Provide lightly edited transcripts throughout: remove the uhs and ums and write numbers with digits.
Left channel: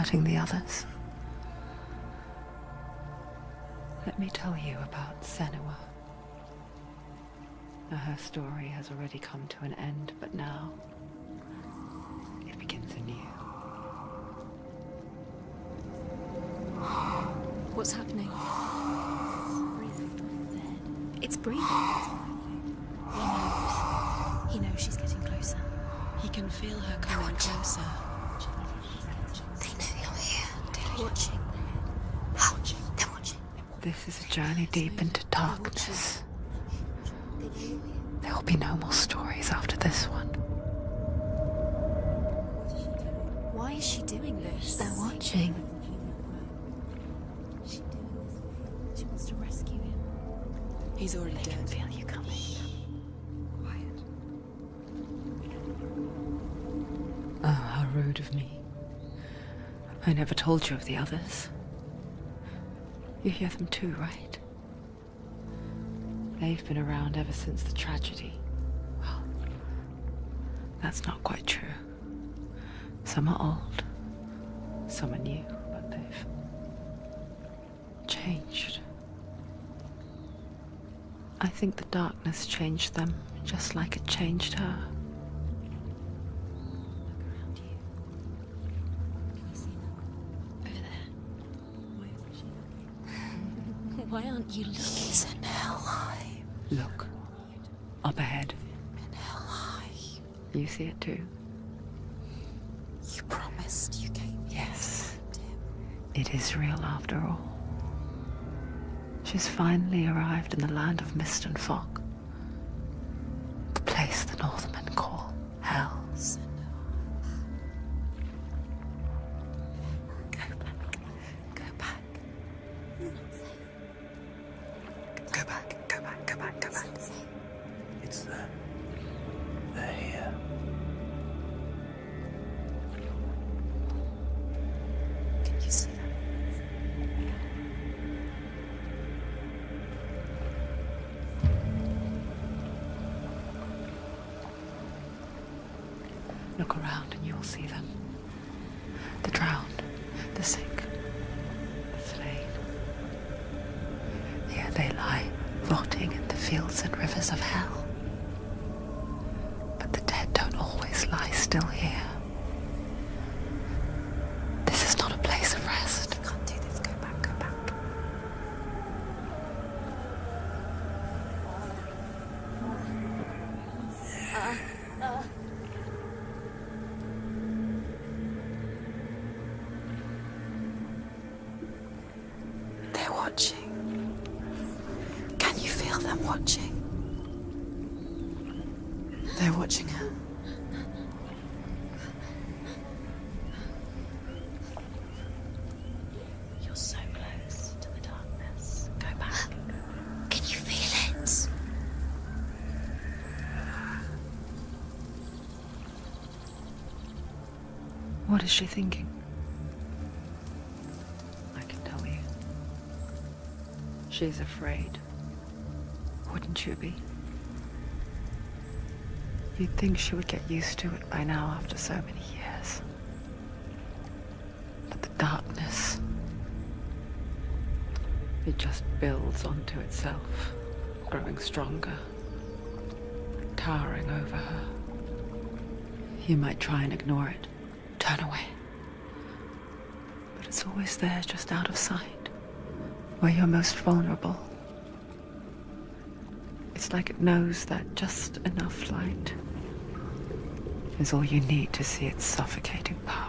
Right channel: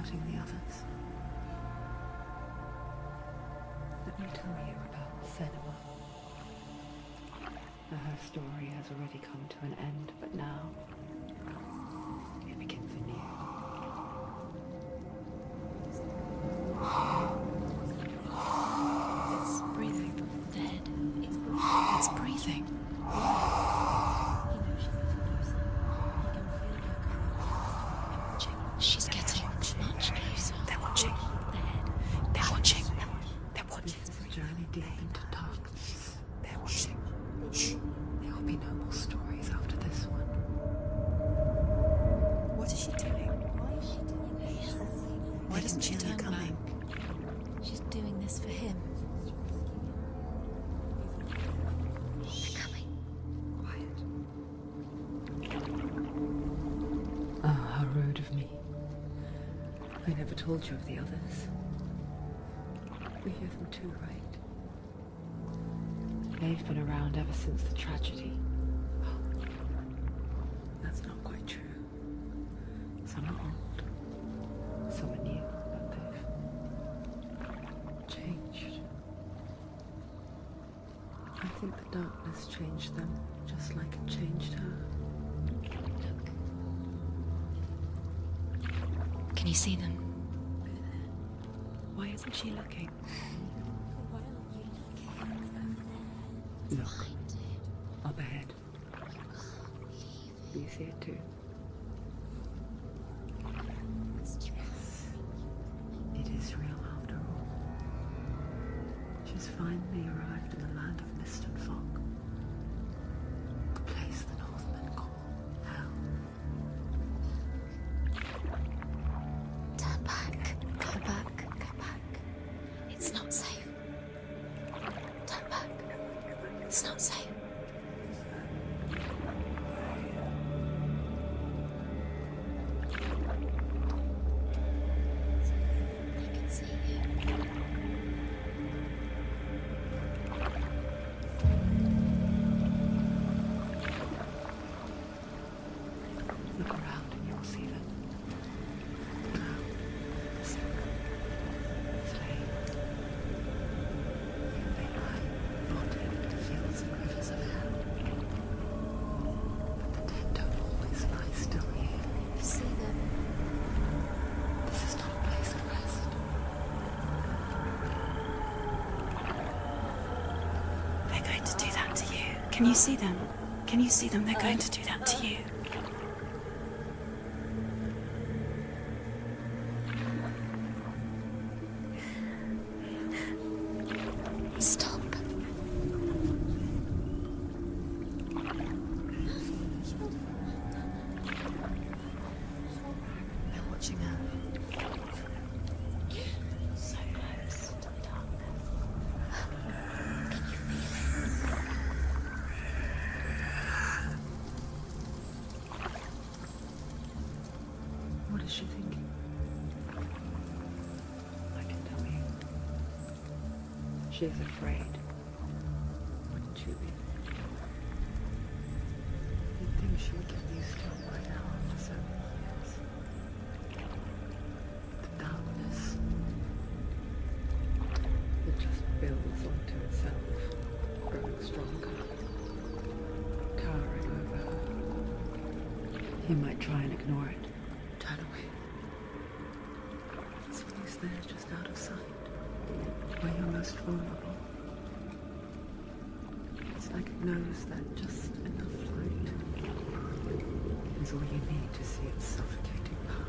hurting the others. Let me tell you about Senua. Now, her story has already come to an end, but now it begins anew. What's happening? It's breathing. Dead. It's breathing. It's breathing. He knows she's getting closer. He can feel her coming closer. She's getting closer. They're watching. They're watching. They're watching. They're watching. This is a journey deep into darkness. There will be no more stories after this one. What is she doing? Why is she doing this? They're watching. Why doesn't she turn coming? She's doing this for him. She wants to rescue him. He's already dead. I feel you coming. Quiet. Oh, how rude of me. I never told you of the others. You hear them too, right? They've been around ever since the tragedy. Well, that's not quite true. Some are old, some are new, but they've changed. I think the darkness changed them, just like it changed her. Can you see them? Over there. Why isn't she looking? Why aren't you looking? He's in hell high. Look. Up ahead. Hell high. You see it too? You promised you gave. Yes. It is real after all. She's finally arrived in the land of mist and fog. The place the Northmen call Hell. Turn back. Go back. Go back. It's not safe. Go back, go back, go back, go It's back. not safe. It's them. They're here. You see them? I can see you. Look around and you will see them. The drowned, the sick, the slain. Here they lie, rotting in the fields and rivers of hell. But the dead don't always lie still here. You see them? This is not a place of rest. You can't do this. Go back. Go back. They're going to do that to you. Can you see them? Can you see them? They're going to do that to you. They're watching. Stop. Can you feel them watching? They're watching her. Watching her. You're so close to the darkness. Go back. Can you feel it? What is she thinking? I can tell you. She's afraid. Wouldn't you be? You'd think she would get used to it by now after so many years. But the darkness, it just builds onto itself, growing stronger, towering over her. You might try and ignore it, turn away. But it's always there, just out of sight, where you're most vulnerable. It's like it knows that just enough light is all you need to see its suffocating power.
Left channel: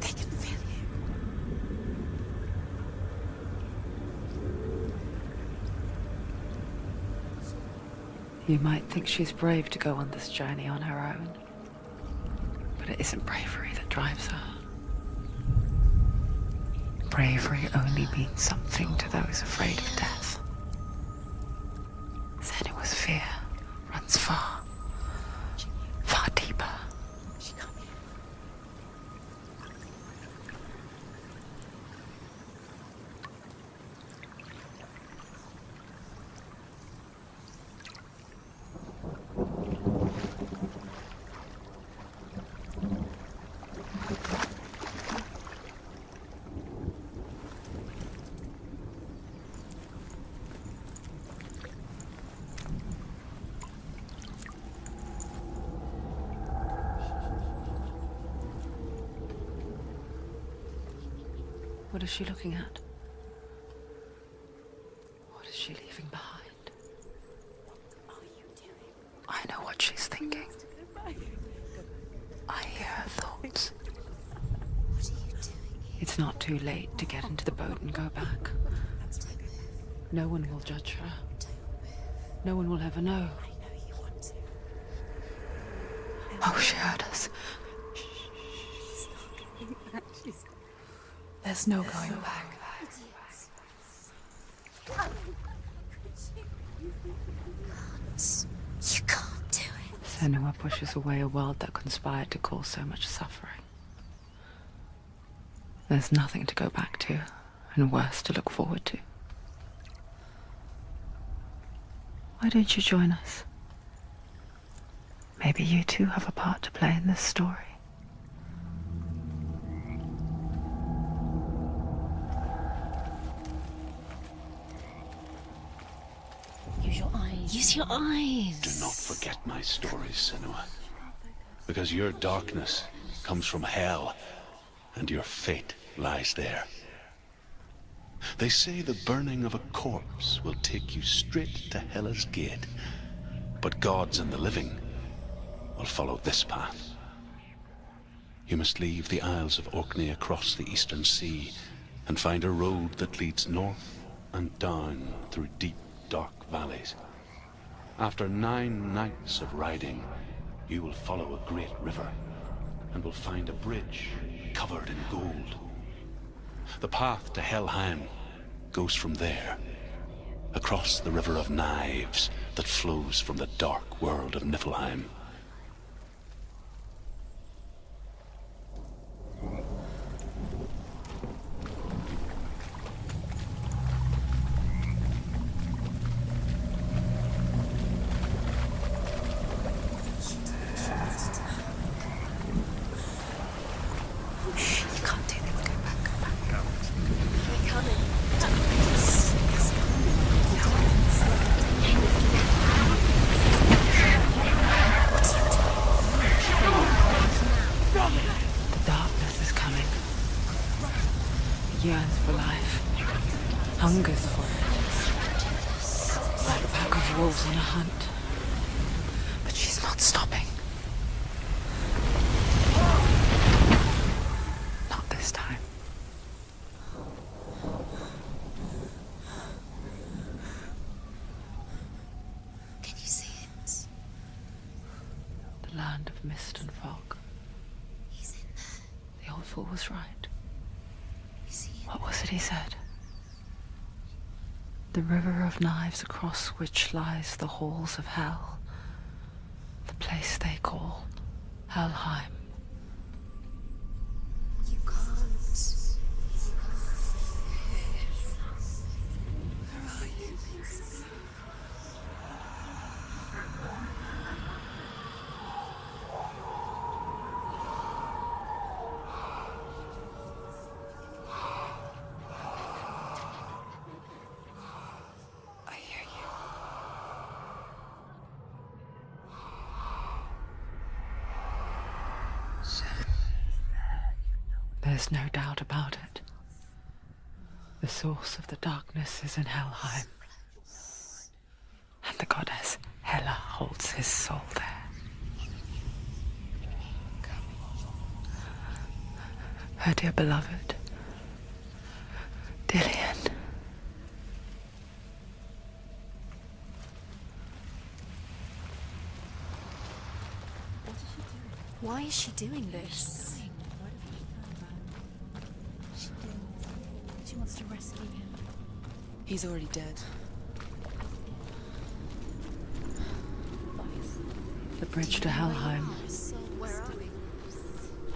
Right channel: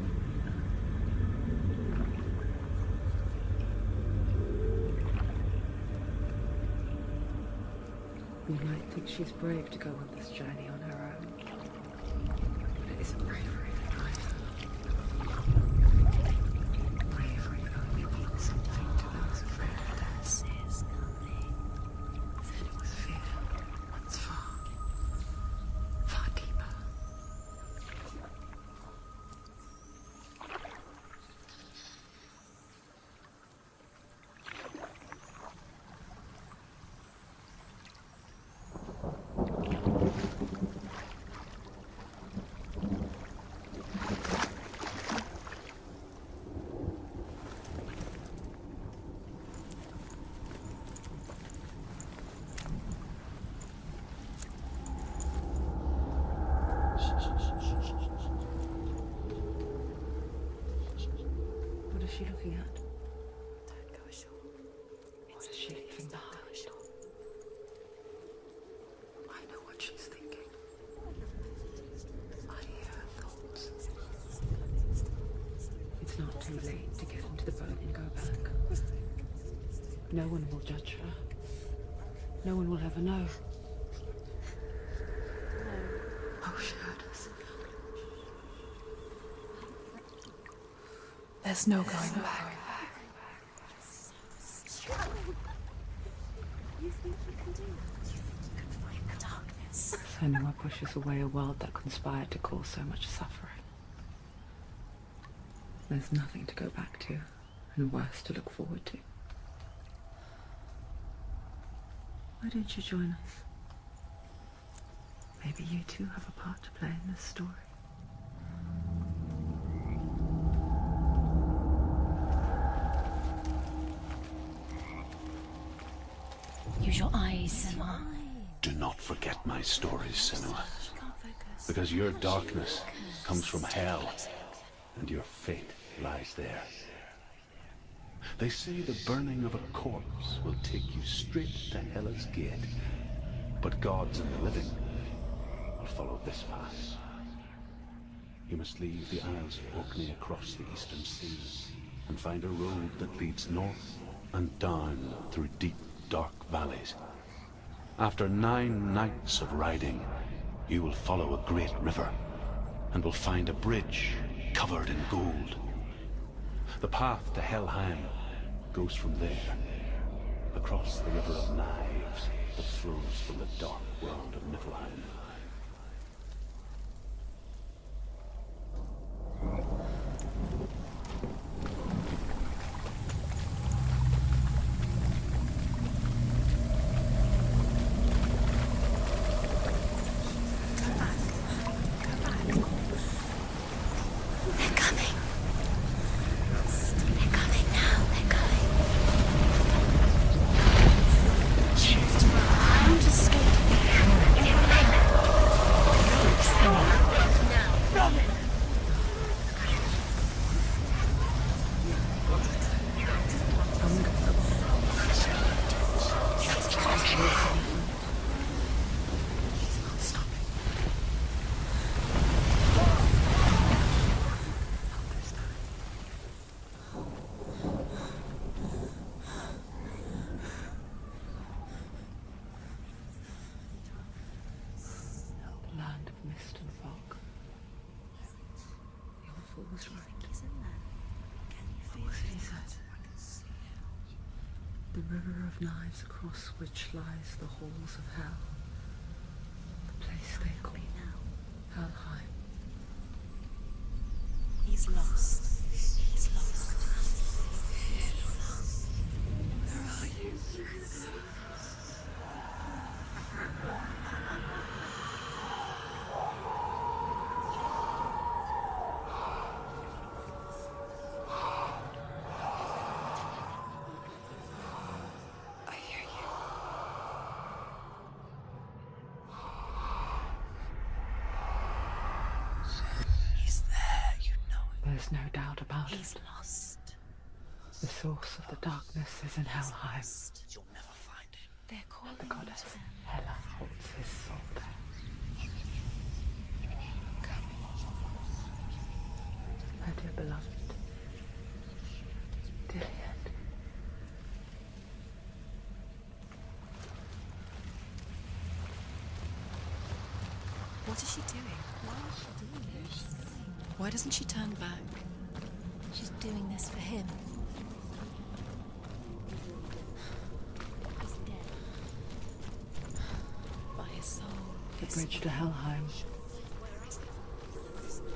They can feel you. You might think she's brave to go on this journey on her own, but it isn't bravery that drives her. Bravery only means something to those afraid of death. Senua's fear runs far, far deeper. she looking at? What is she leaving behind? I know what she's thinking. I hear her thoughts. It's not too late to get into the boat and go back. No one will judge her. No one will ever know. Oh, she heard us. There's no going back. You can't do it. Senua pushes away a world that conspired to cause so much suffering. There's nothing to go back to, and worse to look forward to. Why don't you join us? Maybe you too have a part to play in this story. Use your eyes. Use your eyes. Do not forget my stories, Senua. Because your darkness comes from hell, and your fate lies there. They say the burning of a corpse will take you straight to Hela's gate, but gods and the living will follow this path. You must leave the Isles of Orkney across the eastern sea and find a road that leads north and down through deep, dark valleys. After 9 nights of riding, you will follow a great river and will find a bridge covered in gold. The path to Helheim goes from there, across the River of Knives that flows from the dark world of Niflheim. Yearns for life, hungers for it, like pack of wolves on a hunt. But she's not stopping. Not this time. Can you see it? The land of mist and fog. He's in there. The old fool was right. You see it? What was it he said? The river of knives across which lies the halls of hell. The place they call Helheim. He's lost. He's lost. Where are you? I hear you. He's there, you know it. There's no doubt about He's it. lost. The source of the darkness is in Helheim, You'll never find it. They're called and the goddess Hela holds his soul there. Her dear beloved, Dillian. What is she doing? Why is she doing this? Why doesn't she turn back? She's doing this for him. She wants to rescue him. He's already dead. He's dead. By his soul. The bridge to Helheim. Where are we?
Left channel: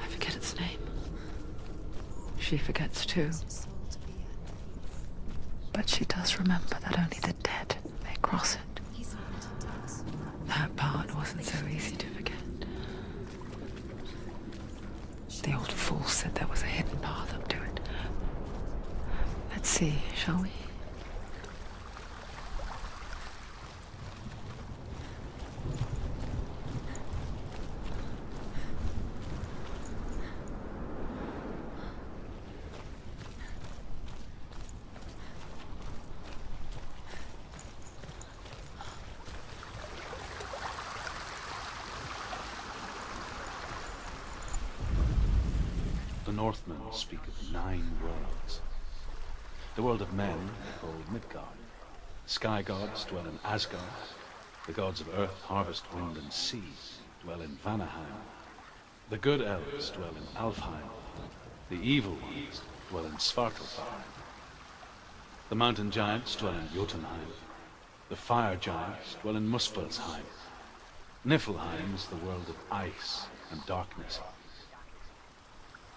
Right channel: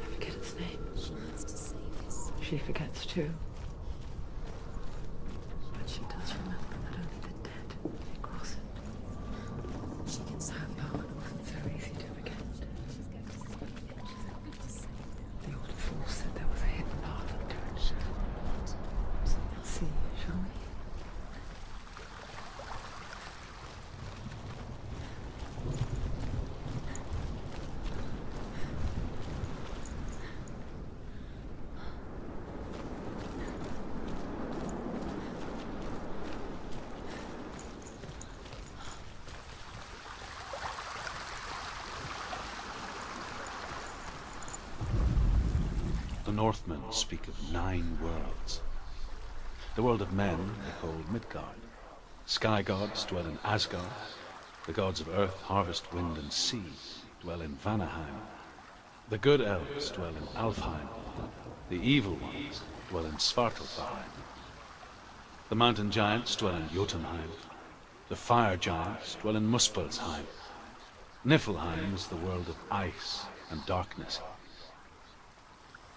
I forget its name. She wants to see us. She forgets too. But she does remember that only the dead may cross it. He's wanted us. She wants That part wasn't so easy to forget. The old fool said there was a hidden path up to it. Let's see, shall we? Northmen speak of 9 worlds. The world of men they call Midgard. Sky gods dwell in Asgard. The gods of earth, harvest, wind, and sea dwell in Vanaheim. The good elves dwell in Alfheim. The evil ones dwell in Svartalfheim. The mountain giants dwell in Jotunheim. The fire giants dwell in Muspelheim. Niflheim is the world of ice and darkness.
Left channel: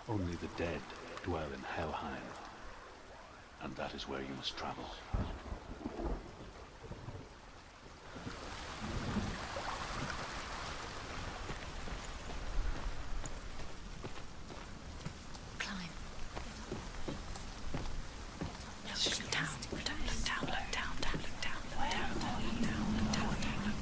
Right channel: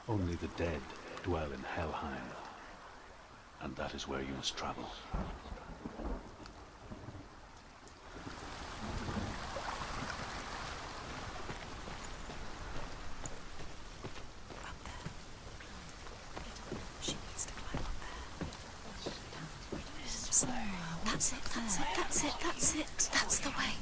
Only the dead dwell in Helheim. And that is where you must travel. That's the way.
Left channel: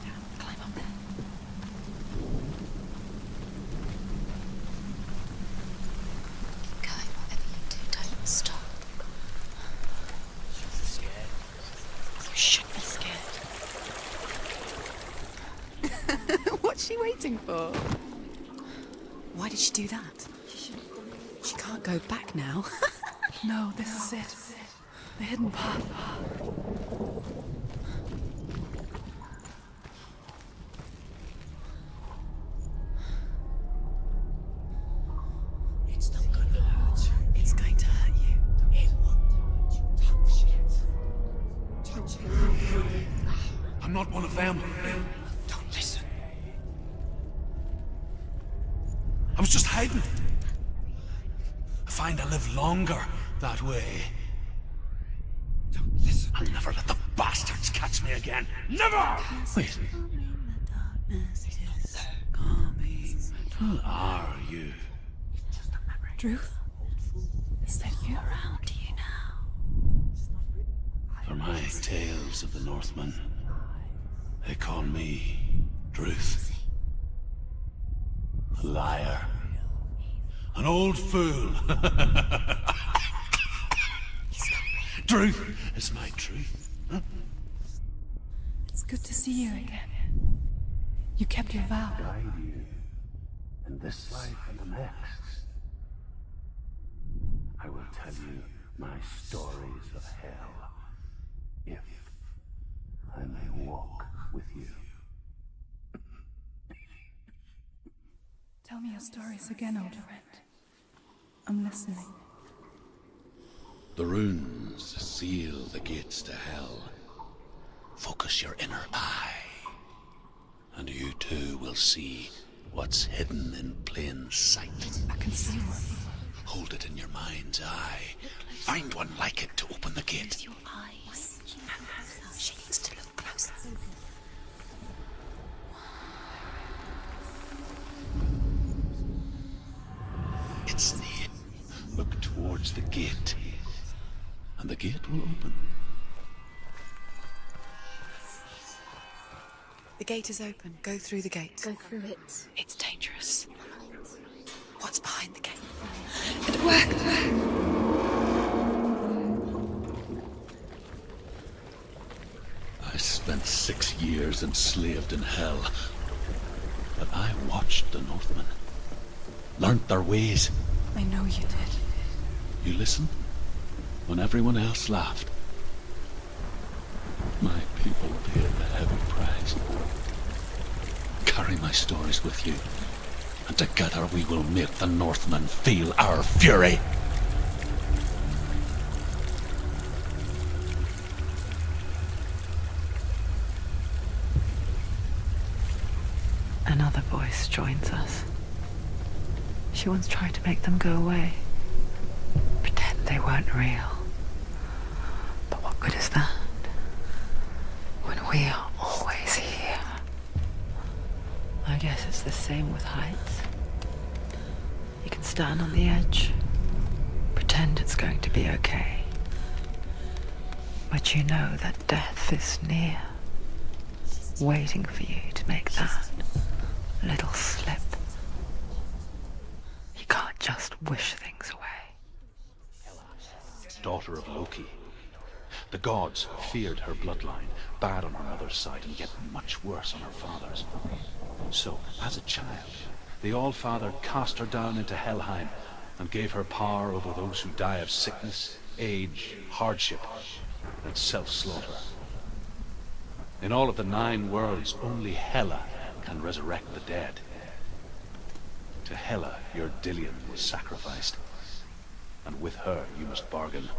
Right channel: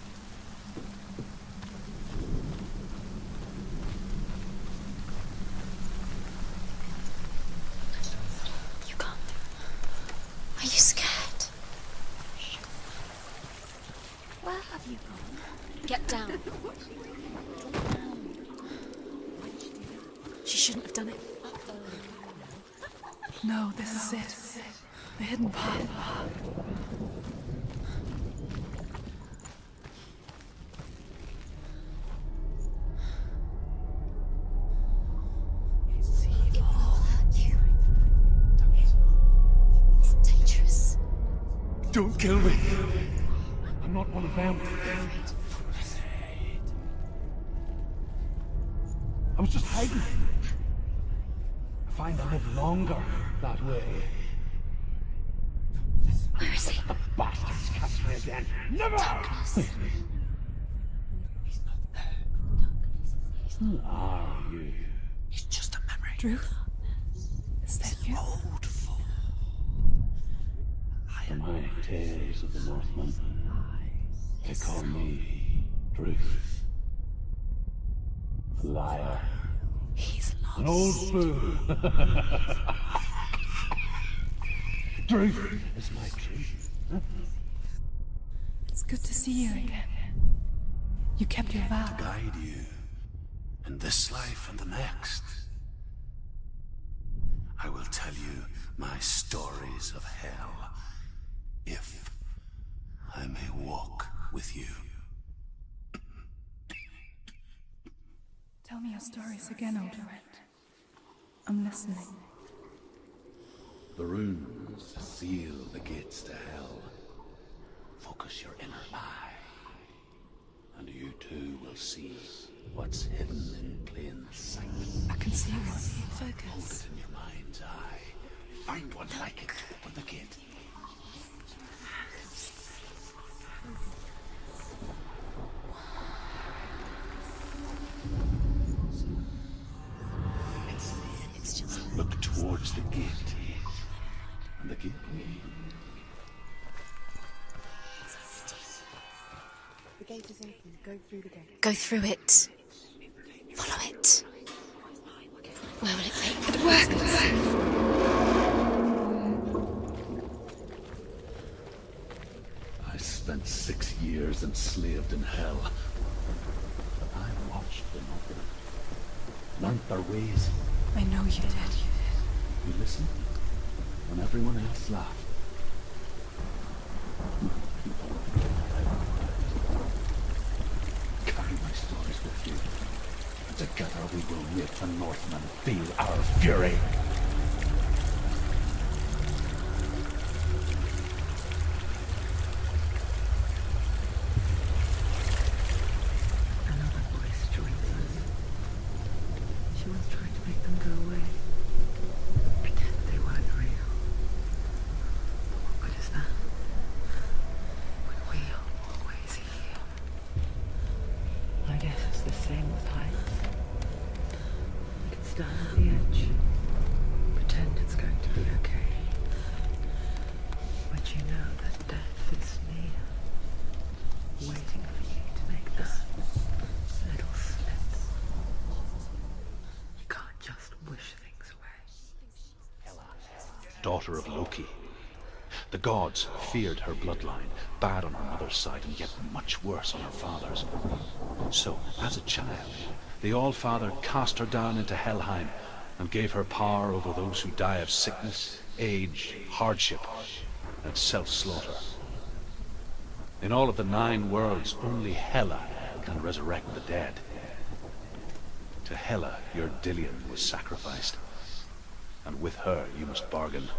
Go, whatever you do, don't stop. You can't. Are you scared? You should be scared. Get down. What's she waiting for? Why did she do that? She shouldn't have done it. She can't go back now. No, this is it. The hidden path. He's going to hurt you. It's dangerous. Don't kill me. I'm not one of them. Don't listen. I was just hiding. I find I live longer that way. Don't listen. Never let the bastards catch me again. Never! Wait. Who are you? It's just a memory. Druth? Is that you? Around you now. For my tales of the Northmen, they call me Druth. Liar. He's lost. An old fool. Truth is my truth. It's good to see you again. You kept your vow. Guide you in this life and the next. I will tell you my stories of hell, if I may walk with you. Tell me your stories again, old friend. I'm listening. The runes seal the gates to hell. Focus your inner eye, and you too will see what's hidden in plain sight. I can see one. Hold it in your mind's eye. Find one like it to open the gate. Your eyes. She needs to look closer. It's near. Look towards the gate, and the gate will open. The gate is open. Go through the gate. Go through it. It's dangerous. Follow it. What's behind the gate? Where will it It worked! I spent 6 years enslaved in hell, but I watched the Northmen, learnt their ways. I know you did. You listened when everyone else laughed. My people paid a heavy price. Carry my stories with you, and together we will make the Northmen feel our fury. Another voice joins us. She once tried to make them go away. Pretend they weren't real. But what good is that? When we are always here. I guess it's the same with heights. You can stand on the edge, pretend it's going to be okay. But you know that death is near, waiting for you to make that little slip. You can't just wish things away. Daughter of Loki. The gods feared her bloodline, bad on her mother's side and yet much worse on her father's. So, as a child, the All-Father cast her down into Helheim and gave her power over those who die of sickness, age, hardship, and self-slaughter. In all of the 9 worlds, only Hela can resurrect the dead. To Hela, your Dillion was sacrificed, and with her you must bargain.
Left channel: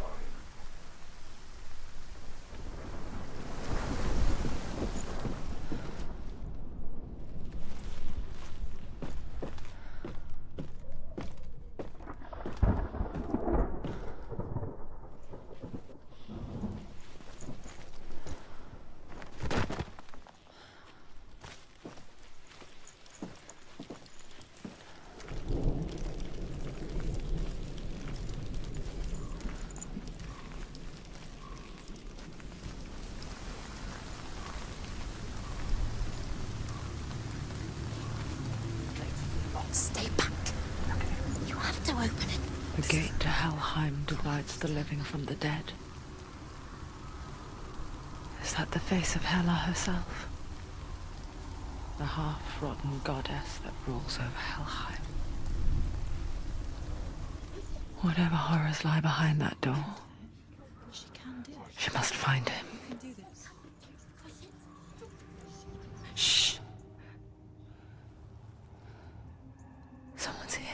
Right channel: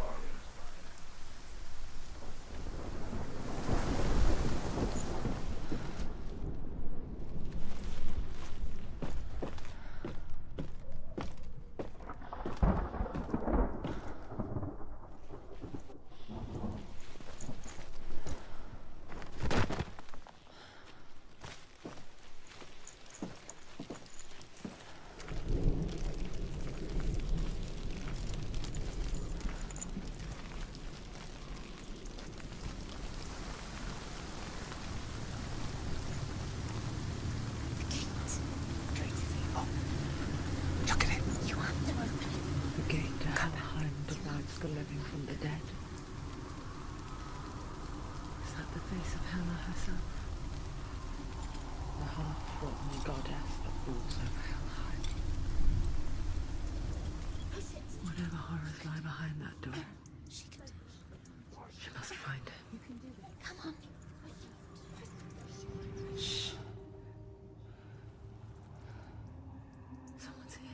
Stay back. Look at it. You have to open it. The gate to Helheim divides the living from the dead. Is that the face of Hela herself? The half-rotten goddess that rules over Helheim. Whatever horrors lie behind that door, she must find him. Shh. Someone's here.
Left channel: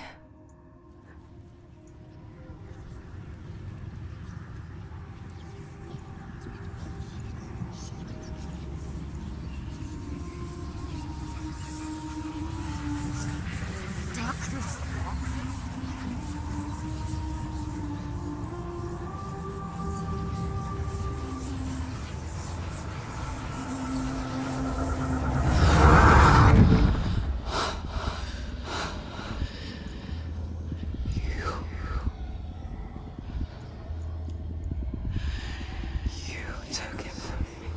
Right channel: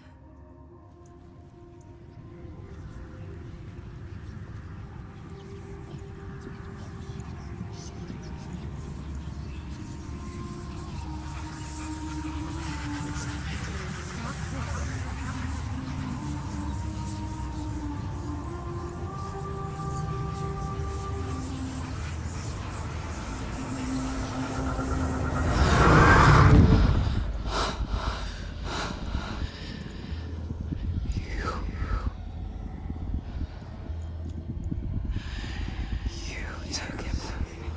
Took him from me.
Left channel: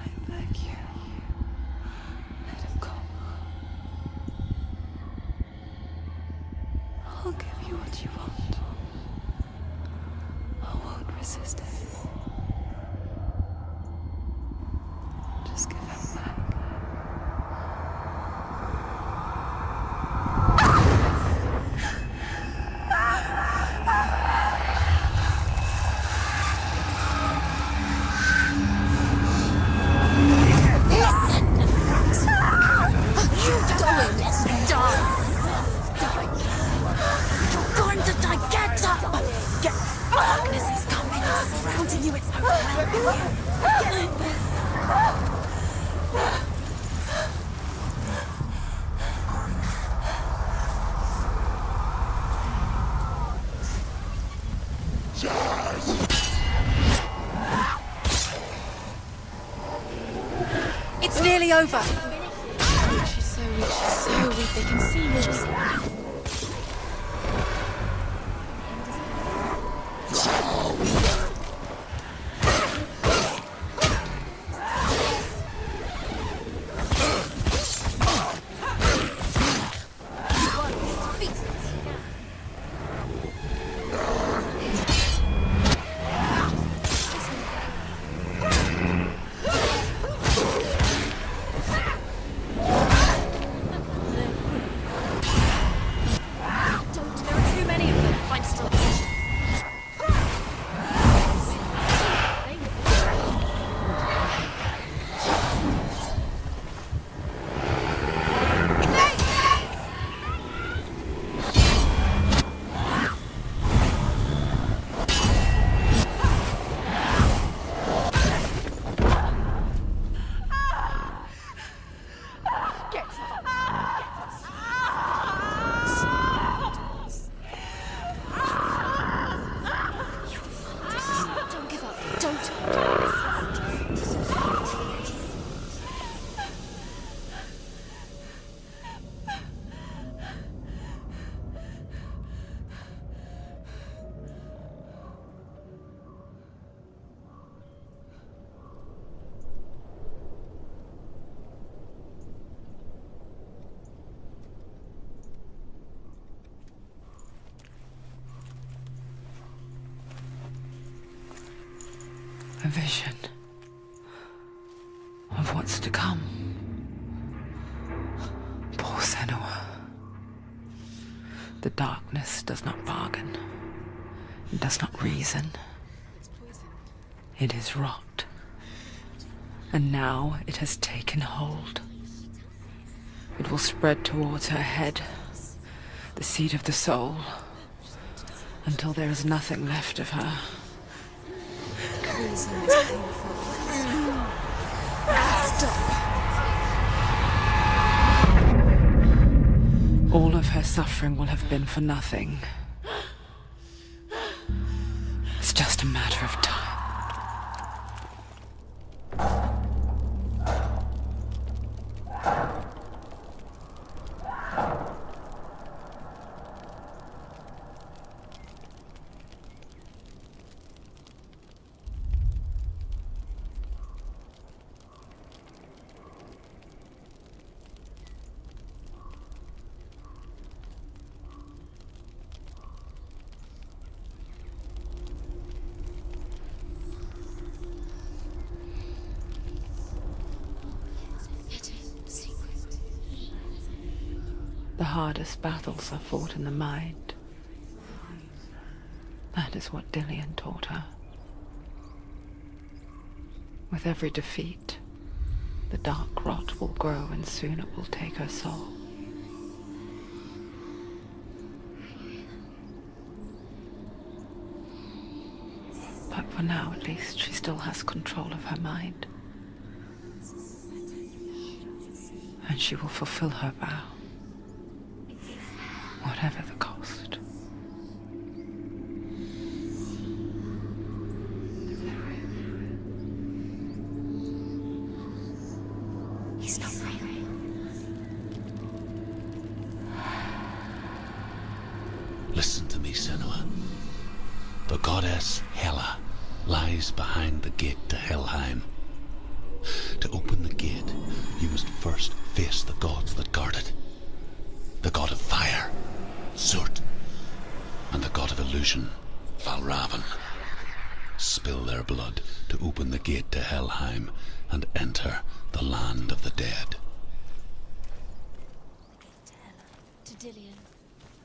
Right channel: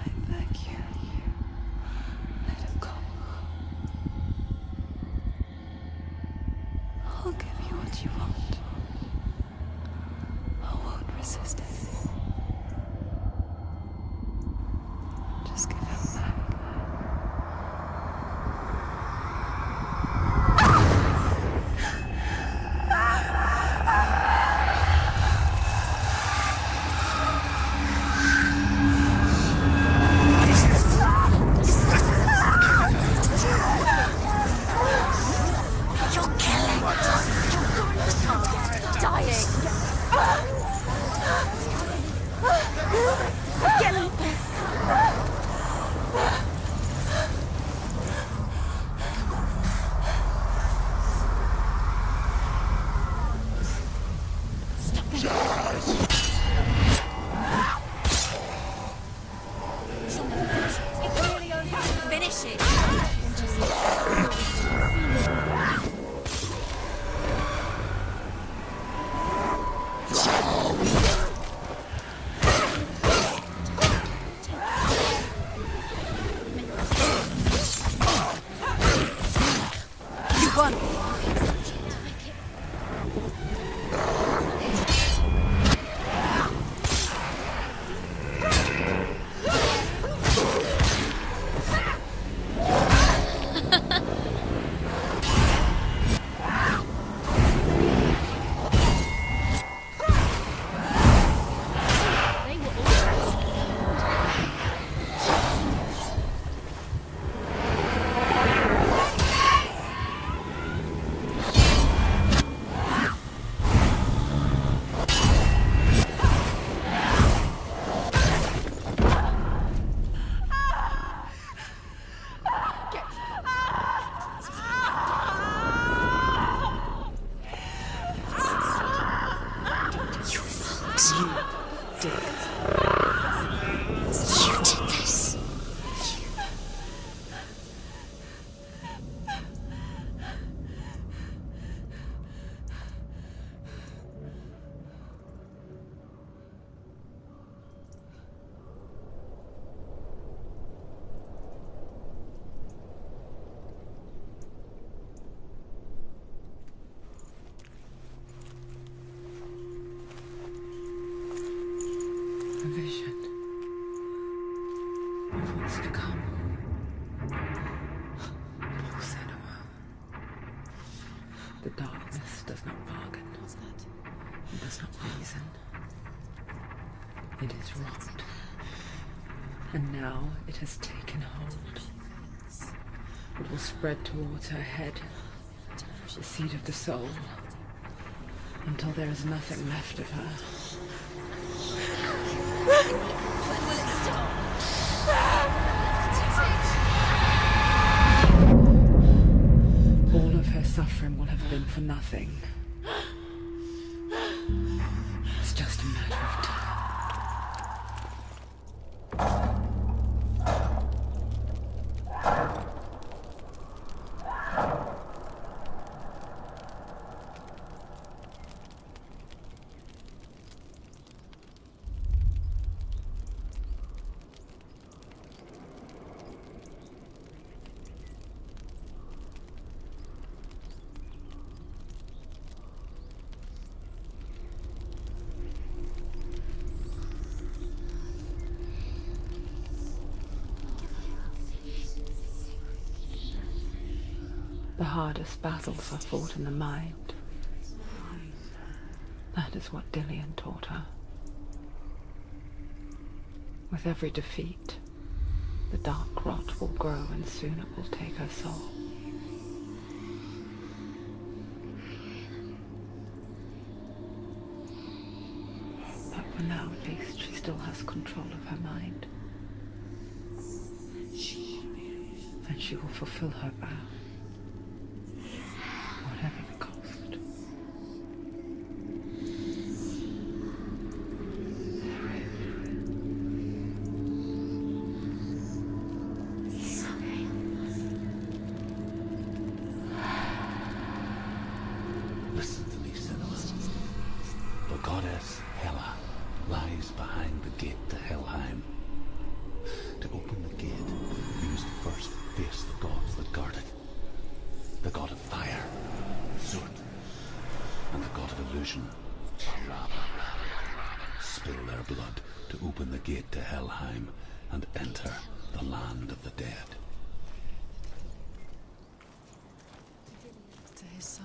I beg you, let him go. I'll give you what you want. I won't resist anymore. Just give him back. It's nearly over. Finish it. So they can see me. A vision of what's to come. The darkness does not bargain. It does not reason. It is wrought. And now it has taken hold. It will spread towards her head, the seat of the soul, until there is nothing left of her. All of her suffering will have been for nothing. It's just a matter of time. The hardest battles are fought in the mind. That is what Dillian taught her. With every defeat, the dark rot will grow and soon it will take her soul. But for now, at least, she still has control of her mind. And she will fulfill her vow. Whatever the cost. He's not real. Listen to me, Senua. The goddess Hela lies behind the gate to Helheim. To open the gate, you must first face the gods that guard it. The god of fire, Zurt, and the god of illusion, Valravan. Spill their blood to open the gate to Helheim and enter the land of the dead. To Dillian. To his soul.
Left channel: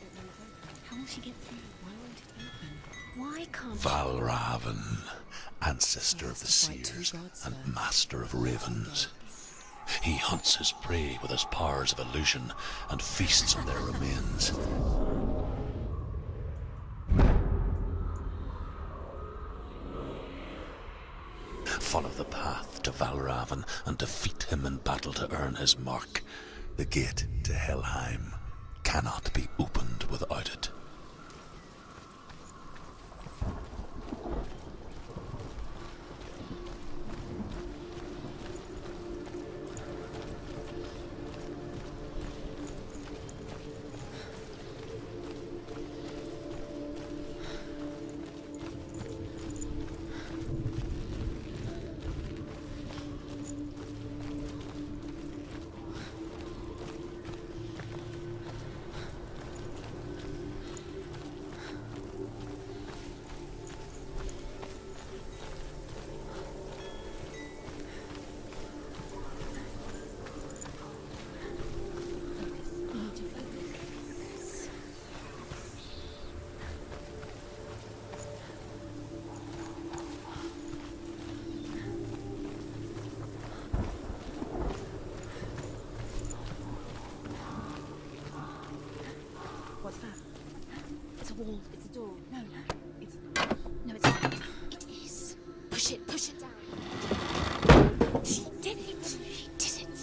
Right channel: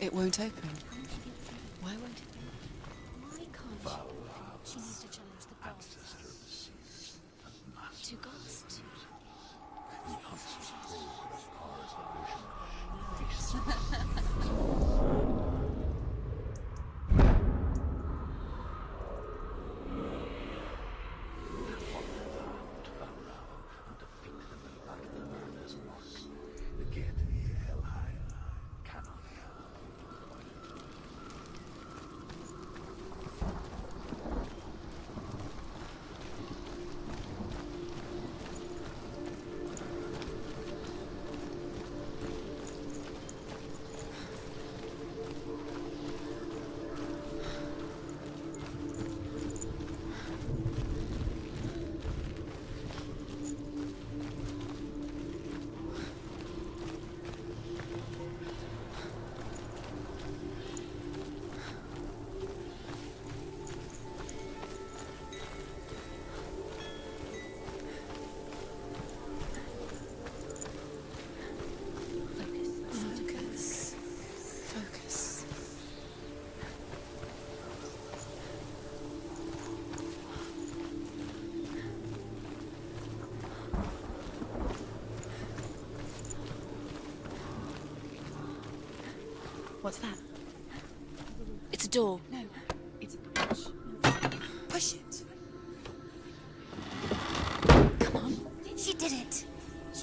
It won't open. How will she get through? Why won't it open? Why can't Valravan, ancestor of the seers and master of ravens. He hunts his prey with his powers of illusion and feasts on their remains. Follow the path to Valravan and defeat him in battle to earn his mark. The gate to Helheim cannot be opened without it. What's that? It's a wall. It's a door. No, it's No, it's pushes. Push it down. Come on. She did it. She did it. She did it.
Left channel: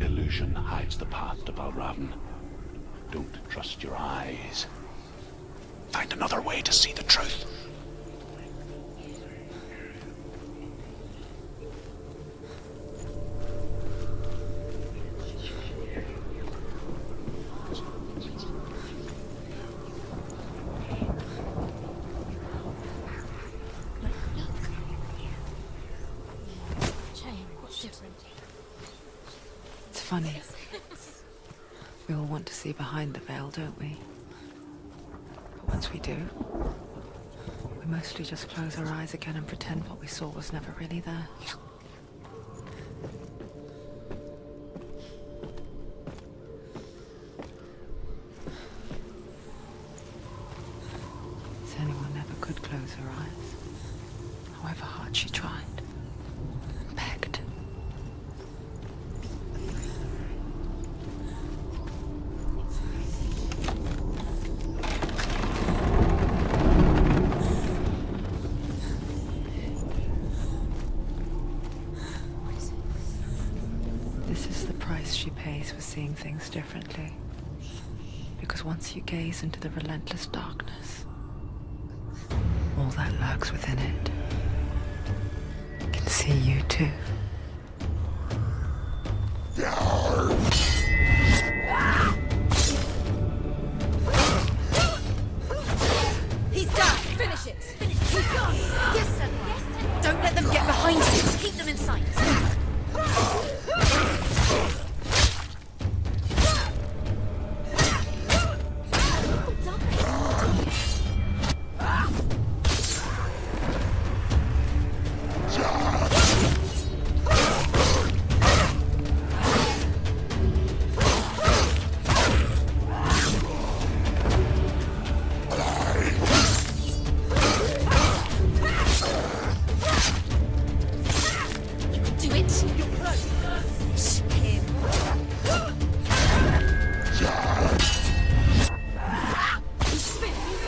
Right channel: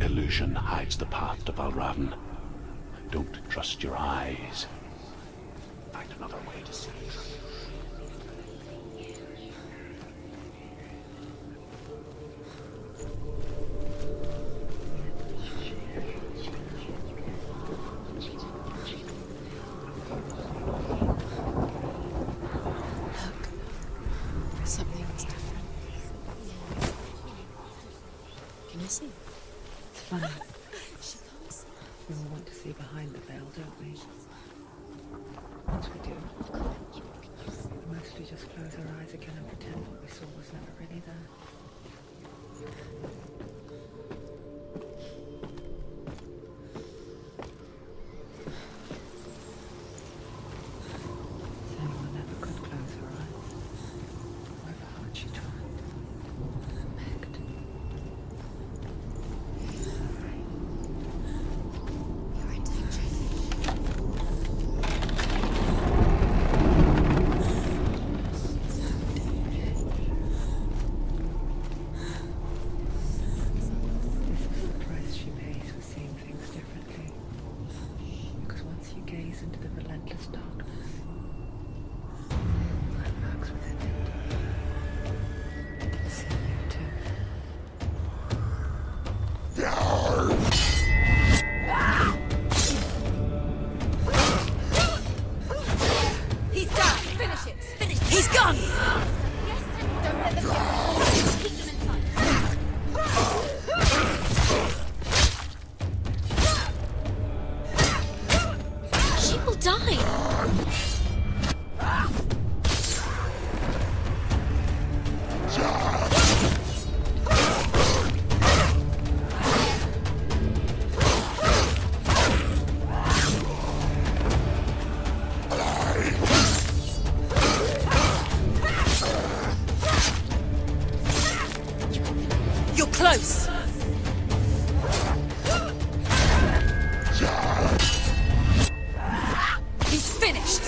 Illusion hides the path to Valravan. Don't trust your eyes. Find another way to see the truth. funny. We all want to see behind the veil, don't we? Once we do, we mostly just close our eyes again and pretend what we saw was never really there. Senua never could close her eyes, however hard she tried. Begged. This is the price she pays for seeing things differently. Because once you gaze into the relentless darkness, all that lurks within it can see you too. He's done! Finish it! He's gone! Yes, sir. Yes, sir. Don't let them get behind you. Keep them in sight. She will die. Do it. You're close. He's finished.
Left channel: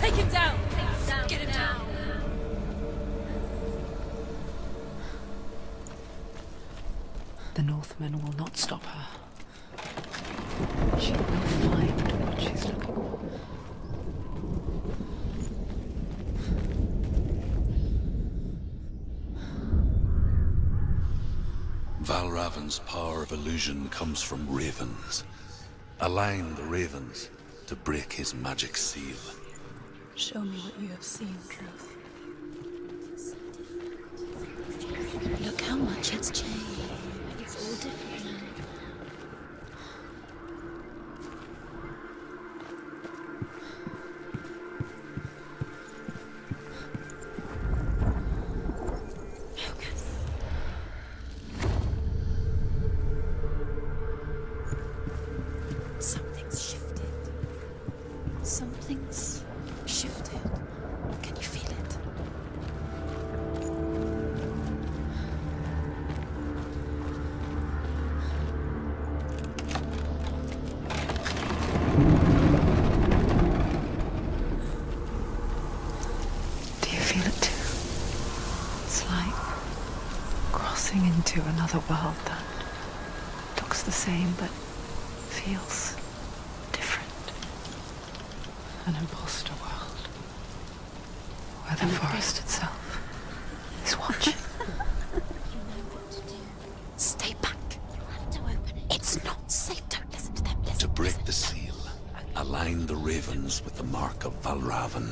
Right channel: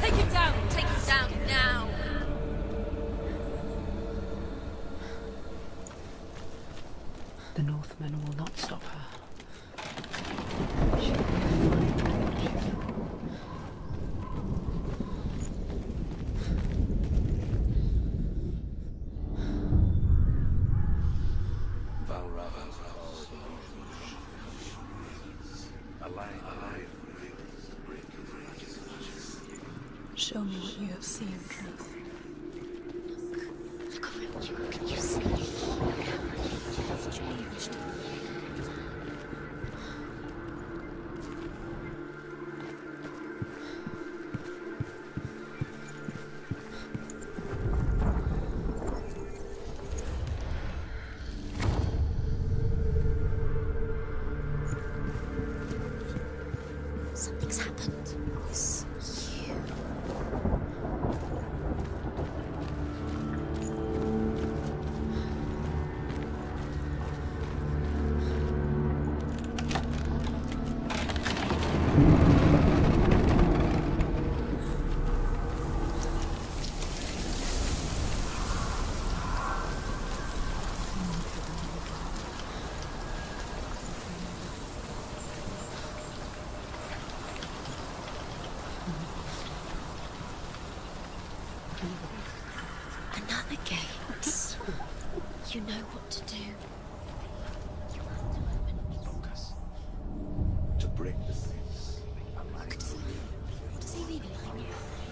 Take him down. Take him down. Get him down. The Northmen will not stop her. She will find what she's looking for. Valravan's power of illusion comes from ravens. Align the ravens to break his magic seal. Show me what you have seen, Truth. Look how much it's changed. It's all different now. Something's shifted. Something's happened. Something new shifted. Can you feel it? Do you feel it too? It's like crossing into another world that looks the same but feels different. An imposter world where the forest itself Another gate. is watching. You know what to do. Stay back. You have to open it. It's not safe. Don't listen to them. Listen. To break the seal, align the ravens with the mark of Valravan.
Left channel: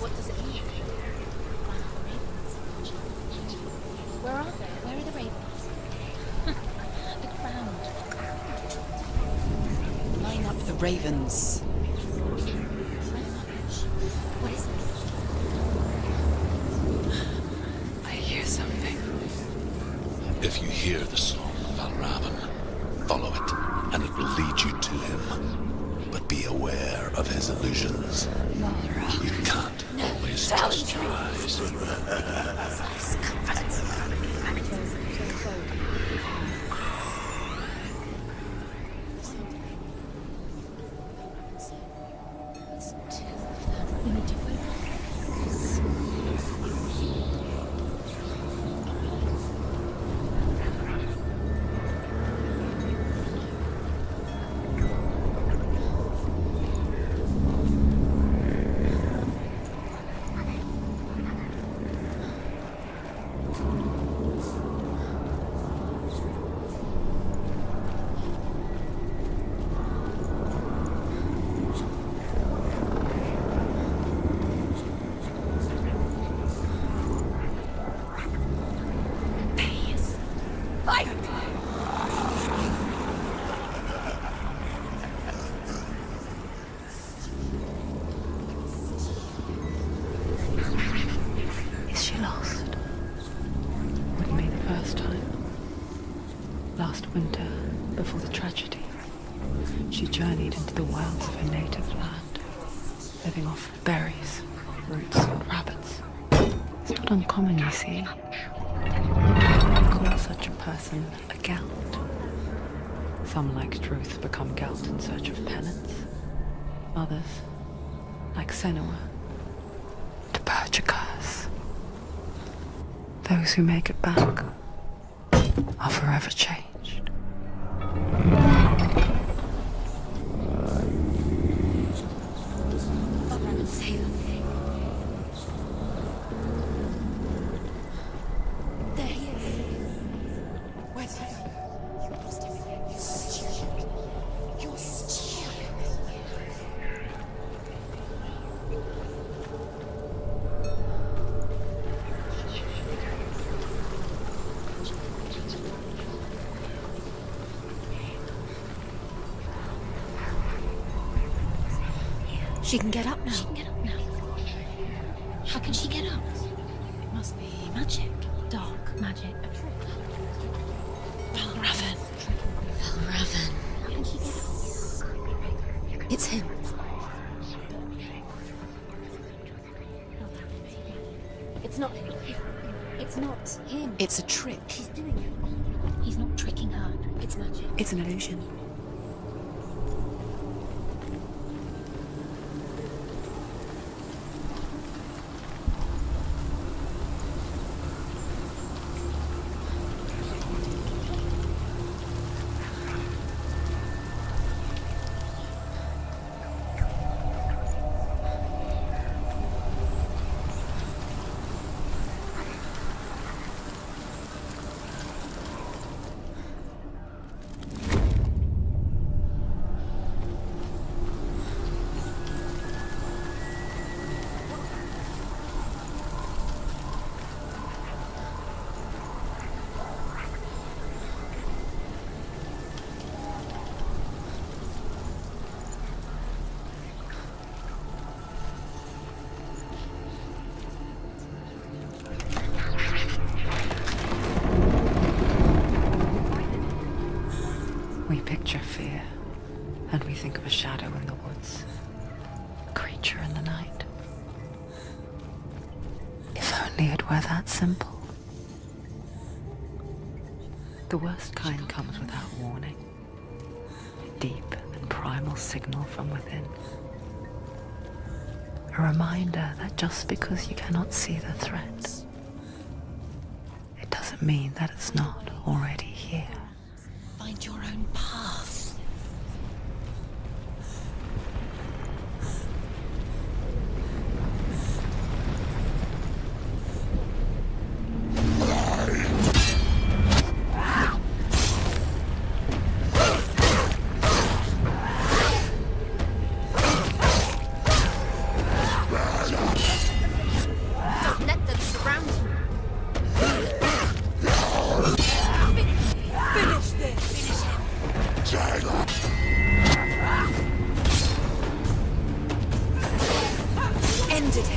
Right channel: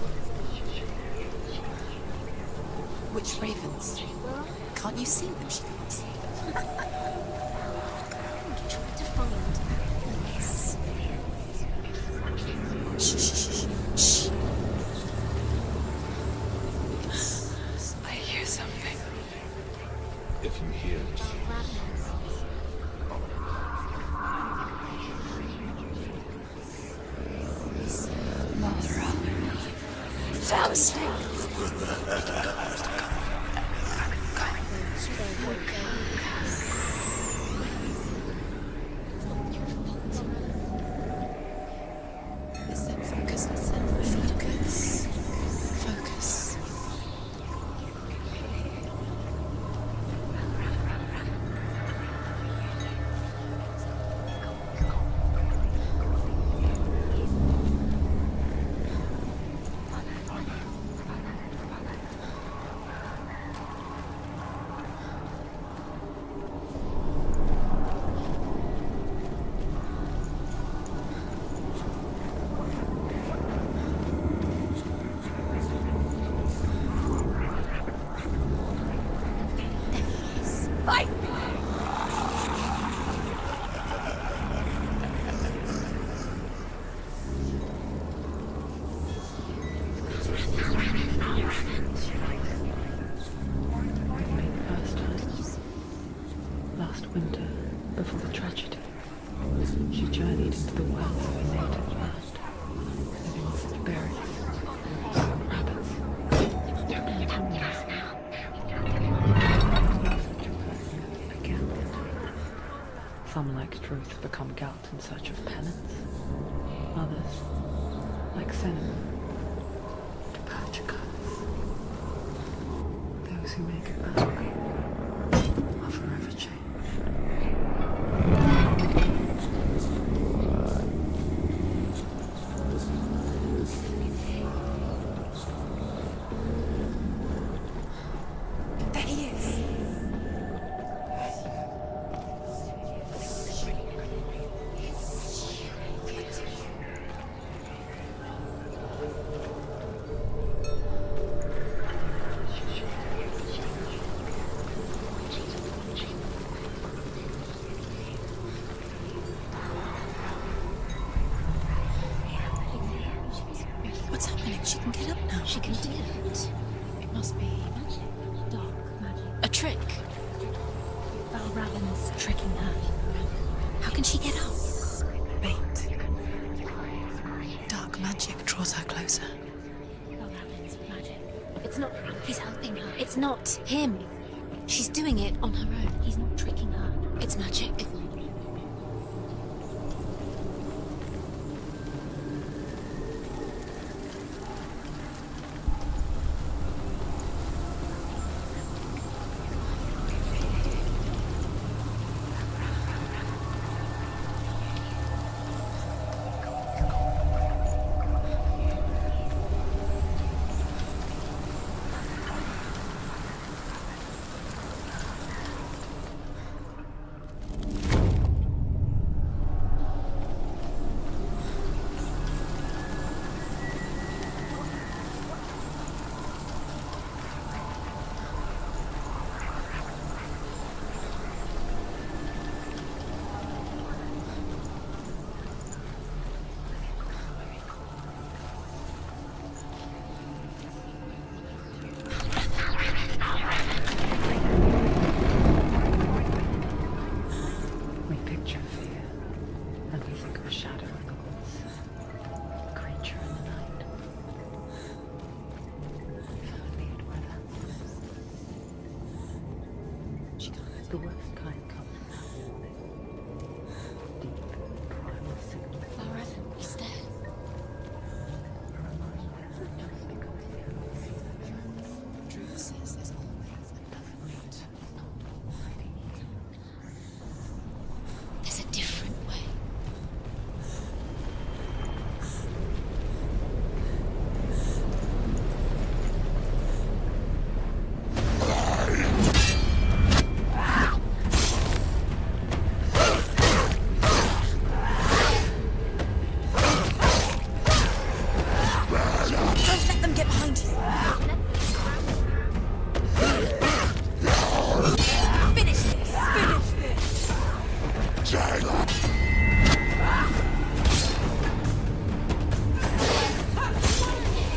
What does it mean? Which ravens? Where are they? Can't you see them? The ravens. Shh, shh, shh, shh. I hear something. If you hear the soul of Valravan, follow it, and it will lead you to him. But be aware of his illusions. You can't always trust your eyes. Focus. You need to focus. Focus. berries, roots, rabbits. It's not uncommon, you see. Call such a person a gallant. Some, like truth, become gallant in search of penance. Others, like Senua, to purge a curse. Those who make it back are forever changed. She can get up now. What's happening? She can get up now. How can she get up? It must be magic. Dark magic. A trick. Raven tricking her. Raven. How can she get up? Wait. It's him. Dark magic draws her closer. Raven's magic. It's not. He's helping her. It's not him. It's a trick. She's doing it on her own. He's not tricking her. It's magic. It's an illusion. We picture fear, and we think of a shadow in the woods, a creature in the night. If only it were that simple. The worst kind comes without warning. Deep and primal signal from within. A reminder that just because you cannot see the threat, it doesn't mean that it's not already here. Find your own path. There's a different way. Let them get behind you. Let them surround you. Finish this. Finish this. End it.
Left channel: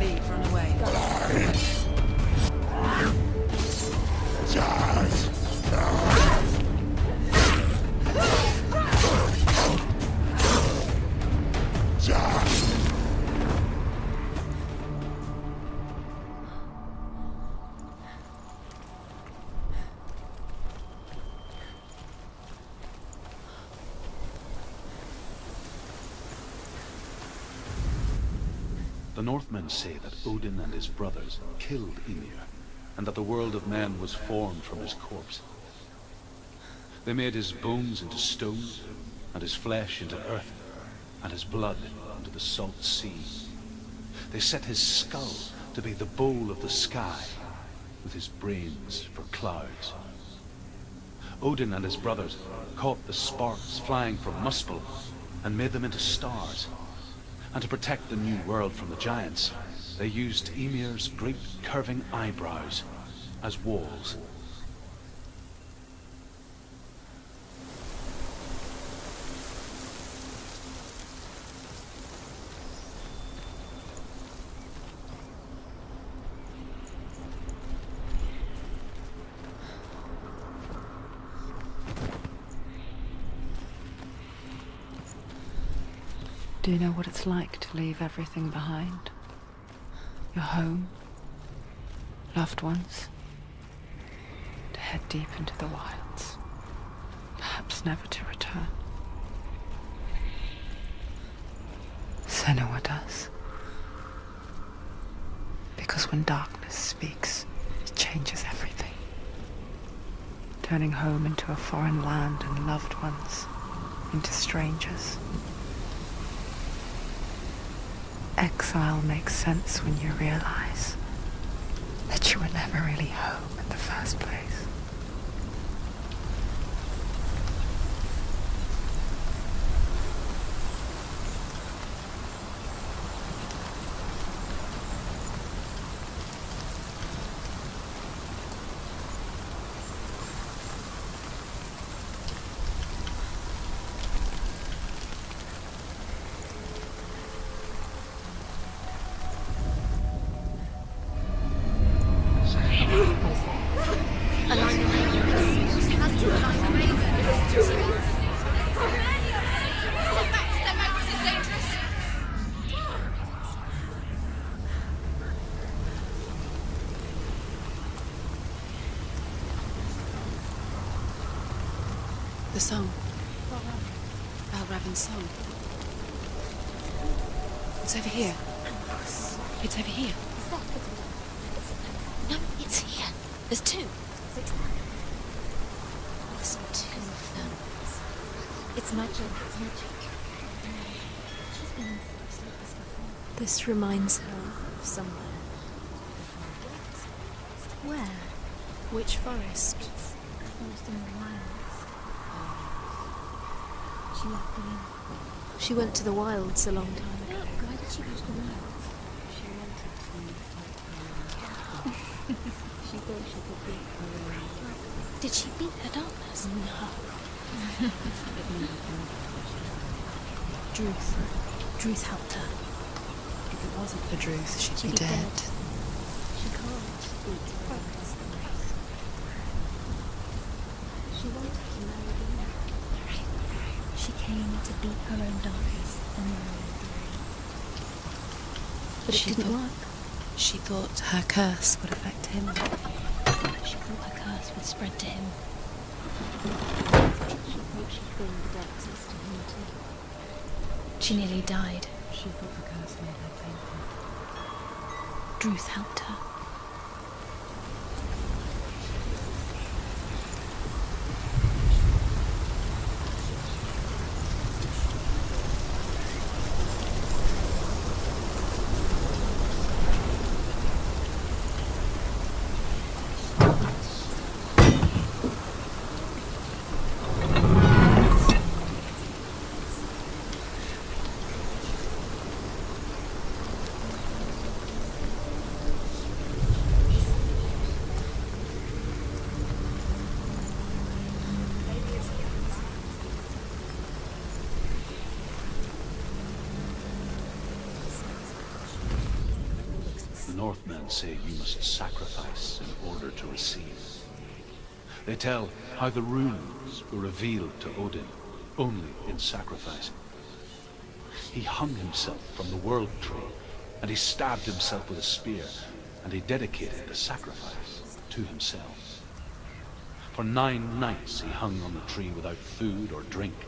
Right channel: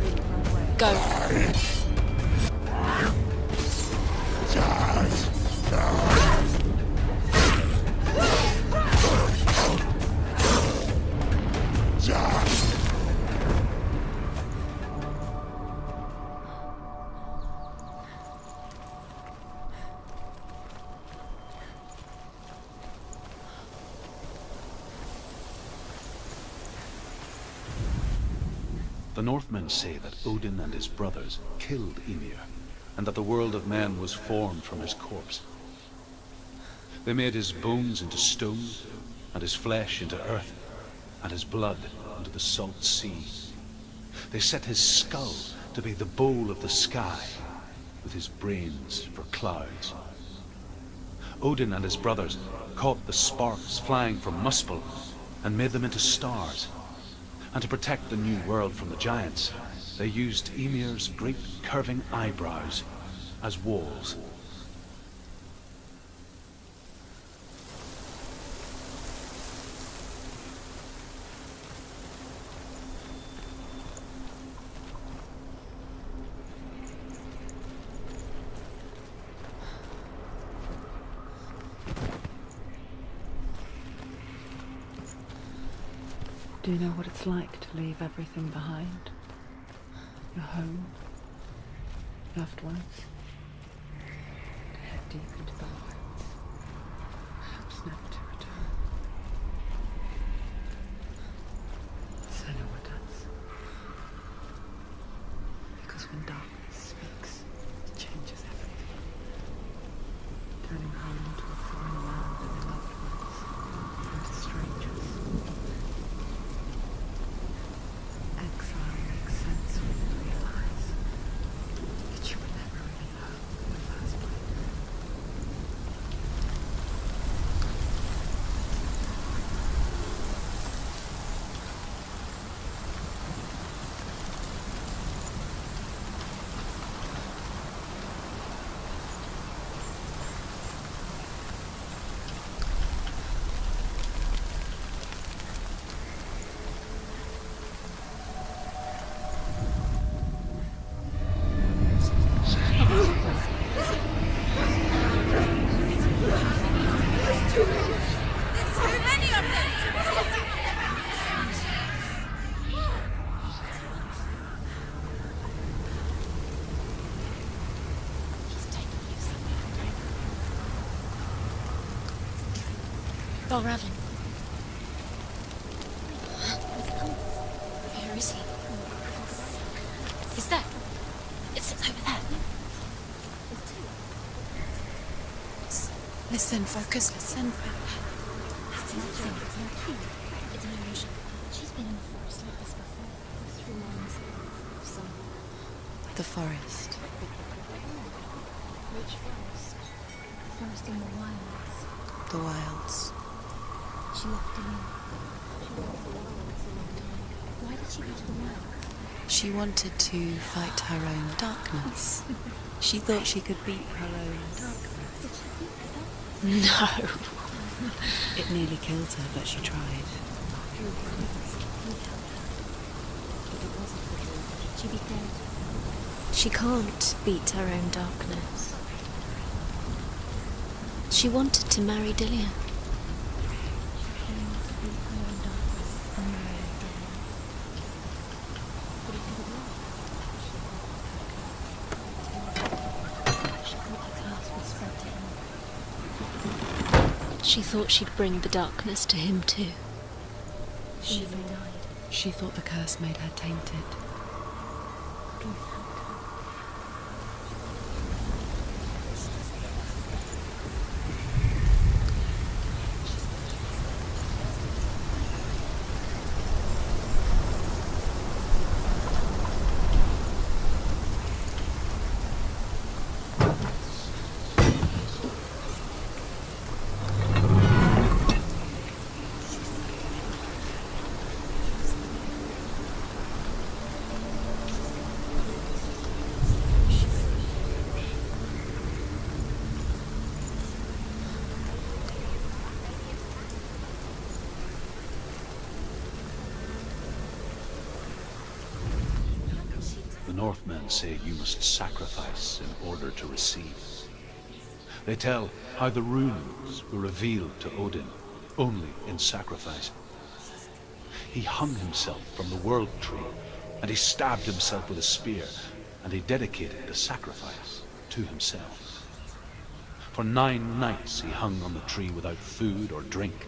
Leave, run away. Go. The Northmen say that Odin and his brothers killed Ymir, and that the world of men was formed from his corpse. They made his bones into stone, and his flesh into earth, and his blood into the salt sea. They set his skull to be the bowl of the sky, with his brains for clouds. Odin and his brothers caught the sparks flying from Muspel and made them into stars. And to protect the new world from the giants, they used Ymir's great curving eyebrows as walls. Do you know what it's like to leave everything behind? Your home, loved ones, to head deep into the wilds, perhaps never to return. Senua does. Because when darkness speaks, it changes everything, turning home into a foreign land and loved ones into strangers. Exile makes sense when you realize that you were never really home in the first place. The song. Balraven's song. It's over here. It's over here. Is that? It's over there. No, it's here. There's two. Listen, focus. Listen. It's magic. It's magic. It's Immersion. She's been in the forest like this before. This reminds her of somewhere. The forest. Where? Which forest? The forest in the wilds. The wilds. She left the room. She went to the wilds a long time ago. Why did she go to the wilds? She wanted to fight her own darkness. She thought she could beat her own darkness. Did she beat her darkness? No. It nearly killed her, but she tried. Druth helped her. If it wasn't for Druth, she'd She'd be be dead. She can't beat her own darkness. She wanted to marry Dillian. She came to beat her own darkness and marry Dorian. But it didn't work. She thought her curse would affect him. She thought her curse would spread to him. She thought she'd bring the darkness to him too. She nearly died. She thought the curse made her tainted. Druth helped her. The Northmen say you must sacrifice in order to receive. They tell how the runes were revealed to Odin only in sacrifice. He hung himself from the world tree, and he stabbed himself with a spear, and he dedicated the sacrifice to himself. For 9 nights he hung on the tree without food or drink,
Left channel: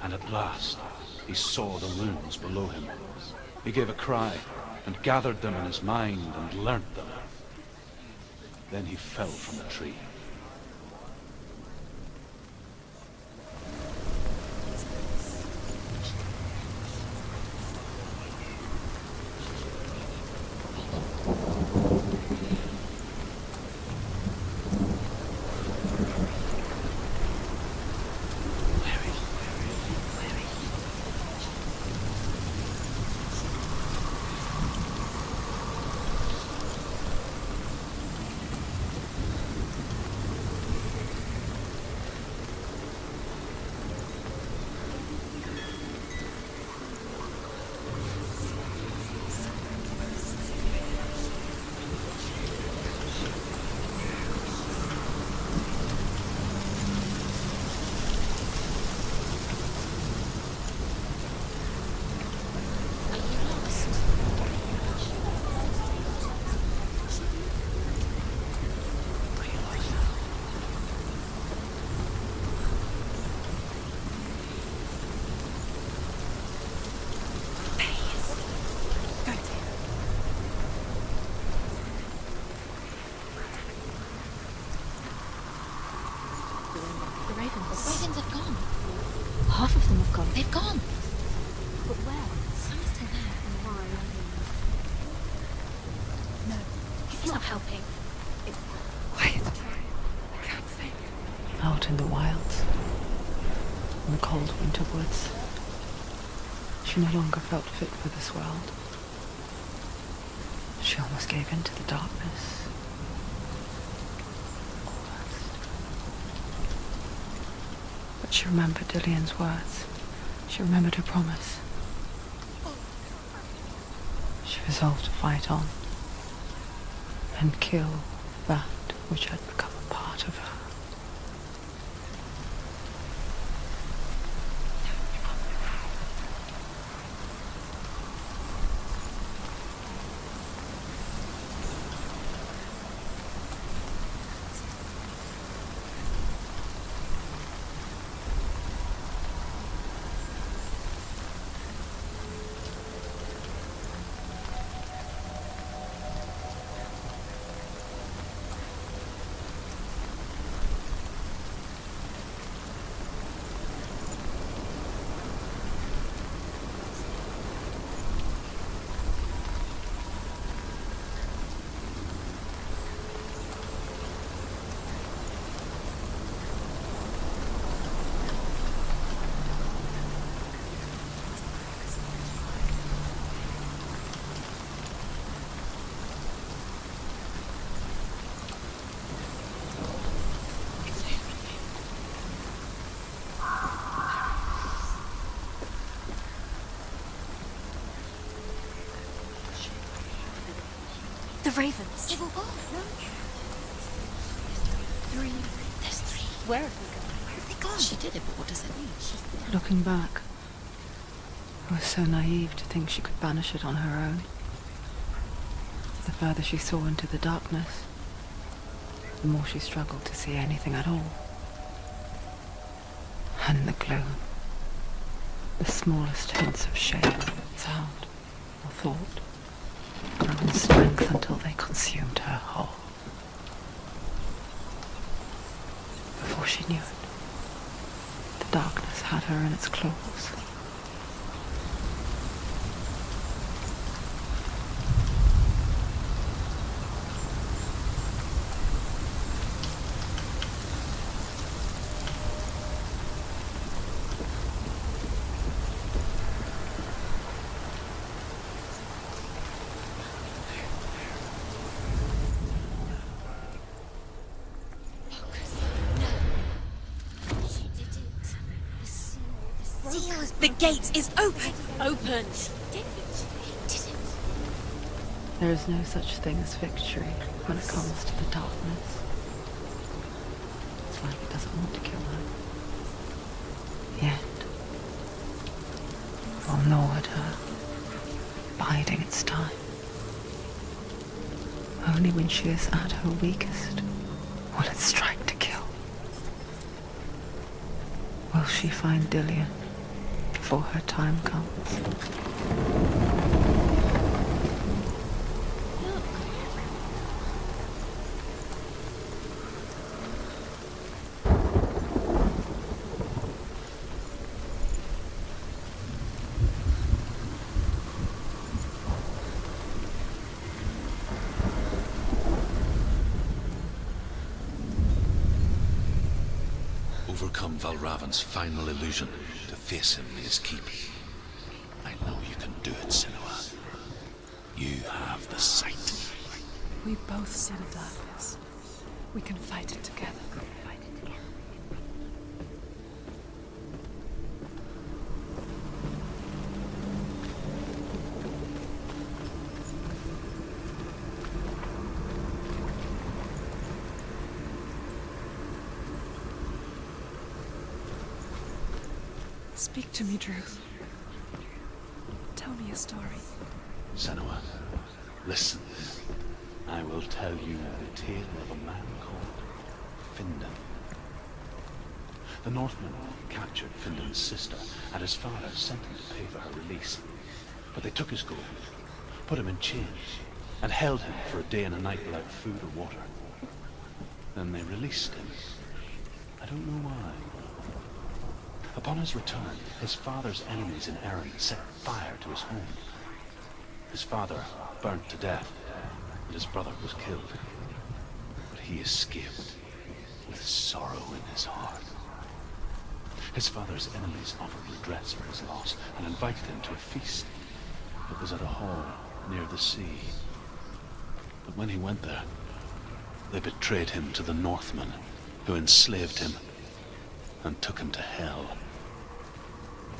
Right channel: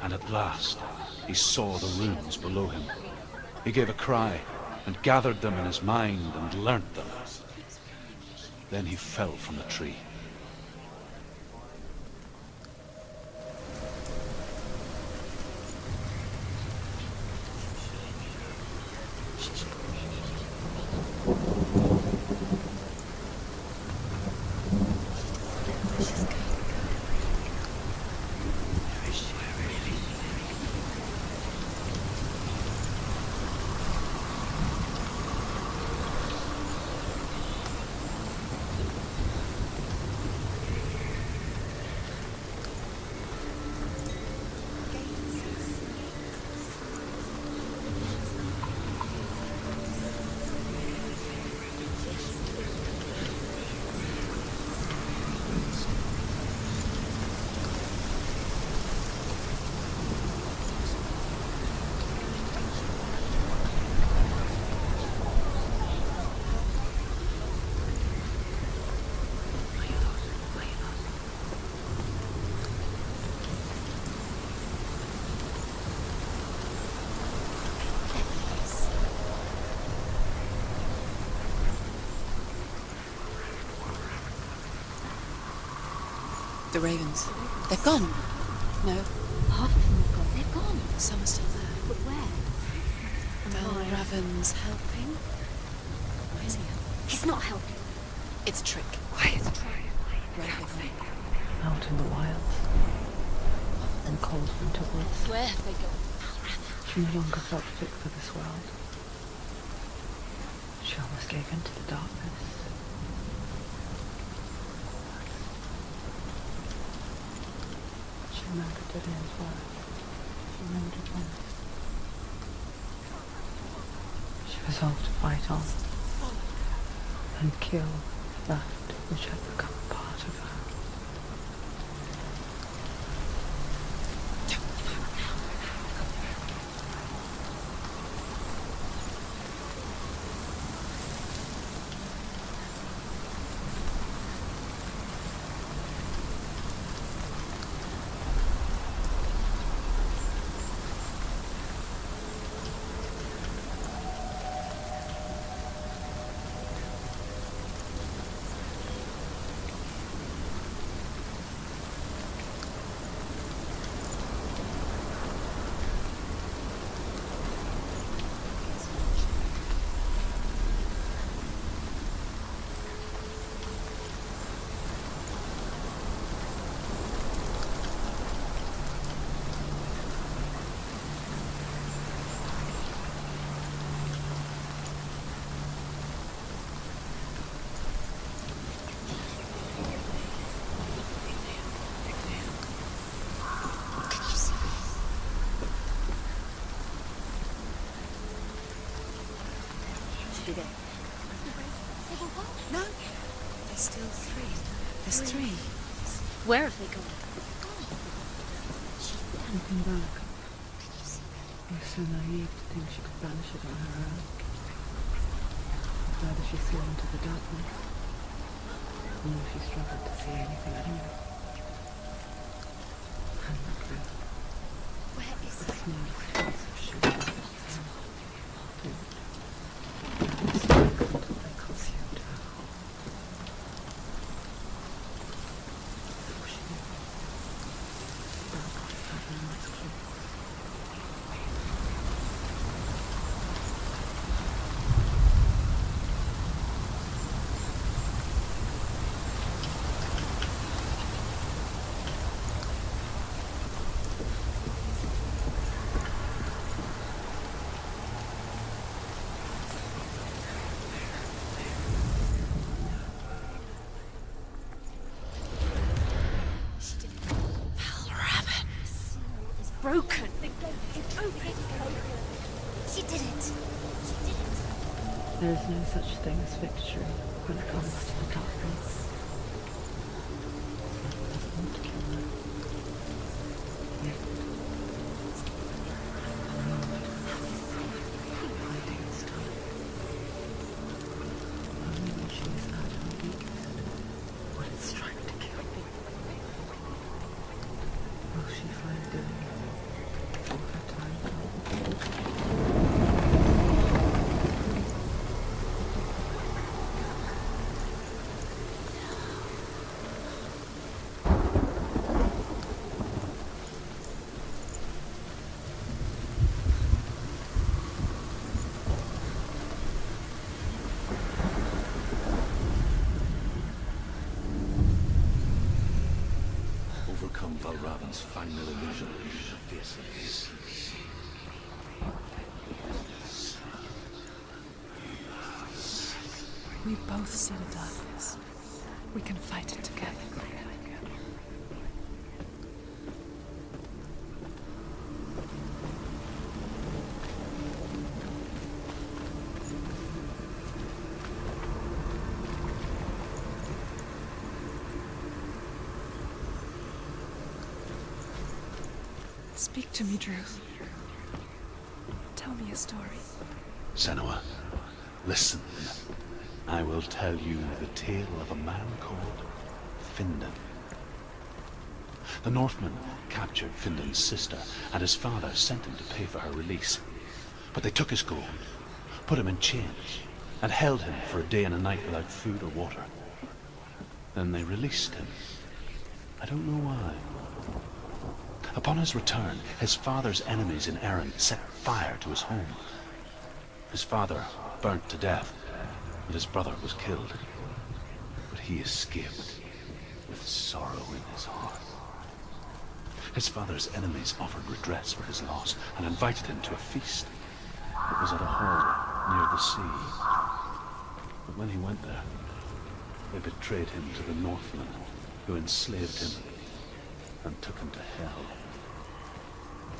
and at last he saw the runes below him. He gave a cry, and gathered them in his mind and learnt them. Then he fell from the tree. The ravens. The ravens. They've gone. They've gone. No. Half of them have gone. They've gone. Some are still there. But where? Some are still there. And why? Raven's helping. No. He's not helping. It's a trick. Quiet. I can't think. Out in the wilds. In cold winter woods. Where have they gone? She no longer felt fit for this world. She almost gave in to the darkness. But she remembered Dillian's words. She remembered her promise. She resolved to fight on and kill that which had become part of her. The ravens. They were gone. No. There's still three. There's three. There's three. Where have they gone? Where have they gone? She did it. What does it mean? Looking back, I was so naive to think she could banish it on her own. The further she saw into the darkness, the more she struggled to see anything at all. And the gloom, the smallest hints of shape, sound, or thought, and the strength until they consumed her whole. Before she knew it, the darkness had her in its claws. Broken. The gate is open. Open. She did it. There is no such thing as victory when it comes to the darkness. It's like it doesn't want to kill her. Yet, will gnaw at her, biding its time. Only when she is at her weakest will it strike to kill. Will she find Dillian before her time comes? Overcome Valravan's final illusion to face him in his keep. I know you can do it, Senua. You have the sight. We both see the darkness. We can fight it together. Speak to me, Druth. Tell me a story. Senua, listen. I will tell you the tale of a man called Findan. The Northmen captured Findan's sister, and his father sent him to pay for her release. But they took his gold, put him in chains, and held him for a day and a night without food or water. Then they released him, I don't know why. Upon his return, his father's enemies in Erin set fire to his home. His father burnt to death, and his brother was killed. But he escaped with sorrow in his heart. His father's enemies offered redress for his loss and invited him to a feast. It was at a hall near the sea. But when he went there, they betrayed him to the Northmen, who enslaved him and took him to hell.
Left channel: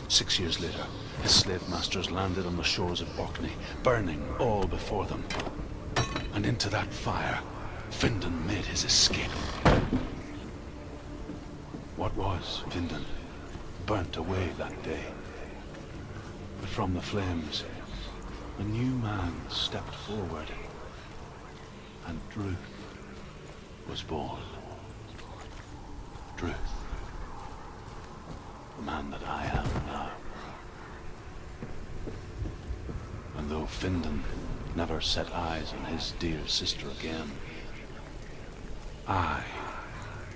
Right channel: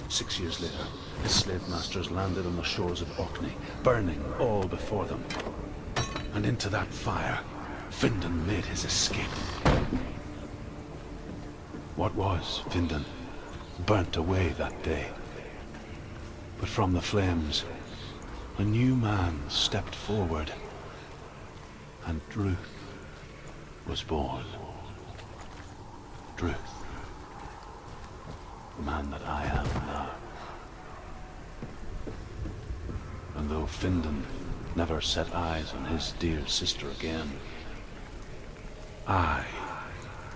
6 years later, his slave masters landed on the shores of Orkney, burning all before them. And into that fire, Findan made his escape. What was Findan burnt away that day. But from the flames, a new man stepped forward, and Druth was born. Druth, the man that I am now. And though Findan never set eyes on his dear sister again, I,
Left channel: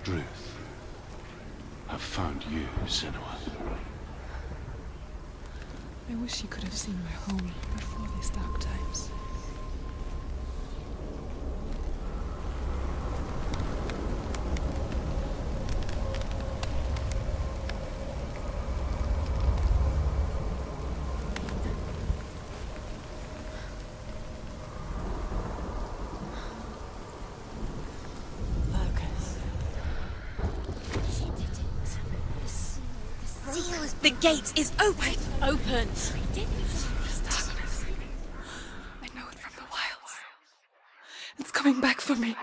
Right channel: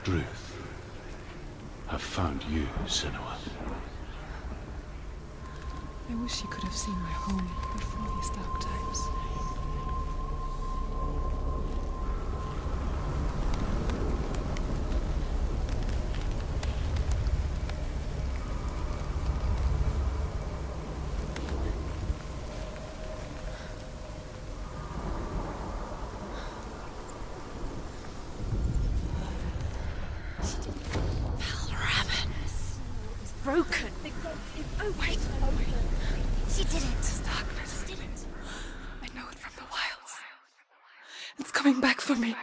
Druth, have found you, Senua. I wish you could have seen my home before these dark times. Broken. The gate is open. Open. This darkness. I know it from the wilds. It's coming back for me.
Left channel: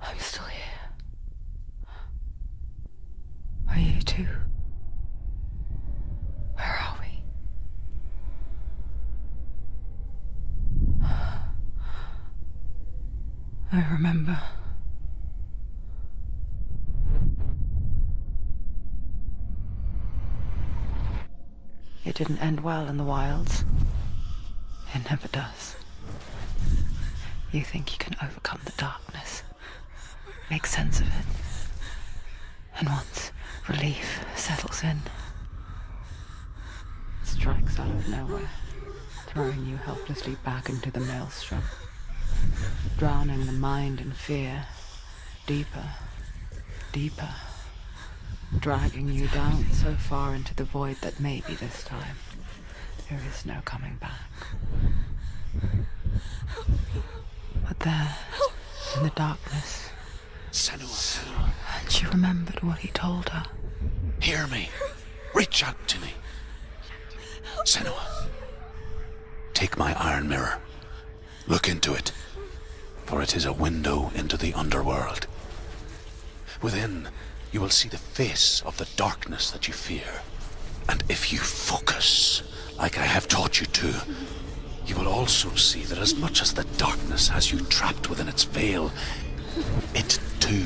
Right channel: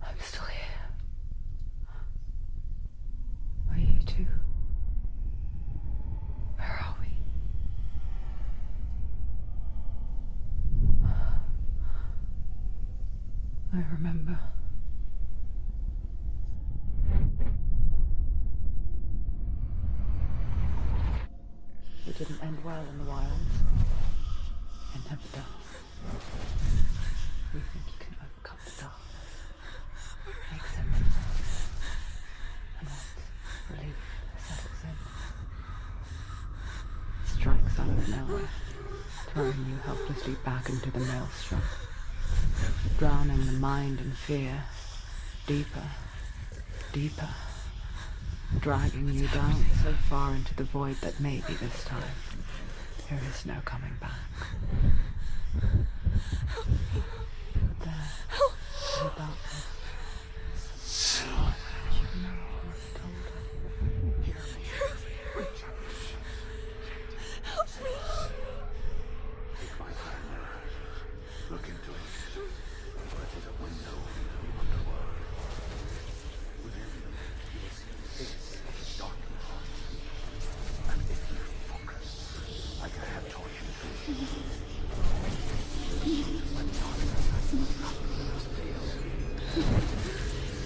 I'm still here. Are you too? Where are we? I remember. It didn't end well in the wilds. It never does. You think you can overcome the darkness, make sense of it, and once relief settles in, it strikes out of nowhere, throwing you helplessly back into the maelstrom, drowning the mind in fear, deeper, deeper, dragging you down so far into the void that maybe this time there is no coming back. But there, in the darkness, Senua, and she remembered what he told her. hear me. Reach out to me. Senua, take my iron mirror. Look into it, for it is a window into the underworld. Within, you will see the face of the darkness that you fear. And if you focus, like I have taught you to, you will also see that as much as the darkness has you trapped within its veil, it too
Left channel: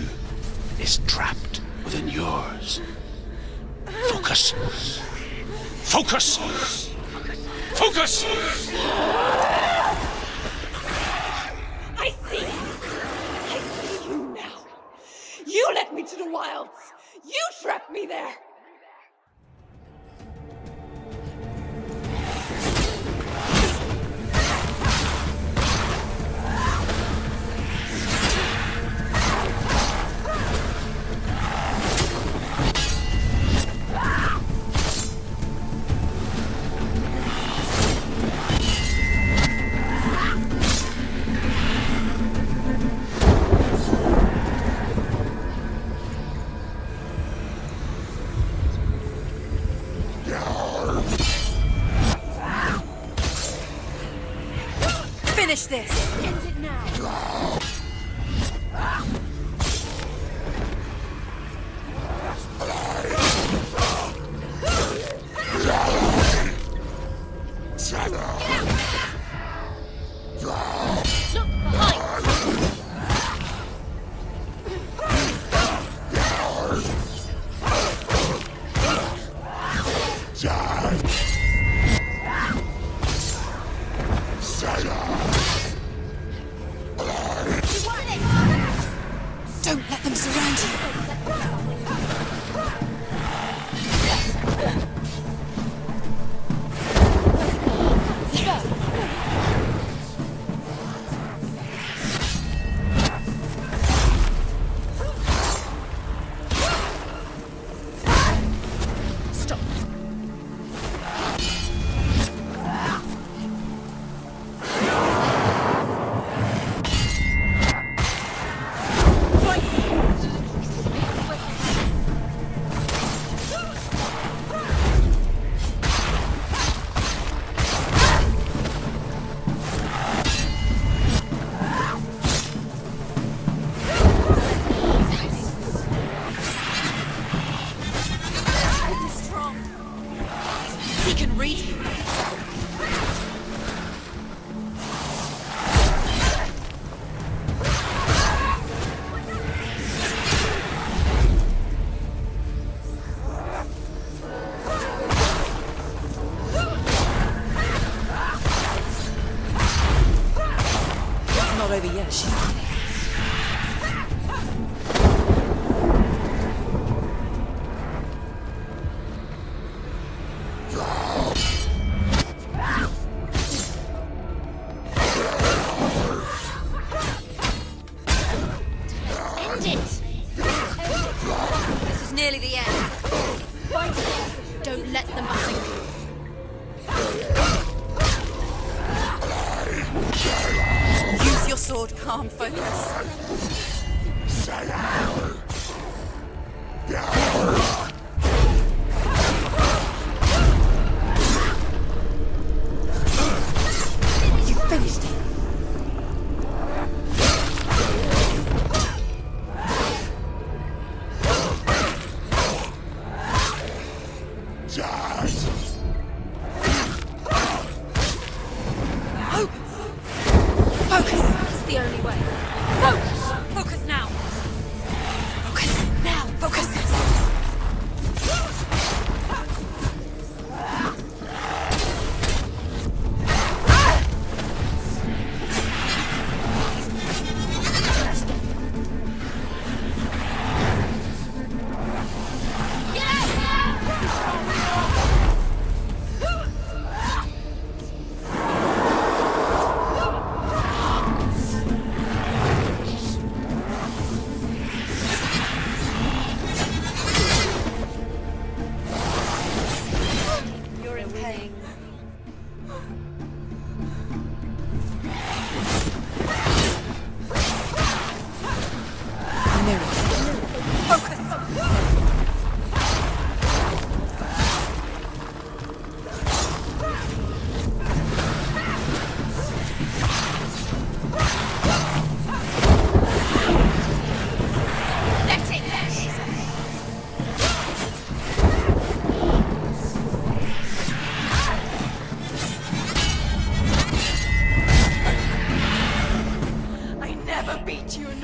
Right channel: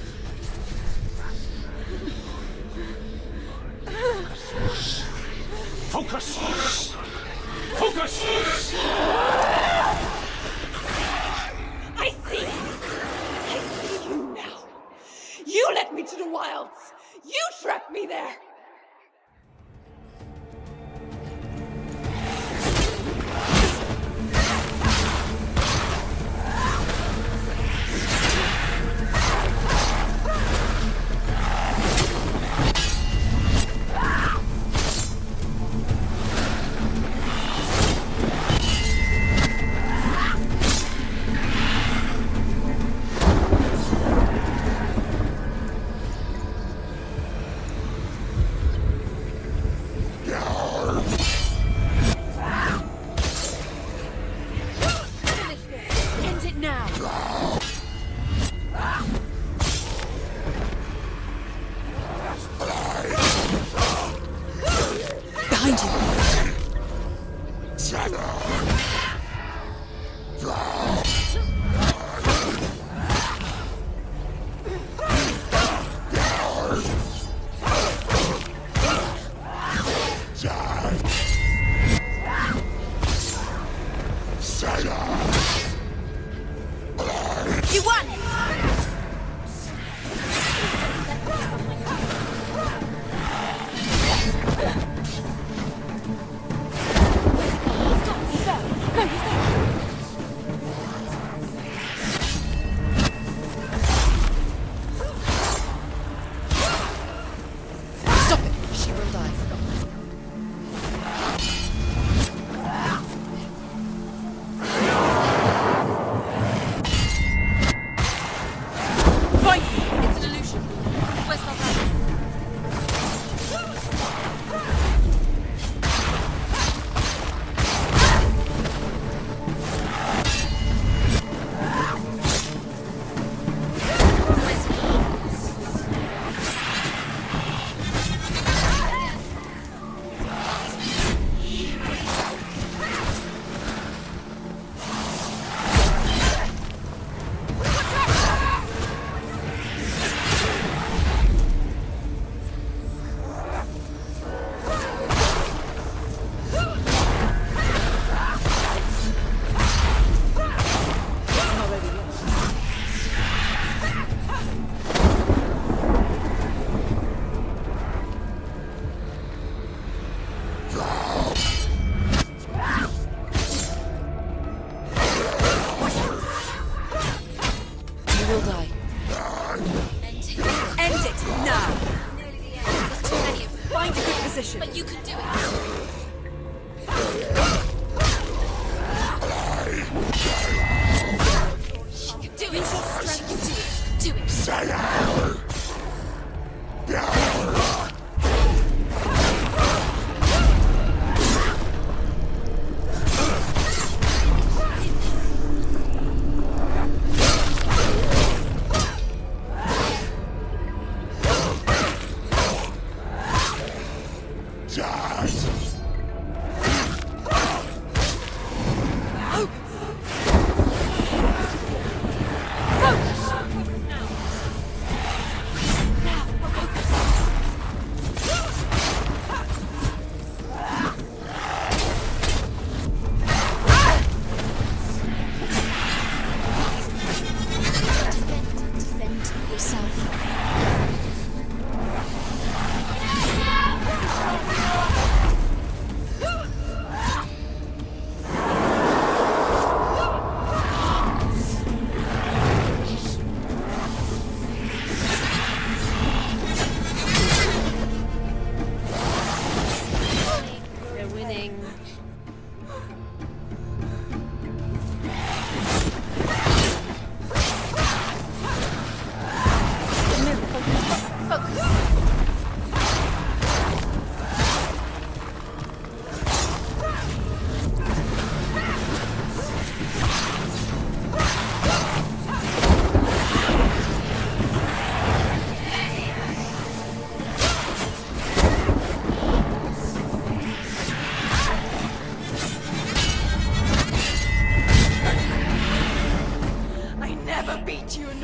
is trapped within yours. Focus. Focus! Focus! I see you! I see you now! You led me to the wilds! You trapped me there! Finish this. End it now.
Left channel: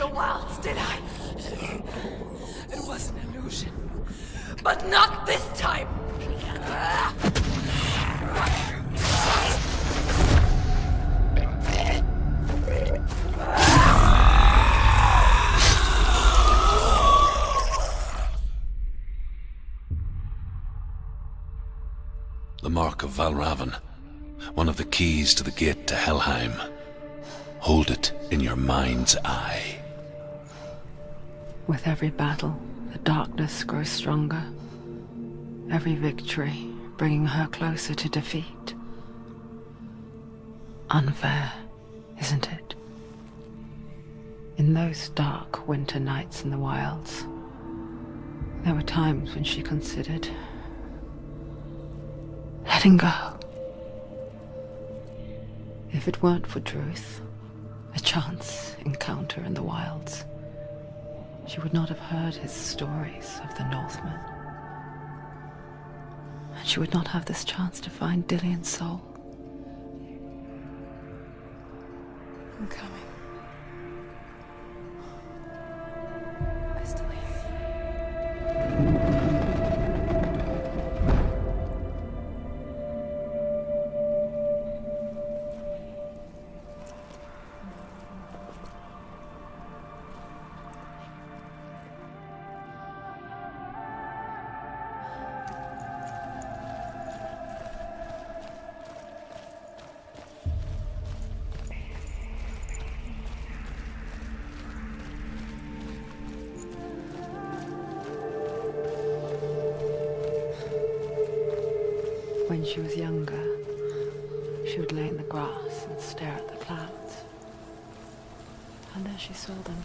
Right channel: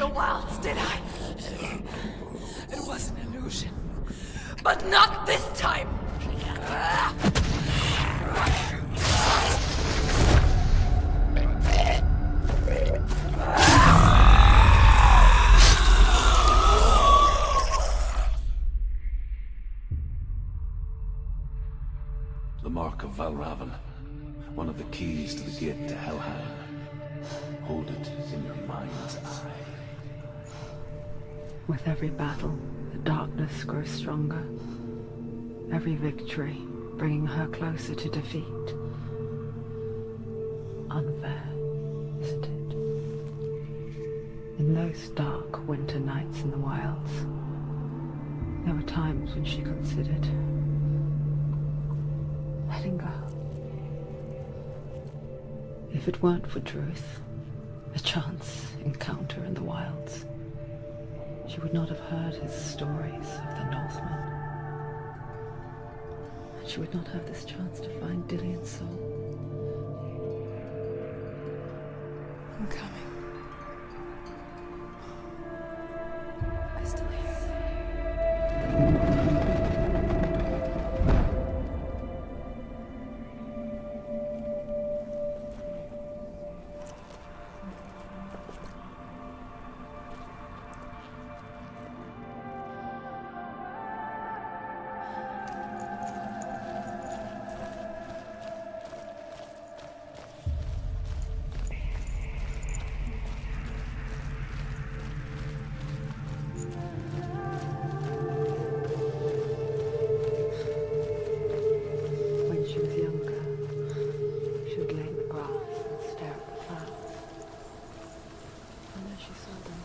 the wilds, did I? It was an illusion. But not this time! The Mark of Valravan, one of the keys to the gate to Helheim. Hold it in your mind's eye. With every battle, the darkness grows stronger. Every victory bringing her closer to defeat. Unfair, isn't it? In those dark winter nights in the wilds, there were times when she considered letting go. If it weren't for Druth, a chance encounter in the wilds, she would not have heard his stories of the Northmen. And she would not have this chance to find Dillion's soul. I'm coming. I still hear you. When she was younger, she would lay in the grass and stare at the clouds. And there she saw them.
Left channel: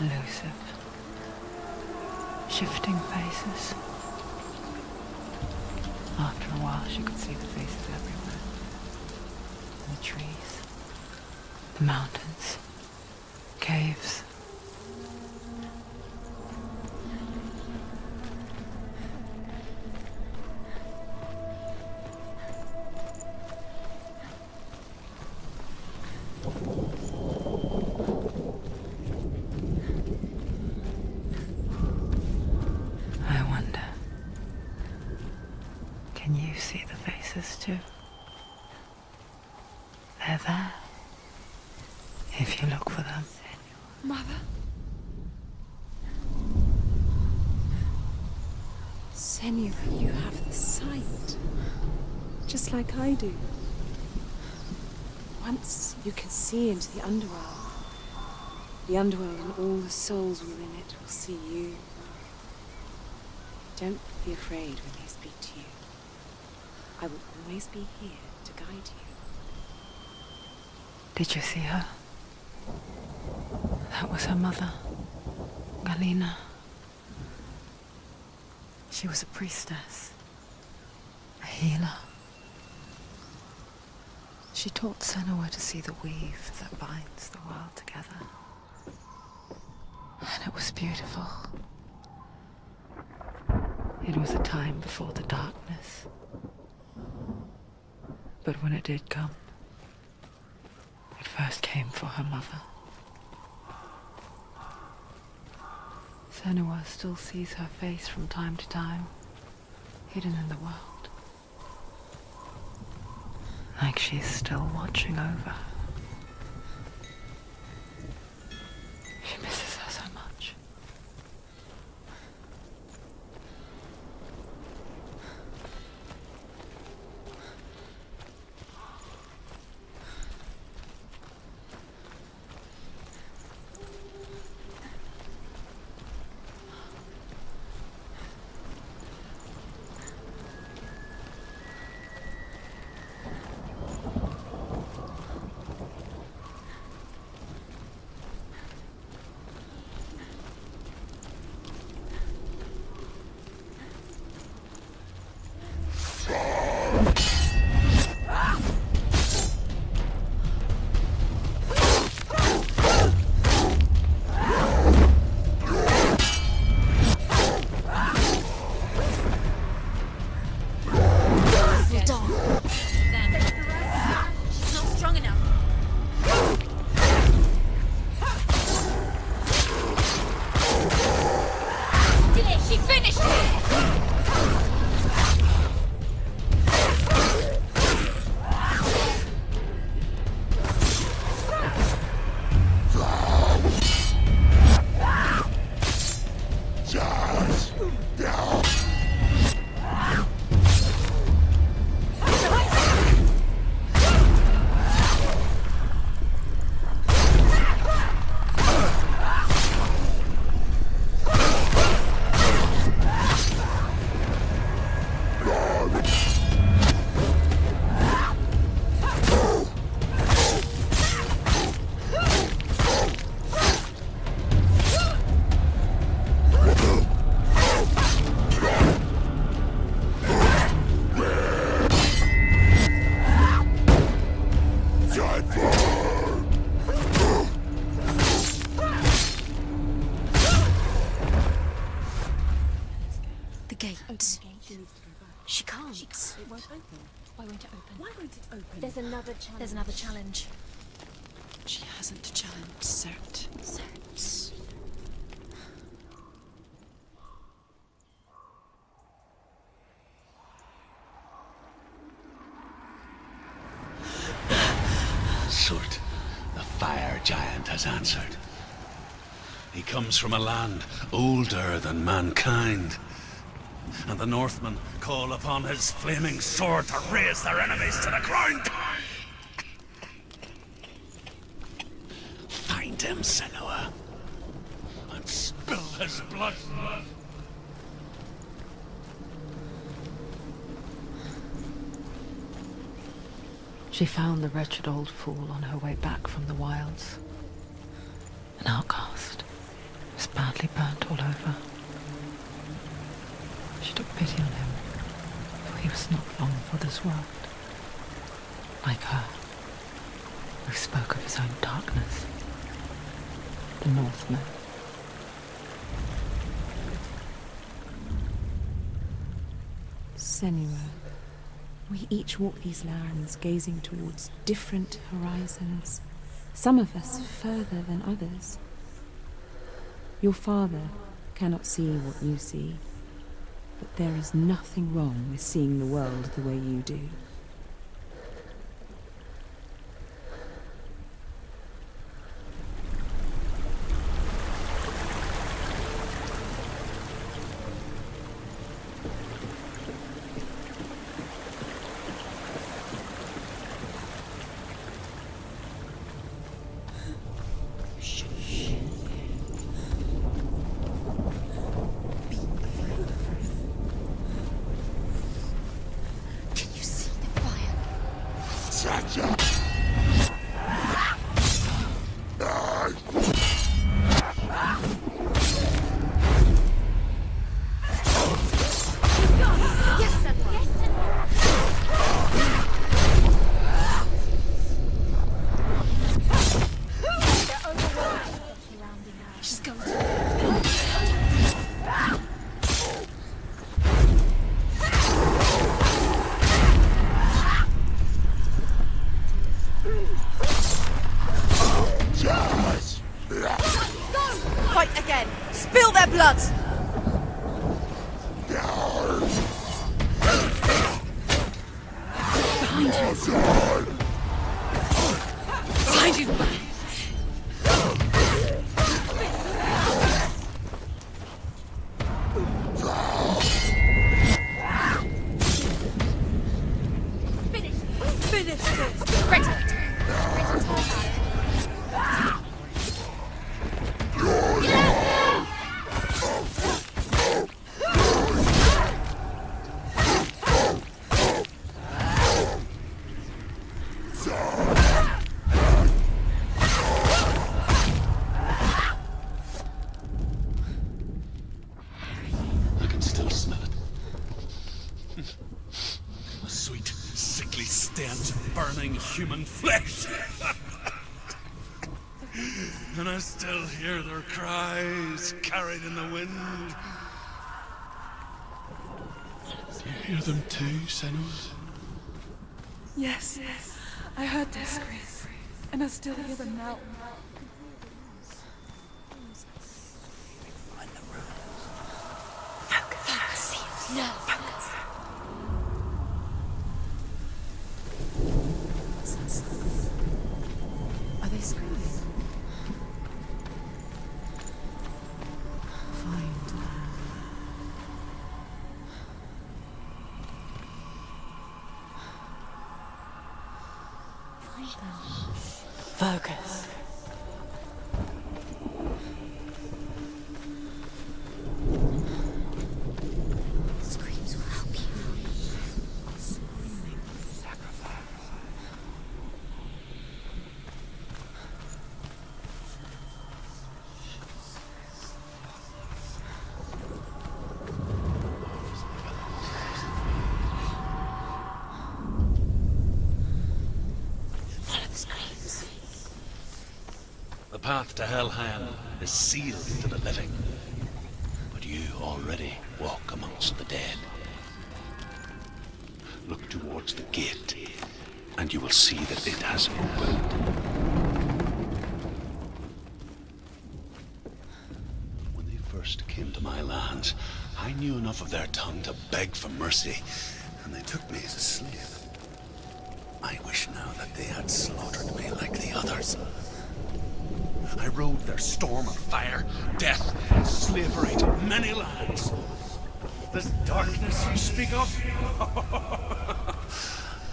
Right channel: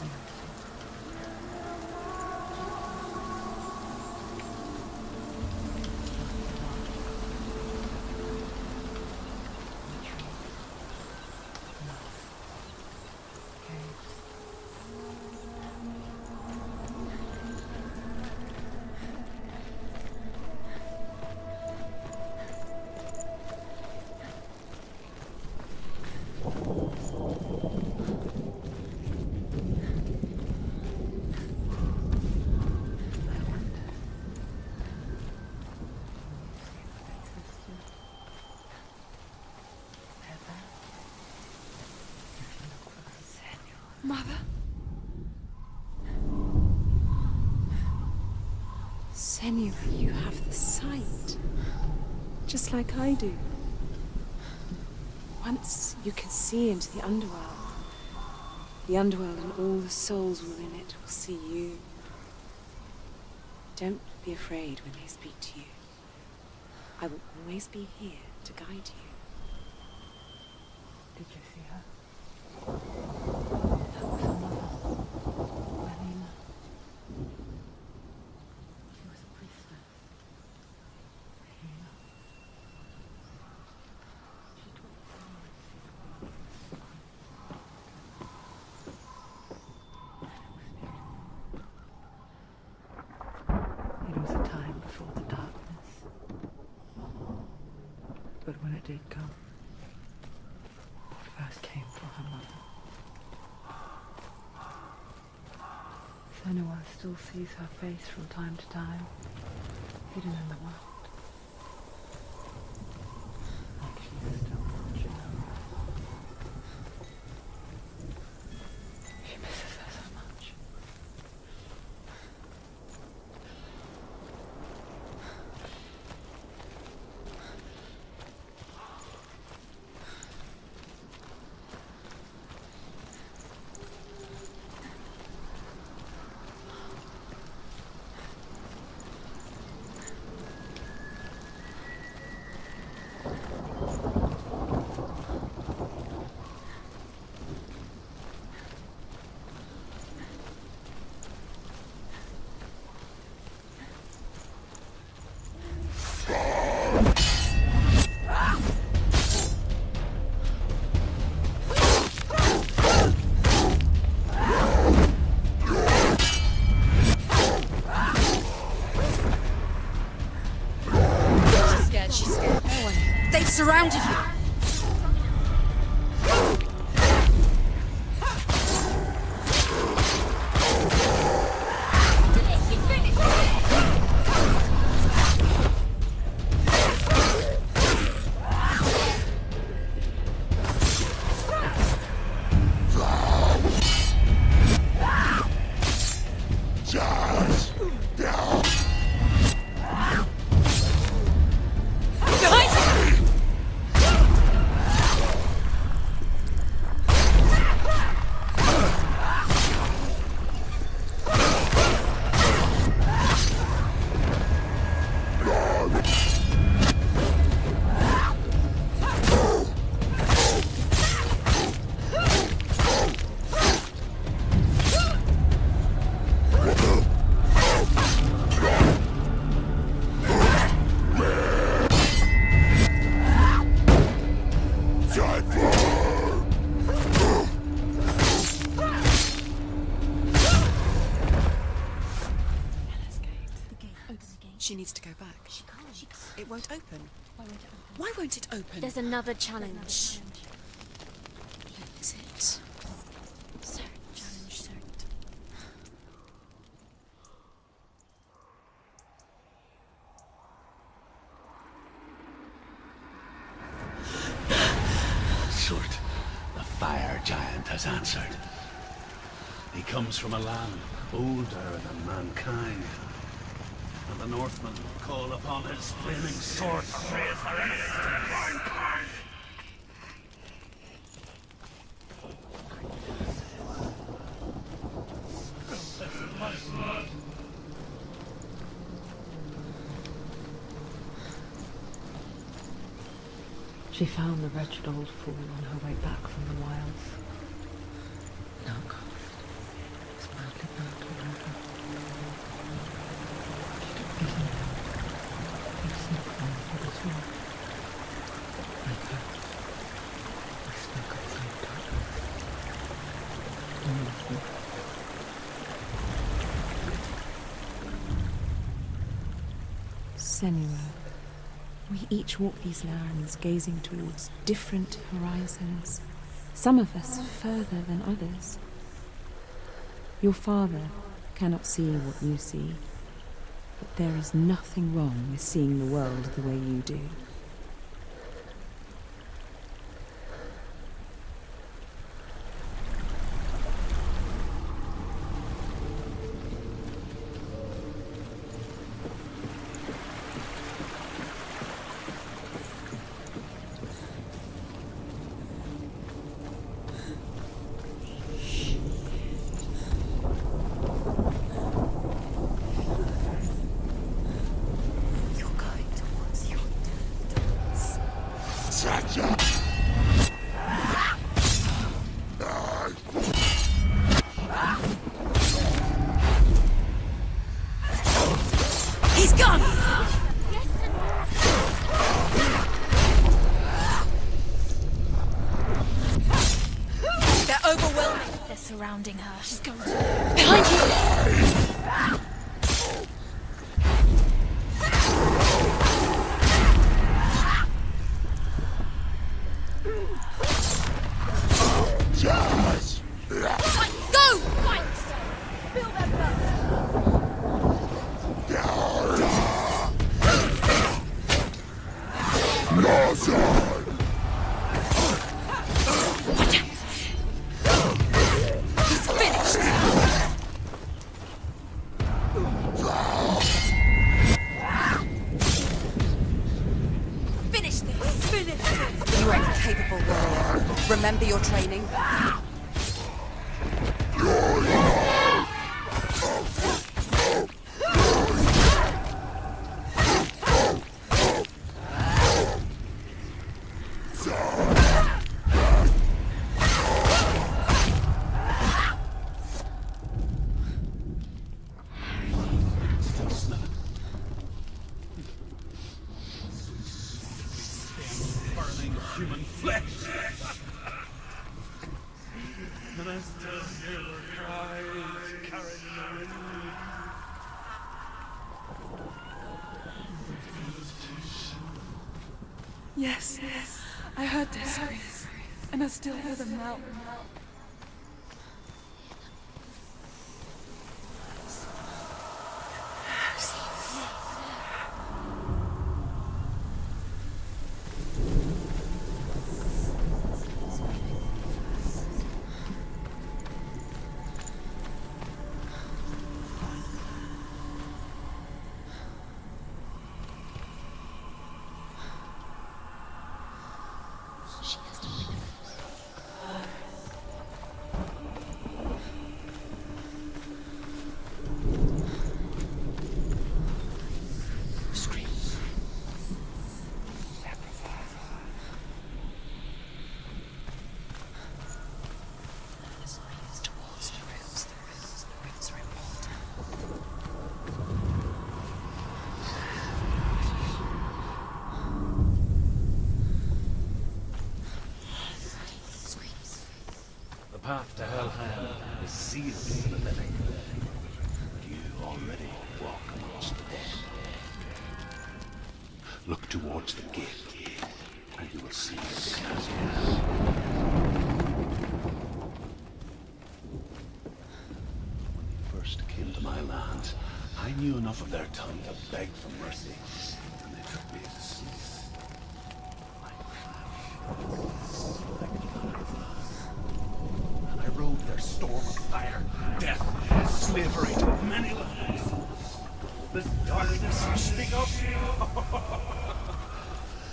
Elusive. Shifting faces. After a while, she could see the faces everywhere. In the trees, the mountains, caves. Can you see the faces too? They're there. If you look for them. Mother? Senua, you have the sight. Just like I do. Once you can see into the underworld. The underworld and all the souls within it will see you. Don't be afraid when they speak to you. I will always be here to guide you. Did you see her? That was her mother, Galina. She was a priestess, a healer. She taught Senua to see the weave that binds the world together. And it was beautiful. It was a time before the darkness. But when it did come, it first came for her mother. Senua still sees her face from time to time, hidden in the world. Like she's still watching over her. She misses her so much. They've surrounded her. She's not strong enough. Why won't it open? Why won't it open? There's another challenge. There's another challenge. She hasn't challenged Cert. Surt, the fire giant has answered. He comes from a land older than mankind. And the Northmen call upon his flaming sword to raise their enemies to the ground. Find him, Senua, and spill his blood. She found the wretched old fool on her way back from the wilds. An outcast. He was badly burnt all over. She took pity on him. He was not long for this world. Like her, he spoke of his own darkness. The Northman. Senua. We each walk these lands, gazing towards different horizons, some of us further than others. Your father cannot see what you see, but there is nothing wrong with seeing the world the way you do. He's gone! They're overwhelmed. They're surrounding her. She's going to... Behind you! Go! Fight again! Spill their blood! Behind you! Watch out! It's finished! Finish this! Finish this! Ready, capable. Remember your training. I can still smell it. A sweet, sickly stench of burning human flesh. And I still hear their cries carried in the wind. Do you hear them too, Senua? Yes, I heard their screams, and I still hear them now. Are they screaming? Focus. The path to Helheim is sealed to the living, but you already walk amongst the dead. Look towards the gate, and you will see that it has opened. When they first came to my lands, I knew enough of their tongue to beg for mercy, and they took me as a slave. I wish now that they had slaughtered me like the others. I rode their storm of fire, death, and slavery to many lands. This darkness you speak of?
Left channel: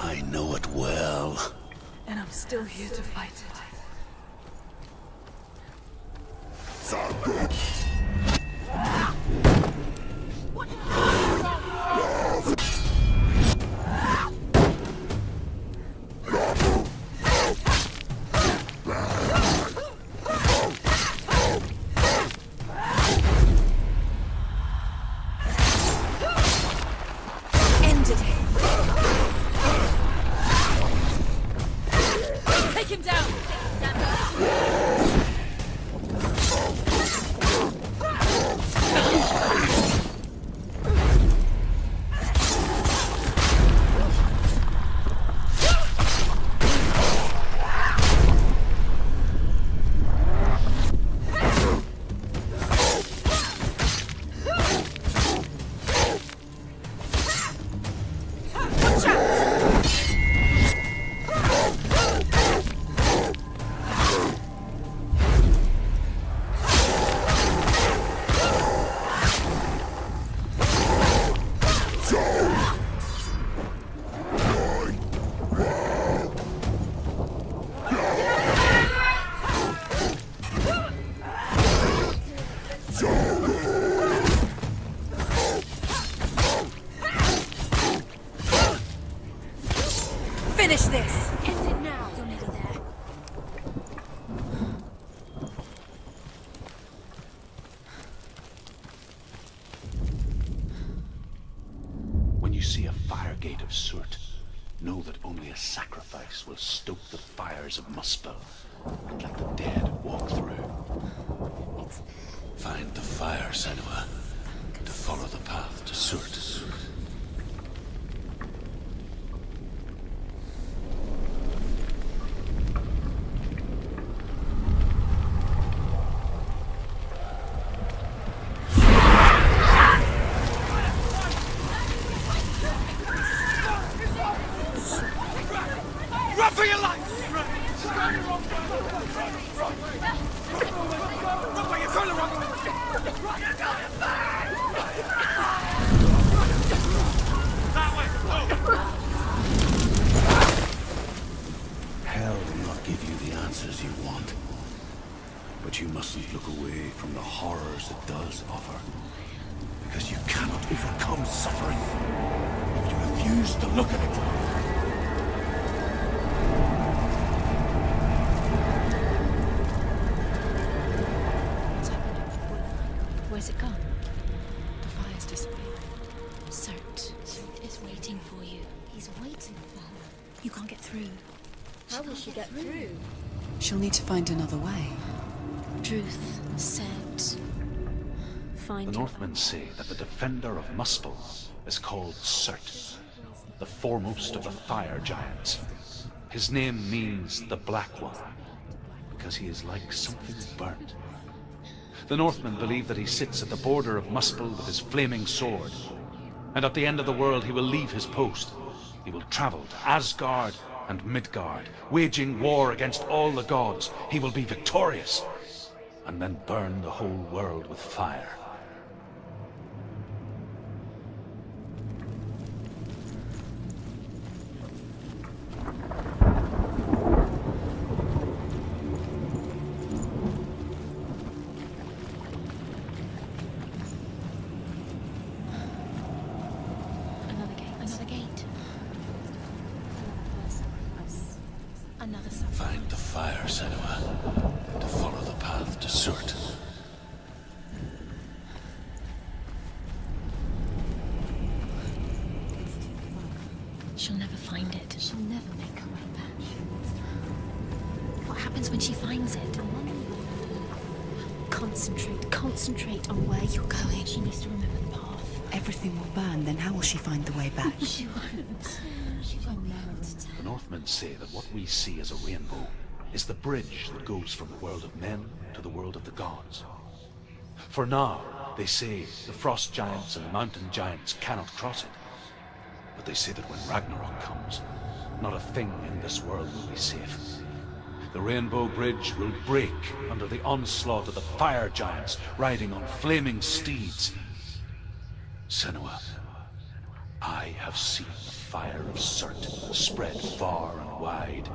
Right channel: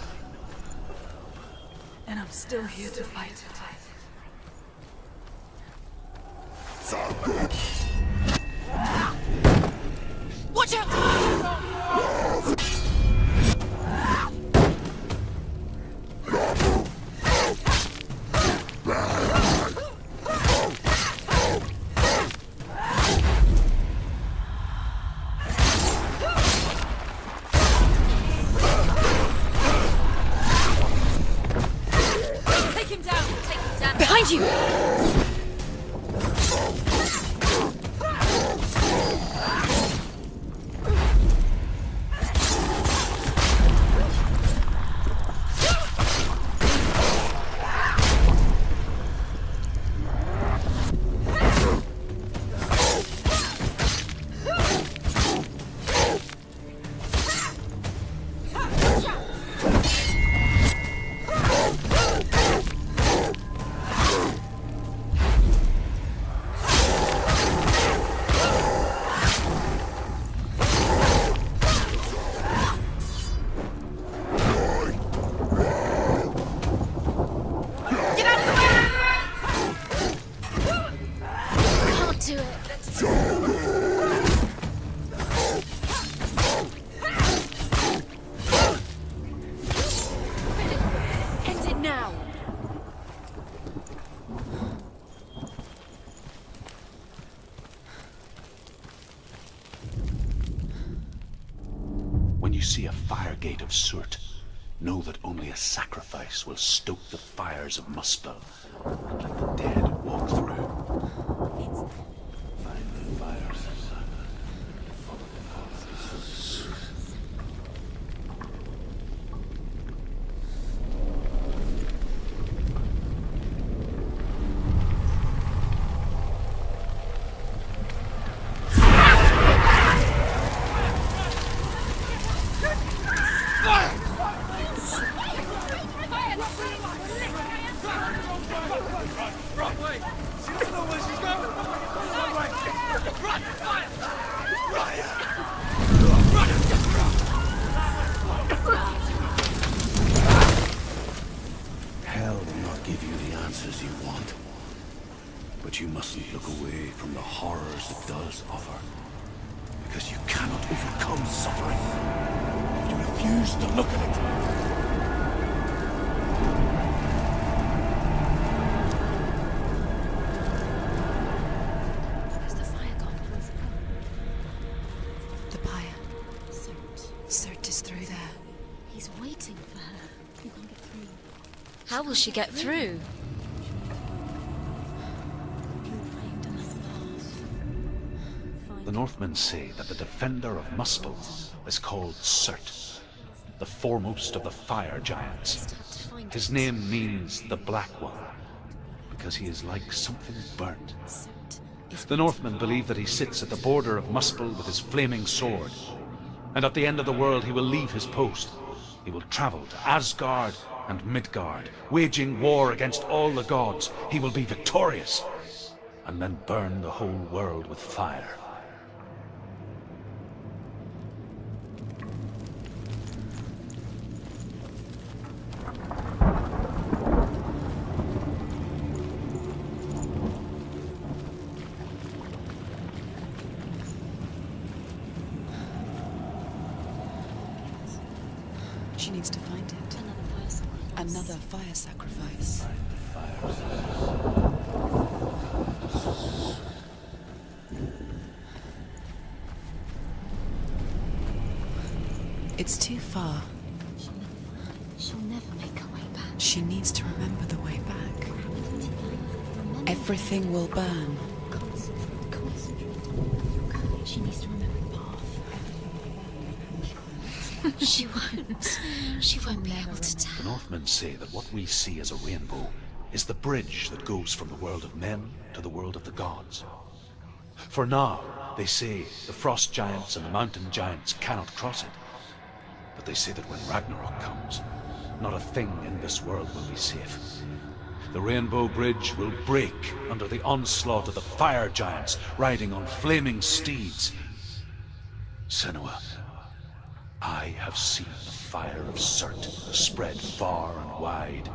I know it well. And I'm still here to fight it. Watch out! Take him down! Behind you! Finish this! End it now! When you see a fire gate of Surt, know that only a sacrifice will stoke the fires of Muspel, and let the dead walk through. Find the fire, Senua, to follow the path to Surt. Hell will not give you the answers you want. But you mustn't look away from the horrors it does offer. Because you cannot overcome suffering if you refuse to look at it. Where's the fire gone? Where's it gone? The fire's just up higher. Surt is through there. He's waiting for her. You can't get through. How will she get through? She'll need to find another way. Truth and sound. Find The Northmen say that the defender of Muspel is called Surt, the foremost of the fire giants. His name means the Black One, because he is like something burnt. The Northmen believe that he sits at the border of Muspel with his flaming sword, and at the end of the world he will leave his post. He will travel to Asgard and Midgard, waging war against all the gods. He will be victorious, and then burn the whole world with fire. Another gate. She needs to find it. Another fire Sacrifice. Find the fire, Senua, to follow the path to Surt. It's too far. She'll never find it. She'll never make her way back. She needs to remember the way back. What happens when she finds it? Everything will burn. Concentrate on where you're going. She needs to remember the path. Everything will burn, then how will she find the way back? She won't. She won't be able to tell. The Northmen say that what we see as a rainbow is the bridge that goes from the world of men to the world of the gods. For now, they say the frost giants and the mountain giants cannot cross it. But they say that when Ragnarok comes, not a thing in this world will be safe. The Rainbow Bridge will break under the onslaught of the fire giants riding on flaming steeds. Senua, I have seen the fire of Surt spread far and wide,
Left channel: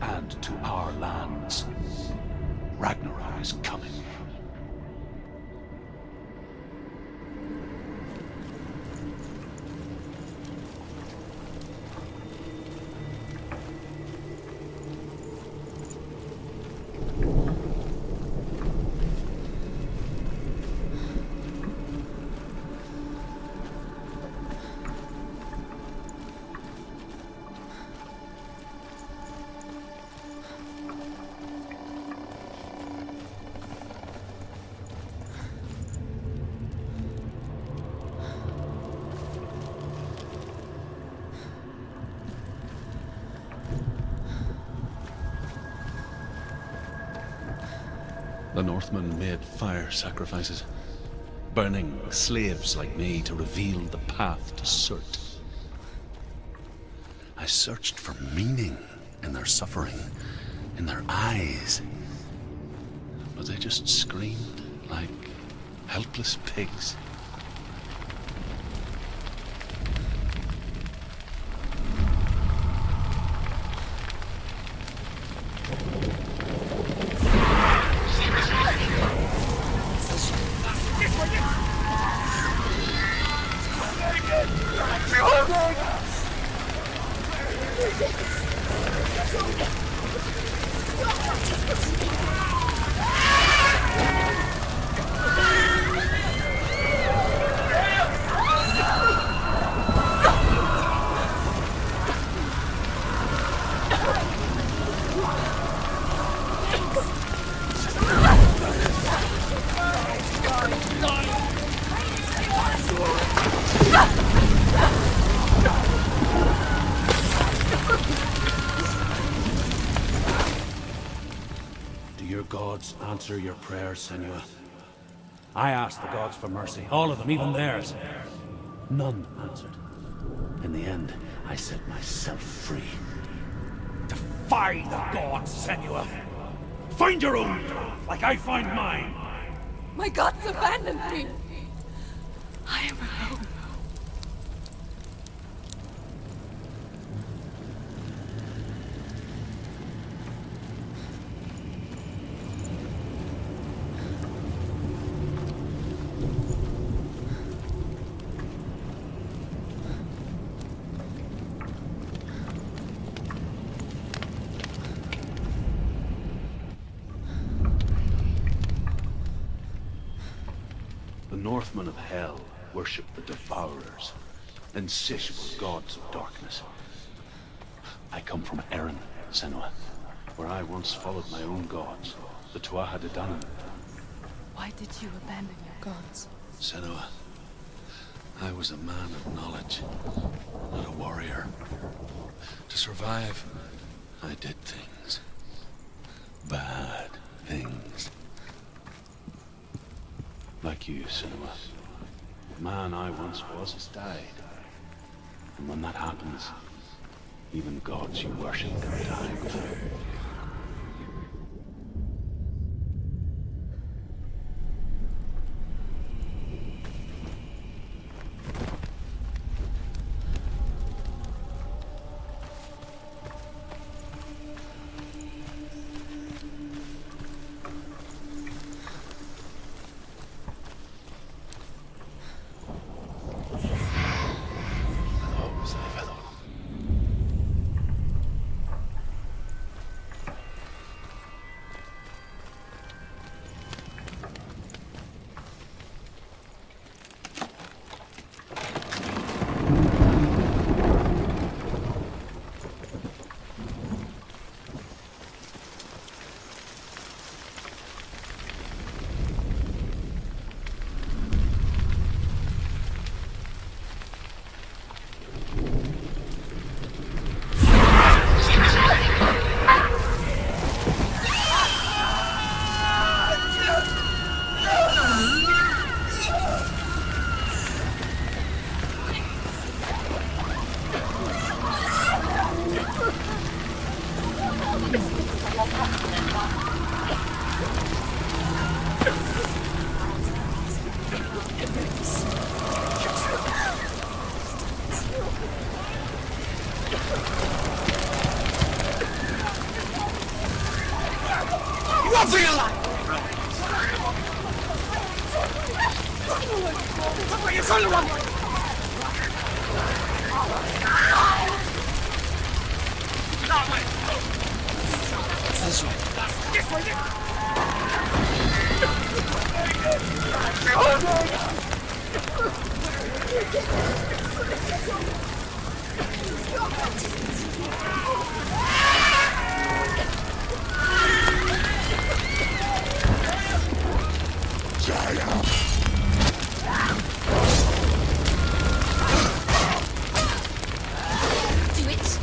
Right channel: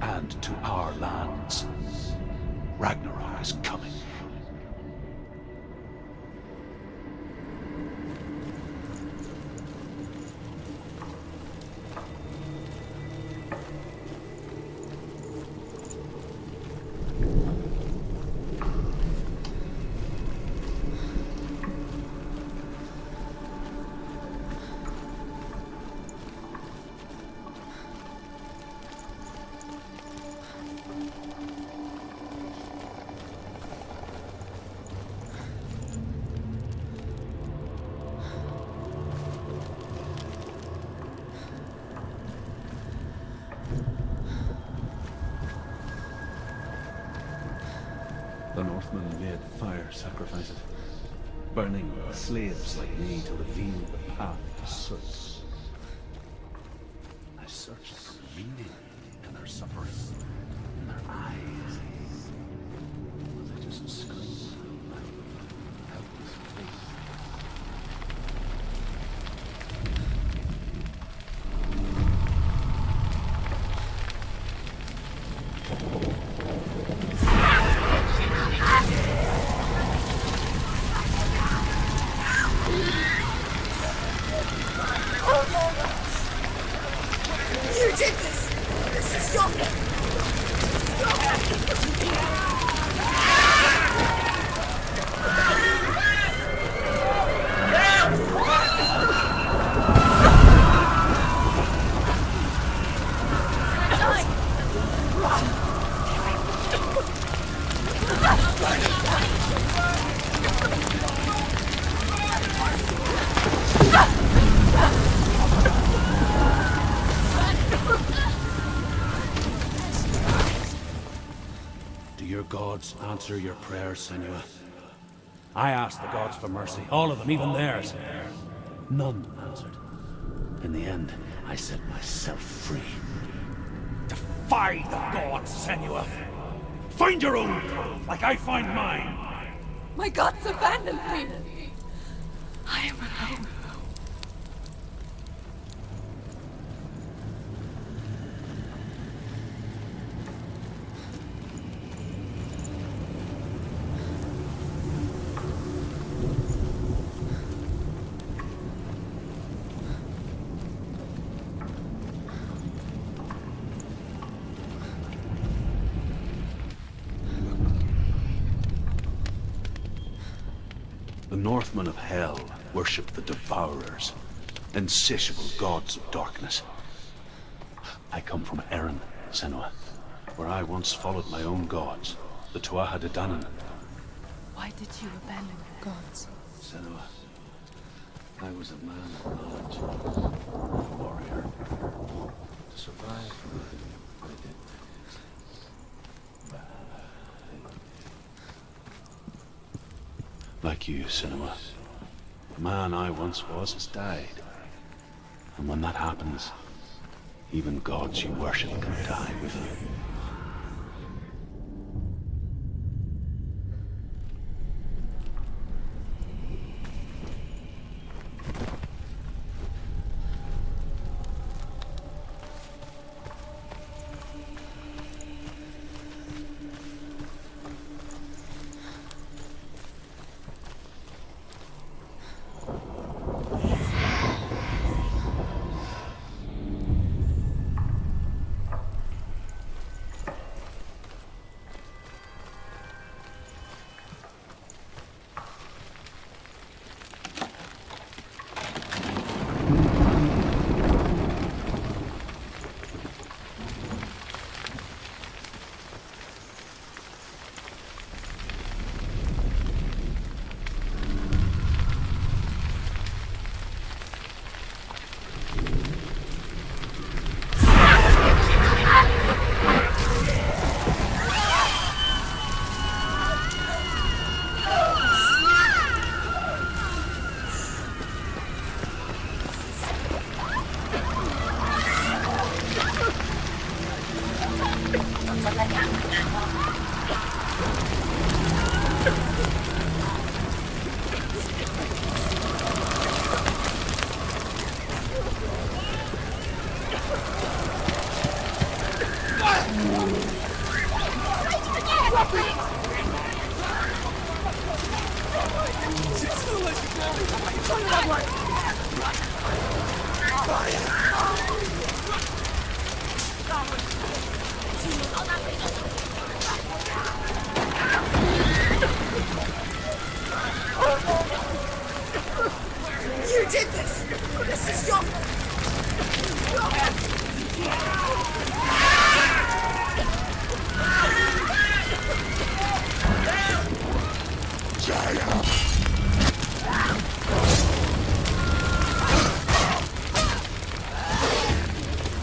and to our lands. Ragnarok is coming. The Northmen made fire sacrifices, burning slaves like me to reveal the path to Surt. I searched for meaning in their suffering, in their eyes. But they just screamed like helpless pigs. Answer your prayers, Senua. I asked the gods for mercy, all of them, even theirs. None answered. In the end, I set myself free. Defy the gods, Senua! Find your own path, like I find mine! My gods abandoned me! I am alone. The Northmen of Hell worship the Devourers, insatiable gods of darkness. I come from Erin, Senua, where I once followed my own gods, the Tuatha De Danann. Why did you abandon your gods? Senua, I was a man of knowledge, not a warrior. To survive, I did things. Bad things. Like you, Senua. The man I once was has died. And when that happens, even gods you worship can die with you.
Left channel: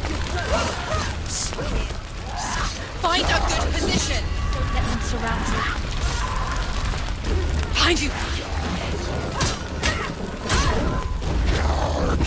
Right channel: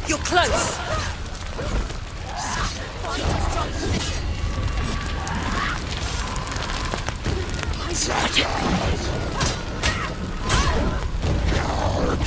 You're close. Find a good position. Behind you, Bridget. You got it.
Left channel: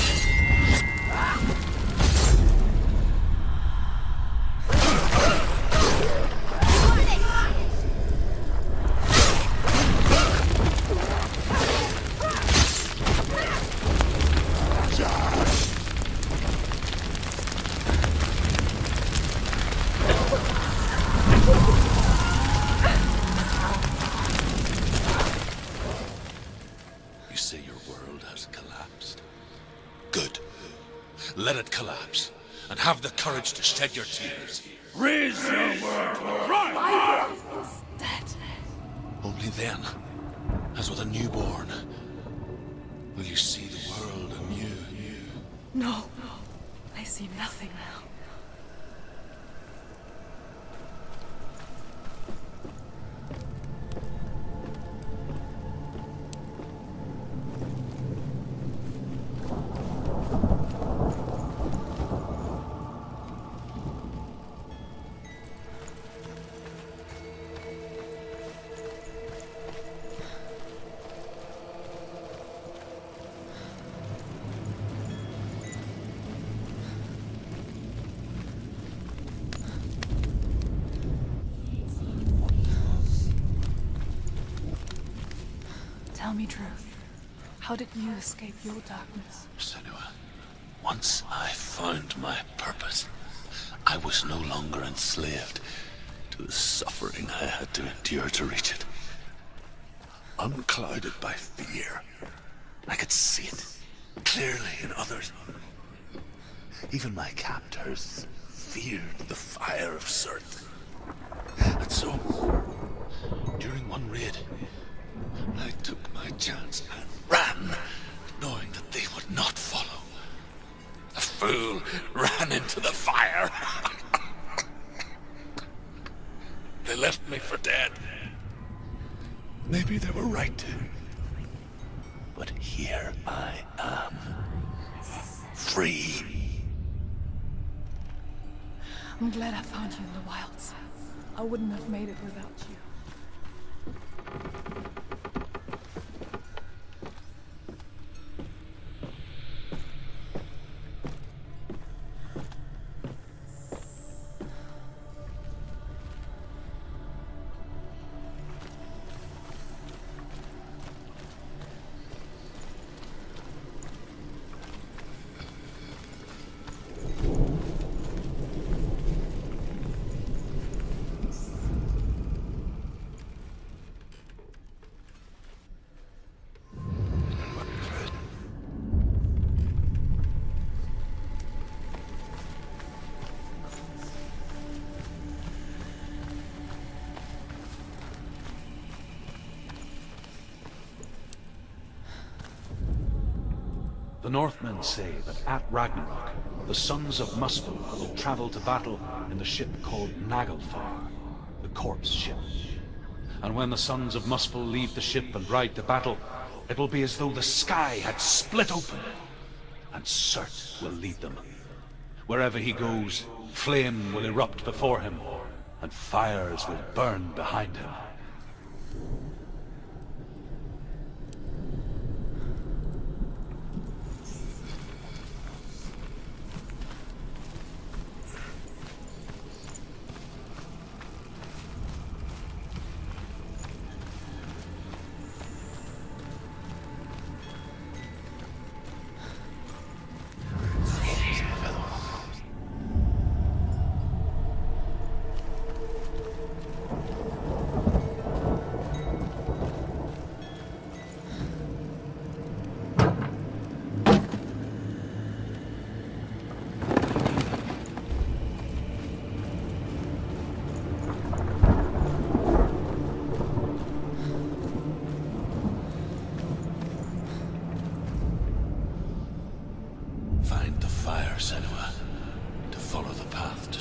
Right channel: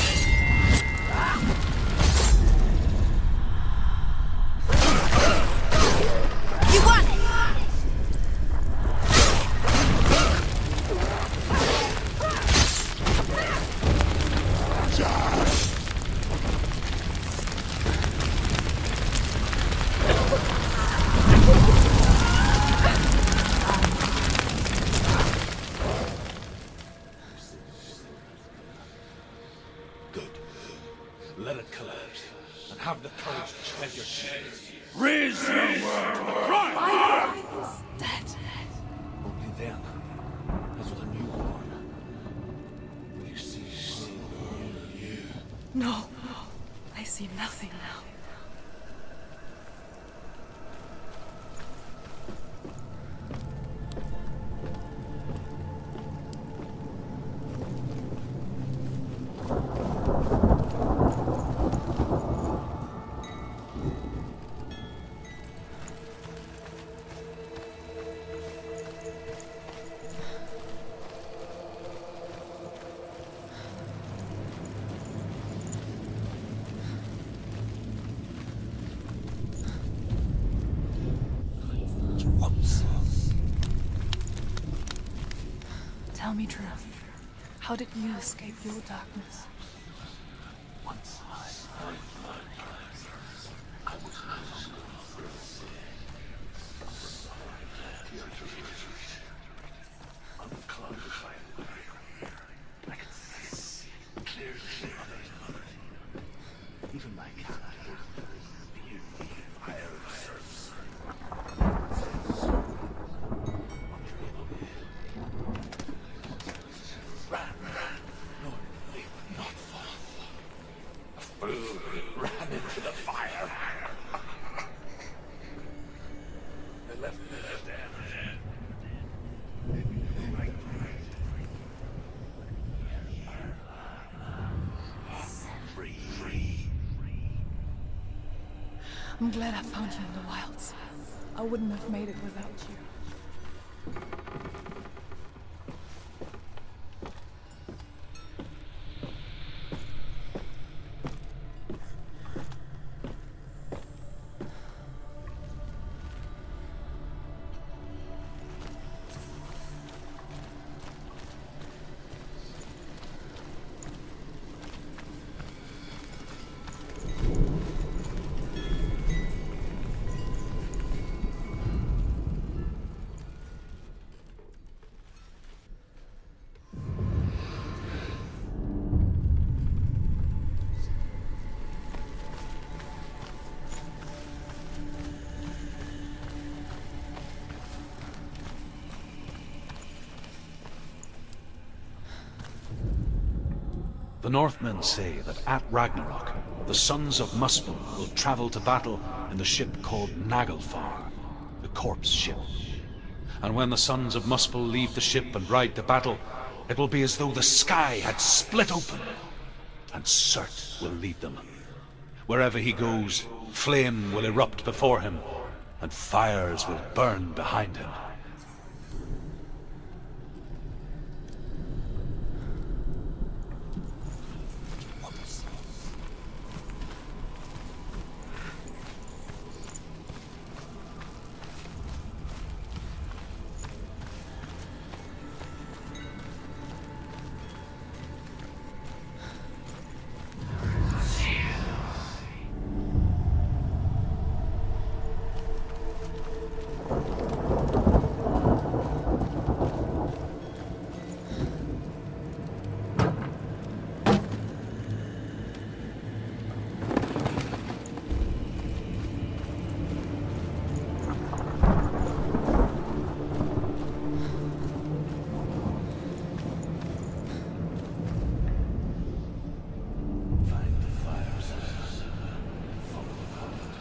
You say your world has collapsed. Good. Let it collapse, and have the courage to shed your tears. Raise your world to the ground! My world is dead. Only then, as with a newborn, will you see the world anew. No, I see nothing now. Tell me truth. How did you escape your darkness? Senua, once I found my purpose, I was no longer enslaved to the suffering I had to endure to reach it. Unclouded by fear, I could see it clearly in others. Even my captors feared the fire of Cert. And so, during one raid, I took my chance and ran, knowing that they would not follow. The fool ran into the fire. They left me for dead. Maybe they were right to. But here I am. Free. I'm glad I found you in the wilds. I wouldn't have made it without you. The Northmen say that at Ragnarok, the sons of Muspel will travel to battle in the ship called Naglfar, the corpse ship. And when the sons of Muspel leave the ship and ride to battle, it will be as though the sky had split open, and Cert will lead them. Wherever he goes, flame will erupt before him, and fires will burn behind him.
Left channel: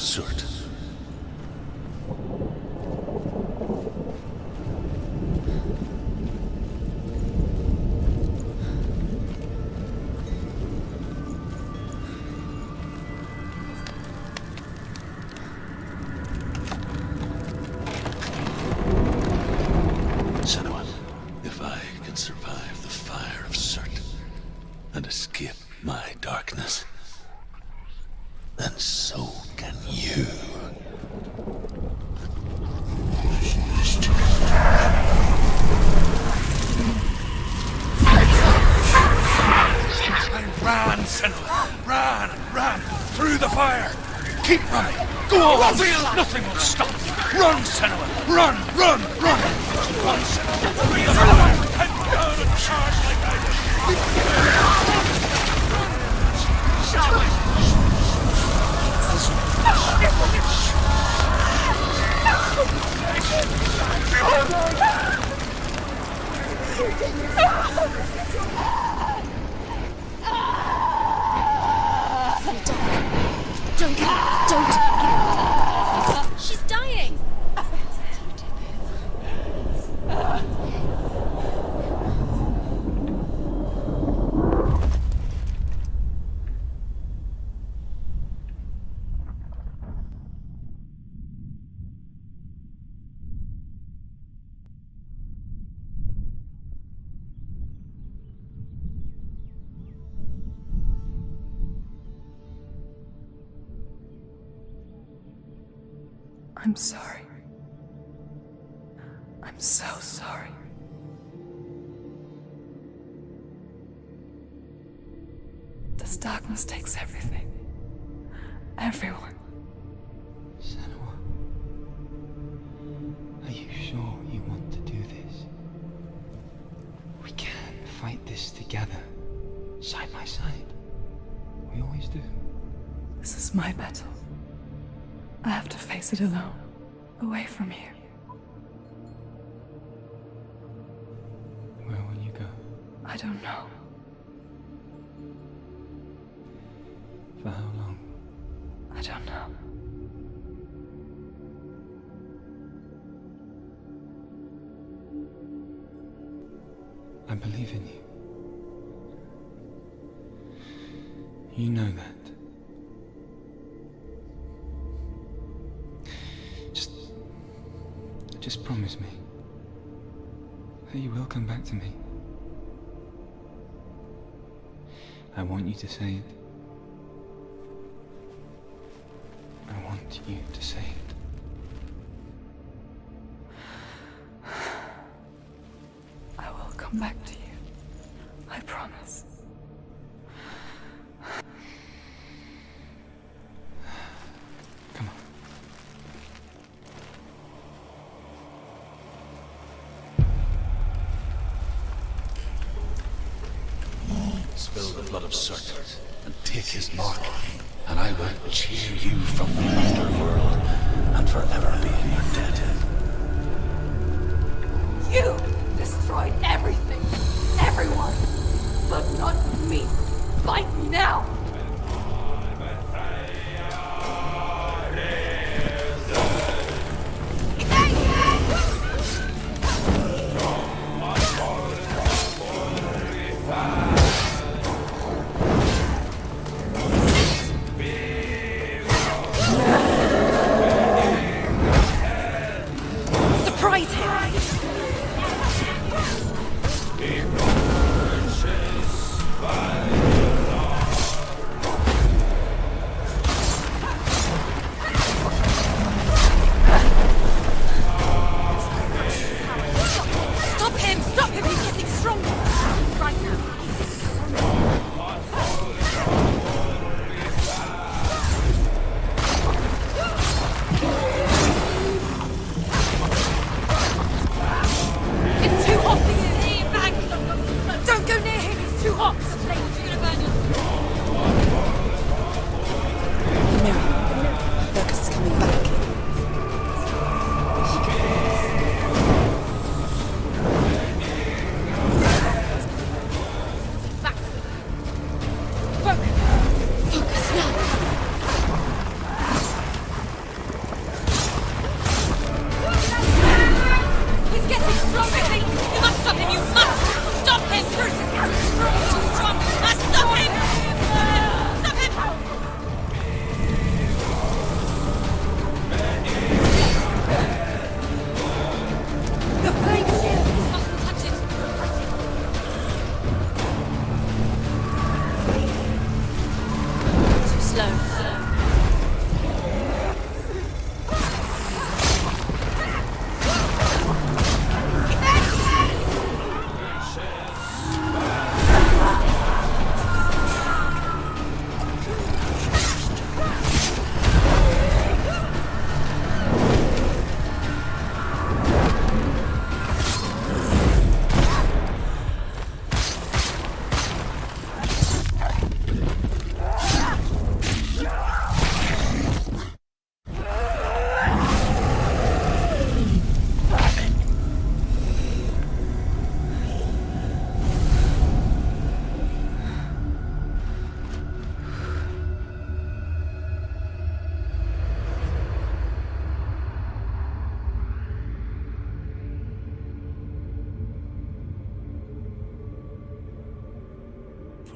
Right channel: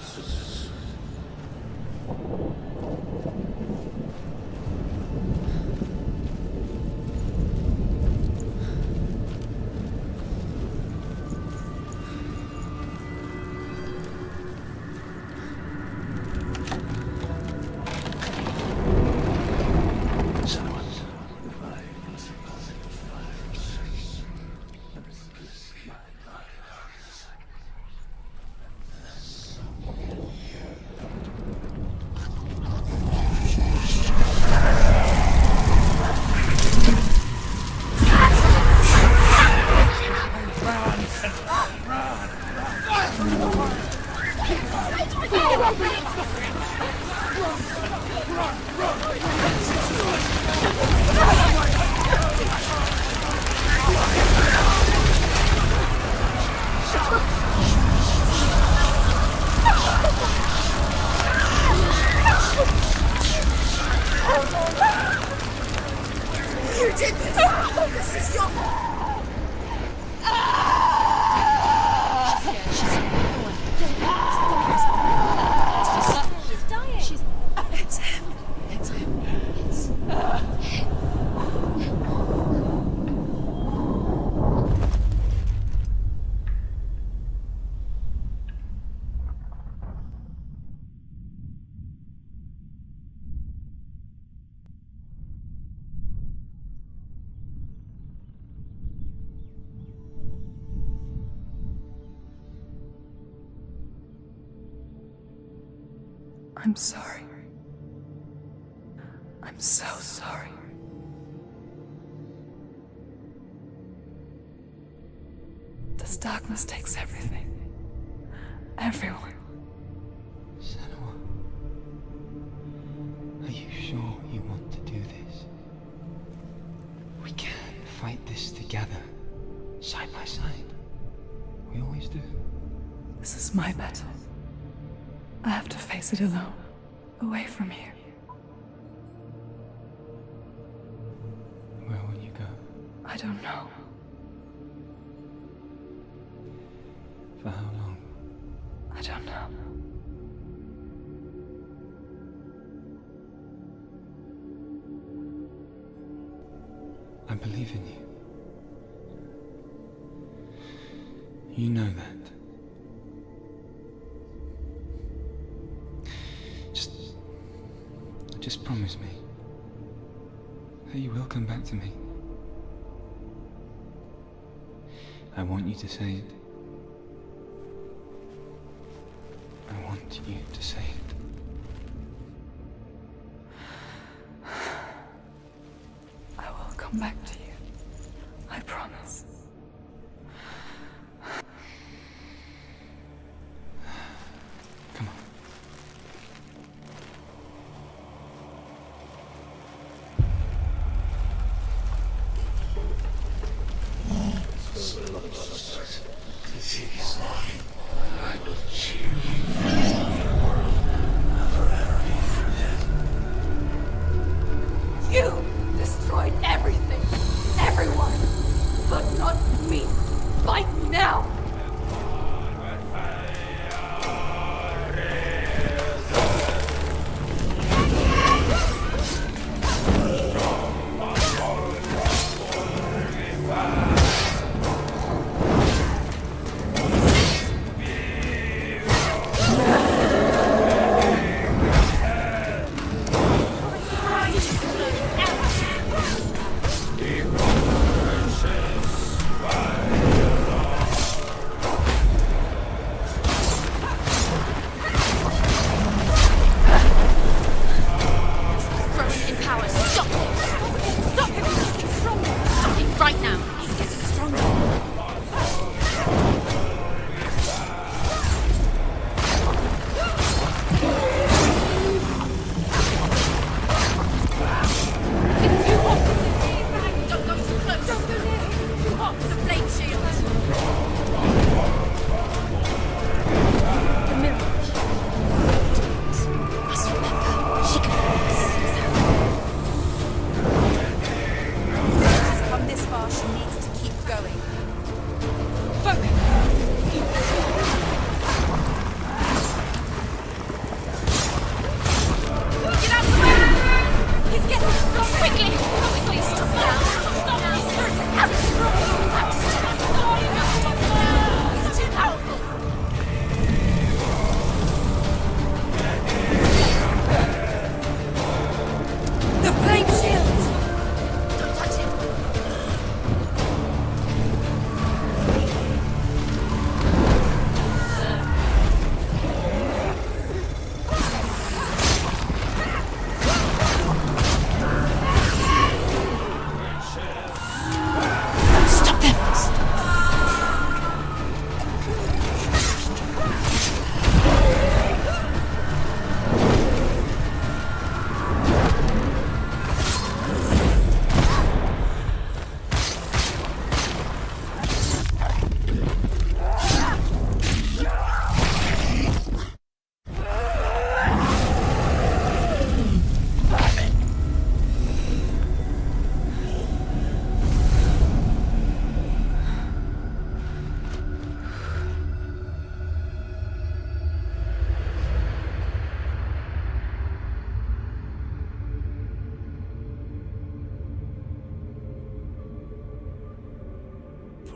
Surt. Senua, if I can survive the fire of Surt and escape my darkness, then so can you. Run, Senua! Run! Through the fire! Keep running! Go on! Nothing will stop! Run, Senua! Run! Don't give up. Don't give up. She's dying. It's him. It's him. I'm sorry. I'm so sorry. This darkness takes everything. Everyone. Senua, are you sure you want to do this? We can fight this together, side by side. We always do. This is my battle. I have to face it alone, away from here. Where will you go? I don't know. For how long? I don't know. I believe in you. You know that. Just promise me that you will come back to me. I want you to say it. I want you to say it. I will come back to you. I promise. Come on. Spill the blood of Surt and take his mark, and I will cheer you from the underworld and forever be your You destroyed everything, everyone, but not me. Fight me now!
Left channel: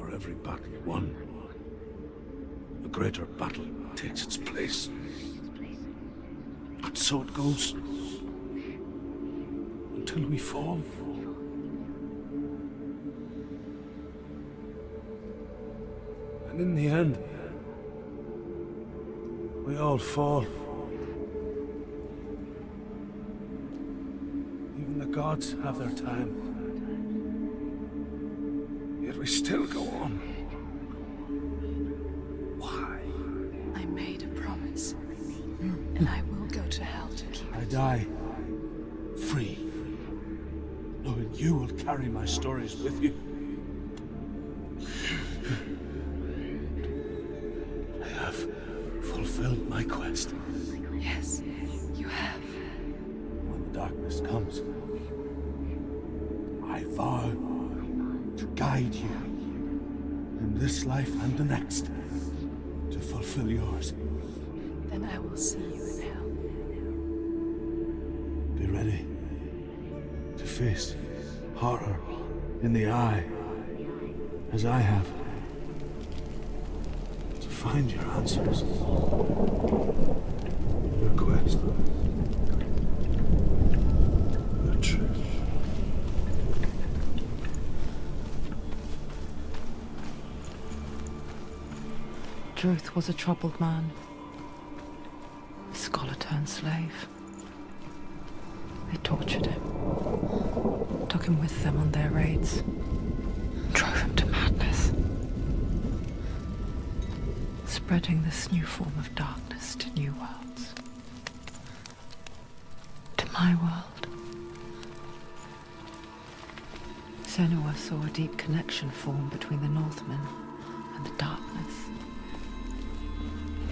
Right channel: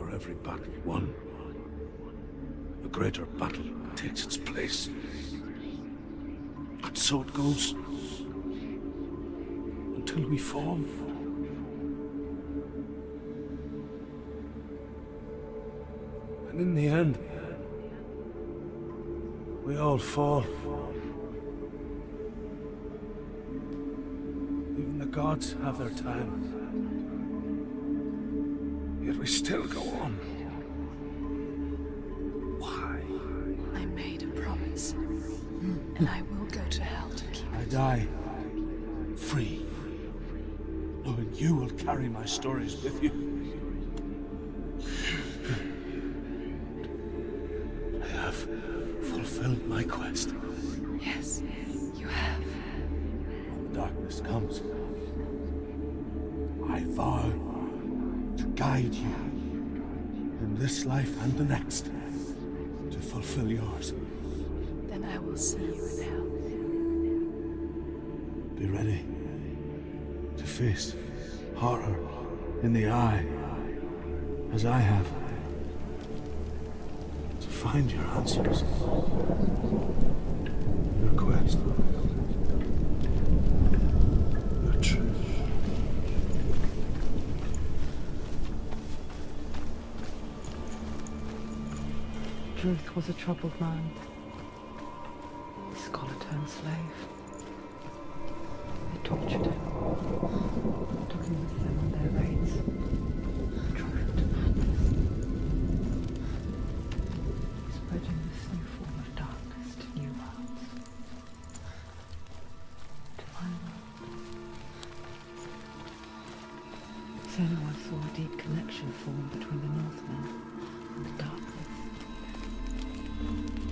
For every battle won, a greater battle takes its place. And so it goes. Until we fall. And in the end, we all fall. Even the gods have their time. Yet we still go on. Why? I made a promise, and I will go to hell to keep I it. die free, knowing you will carry my stories with you. I have fulfilled my quest. Yes, you have. When the darkness comes, I vow to guide you in this life and the next to fulfill yours. Then I will see you in hell. Be ready to face horror in the eye, as I have. To find your answers. Your quest. Your truth. Druth was a troubled man. A scholar turned slave. They tortured him, took him with them on their raids, drove him to madness, spreading this new form of darkness to new worlds. To my world. Senua saw a deep connection form between the Northmen and the darkness.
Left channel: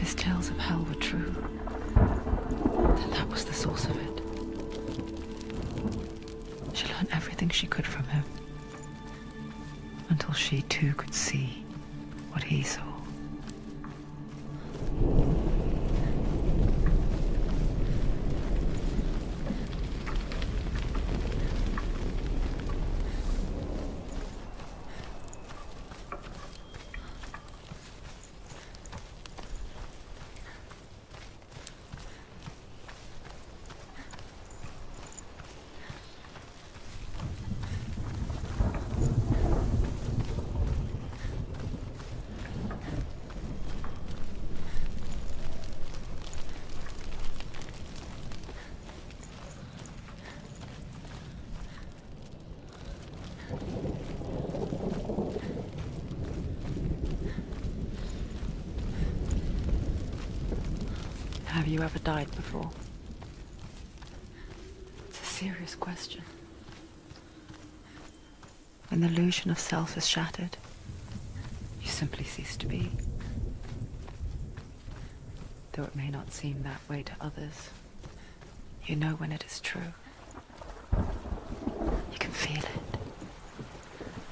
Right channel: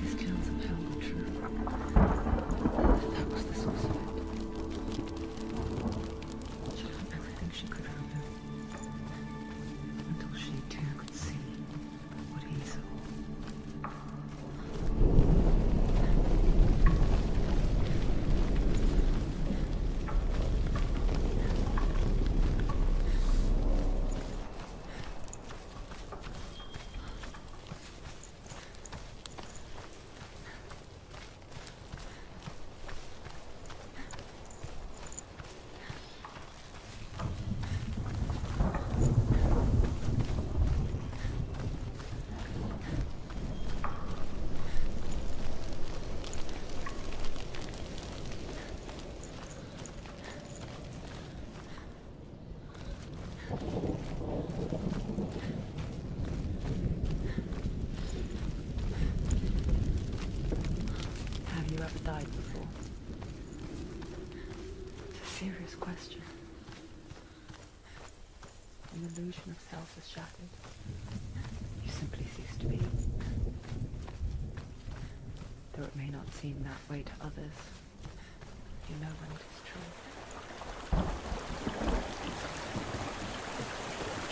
His tales of hell were true, and that was the source of it. She learned everything she could from him, until she too could see what he saw. Have you ever died before? It's a serious question. When the illusion of self is shattered, you simply cease to be. Though it may not seem that way to others, you know when it is true. You can feel it.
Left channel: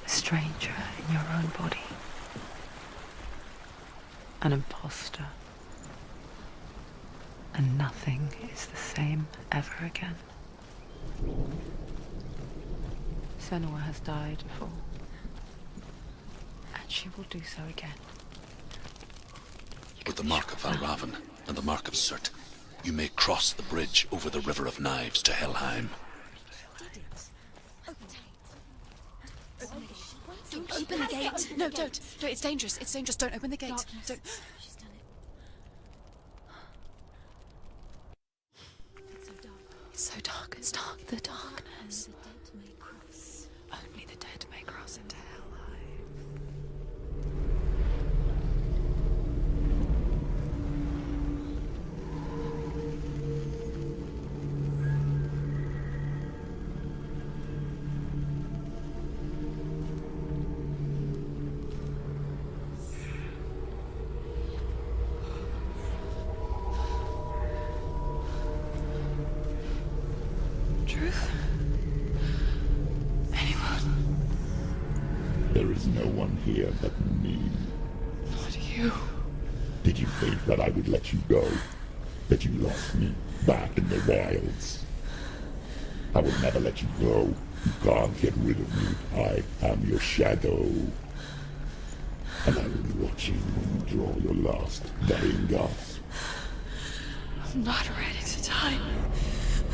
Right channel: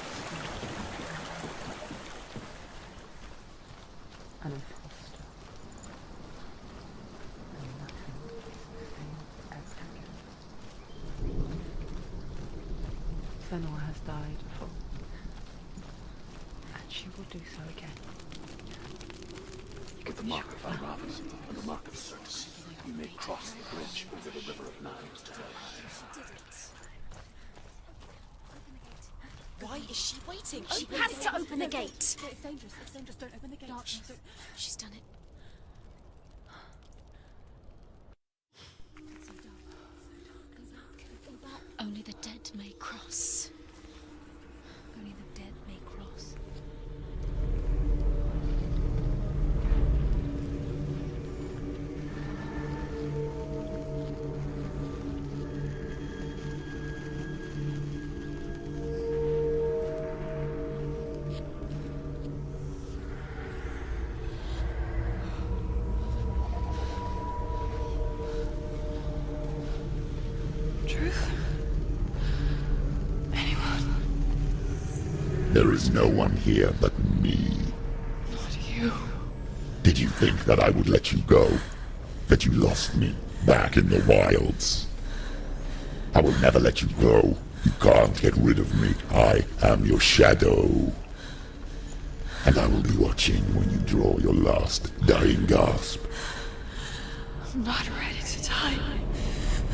A stranger in your own body. An imposter. And nothing is the same ever again. Senua has died before, and she will do so again. With the mark of Valravan and the mark of Surt, you may cross the bridge over the River of Knives to Helheim. Why is she waiting? Open Open the the gate. gate. No, don't. No, it's dangerous. It's dangerous. Don't open the gate. Don't. She's done it. It's so dark. It's dark. The darkness. Only the dead may cross. Only the dead may cross Only into the hell. dead may cross. Truth? Anyone? There is no one here but me. Not you. Did you think that I would let you go? That you lost me back in the wilds? I will never let you go. You can't get rid of me. I am your shadow. And I will be watching when you draw your last dying gasp. I'm not ready to die.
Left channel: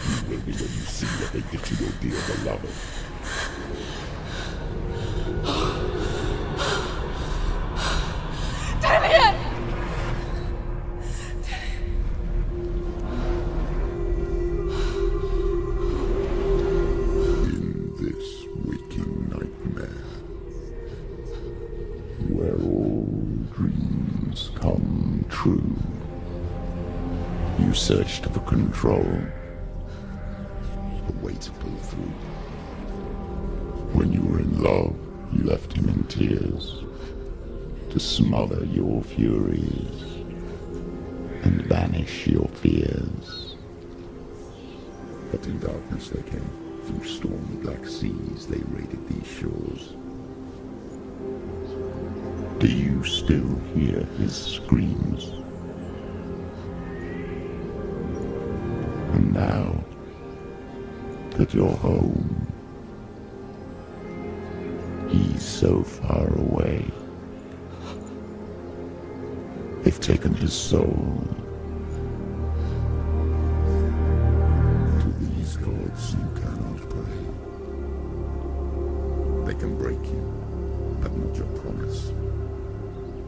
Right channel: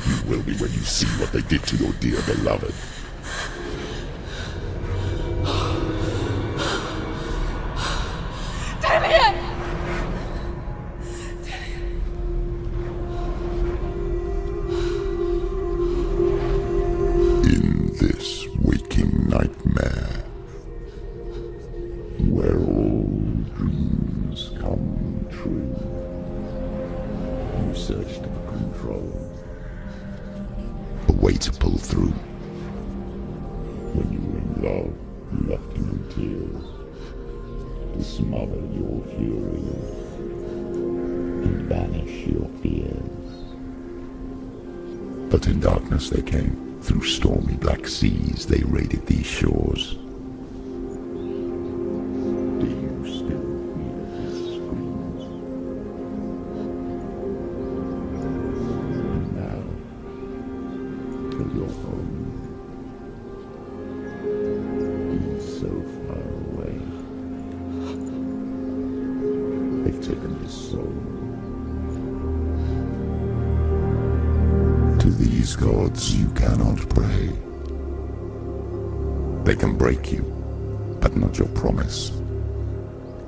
You will be when you see what they did to your dear beloved. Damien! In this waking nightmare, where all dreams come true, you searched for control, a way to pull through. When you were in love, you left him in tears, to smother your furies and banish your fears. But in darkness they came, through stormy black seas they raided these shores. Do you still hear his screams? And now that you're home, he's so far away. They've taken his soul. To these gods you cannot pray. They can break you, but not your promise.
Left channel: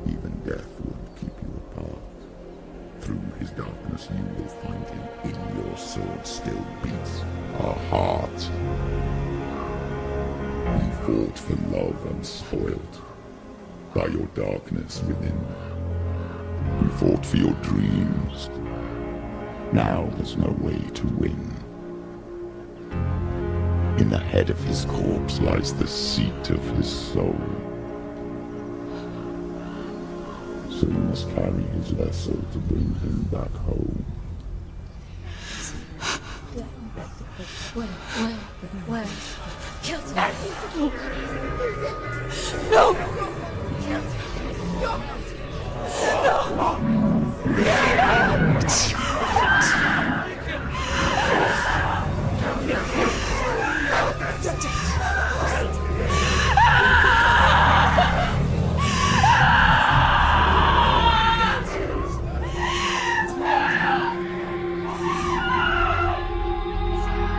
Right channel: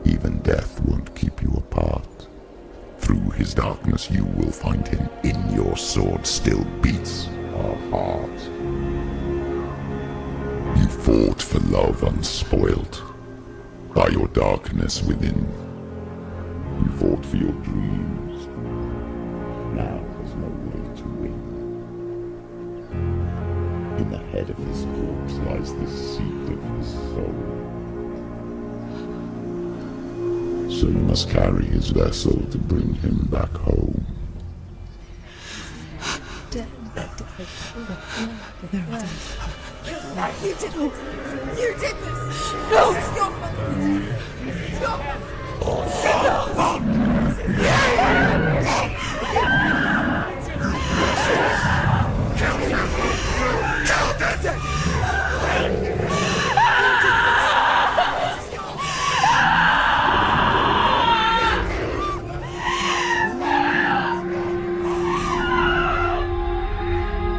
Even death won't keep you apart. Through his darkness you will find him. In your sword still beats a heart. You fought for love unspoilt by your darkness within. You fought for your dreams. Now there's no way to win. In the head of his corpse lies the seat of his soul. So you must carry his vessel to bring him back home. You did this! No!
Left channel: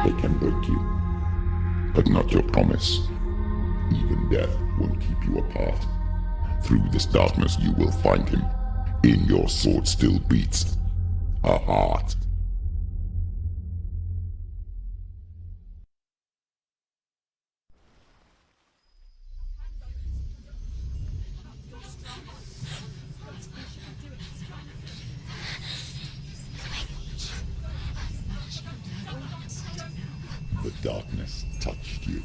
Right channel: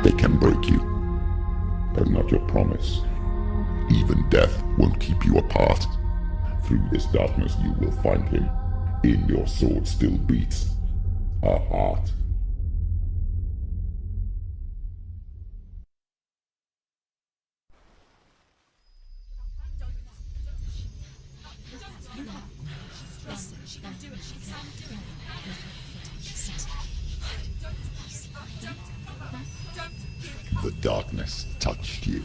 They can break you, but not your promise. Even death won't keep you apart. Through this darkness you will find him. In your sword still beats a heart. The darkness touched you.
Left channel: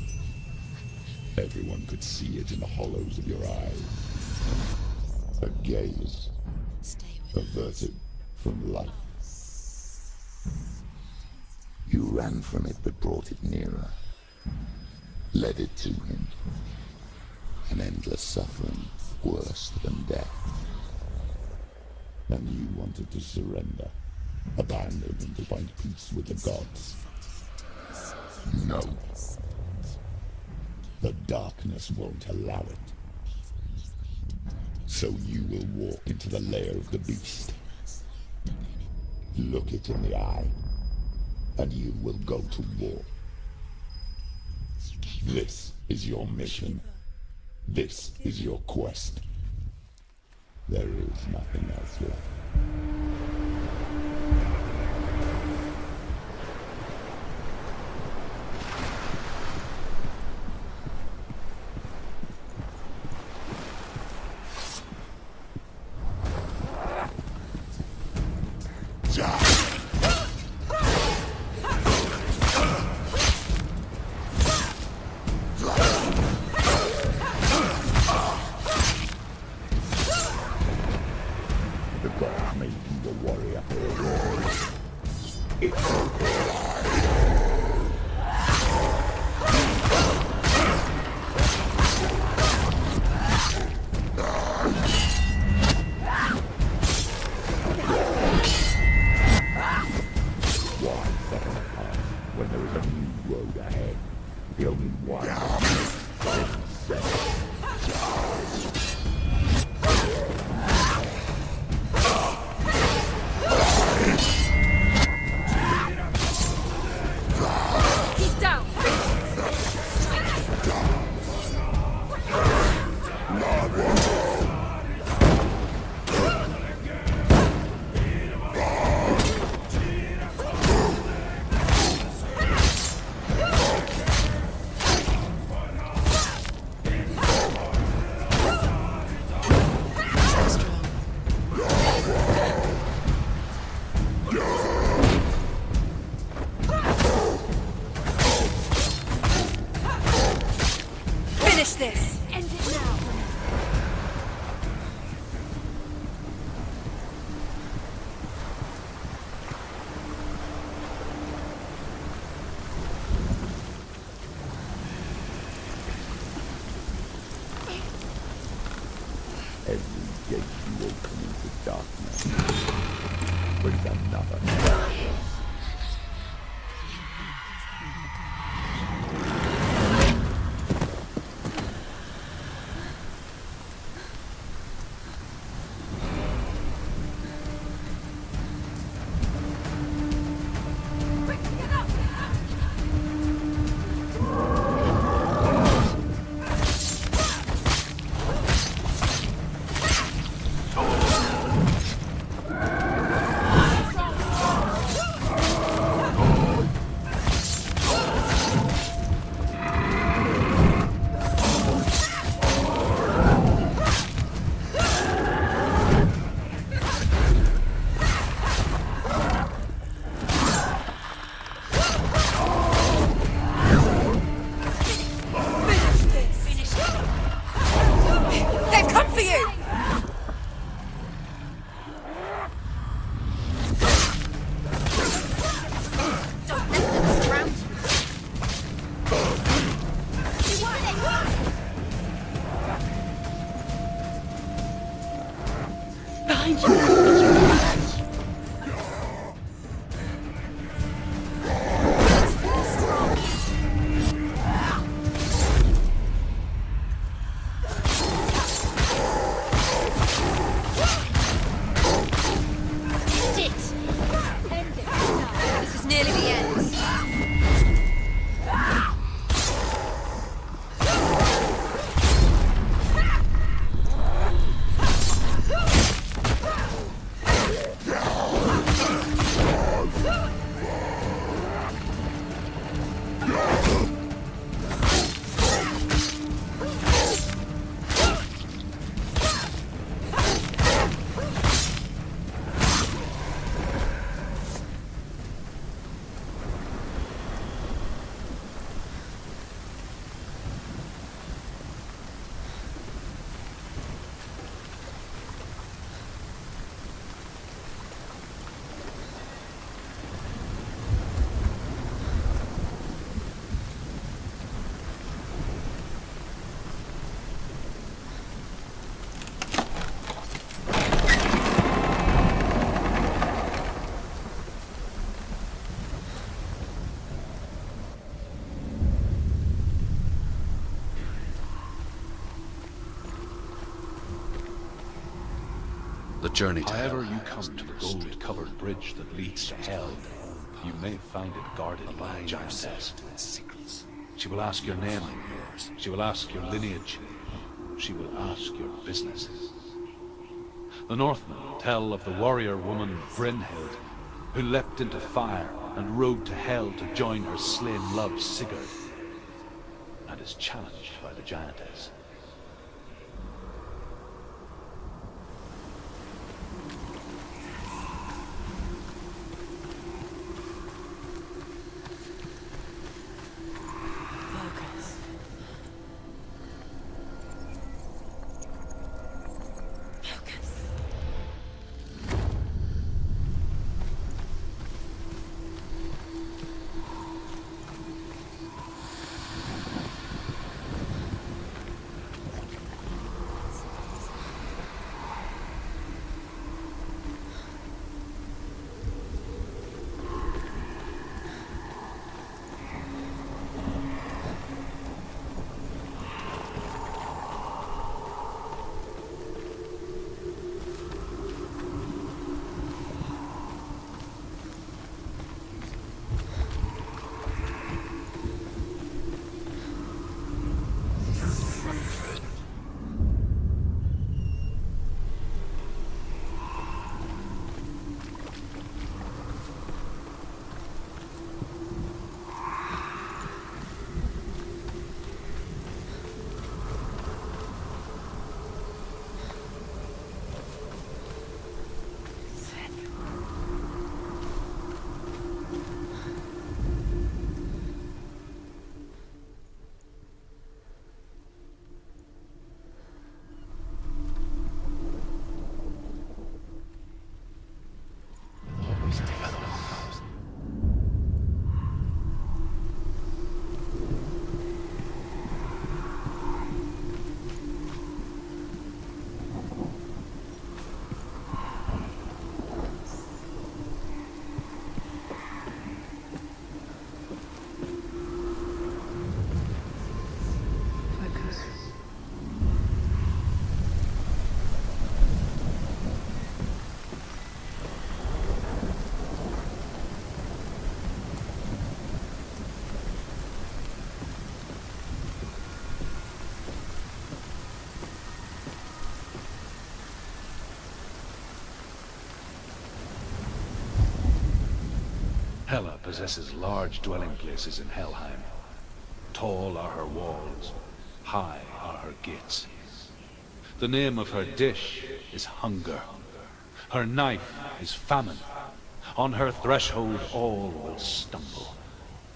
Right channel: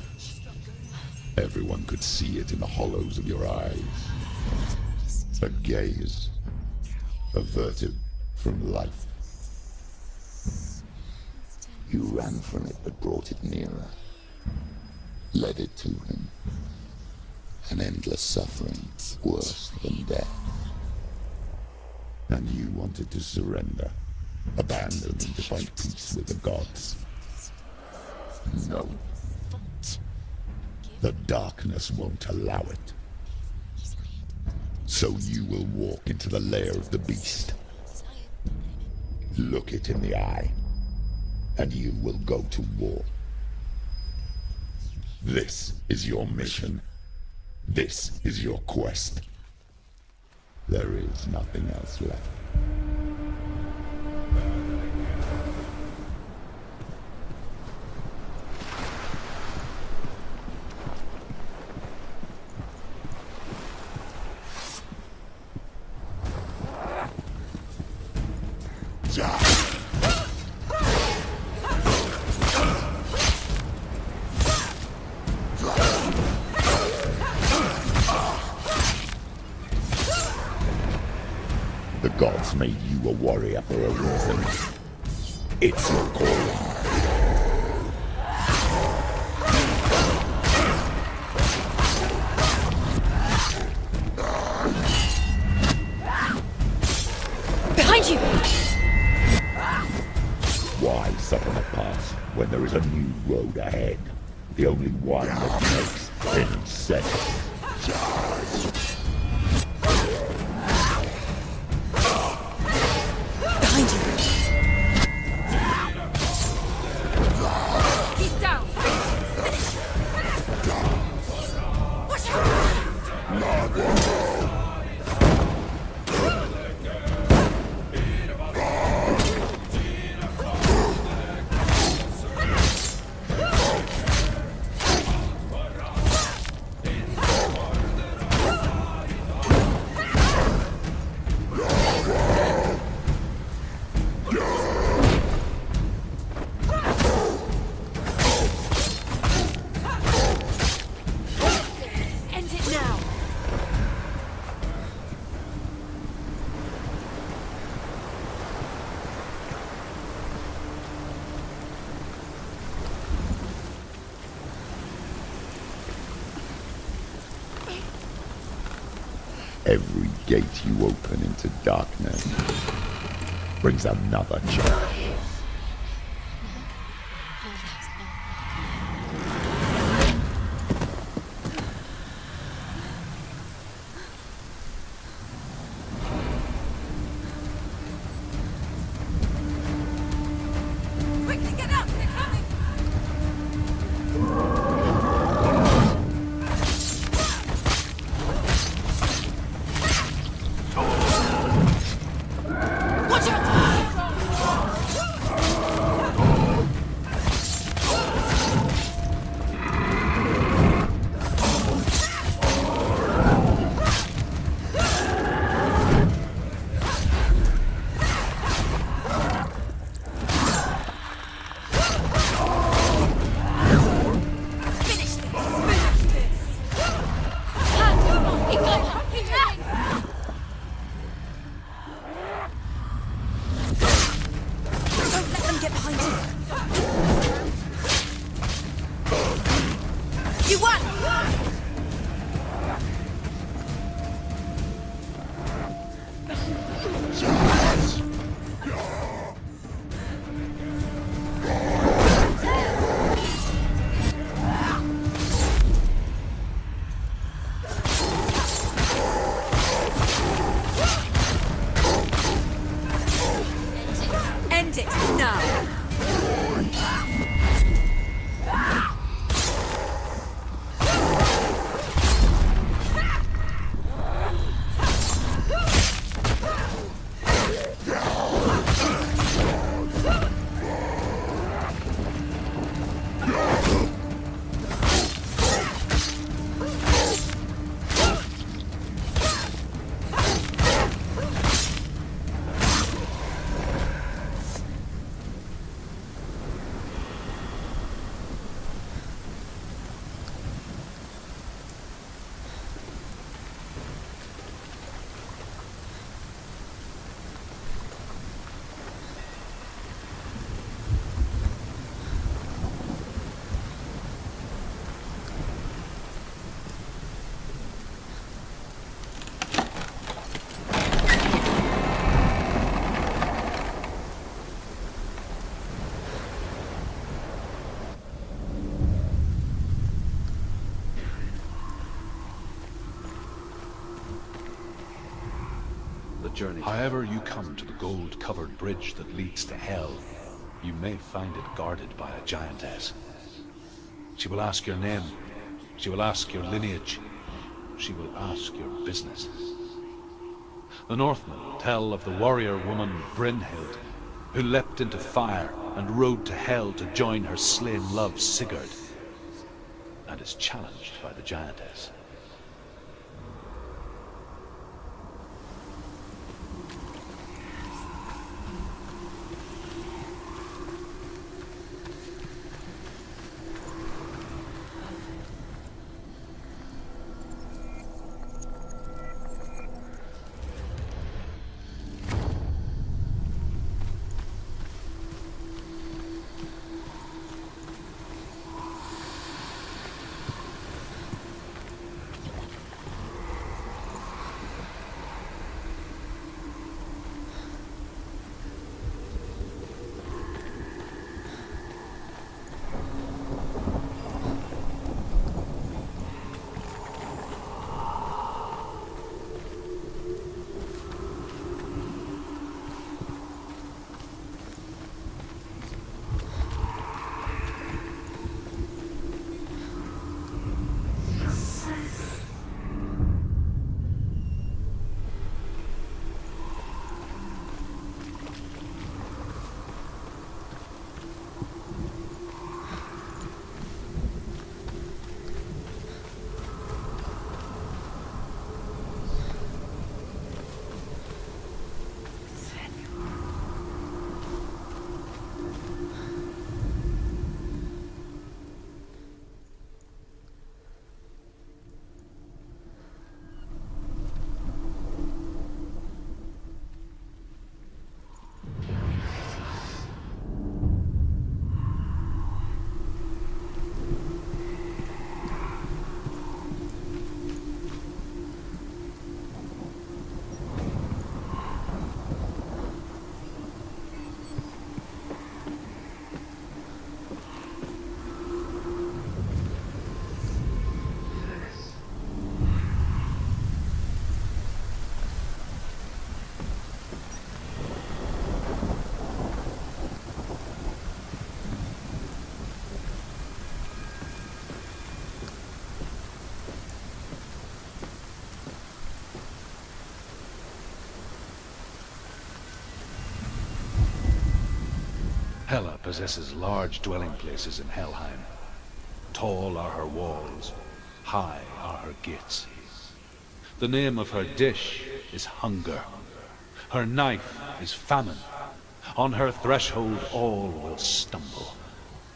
Everyone could see it in the hollows of your eyes. A gaze averted from life. You ran from it but brought it nearer, led it to him. An endless suffering worse than death. And you wanted to surrender, abandon him to find peace with the gods. No. The darkness won't allow it. So you will walk into the lair of the beast. Look it in the eye, and you will go to war. This is your mission. This is your quest. There is nothing else left. The gods made you a warrior for a reason. It's your call. Behind you! Why settle a past when there is a new road ahead? The only one that makes sense. every gate you open into darkness brings another challenge. The journey to However you come to the gold-covered bridge that leads to Hell, you may find it guarded by a giantess. She will ask your name, she will ask your lineage, she will ask your business. The Northmen tell of the warrior woman Brynhild, who leapt into fire and rode to Hell to join her slain love Sigurd, and is challenged by the giantess. Hela possesses large dwelling places in Helheim. Tall are her walls, high are her gates. The name of her dish is hunger. Her knife is famine. On her threshold all will stumble.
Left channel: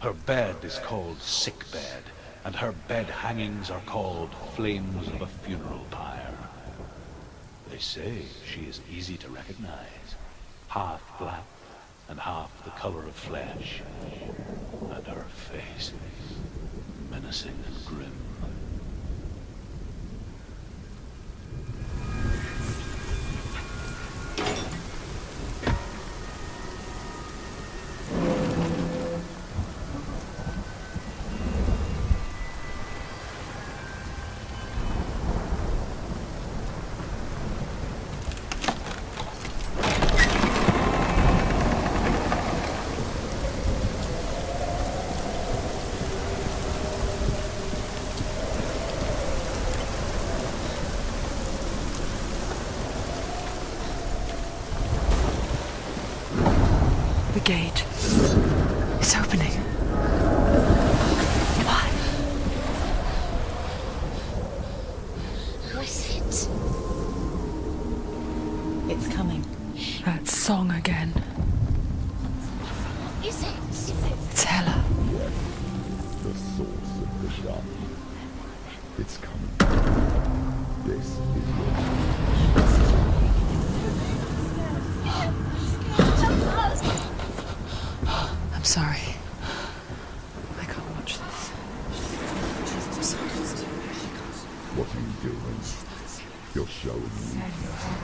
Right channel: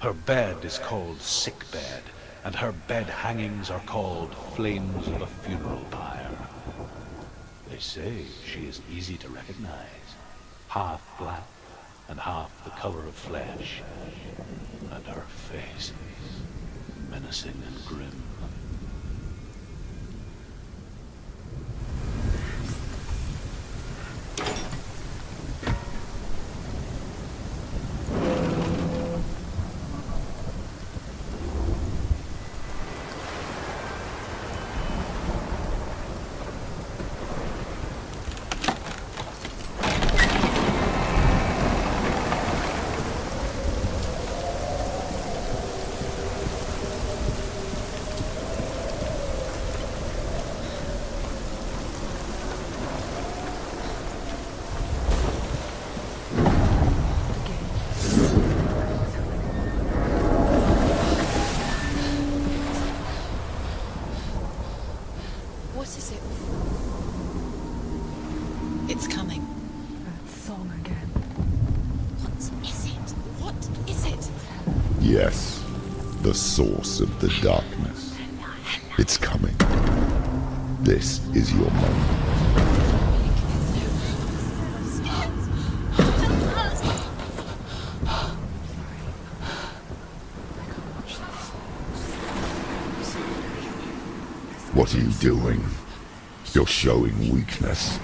Her bed is called sick bed, and her bed hangings are called flames of a funeral pyre. They say she is easy to recognize, half black and half the color of flesh, and her face menacing and grim. The source of the darkness. It's coming. This is your moment. I'm sorry. I can't watch this. What are you doing? You're showing weakness.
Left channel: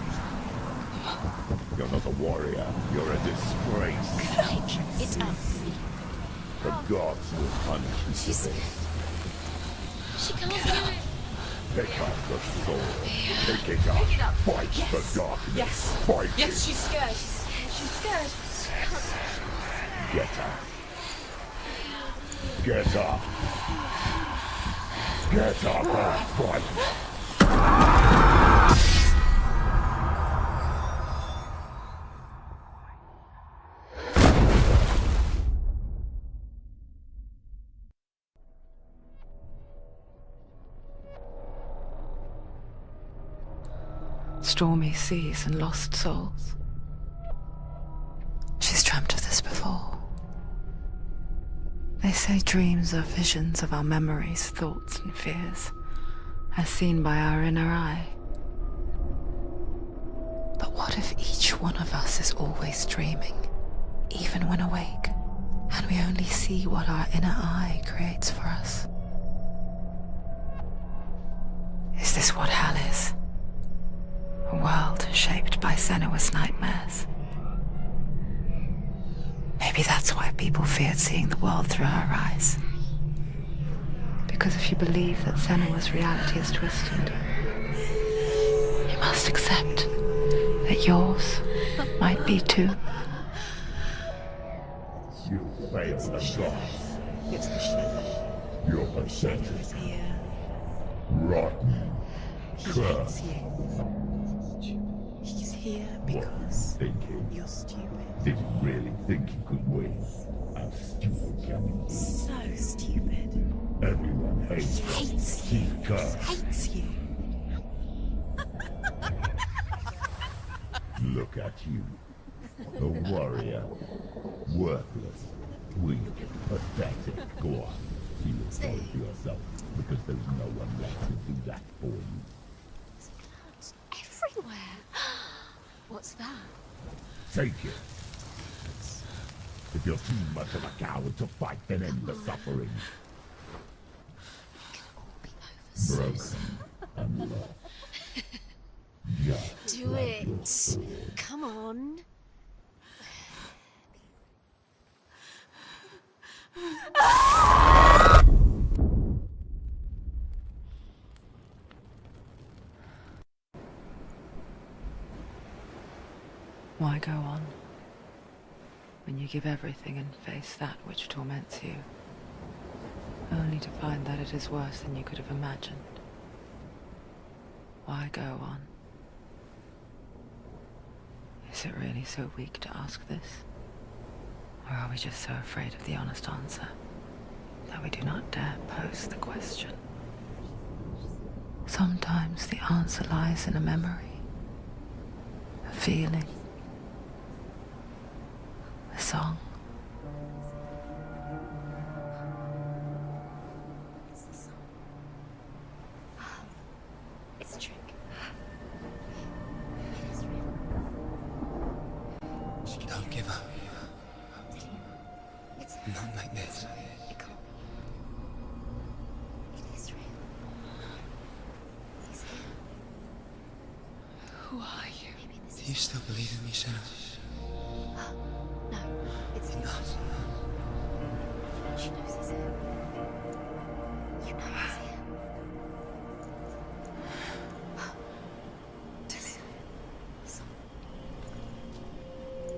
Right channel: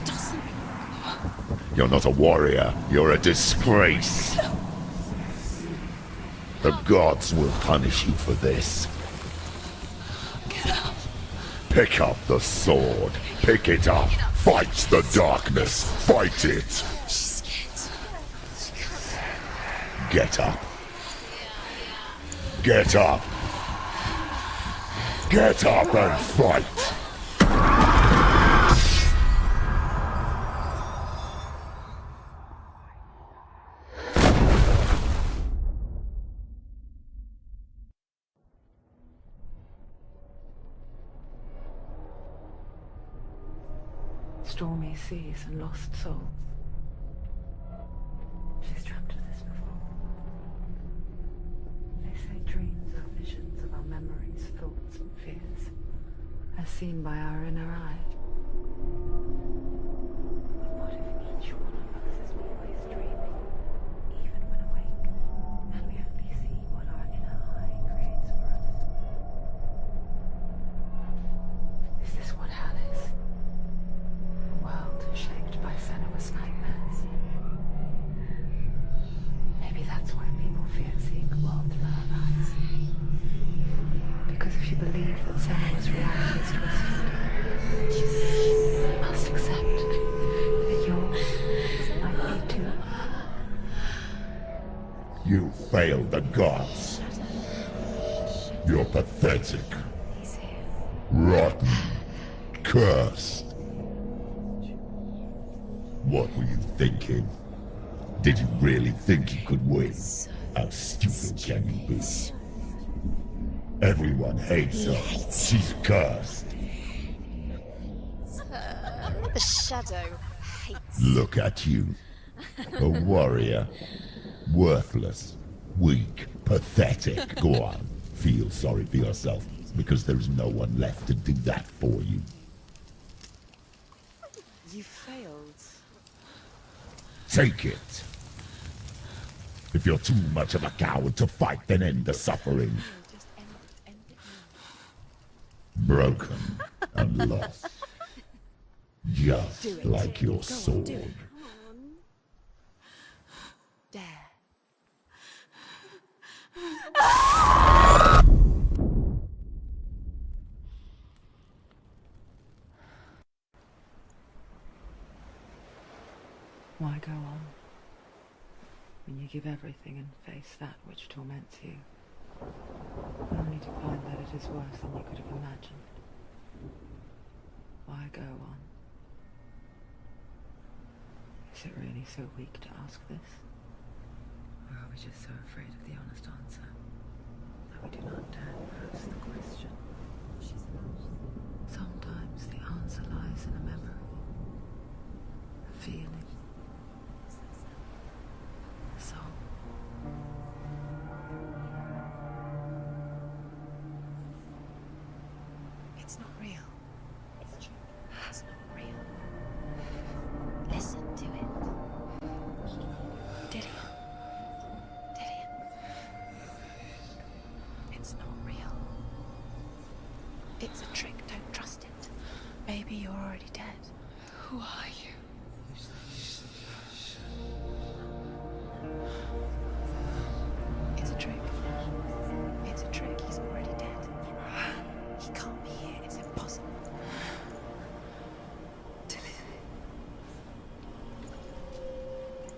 You're not a warrior. You're a disgrace. The gods will punish you for this. Pick up the sword. Pick it up. Fight the darkness. Fight it. Get up. Get up. Get up and fight. Stormy seas and lost souls. She's dreamt of this before. They say dreams are visions of our memories, thoughts and fears, as seen by our inner eye. But what if each one of us is always dreaming, even when awake, and we only see what our inner eye creates for us? Is this what hell is? A world shaped by Senua's nightmares. Maybe that's why people feared seeing the world through her eyes. Because if you believe that Senua's reality is twisted, you must accept that yours might be too. You failed the gods. You're pathetic. Rotten. Cursed. What were you thinking? Did you really think you could win? How stupid can you be? So stupid. Everyone hates her. She's cursed. The shadow hates. Look at you. A warrior. Worthless. Weak. Pathetic. Go on. Feel sorry for yourself, because there is no one left to do that for you. Everywhere. You failed. What's that? Take it. If you're too much of a coward to fight, then end the suffering. Broken and lost. Just like your sword. Come on. There. Why go on when you give everything and face that which torments you, only to find that it is worse than you could have imagined? Why go on? Is it really so weak to ask this? Or are we just so afraid of the honest answer that we do not dare pose the question. Sometimes the answer lies in a memory, a feeling, a song. It's not real. It's a trick. It's not real. It is real. Listen to it. Don't give up. Dillian. It's Not like this. It's not real. It is real. It's a trick. Don't trust it. Maybe you're already dead. Who are you? Do you still believe in me, Senua? No, it's enough. It's a trick. She knows it's a trick. He's already dead. He can't be here. It's impossible.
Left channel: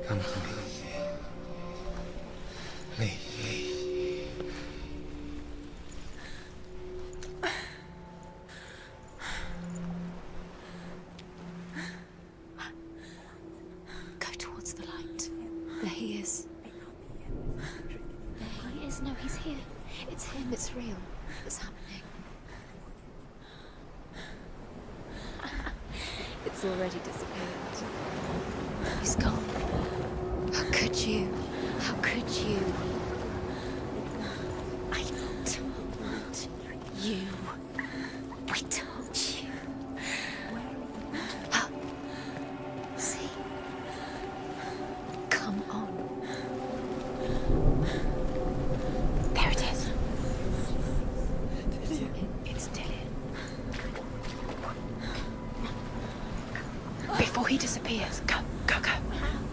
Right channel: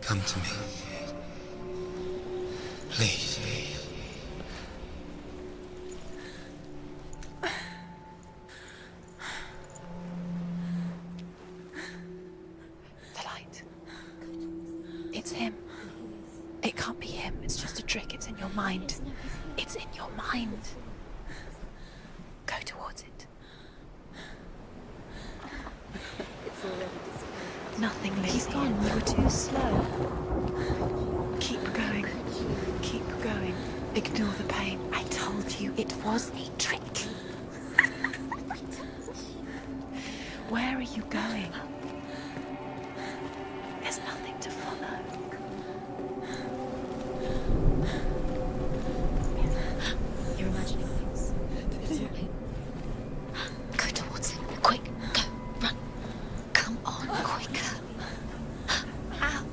Come to me. Please. The light. Go towards the light. It's him. There he is. It can't be him. It's just a trick. It's in your mind. No, he's here. It's in your mind. It's real. It's happening. Go towards it. It's already disappeared. Nothing. He's gone. No, it's gone. Slow. How could you? Keep going. How could you? Keep going. Ignore the pain. I told you it was the trick. You. I told you. Where are you going? See, there's nothing to follow. Come on. There it is. Your imagination. Dillian. It's Dillian. Go towards him. Quick. Go. Run. Come on. Before he disappears. Go. Go. Go. Ow.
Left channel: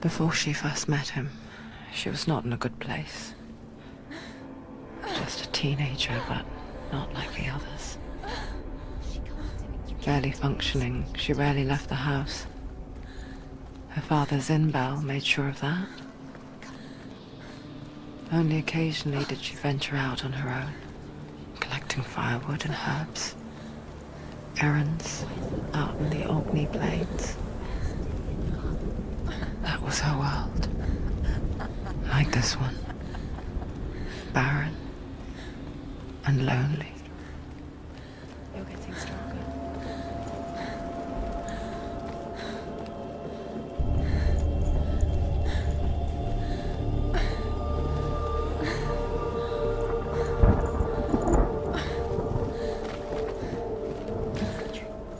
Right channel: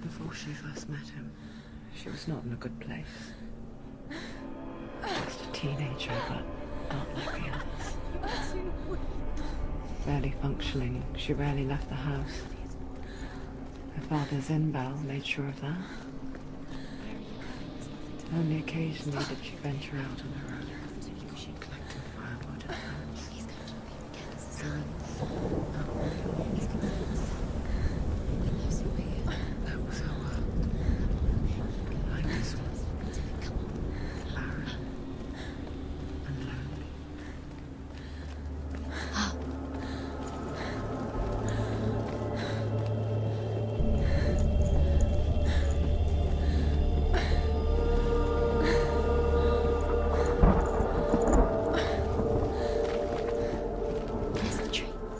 Before she first met him, she was not in a good place. Just a teenager, but not like the others. Barely functioning, she rarely left the house. Her father's in-bell made sure of that. Only occasionally did she venture out on her own, collecting firewood and herbs. Errands out in the Orkney Plains. That was her world. Like this one. Barren and lonely.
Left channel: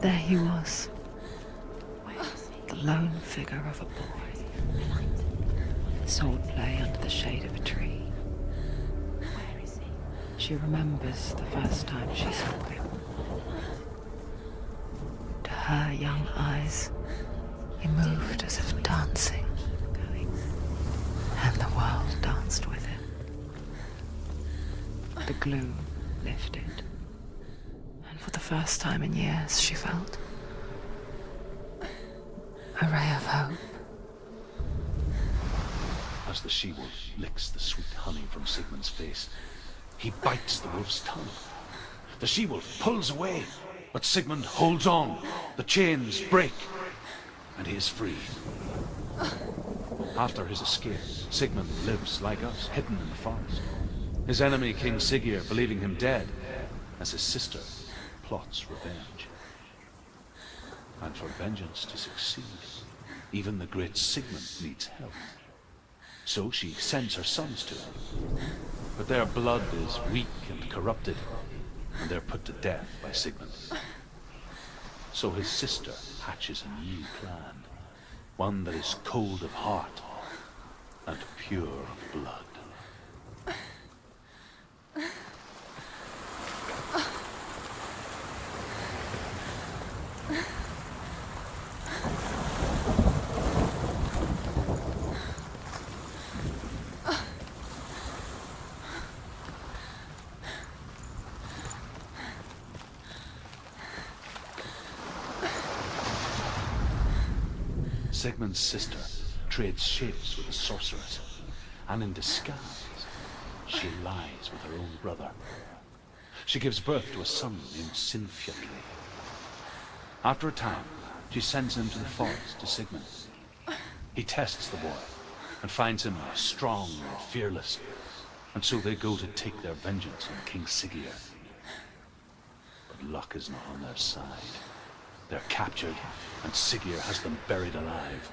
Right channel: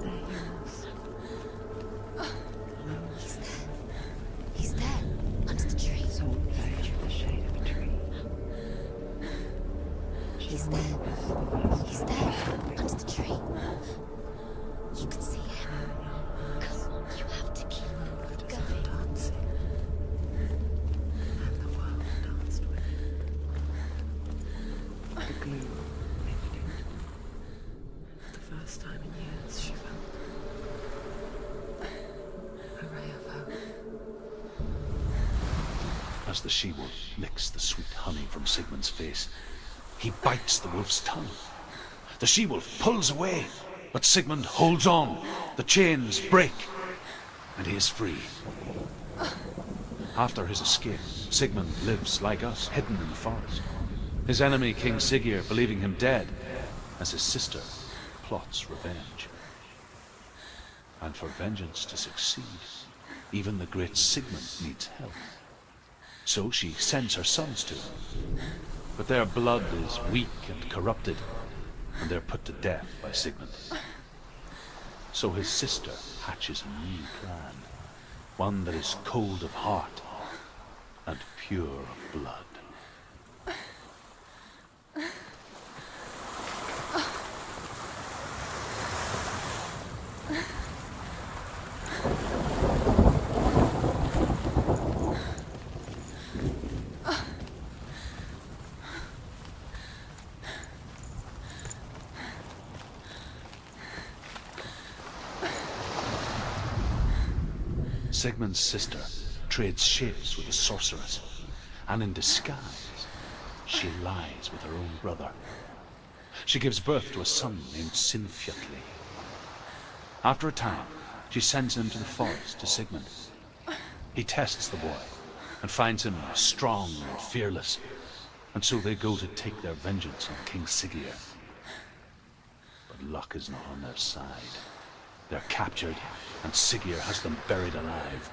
There he was. The lone figure of a boy. Sword play under the shade of a tree. She remembers the first time she saw him. To her young eyes, he moved as if dancing, and the world danced with him. The glue lifted, and for the first time in years, she felt a ray of hope. As the she-wolf licks the sweet honey from Sigmund's face, he bites the wolf's tongue. The she-wolf pulls away, but Sigmund holds on. The chains break, and he is free. After his escape, Sigmund lives like us, hidden in the forest. His enemy, King Siggeir, believing him dead, as his sister plots revenge. And for vengeance to succeed, even the great Sigmund needs help. So she sends her sons to him. But their blood is weak and corrupted, and they're put to death by Sigmund. So his sister hatches a new plan, one that is cold of heart and pure of blood. Sigmund's sister trades shapes with a sorceress, and in disguise, she lies with her own brother. She gives birth to a son named Sinfjotli. After a time, she sends him to the forest to Sigmund. He tests the boy and finds him strong and fearless, and so they go to take their vengeance on King Siggeir. But luck is not on their side. They're captured, and Siggeir has them buried alive.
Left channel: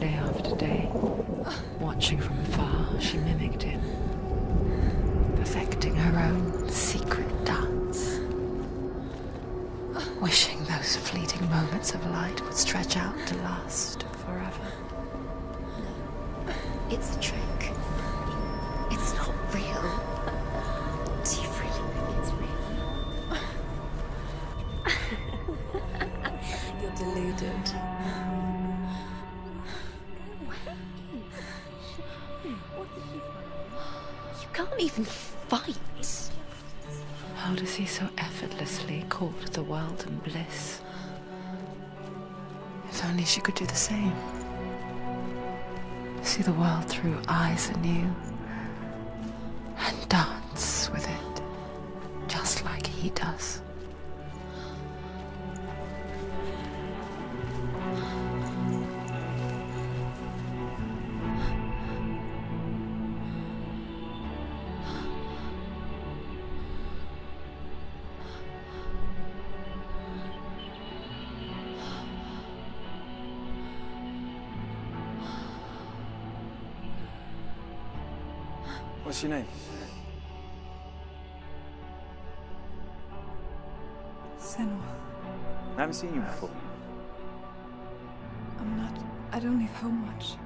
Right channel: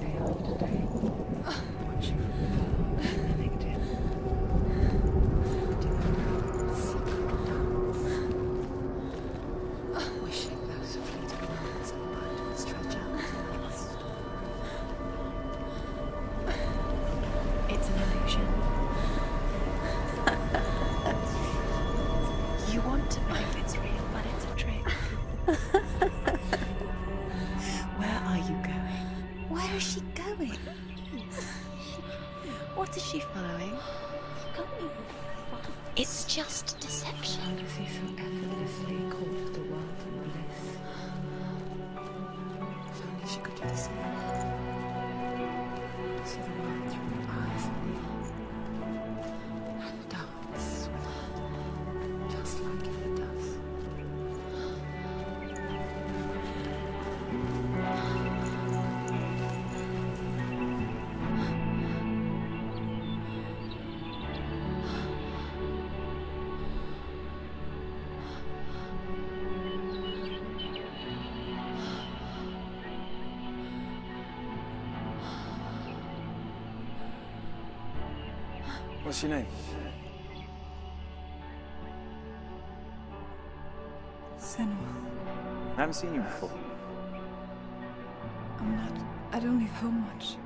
Day after day, watching from afar, she mimicked him, perfecting her own secret dance, wishing those fleeting moments of light would stretch out to last forever. It's a trick. It's an illusion. It's not real. Do you really believe it's real? You want to believe it's real, but it's a trick. You're deluded. Where are you going? Where is she going? What is she following? You can't even fight. It's just deception. How does he so effortlessly court the world and bliss? If only she could do the same. See the world through eyes anew and dance with it, just like he does. What's your name? Senua. I haven't seen you before. I don't leave home much.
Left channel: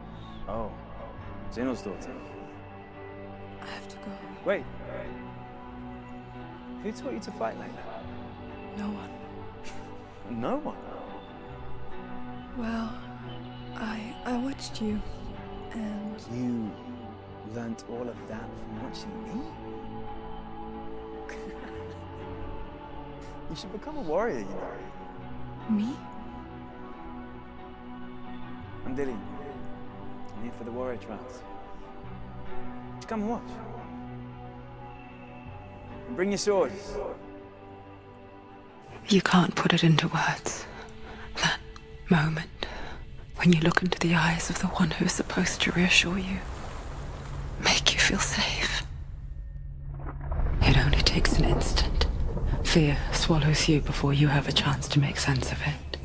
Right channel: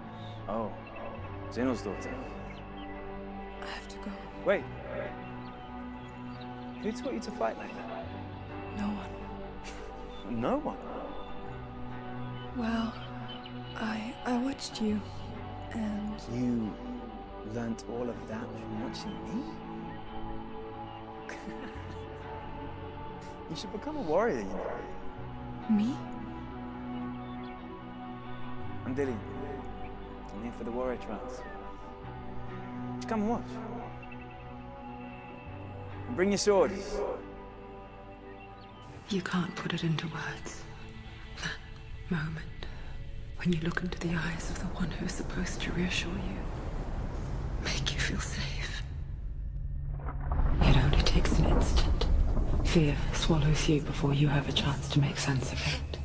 Oh, Zeno's daughter. I have to go. Wait. Who taught you to fight like that? No one. No one? Well, I watched you, and You learnt all of that from watching me? You should become a warrior, you know. me? I'm Dillian. I'm here for the warrior trials. Just come and watch. And bring your sword. You can't put it into words. That moment when you look into the eyes of the one who is supposed to reassure you, make you feel safe. It only takes an instant. Fear swallows you before you have a chance to make sense of it.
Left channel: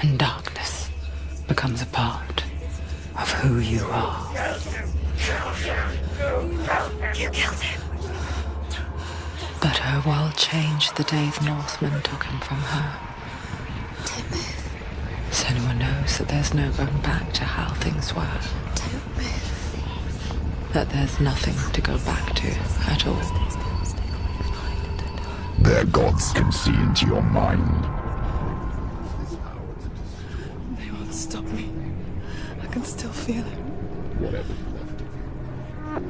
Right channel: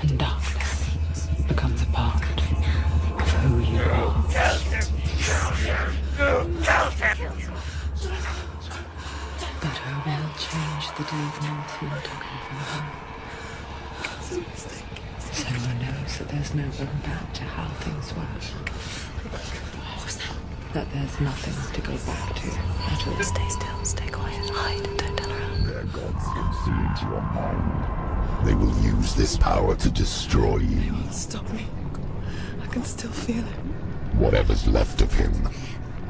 And darkness becomes a part of who you are. You killed him. But her world changed the day the Northmen took him from her. Senua knows that there's no going back to how things were. That there's nothing to go back to at all. Stay still, stay quiet, hide, don't tell her. Their gods can see into your mind. They will use this power to destroy They you. won't stop me. I can still feel him. Whatever's left of him,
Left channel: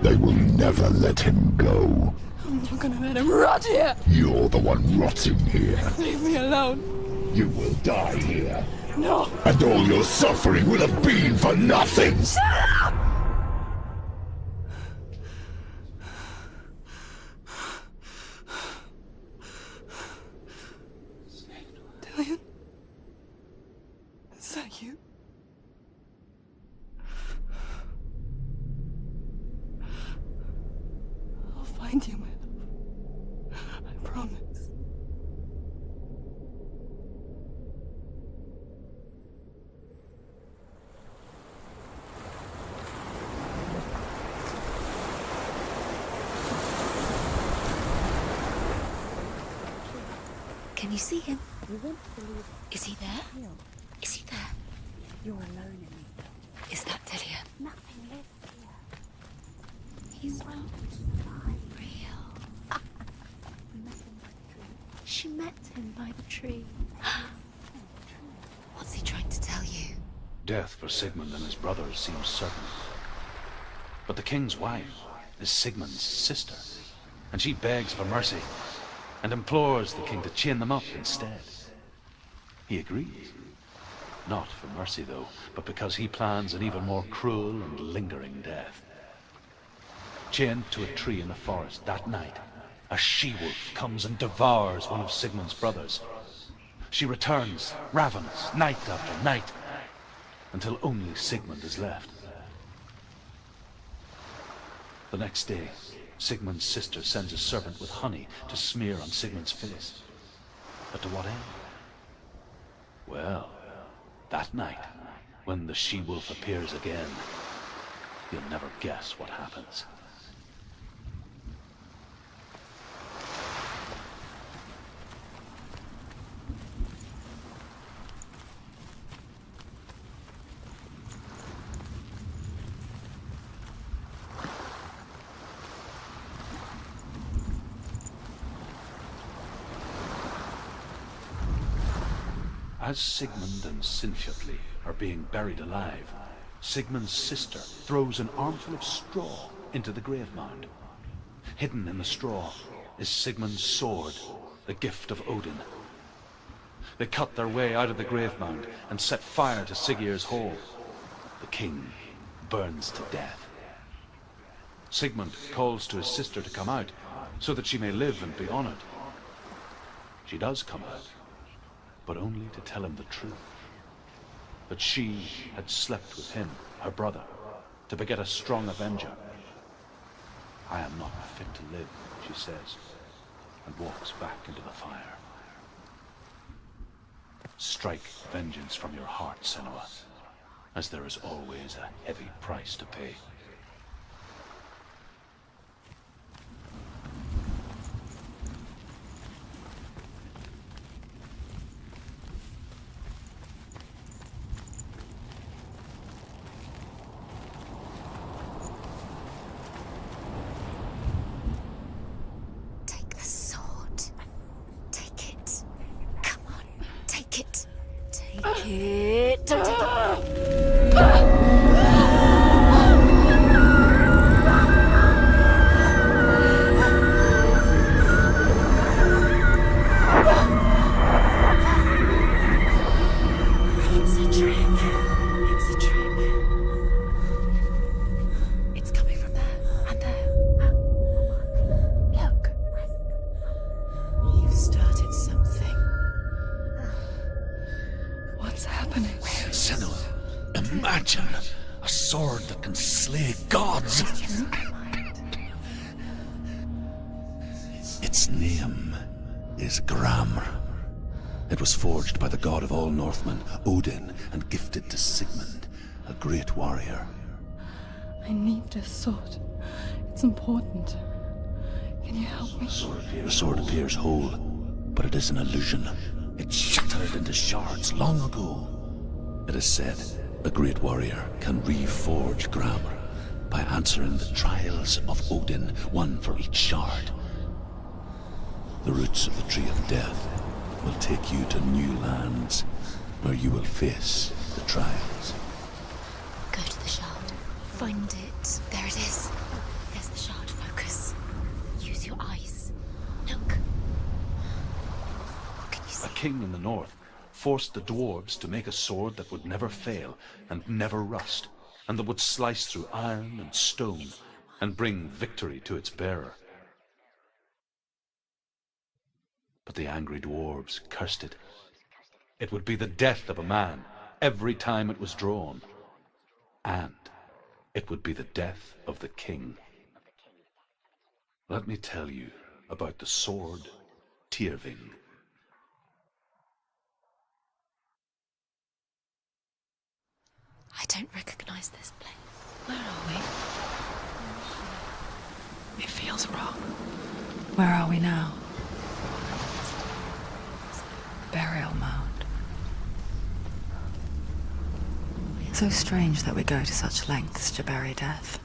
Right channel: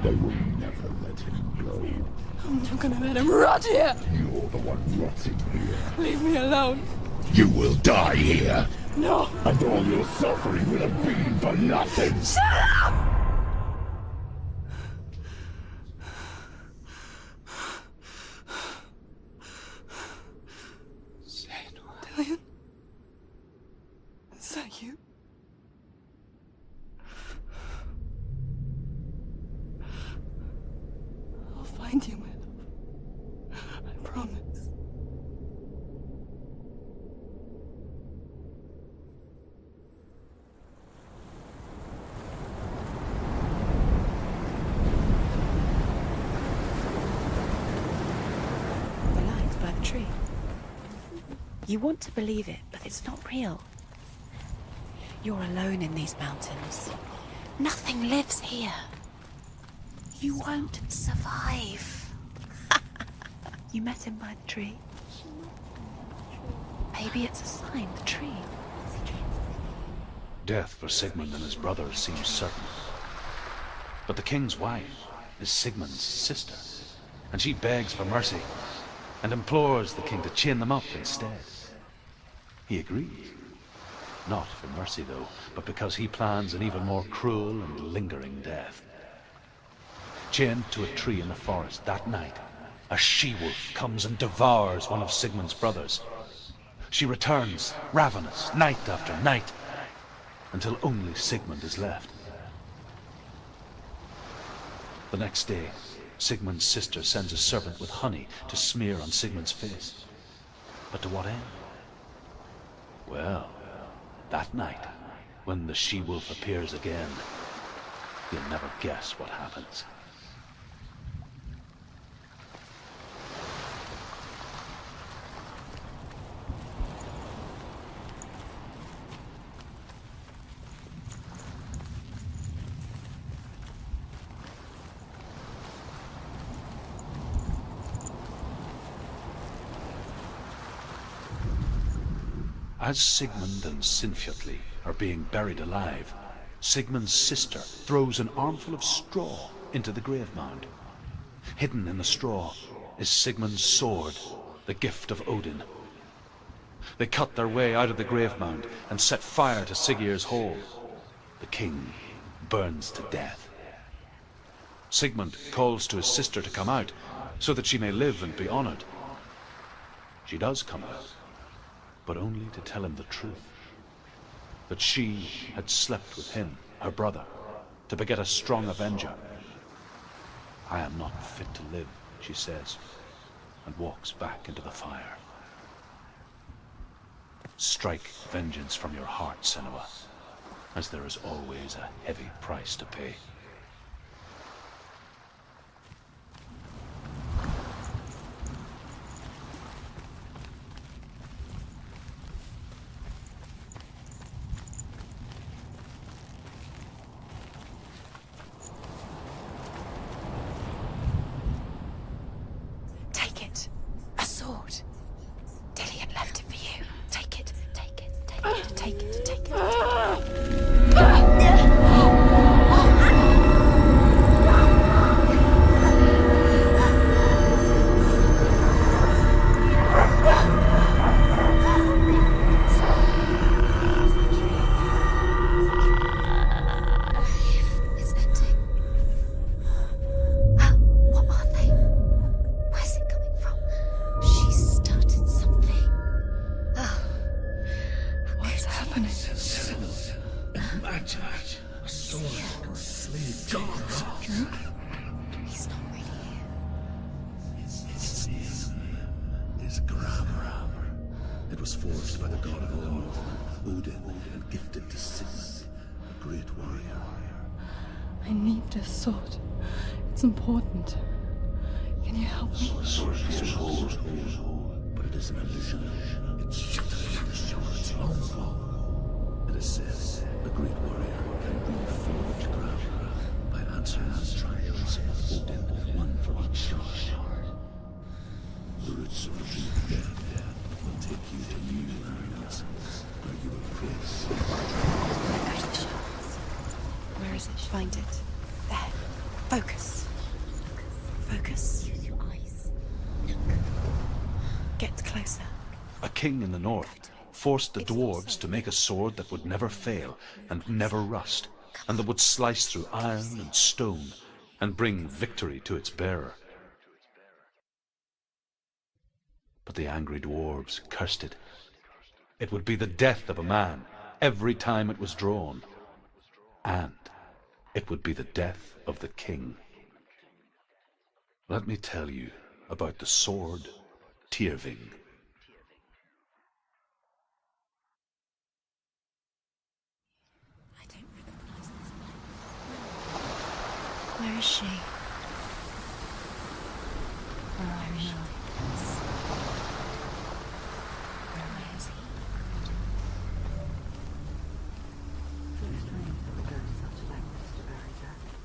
they will never let him go. I'm not gonna let him rot here. You're the one rotting here. Leave me alone. You will die here. No. And all your suffering will have been for nothing. Shut up! Dillian? Is that you? I'll find you, my love. I promise. Can you see him? You want to believe it, Is but he it's there? not real. Is he there? You're alone in these mountains. Is that Dillian? Nothing lives here. You won't survive. You met him by the tree. She met him by the tree. Maybe it's a sign, the tree. What's he trying to tell you? Death for Sigmund and his brothers seems certain. But the king's wife is Sigmund's sister, and she begs for mercy and implores the king to chain them up instead. He agrees. Not for mercy, though, but because he plans an even more cruel and lingering death. Chained to a tree in the forest that night, a she-wolf comes and devours one of Sigmund's brothers. She returns, ravenous, night after night, until only Sigmund is left. The next day, Sigmund's sister sends a servant with honey to smear on Sigmund's face. But to what end? Well, that night, when the she-wolf appears again, you'll never guess what happens. As Sigmund and Sinfjotli are being buried alive, Sigmund's sister throws an armful of straw into the grave mound. Hidden in the straw is Sigmund's sword, the gift of Odin. They cut their way out of the grave mound and set fire to Siggeir's hole. The king burns to death. Sigmund calls to his sister to come out so that she may live and be honored. She does come out, but only to tell him the truth. That she had slept with him, her brother, to beget a strong avenger. I am not fit to live, she says, and walks back into the fire. Strike vengeance from your heart, Senua, as there is always a heavy price to pay. Its name is Gramr. It was forged by the god of all Northmen, Odin, and gifted to Sigmund, a great warrior. I need this sword. It's important. Can you help me? The sword appears whole, but it is an illusion. It shattered into shards long ago. It is said a great warrior can reforge Gramr by answering the trials of Odin, one for each shard. The roots of the Tree of Death will take you to new lands where you will face trials. Go to the shard. Where is it? Find it. There it is. Focus. There's the shard. Focus. Focus. Use your eyes. Look. Get closer. What can you see? A king in the north forced the dwarves to make a sword that would never fail and never rust, and that would slice through iron and stone and bring victory to its bearer. But the angry dwarves cursed it. It would be the death of a man every time it was drawn. And it would be the death of the king. Let me tell you about the sword Tyrving. I don't recognize this place. Where are we? Where is she? It feels wrong. Where are we now? So strange that we go to such lengths to bury death.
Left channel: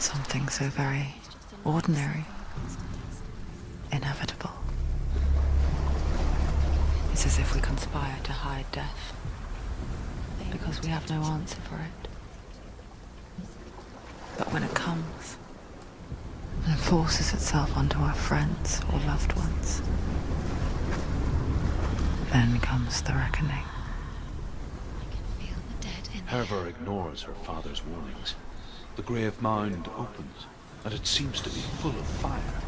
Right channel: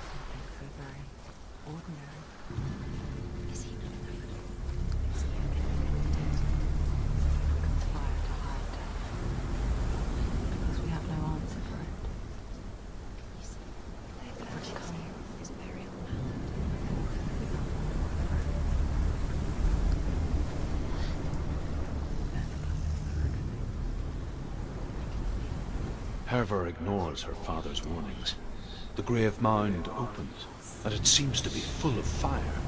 Something so very ordinary, inevitable. It's as if we conspire to hide death, because we have no answer for it. But when it comes, and forces itself onto our friends or loved ones, then comes the reckoning. Herver ignores her father's warnings. The grave mound opens, and it seems to be full of fire.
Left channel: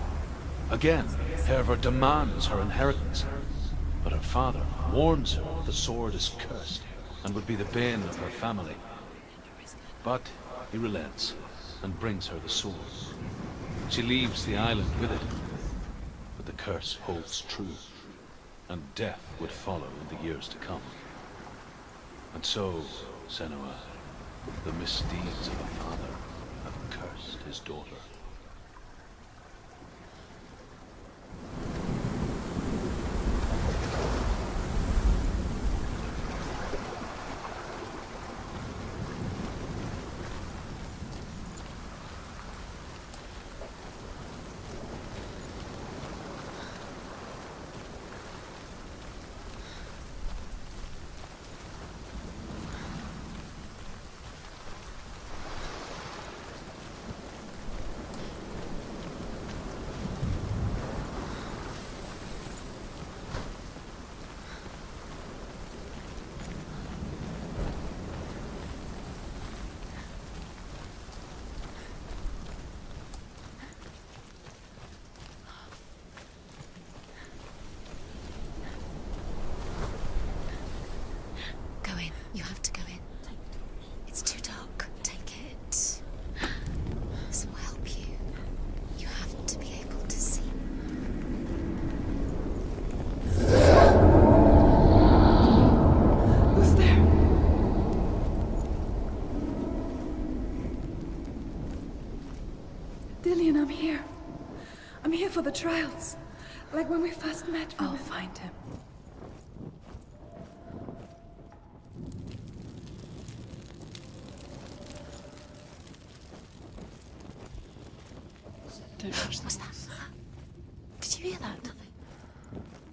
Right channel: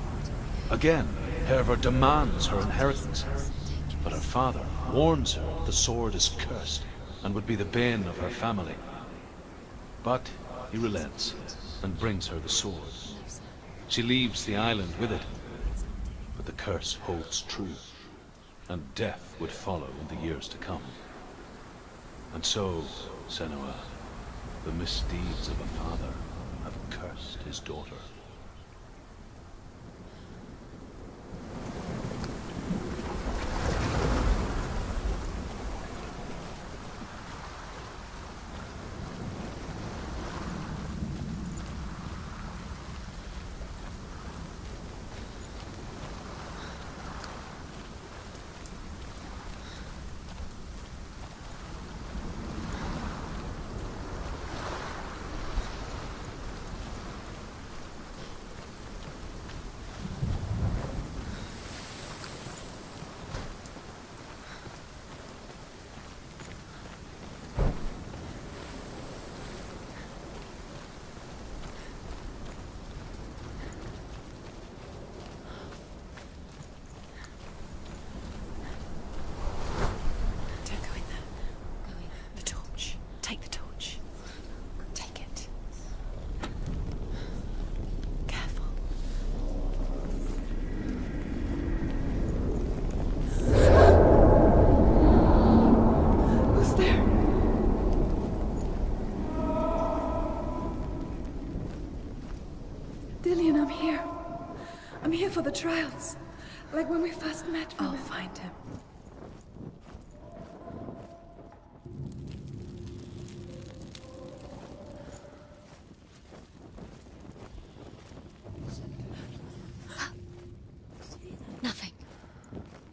Again, Herver demands her inheritance, but her father warns her the sword is cursed and would be the bane of her family. But he relents and brings her the sword. She leaves the island with it, but the curse holds true, and death would follow in the years to come. And so, Senua, the misdeeds of a father have cursed his daughter. Dillian, I'm here. I'm here for the trials. Like when we first met. I'll find him. What's that? Did you hear that? Nothing.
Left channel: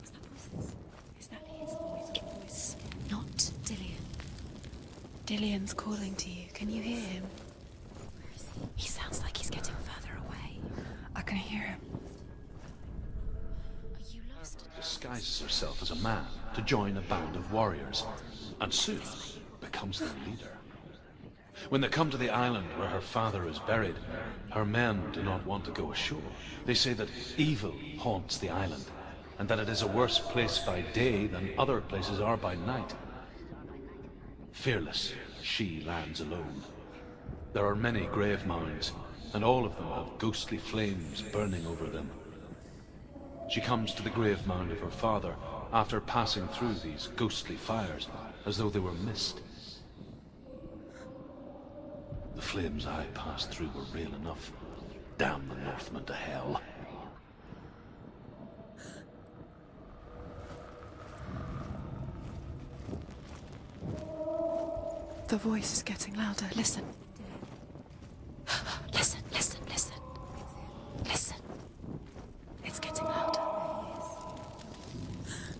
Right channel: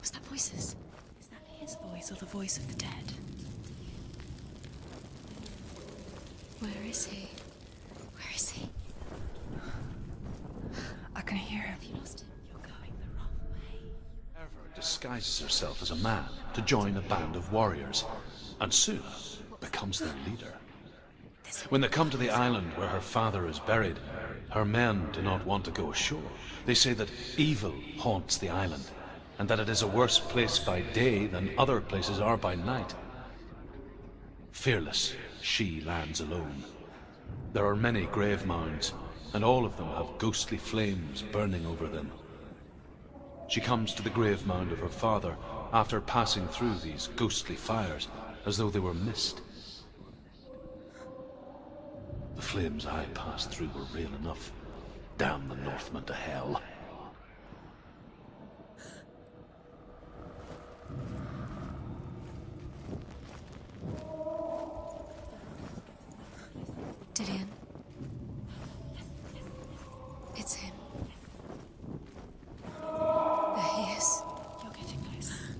Was that voices? Is that his voice or the voice of the dead? Not Dillian. Dillian's calling to you. Can you Where hear is he? him? Where is he? He sounds like he's getting further away. I can hear him. Herver disguises herself as a man to join a band of warriors, and soon becomes their leader. When they come to the island where her father is buried, her men do not want to go ashore. They say that evil haunts the island, and that it is a worse place by day than other places are by night. Fearless, she lands alone. There are many grave mounds, and all of them have ghostly flames burning over them. She comes to the grave mound of her father after passing through these ghostly fires, as though they were mist. The flames I passed through were real enough. Damn the Northmen to hell. The voice is getting louder. Listen. Dillian. Listen, listen, listen. It's him. Listen. It's getting louder. There he is. You're getting closer.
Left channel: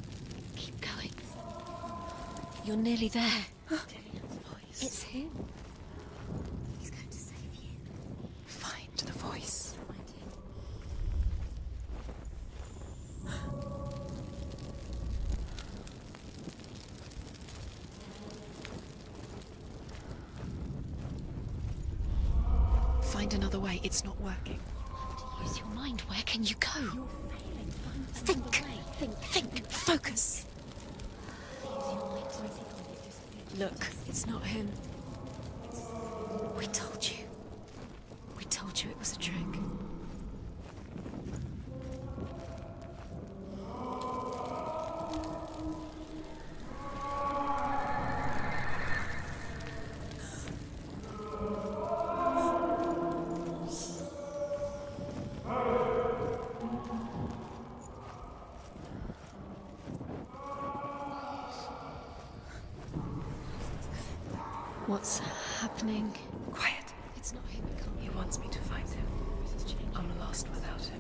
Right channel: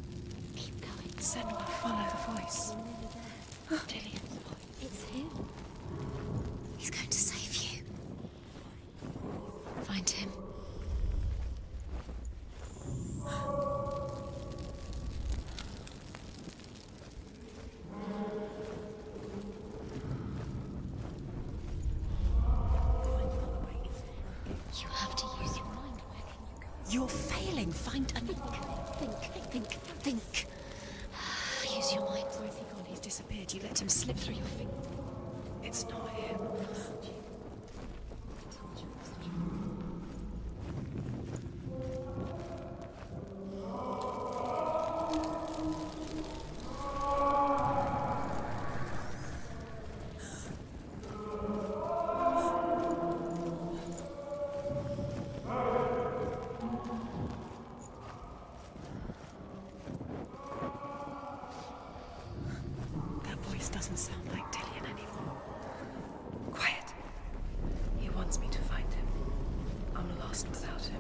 Keep going. Senua, follow the voice. You're nearly there. Dillian's voice. It's him. He's going to save you. Find the voice. Find him. Find another way. It's not working. You have to use your mind. Where can you go? You're failing. Find another way. Think. Focus. Use your mind. Where's he gone? He's disappeared. Look, it's not him. It's not him. We told you. We told you it was a trick. That voice doesn't sound lost without him.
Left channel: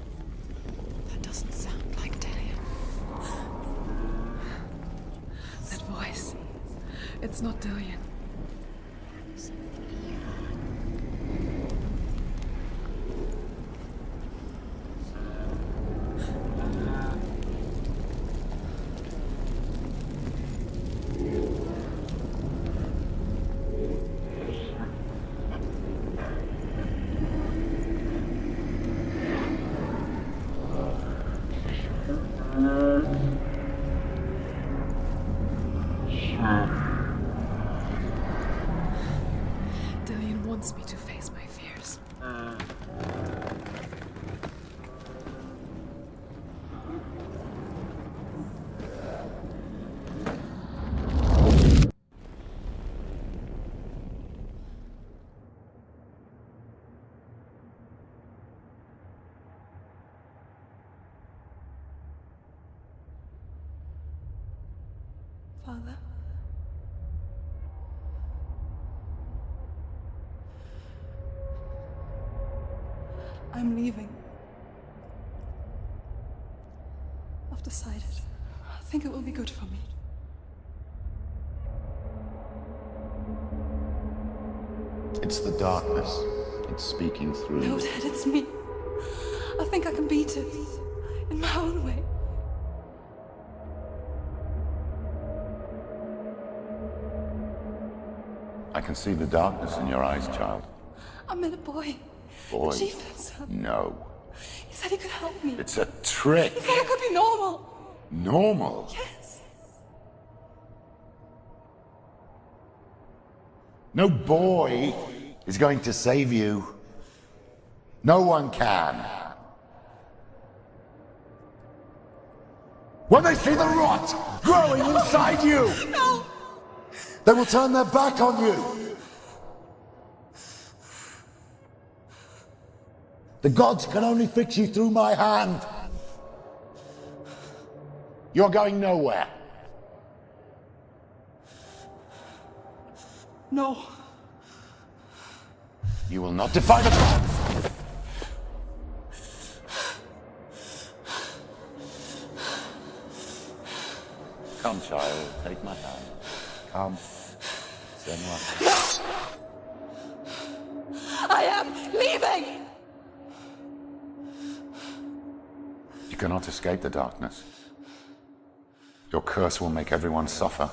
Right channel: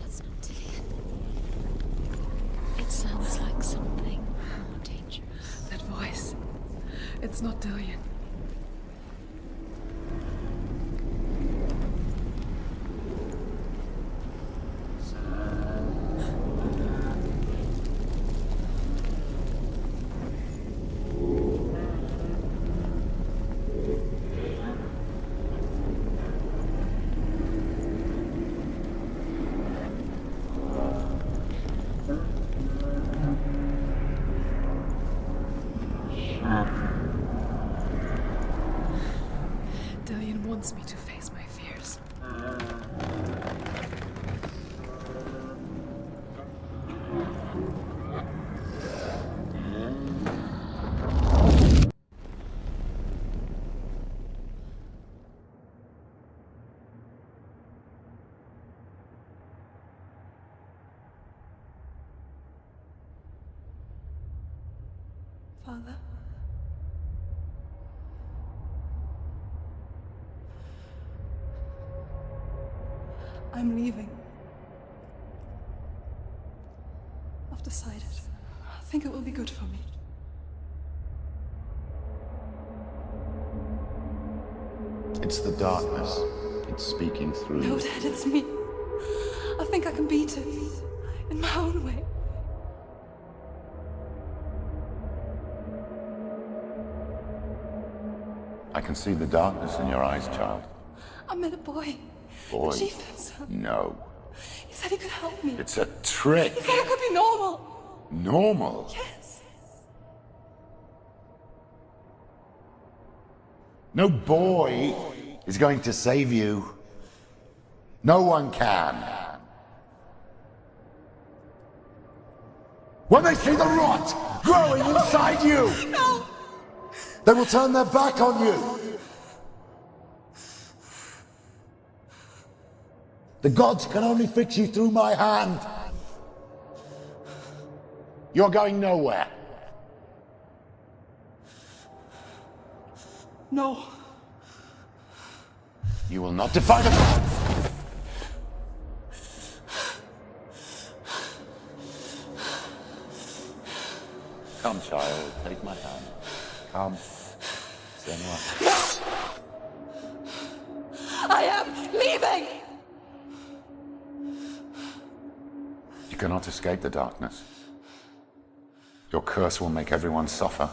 That's not Dillian. That doesn't sound like Dillian. It sounds like something dangerous. That voice. It's not Dillian. Dillian wants me to face my fears. Father? I'm leaving. I've decided. I think it will be good for me. It's the darkness. It's speaking through No, you. Dad, it's me. I think I can beat it. In my own way. I can see the darkness in your eyes, child. I met a boy. Boy. The chieftain's son. No. He said he could help me. It's a trick. He said I could be normal. Normal? Yes. No boy is going to save you. No one can. When they see the rot growing inside you, No! they will turn their back on you. The gods can only fix you through my hand. You're going nowhere. No. You will not defy the gods. Come, child, take my hand. Come. Senua. I am leaving! You cannot escape the darkness. Your curse will make everyone suffer.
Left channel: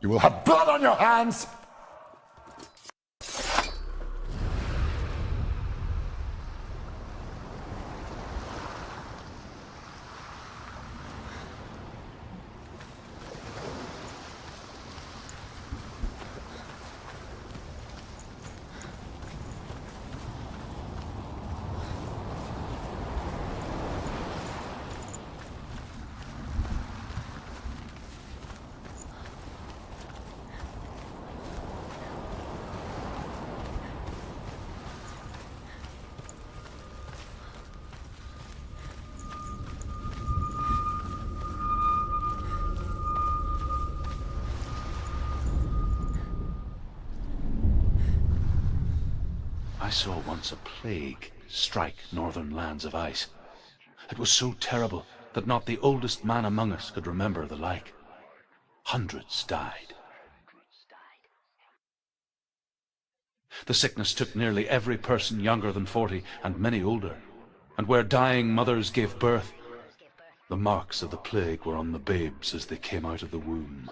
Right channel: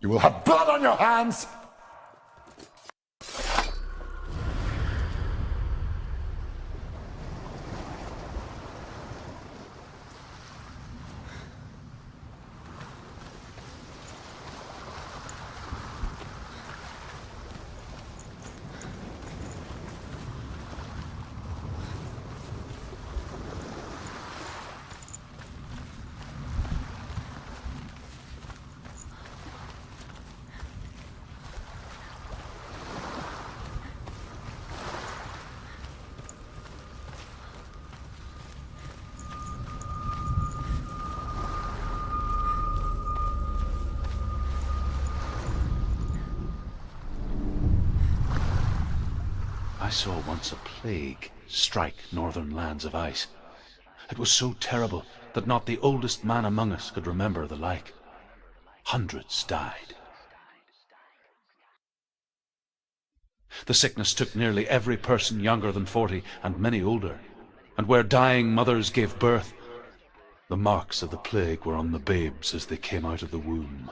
You will have blood on your hands! I saw once a plague strike northern lands of ice. It was so terrible that not the oldest man among us could remember the like. Hundreds died. The sickness took nearly every person younger than 40 and many older, and where dying mothers gave birth, the marks of the plague were on the babes as they came out of the womb.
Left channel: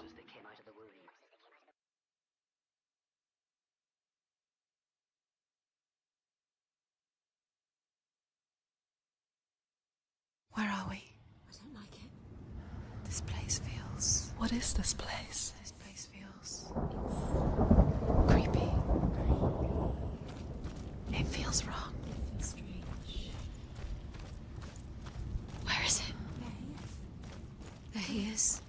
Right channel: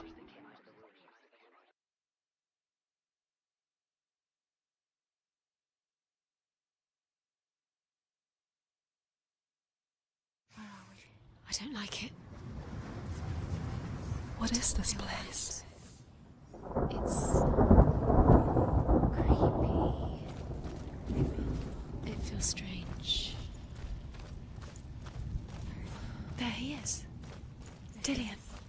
Where are we? I don't like it. This place feels... What is this place? This place feels... It's... creepy. It feels wrong. It feels strange. Where is it? There he is. There he is.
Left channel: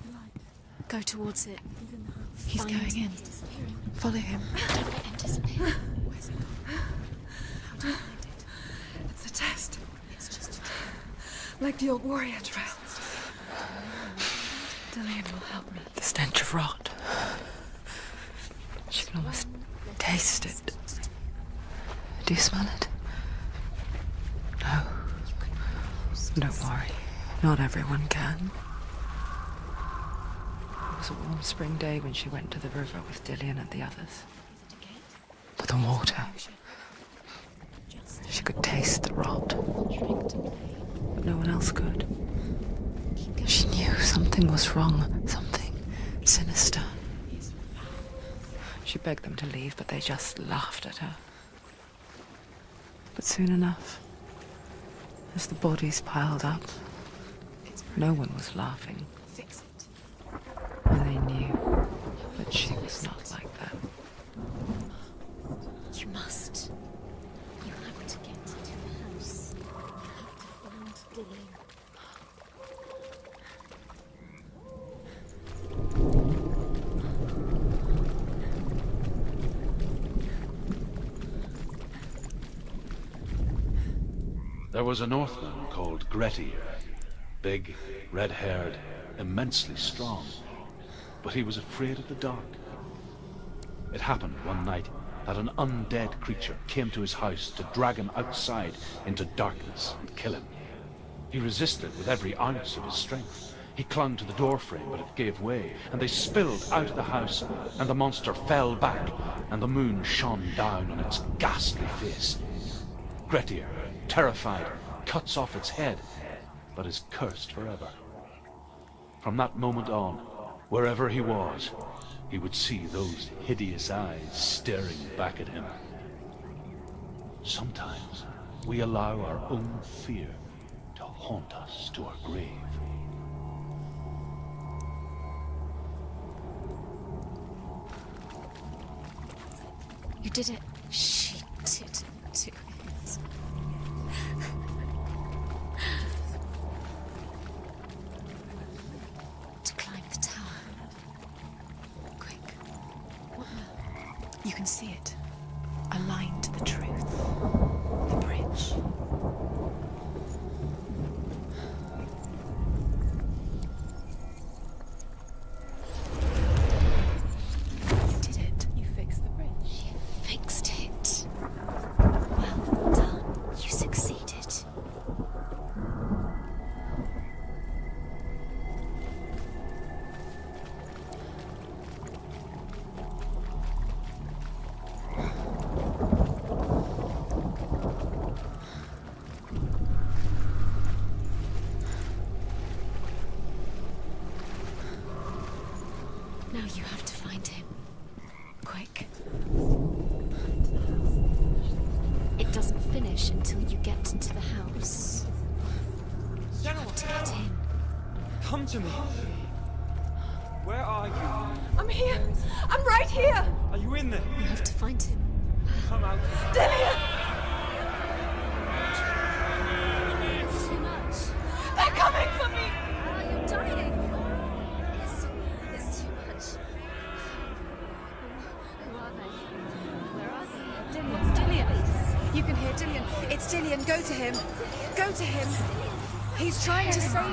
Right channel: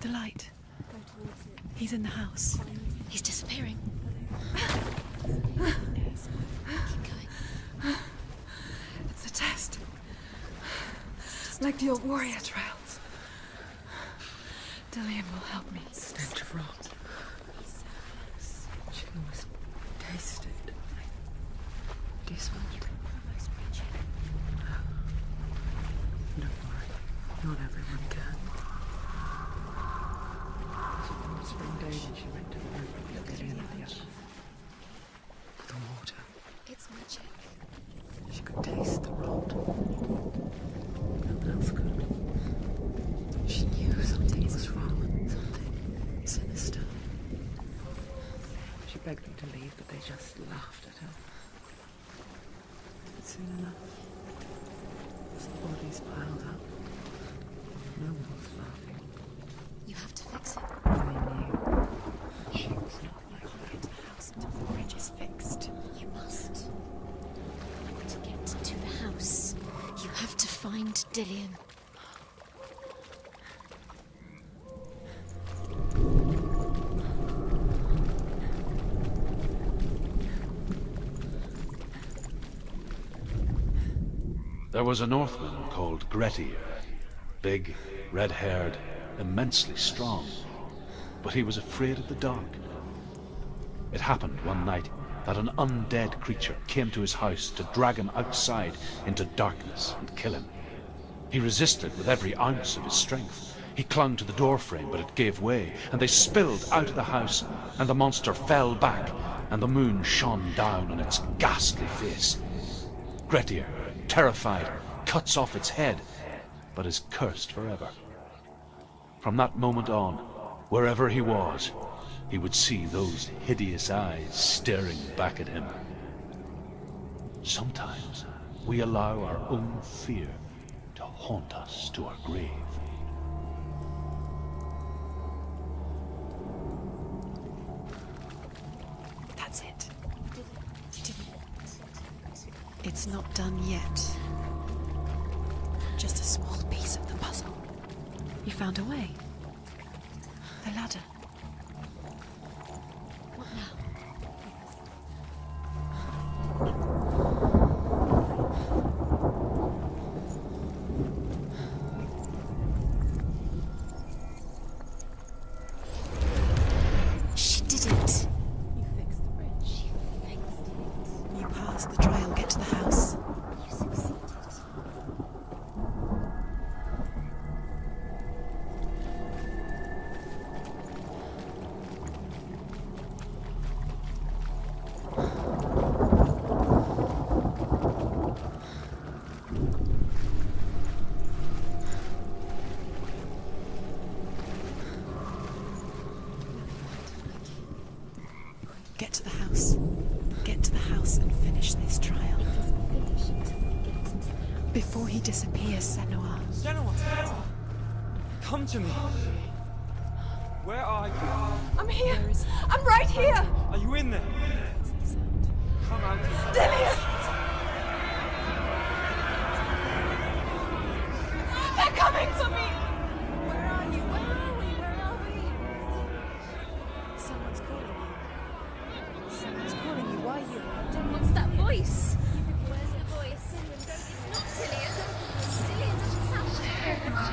The light. Go towards it. He's in the house. He's Find- going in. He's disappearing. Follow him. Disappearing. Keep going. It's a test. It's just... Like the old warrior trials. Dillian will help me. The stench of rot. She can almost taste it. Do you smell it? No. Don't worry. Not everyone can. It was a warm spring day when she went to the river with Dillian and the others. But the water. She could taste the rot. But no one else could. She knew something was wrong. Something sinister. She begged them to leave, but they just laughed at her. But soon enough, as the bodies piled up, no one was laughing. You have to fix it. And they knew that she was not like that. The bridge is fixed. You must. You have to get to the house. You have to find Dillian. There was a Northman called Grettir. Big, red-haired, immensely strong. But he was afraid of the dark. It happened one night that an undead creature came to his house to drag him outside into darkness and kill him. He resisted with every ounce of his strength. He clung to the doorframe, but it gave way, and they spilled out of the house, and the monster fell back, and the moon shone down on its ghastly face. Grettir, terrified, cuts off its head, but is cursed forever. From that moment on, wherever he was, he would see those hideous eyes staring back at him. Sometimes we allow our own fear to haunt us to our grave. That's it. You did it. She did it. It's not done yet. Just a small piece of the puzzle. You found a way To climb the tower. a ladder. Quick. What now? You can see it. A line to the truth. The bridge. She did it. You fixed the bridge. She fixed it. You passed the trial. Get to the house. You succeeded. Now you have to find him. Quick, get to the house. Get to the house and finish this trial. It doesn't finish until you get to the house. Before he disappears, Senua. Senua, To get him. come to me. Where are you? I'm here. I'm right here. Are you in there? You have to find him. Come out. Dillian! They're coming for me! What's that voice? You can hear Dillian. It's Dillian. Go to him. Go to him. He's trying to stop.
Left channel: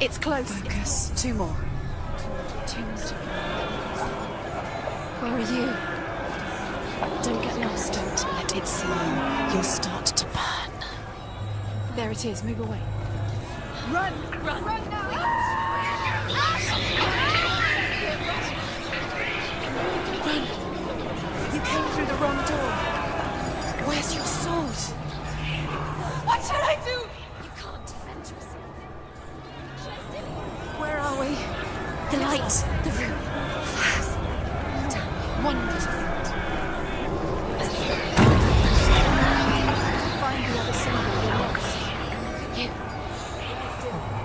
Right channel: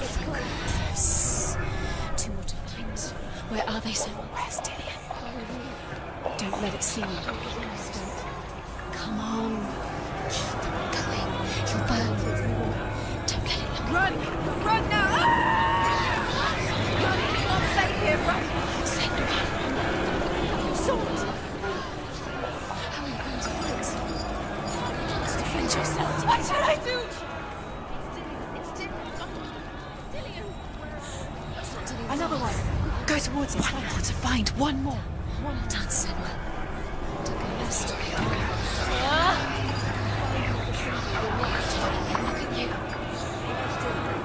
It's close. Two more. Two more. Where are they, Sam? Where are you? Don't let it see you. Don't get lost. Don't let it see you. You'll start to burn. There it is. Move away. Don't let it. Run! Run now! You came through the wrong door. Where's your sword? Defend yourself. What should I do? Where are we? The light. Go towards it. To find one more. One more.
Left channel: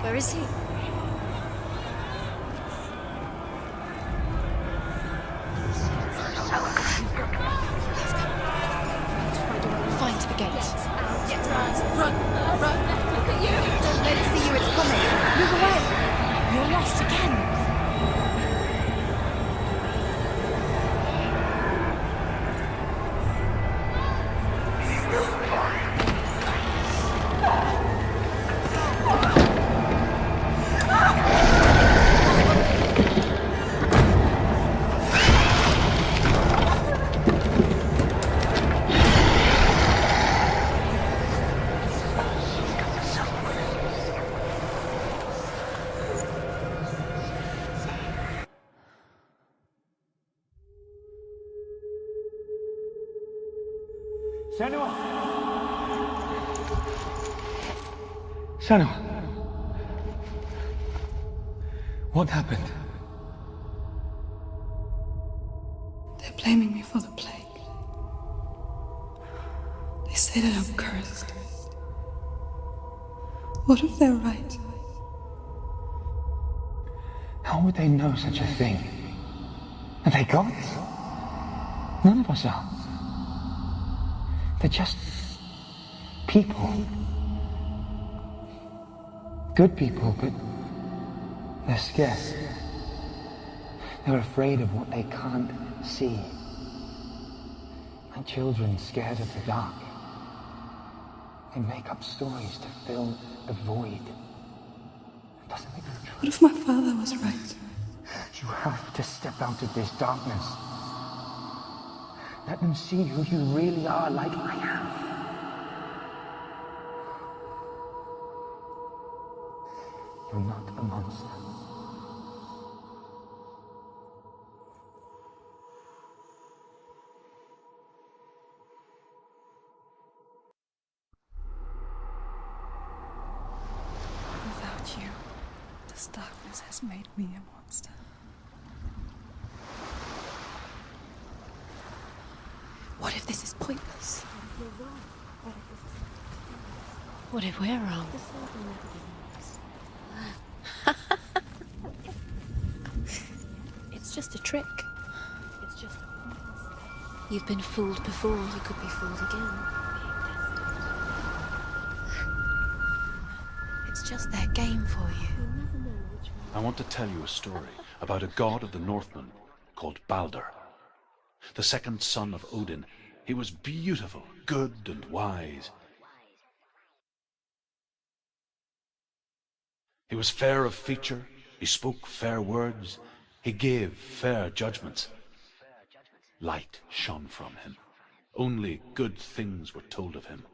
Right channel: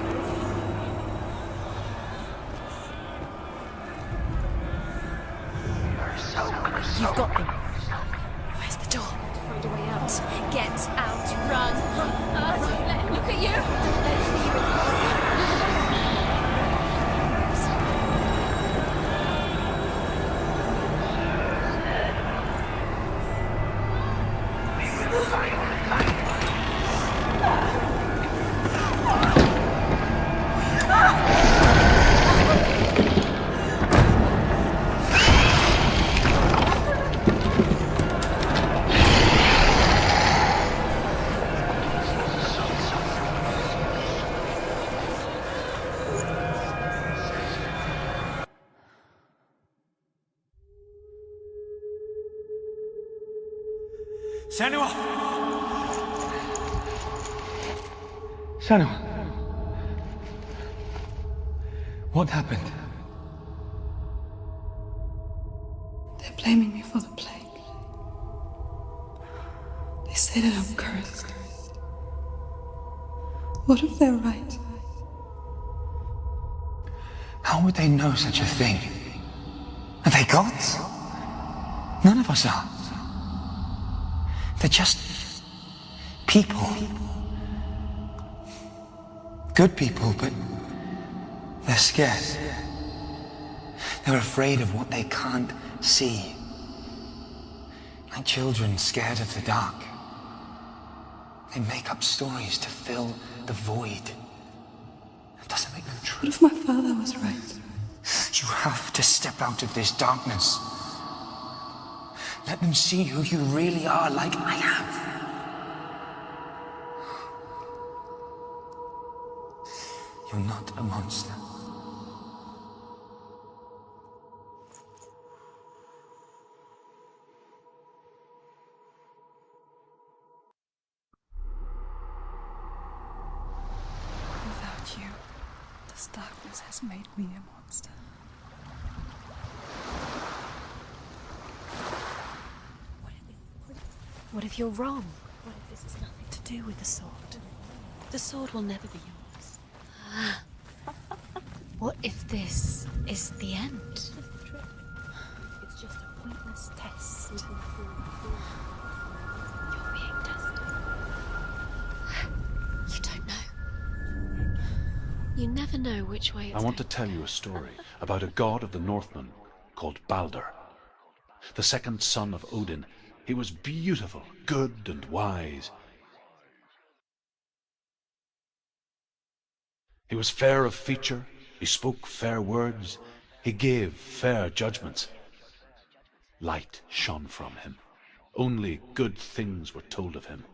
Where is he? You've got them. There's the door. Find it again. Get out. Run. Look at you. Don't let it see you. It's coming. Move away. You're lost again. Senua! Senua! What happened? They're blaming me for the plague. They say that I'm cursed. What if they're right? How would they know such a thing? Are they gods? None of us are. They're just people. Good people, but they're scared. They're afraid of what they can't see. Like children scared of the dark. They make up stories to fill the void. That doesn't make them true. What if my father was right? You have to step out of this darkness. Let them see who you really are, like I have. You're not a monster. Without you, this darkness has made me a monster. What if this is pointless? What if you're wrong? What if this has nothing to do with the sword? What if we're wrong? The sword will never be yours. What if this is the end? It's just a trick. It's just a pointless test. You've been fooled before. You could be fooled again. Being tested. You don't know. It's just their game for you. You never know which way it's I want to tell you a story about a god of the Northmen called Balder. The second son of Odin. He was beautiful, good and wise. He was fair of feature, he spoke fair words, he gave fair judgments. Light shone from him. Only good things were told of him.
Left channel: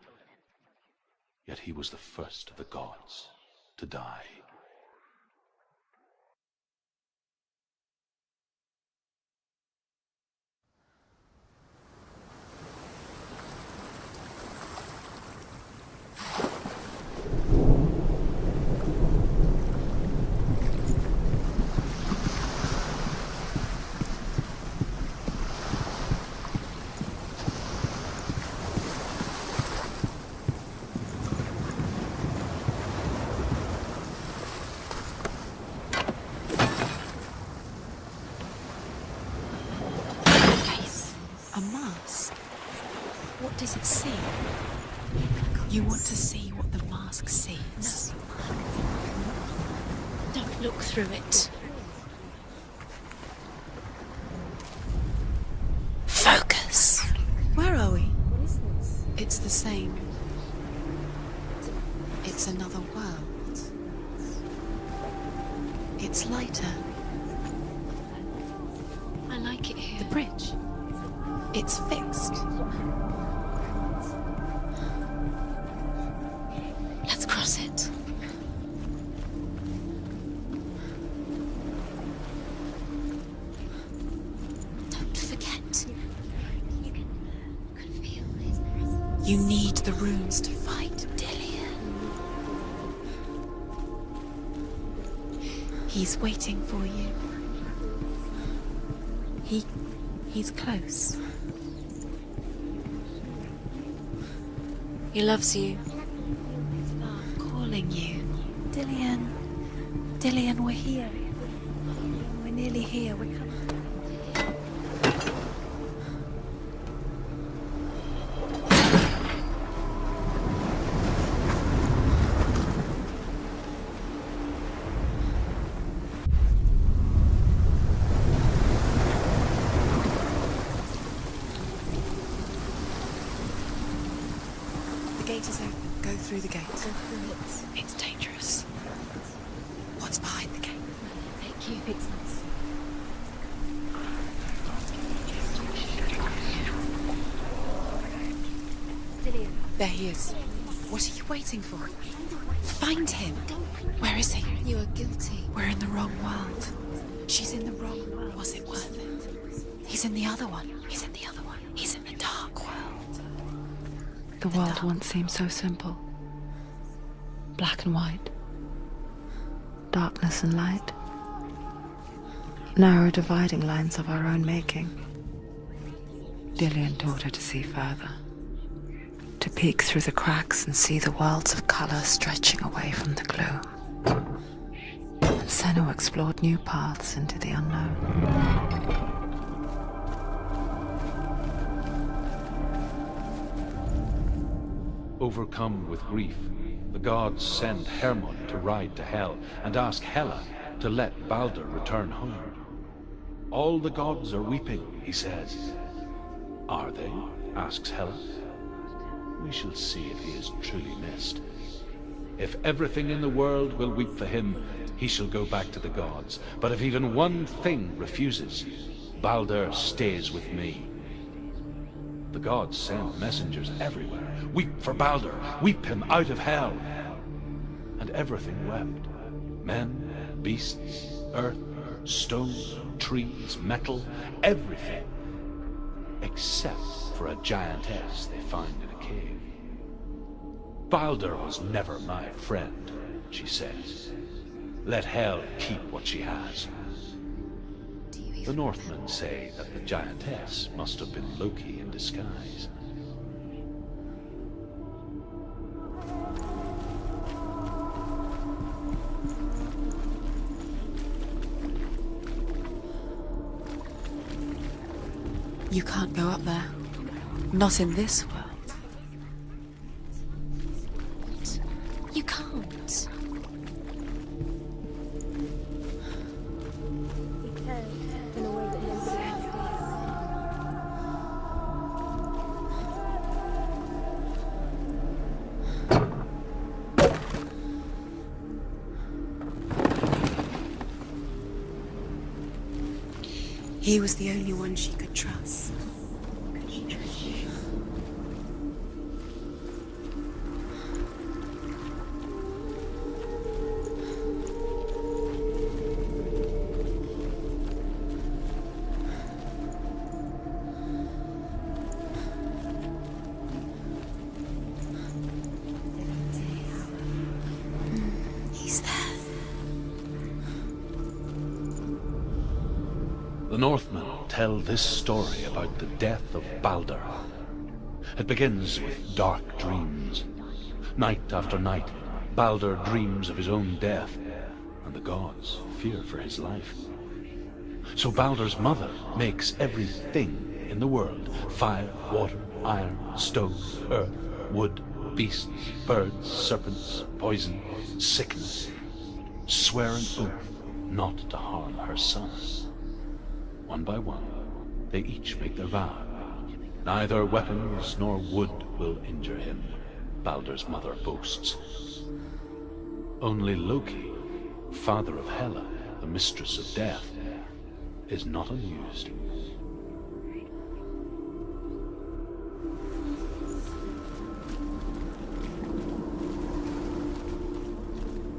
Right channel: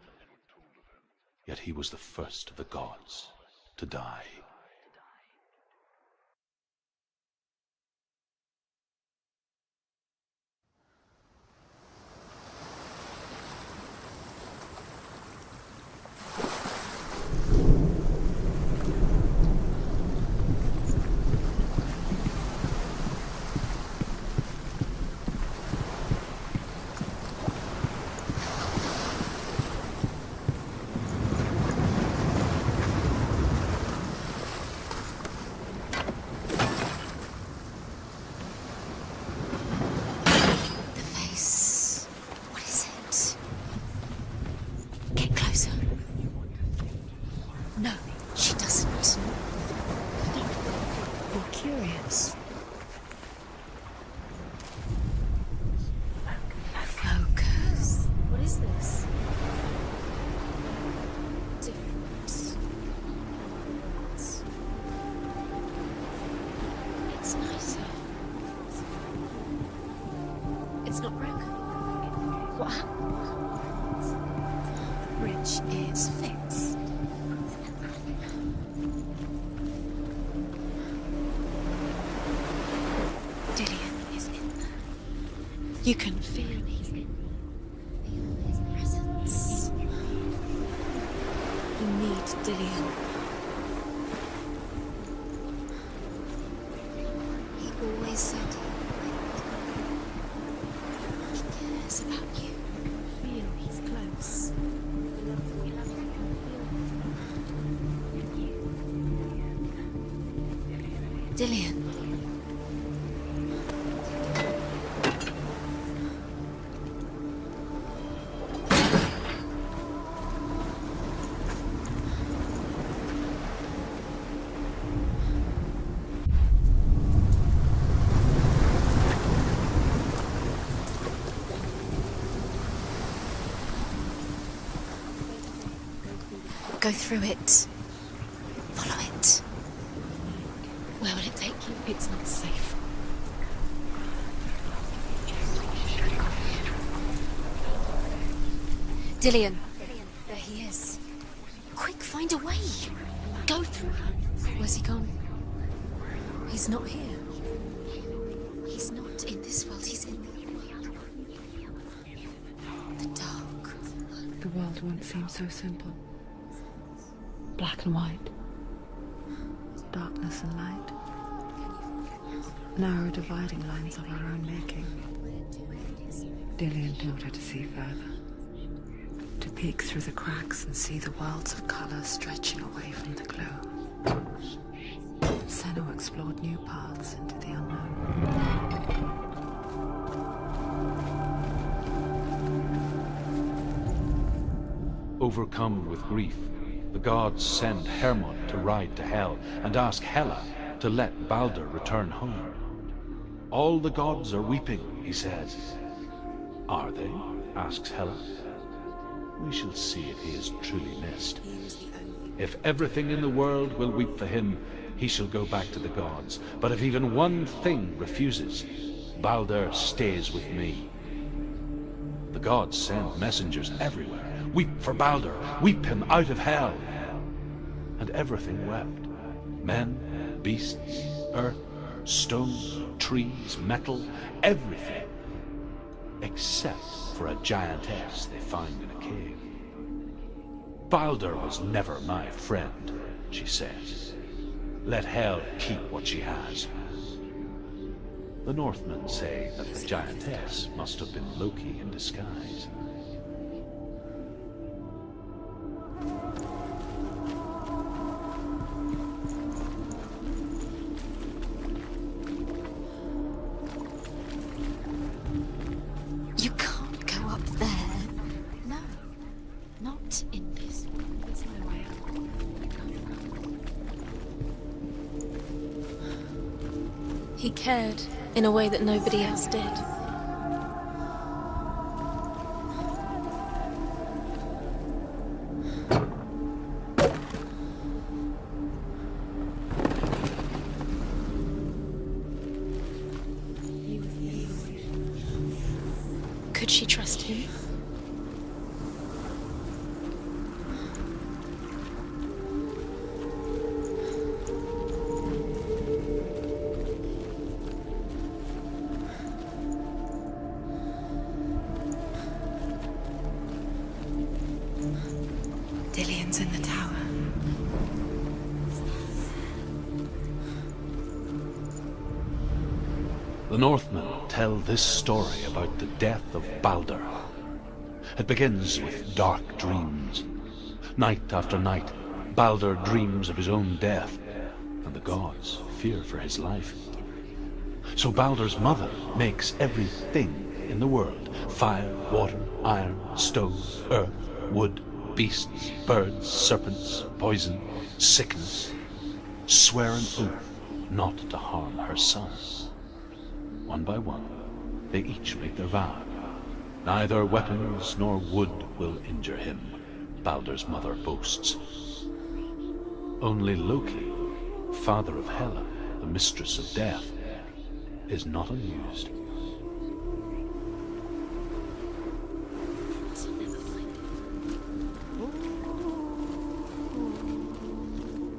Yet he was the first of the gods to die. You want to see what the mask sees. No, she doesn't. Don't look through it. You're curious. Focus. Where are we? What is this? It's the same. It's another world. It's lighter. It's nicer. I like it here. The bridge. It's not broken. It's fixed. What? Bridge is fixed. Let's cross it. Dillian is in there. Don't forget. You can feel me. You can feel his presence. You need the runes to fight Dillian. You need Dillian. He's waiting for you. He always said he's close. He cares about you. Feel he's close. He loves you. I'm calling you. Dillian. Dillian, we're here. Dillian. We're nearly here. Go through it. It's dangerous. Follow it. What's behind the gate? Where will it take you? It's not safe. Dillian. There he is. There he is. What are you waiting for? Quick, find a way. Find him. Go through. Where is he? Where's he gone? Guilty. We're in the wrong world. He's not here. She's in the wrong world. Was it worth it? In this world. He's in the other one. He's in the other one. He's in the dark world. The dark. The world once seemed so simple. Black and white. Darkness and light. Narrow dividing lines of our own making. Dillian taught her to see further. To peek through the cracks and see the worlds of color stretching away from the gloom. And Senua explored new paths into the unknown. Overcome with grief, the gods send Hermod to ride to Hell and ask Hela to let Baldur return home. All the gods are weeping, he says. Are they? Asks Hela. We shall see if he is truly missed. If everything in the world will weep for him, he shall go back to the gods. But if even one thing refuses, Baldur stays with me. The gods send messengers everywhere. Weep for Baldur, weep him out of Hell. And everything wept. Men, beasts, earth, stone, trees, metal, everything. Except for a giantess they find in a cave. Baldur was never my friend, she says. Let Hel keep what she has. The Northmen say that the giantess must have been Loki in disguise. You can't go up You there. can't go up Not there. in this world. No, not in this world. You can't. He cared in a way that nobody else did. He was the only one she could trust. Could she trust him? Dillian's in the tower. He's there. The Northmen tell this story about the death of Baldur. It begins with dark dreams. Night after night, Baldur dreams of his own death, and the gods fear for his life. So Baldur's mother makes everything in the world, fire, water, iron, stone, earth, wood, beasts, birds, serpents, poison, sickness, swear an oath not to harm her son. One by one, they each make their vow. Neither weapons nor wood will injure him, Baldur's mother boasts. Only Loki, father of Hela, the mistress of death, is not amused.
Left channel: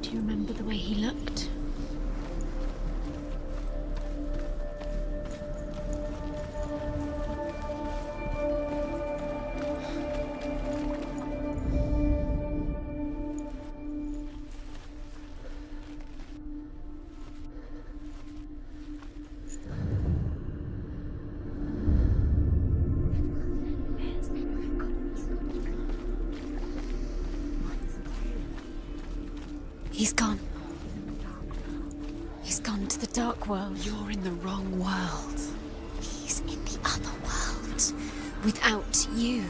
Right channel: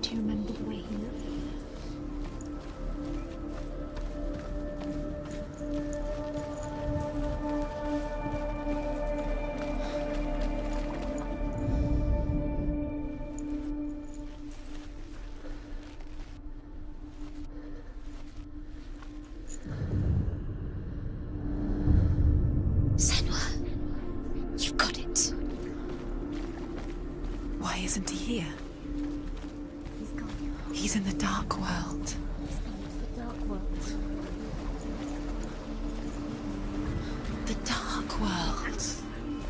Do you remember the way he looked? Senua, you've got it. Why isn't he here? He's gone. He's in the dark world. He's gone to the dark world. You're in the wrong world. He's in the other world. The dark world. Without you.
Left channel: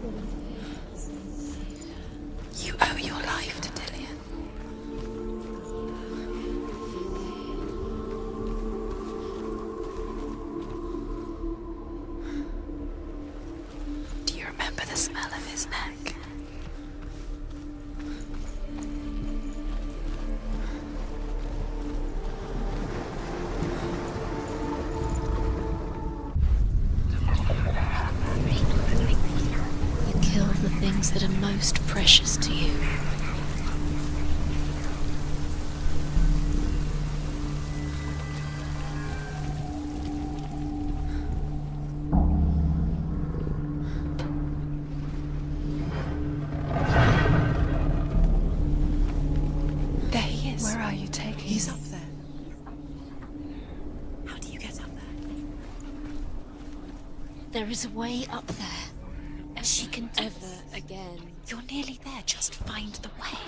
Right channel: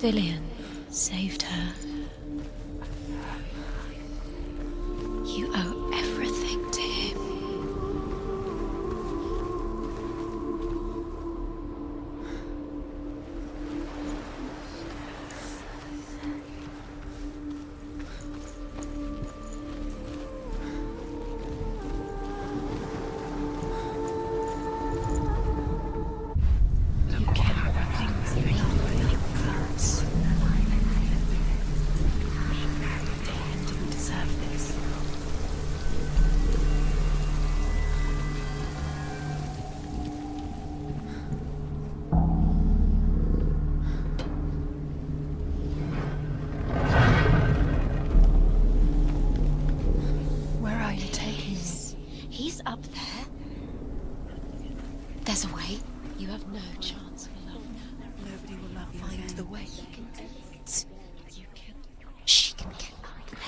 Dillian saved her. You owe your life to Dillian. You owe everything to him. He's up there. He's up there. How do you get up there? There's a way. You have no chance. There is a way up there. Find the way. And she can do it. Again. You're nearly there. Just find the way.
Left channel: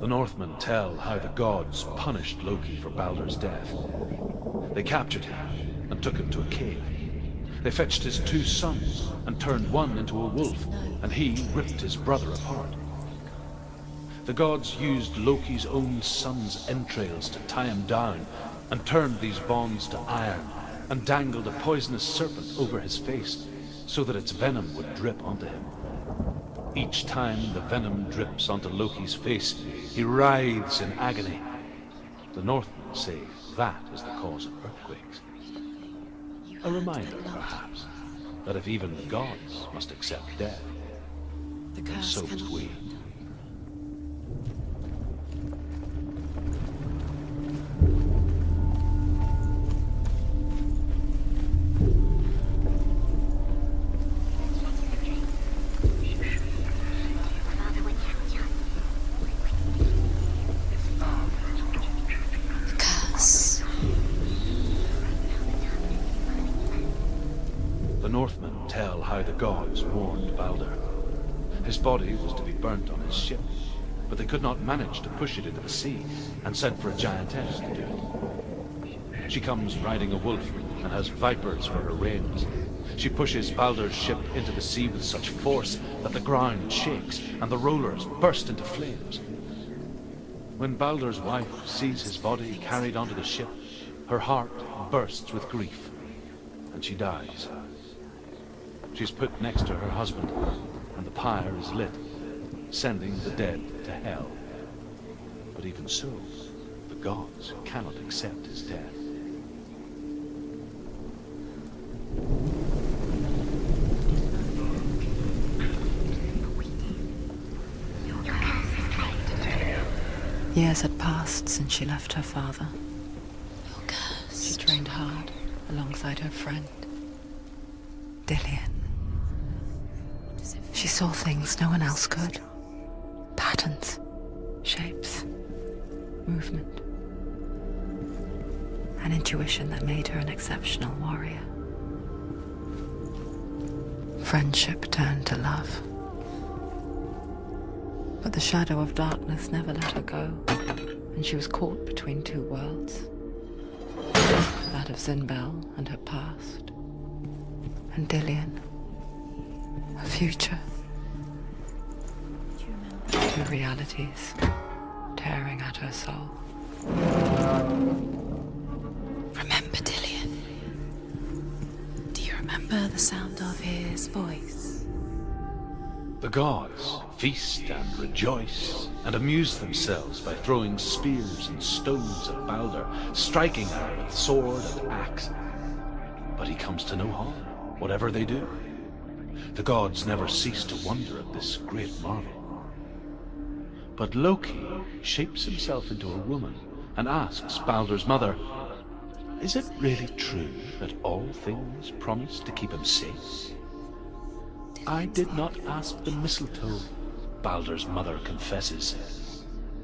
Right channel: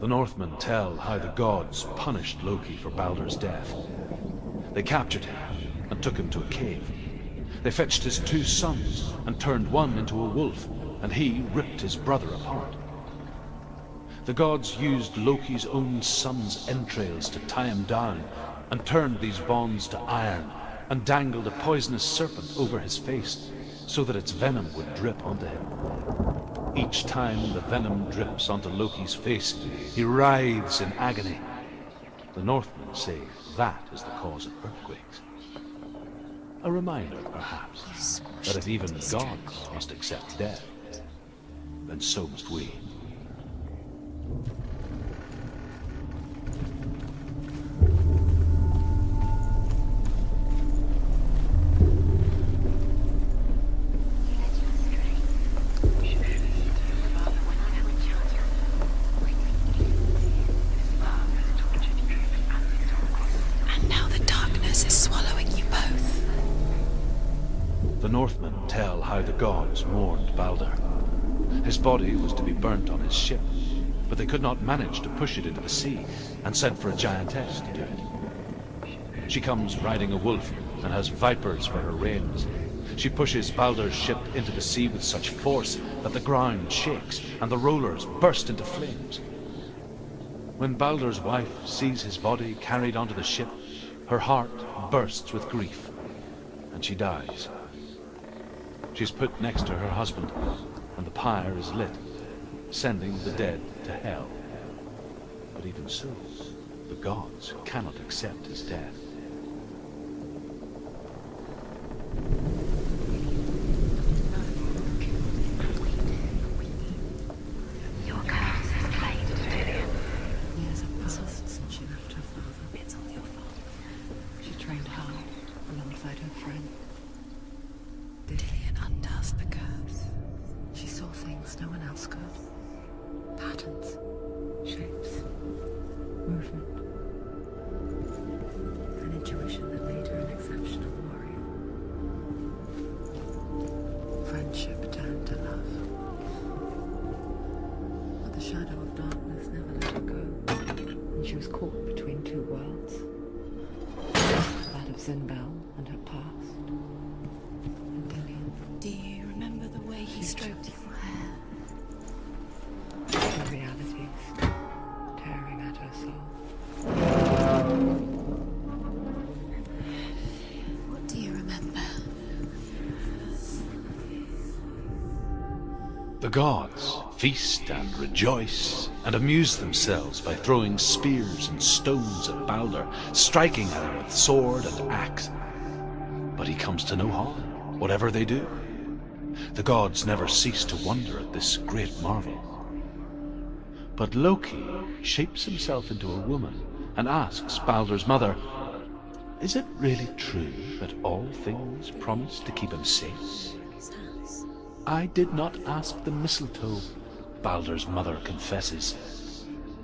The Northmen tell how the gods punished Loki for Baldur's death. They captured him and took him to a cave. They fetched his 2 sons and turned one into a wolf, and he ripped his brother apart. The gods used Loki's own son's entrails to tie him down and turned these bonds to iron and dangled a poisonous serpent over his face so that its venom would drip onto him. Each time the venom drips onto Loki's face, he writhes in agony. The Northmen say that is the cause of earthquakes. A reminder, perhaps, that if even gods must accept death, then so must we. The Northmen tell how the gods mourned Baldur. His body was to be burnt on his ship, but they could not manage to push it into the sea and sent for a giantess to do it. She comes riding a wolf and has vipers for her reins. She pushes Baldur's ship into the sea with such force that the ground shakes and the rollers burst into flames. When Baldur's wife sees his body carried onto the ship, her heart bursts with grief, and she dies. She's put next to her husband, and the pyre is lit, sending the dead to hell. But even so, the gods cannot accept his death. Years had passed since she left her father. She trained hard alongside her friend, Dillian. She saw things no one else could. Patterns, shapes, movement. An intuition that made her an exceptional warrior. Friendship turned to love. But the shadow of darkness never let her go, and she was caught between 2 worlds. That of Zinbel and her past, and Dillian, her future. 2 realities tearing at her soul. Remember Dillian? What do you remember? Do you remember the sound of his voice? The gods feast and rejoice and amuse themselves by throwing spears and stones at Baldur, striking at him with sword and axe. But he comes to no harm, whatever they do. The gods never cease to wonder at this great marvel. But Loki shapes himself into a woman and asks Baldur's mother, "Is it really true that all things promise to keep him safe?" "I did not ask the mistletoe," Baldur's mother confesses.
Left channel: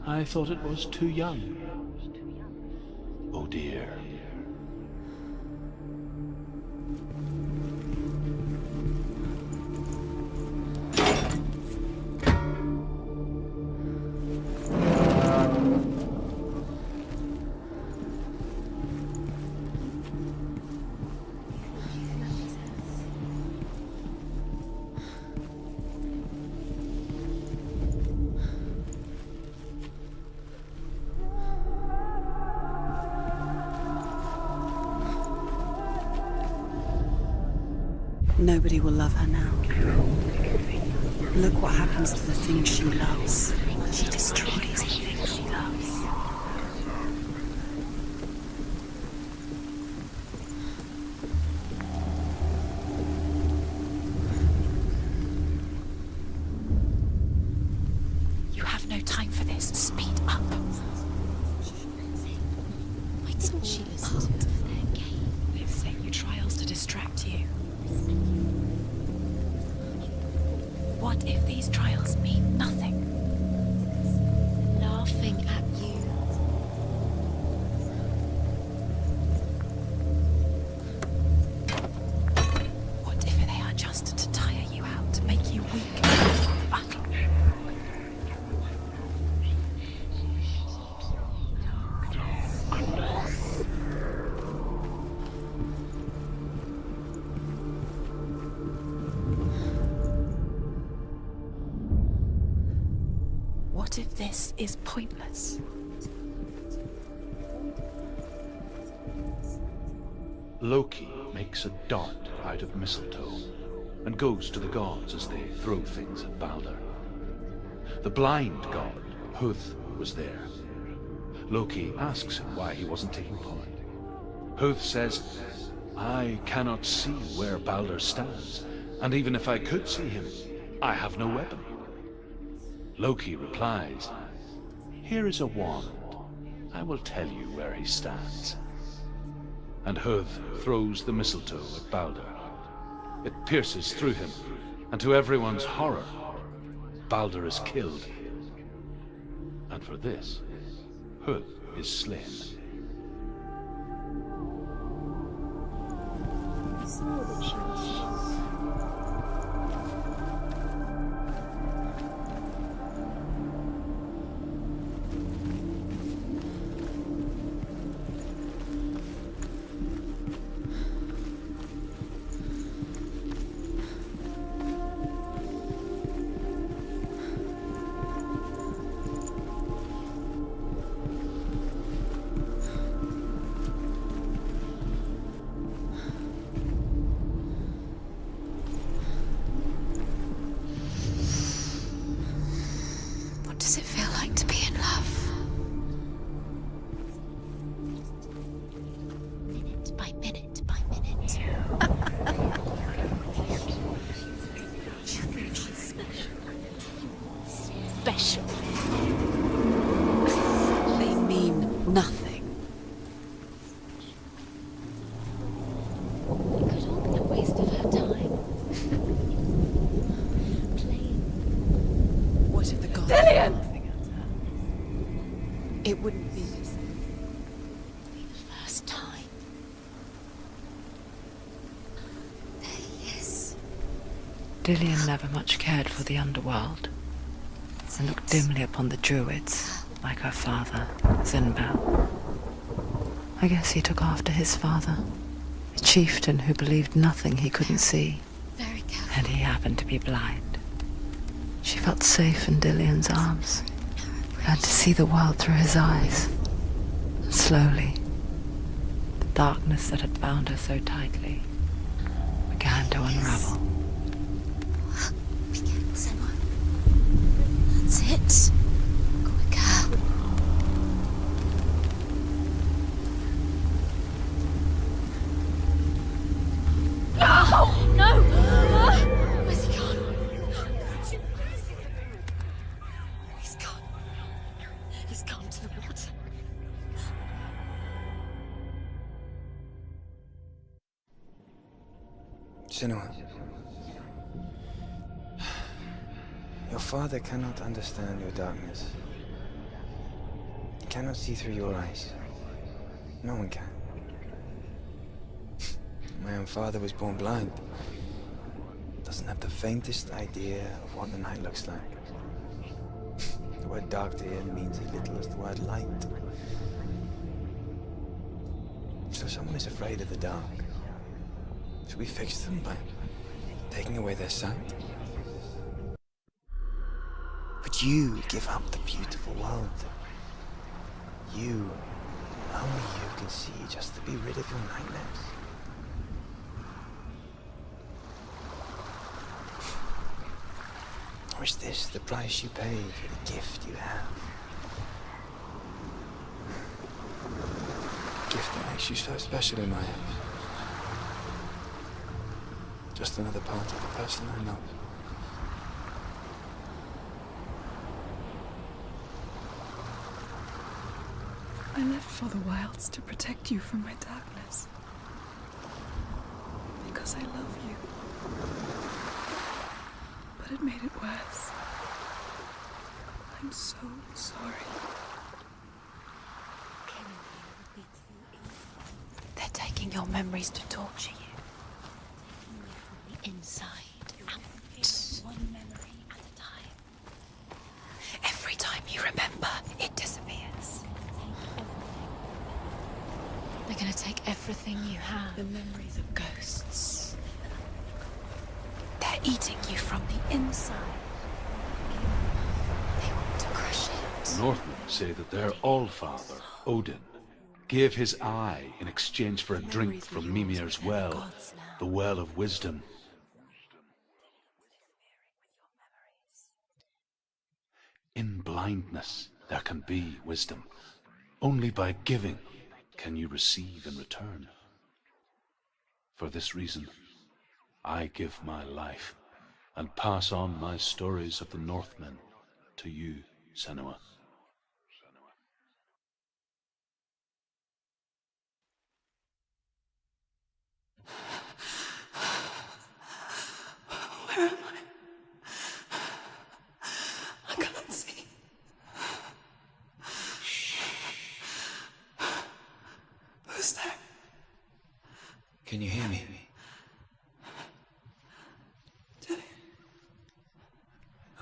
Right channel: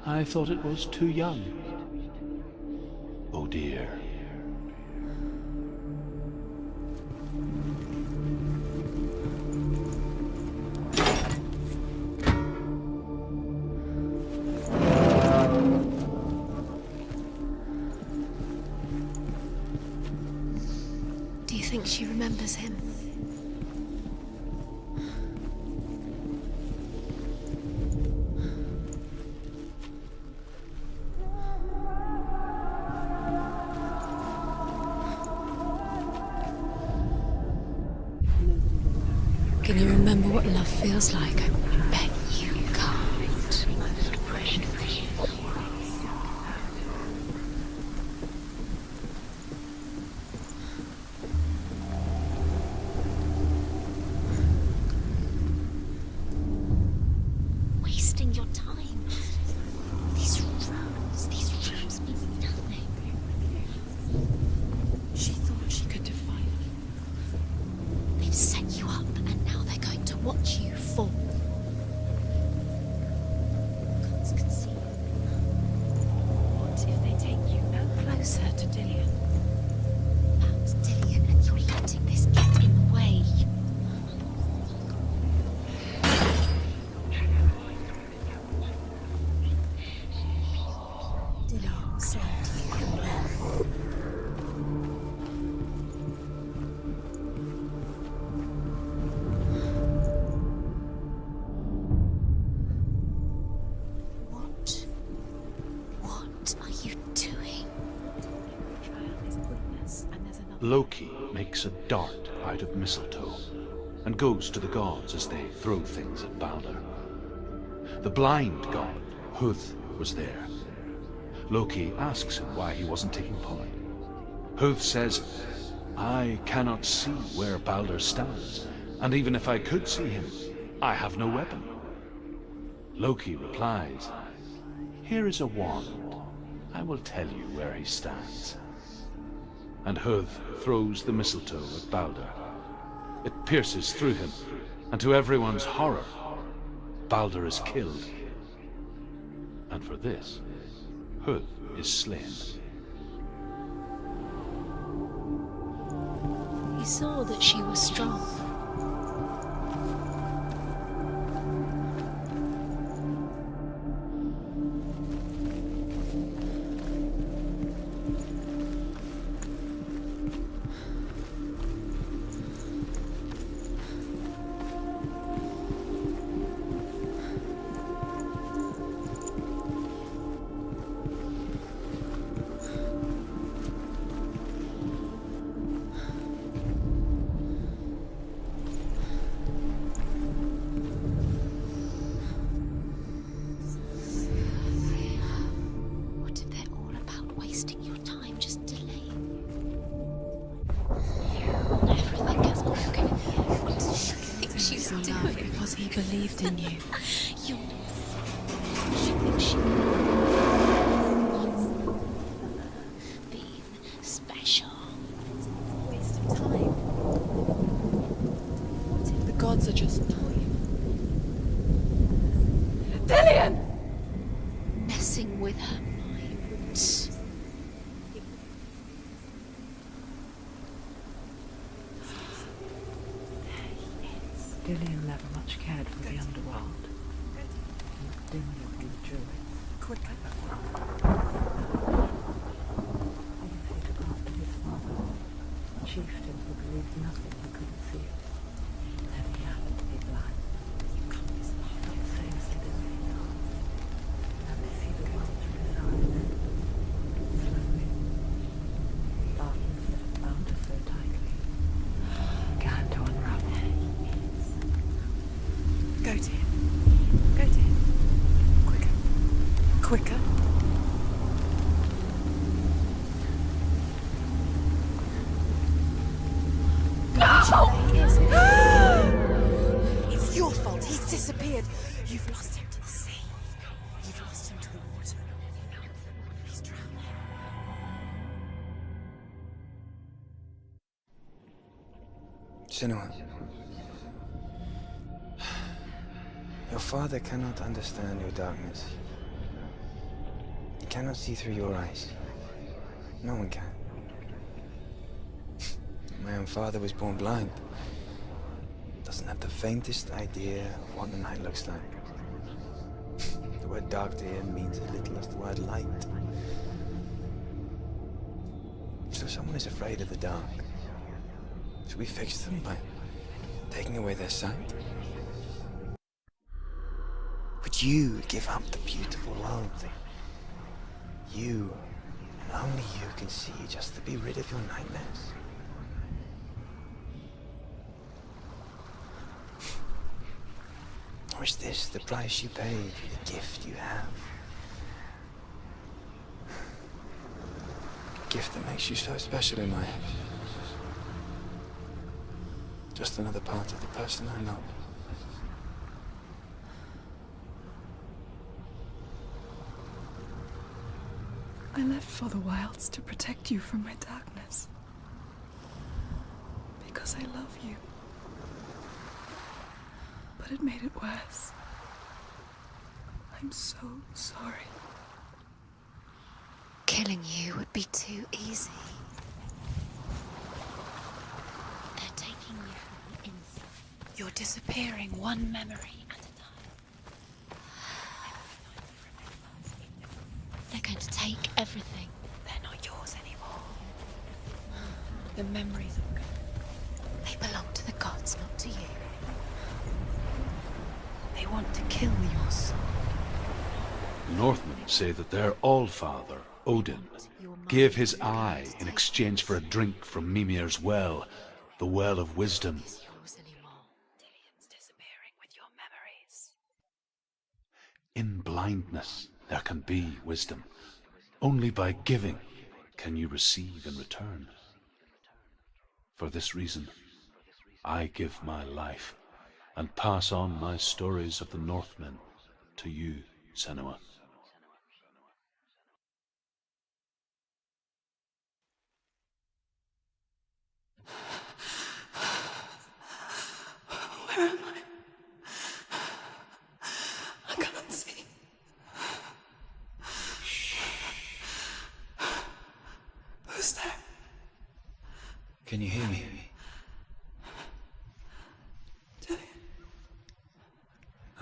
"I thought it was too young." Oh dear. Do you think she remembers him? Nobody will love her now. Can you remember what love feels like? Look what happens to the things she loves. She destroys the things she loves. Wasting your... You have no time for this. Speed these rooms. These rooms. Wait, she is. is pointless. What are you doing? Loki makes a dart out of mistletoe and goes to the gods as they throw things at Balder. The blind god, Huth, was there. Loki asks him why he wasn't taking part. Huth says, I cannot see where Balder stands, and even if I could see him, I have no weapon. Loki replies, here is a wand. I will tell you where he stands. And Huth throws the mistletoe at Balder. It pierces through him, and to everyone's horror, Balder is killed. And for this, Huth is slain. We saw that she was strong. What does it feel like to be in love? What if they're all about wasting your time, just delaying minute by minute by minute? And everything gets broken. What you do Because he believed in you. You're special. They mean nothing. Being special. A waste of her time. The gods are just. What if the gods? Dillian! Messing with her. It wouldn't be. Be the first time. There he is. Dillian never much cared for the underworld, and looked dimly upon the druids, like her father, Zinbao. I guess he took after his father, a chieftain who believed nothing he couldn't see, Very careful. and he happened to be blind. She felt safe in Dillian's arms, learned to see the world through his eyes. And slowly, the darkness that had bound her so tightly began to unravel. Go to him. That's it. Quicker. Quicker. It's your fault. He's disappeared. You've lost him to the sea. He's gone. You've lost him to the He's gone to the water. He's drowned. Senua. Your father cannot understand your darkness. He cannot see through your eyes. No one can. My own father was born blind. Doesn't have the faintest idea of what the night looks like. The word dark to him means as little as the word light. So someone is afraid of the dark. Should we fix them by taking away their sight? Would you give up the beautiful world that you, and only you, can see just to be rid of your nightmares? Or is this the price you pay for the gift you have? A gift that makes you so special in my eyes. Just another part of the person I love. I left for the wilds to protect you from my darkness. Because I love you. But it made it worse. I'm so sorry. Killing you would be too easy. They're taking your memories to torture you. They're taking you from the inside. You're disappearing one memory at a time. Every time you remember, it disappears. They're going to take everything. They're not yours anymore. They're going to take everything you have. The memories of ghosts. They belong to the gods, not to you. They're eating you from the inside. They want to kill you. They want to crush it. The Northmen say that their Allfather, Odin, gave his eye in exchange for a drink from Mimir's well, the Well of Wisdom. In blindness there can be wisdom. Only by giving can you receive in return. For this reason, I give my life and pass on my stories of the Northmen to you, Senua. Where am I? I can't see. Who's there? Can you hear me?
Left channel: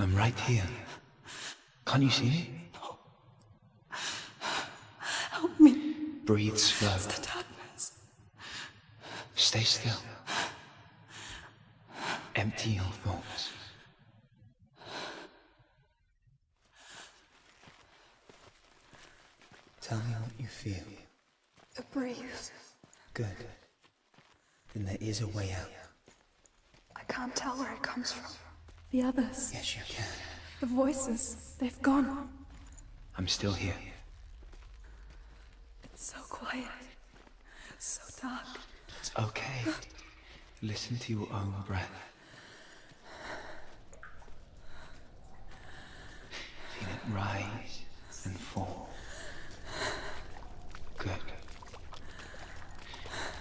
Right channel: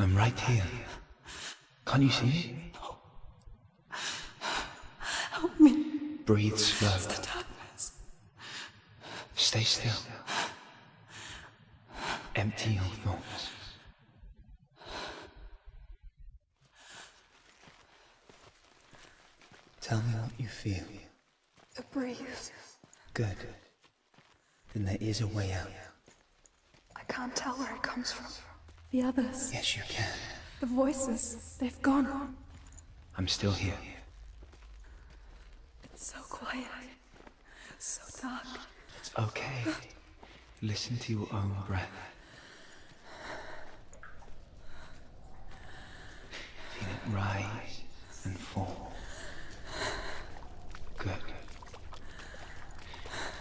I'm right here. Can't you see me? No. Help me. Breathe slow. It's the darkness. Stay still. Empty your thoughts. Tell me what you feel. The breeze. Good. Then there is a way out. I can't tell where it comes from. The others. Yes, you can. The voices. They've gone. I'm still here. It's so quiet. So dark. It's okay. Listen to your own breath. Feel it rise and fall. Good.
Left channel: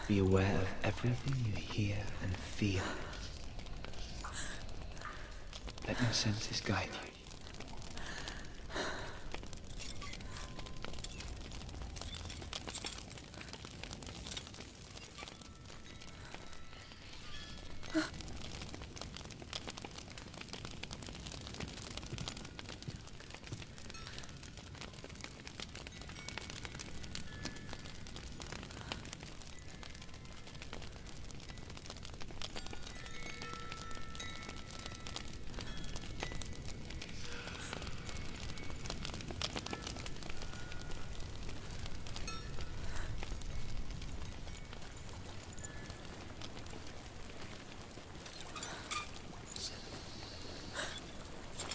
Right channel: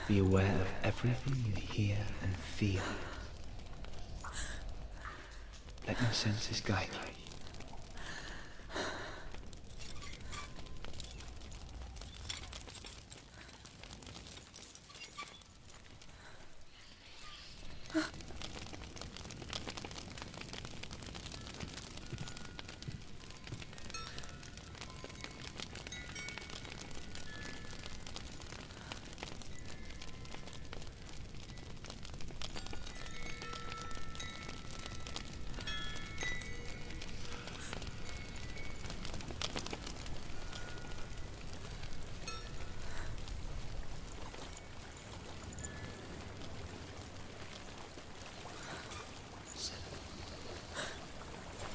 Be aware of everything you hear and feel. Let your senses guide you.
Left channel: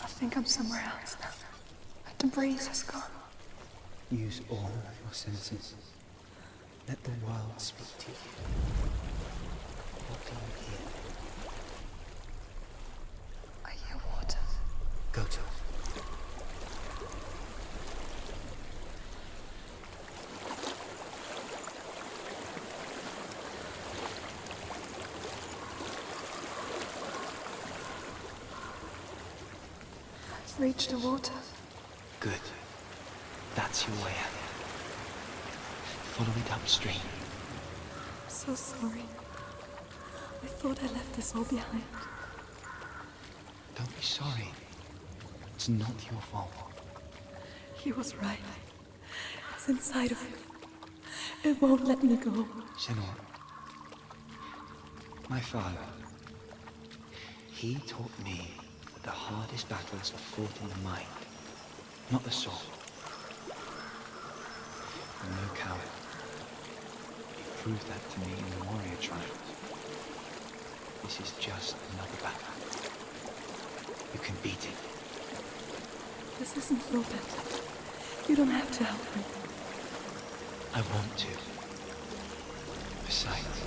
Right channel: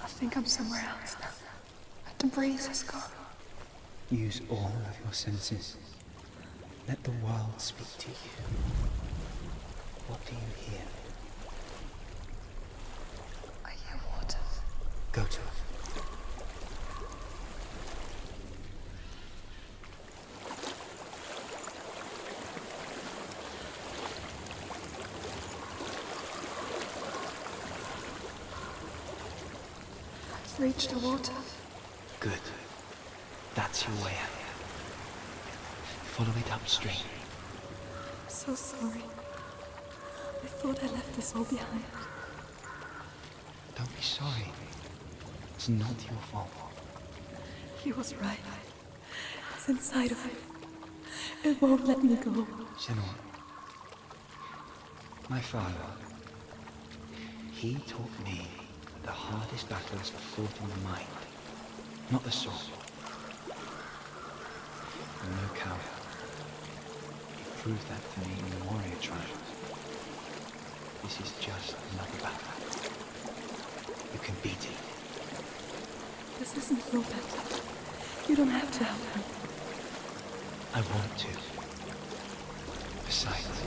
I think I'm somewhere else now. The breeze has gone. Use all of your senses. Let the world speak to you. What do you hear? I hear water. Go to it. I've reached the water. Good. That's your way out. Follow it upstream. I'm so sorry. I thought I left this all behind. Don't be sorry. It's not your fault. He was right. It's inside of me. It won't let me go. Senua, my father, he taught me that the hardest battles are fought in the mind, not the sword. I'm no coward. He proved that to me in the warrior trials. This is just another battle. You can beat it. This isn't your battle. You don't have to help me. I want to. Besides,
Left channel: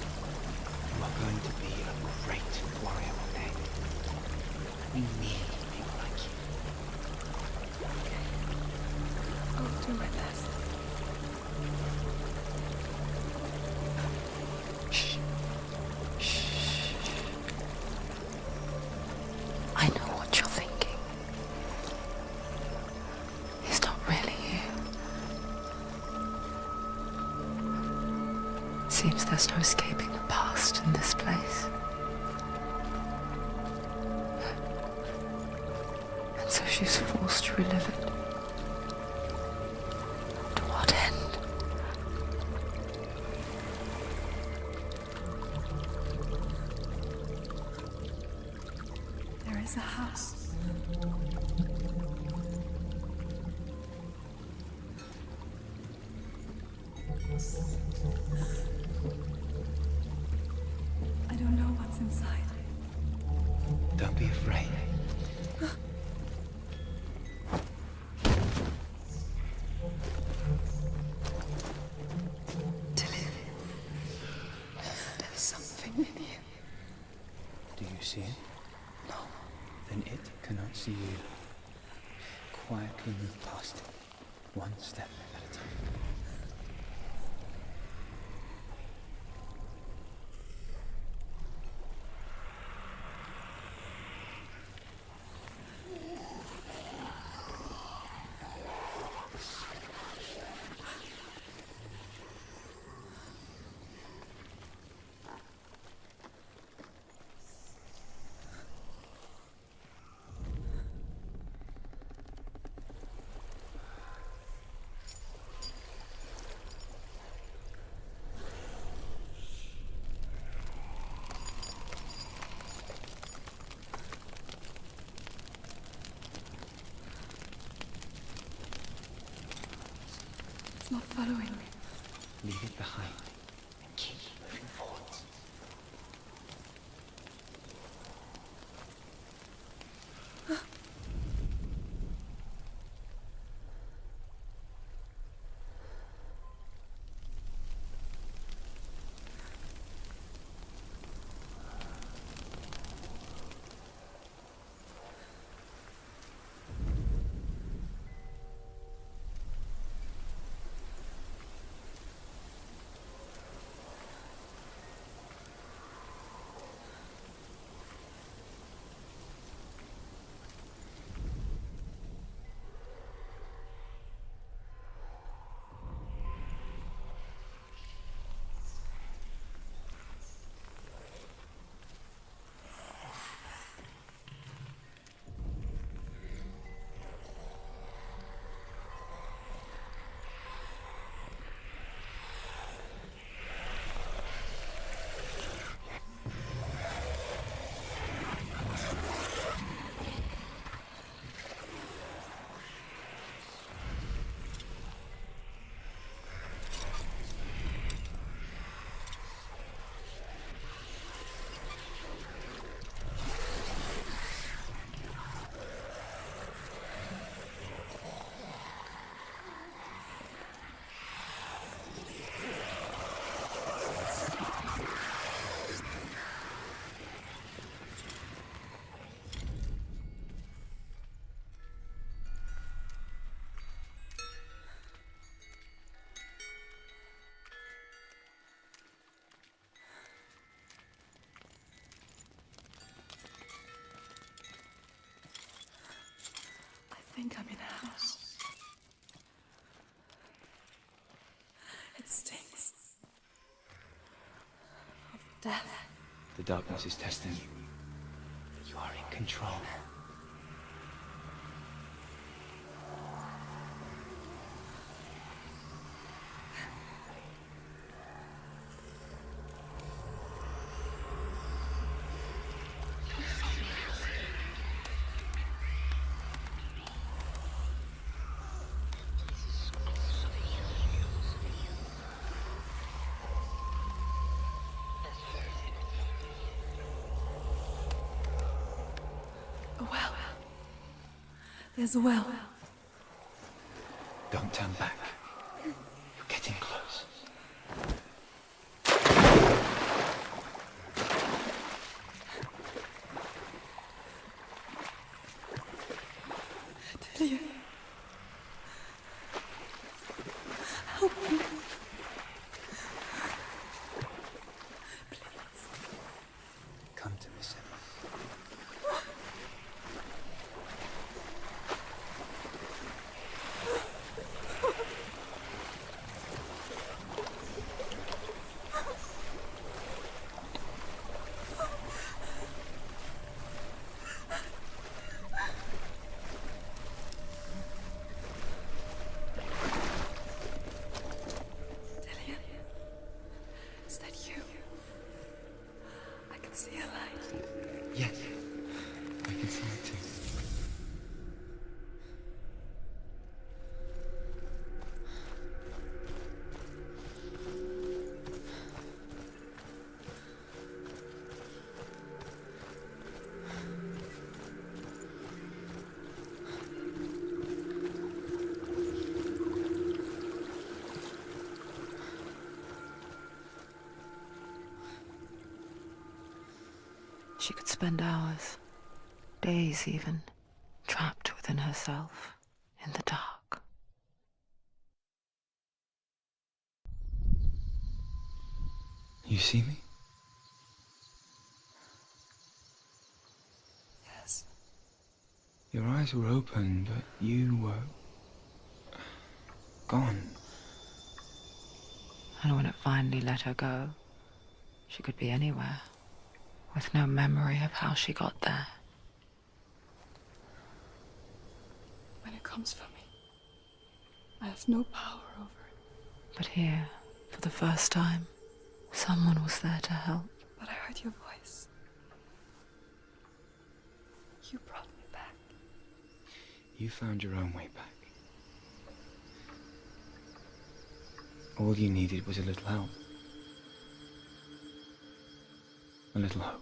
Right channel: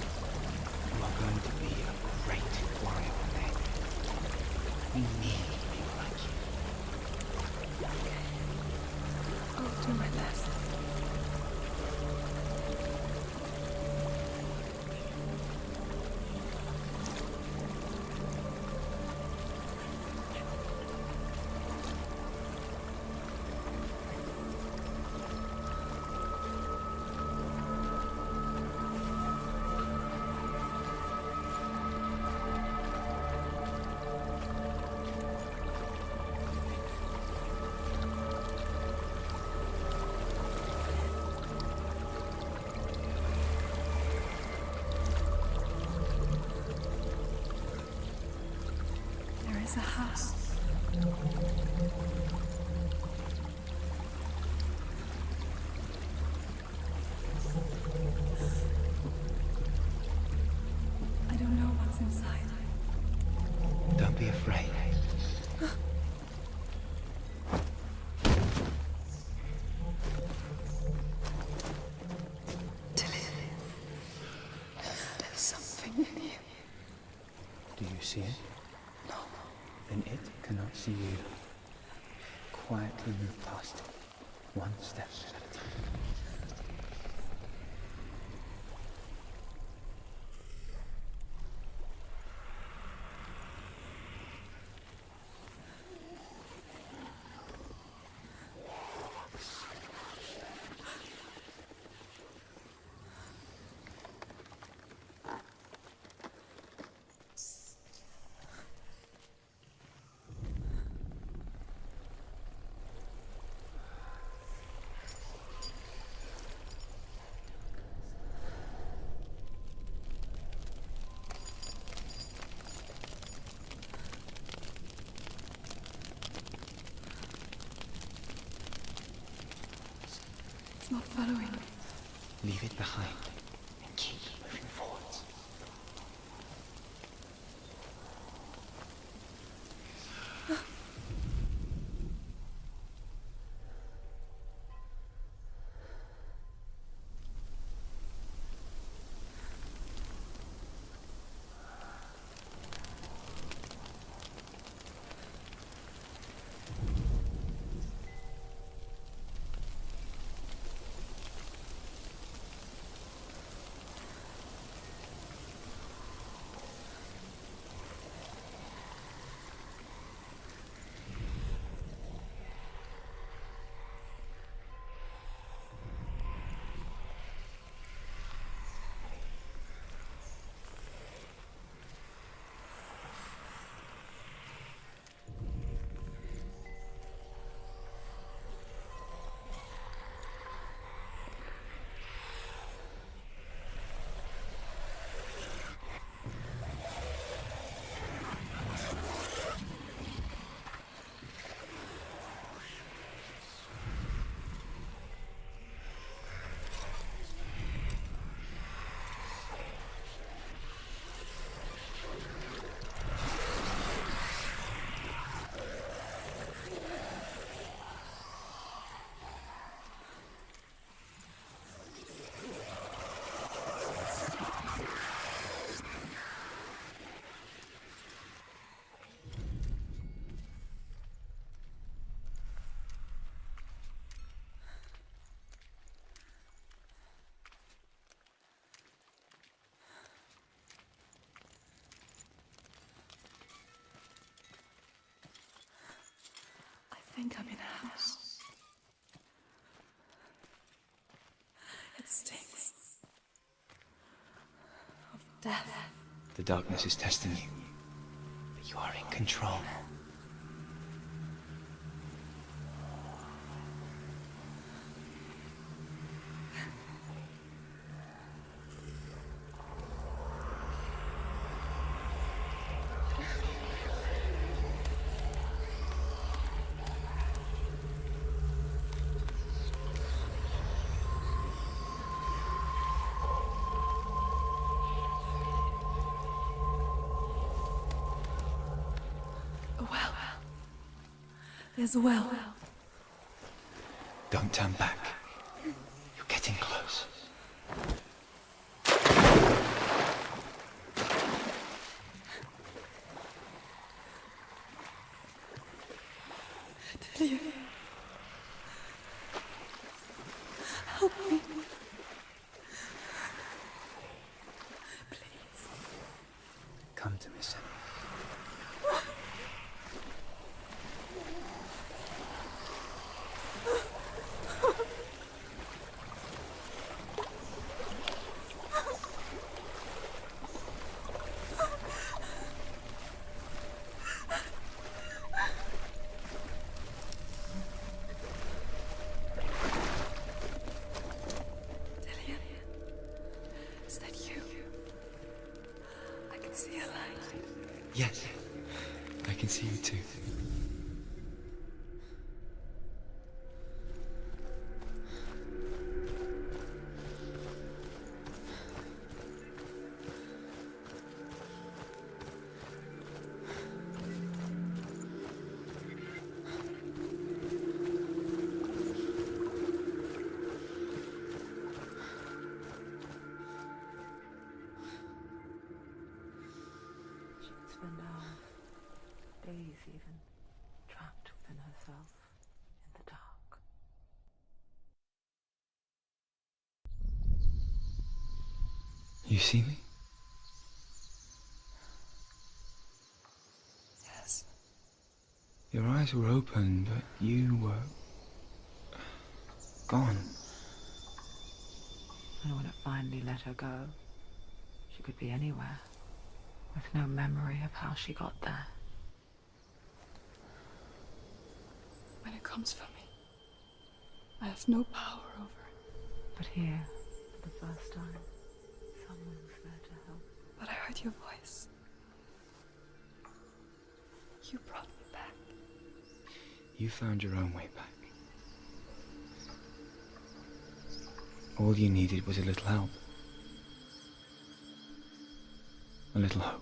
you are going to be a great warrior one day. We need people like you. Okay. I'll do my best. I know what you're thinking. He's not really you. Seems there's no escaping the past in this place. And so she's forced to relive it. To what end? There is a house. I don't know what's inside. Don't be afraid. Tilly, there's something in here. Do you see it? No. Then it cannot see you. Quietly move past it, one step at a time. It's not following me. Leave it behind and keep moving forwards. I think I'm in a house. It stinks of death. The darkness is testing you. But you are in control. A well. There's a well. Don't turn back. You're getting close. Delia. Help me. Please. Come to me, Senua. Delia. Is that you? I can see a light. Yes. I can see you too. She could spend hours, days even, trapped within herself, in the dark. You see me? Yes. Your eyes were open, but you were gone. And when it finally let her go, she could be anywhere, with no memory of how she got there. When it comes for me, I have no power over it. But here, for the first time, someone was there to help. But I heard your voice. You brought me back. You found your own way back. All you needed was a little help. A little hope.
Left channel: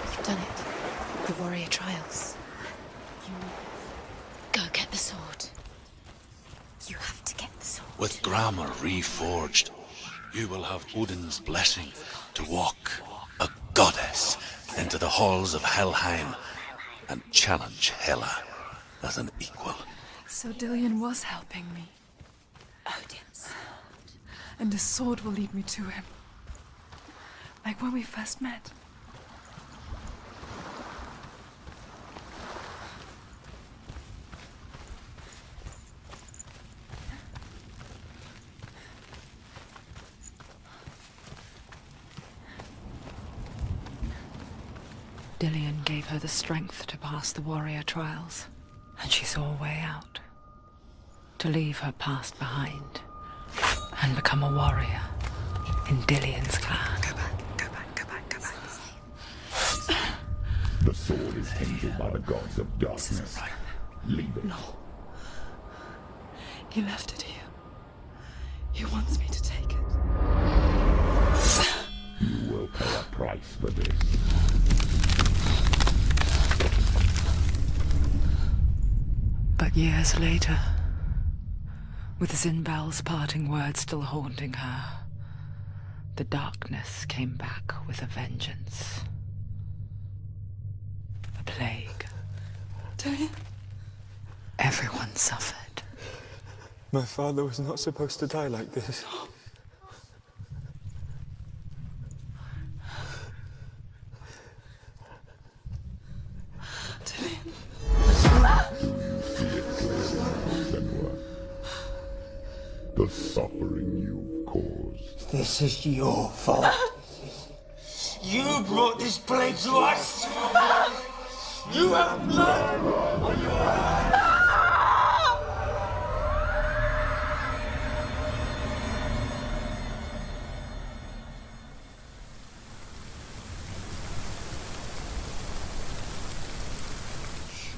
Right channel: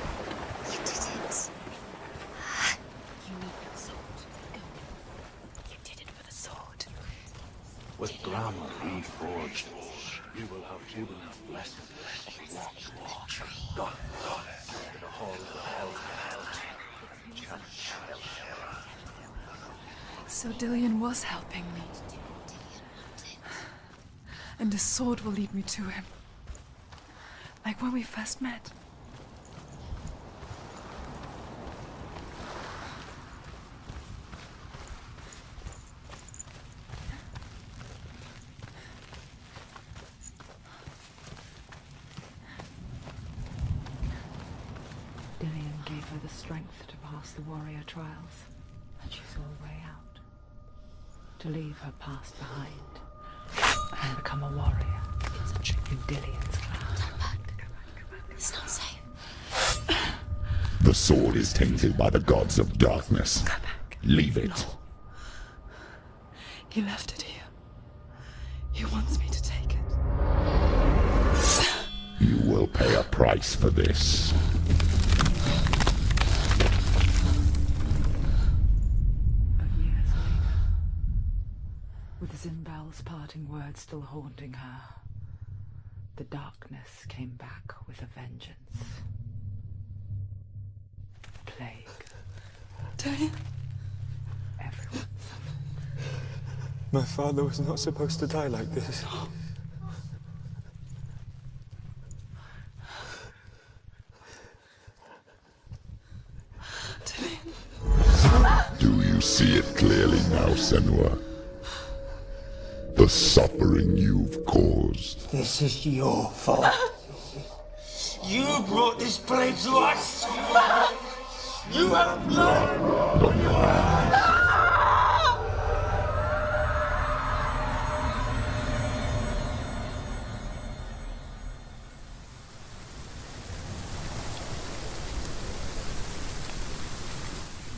You've done it. The warrior trials. You need the sword. Go get the sword. You did it for the sword. You have to get the sword. With grammar reforged, you will have Odin's blessing to walk, a goddess, into the halls of Helheim and challenge Hela as an equal. So Dillion was helping me. And the sword will lead me to him. Like when we first met. Dillion gave her the strength to pass the warrior trials, and she saw a way out. To leave her past behind and become a warrior in Dillion's clan. Go back. It's not safe. The sword is tainted by the gods of darkness. Leave it. No. He left it here. He wants me to take it. You will pay a price for this. But years later, with Zinbel's parting words still haunting her, the darkness came back with a vengeance. A plague. Dillion? Everyone suffered. My father was not supposed to die like this. Do you see it clearly now, Senua? The suffering you've caused. This is your fault. You brought this plague to us. You have blood on your hands.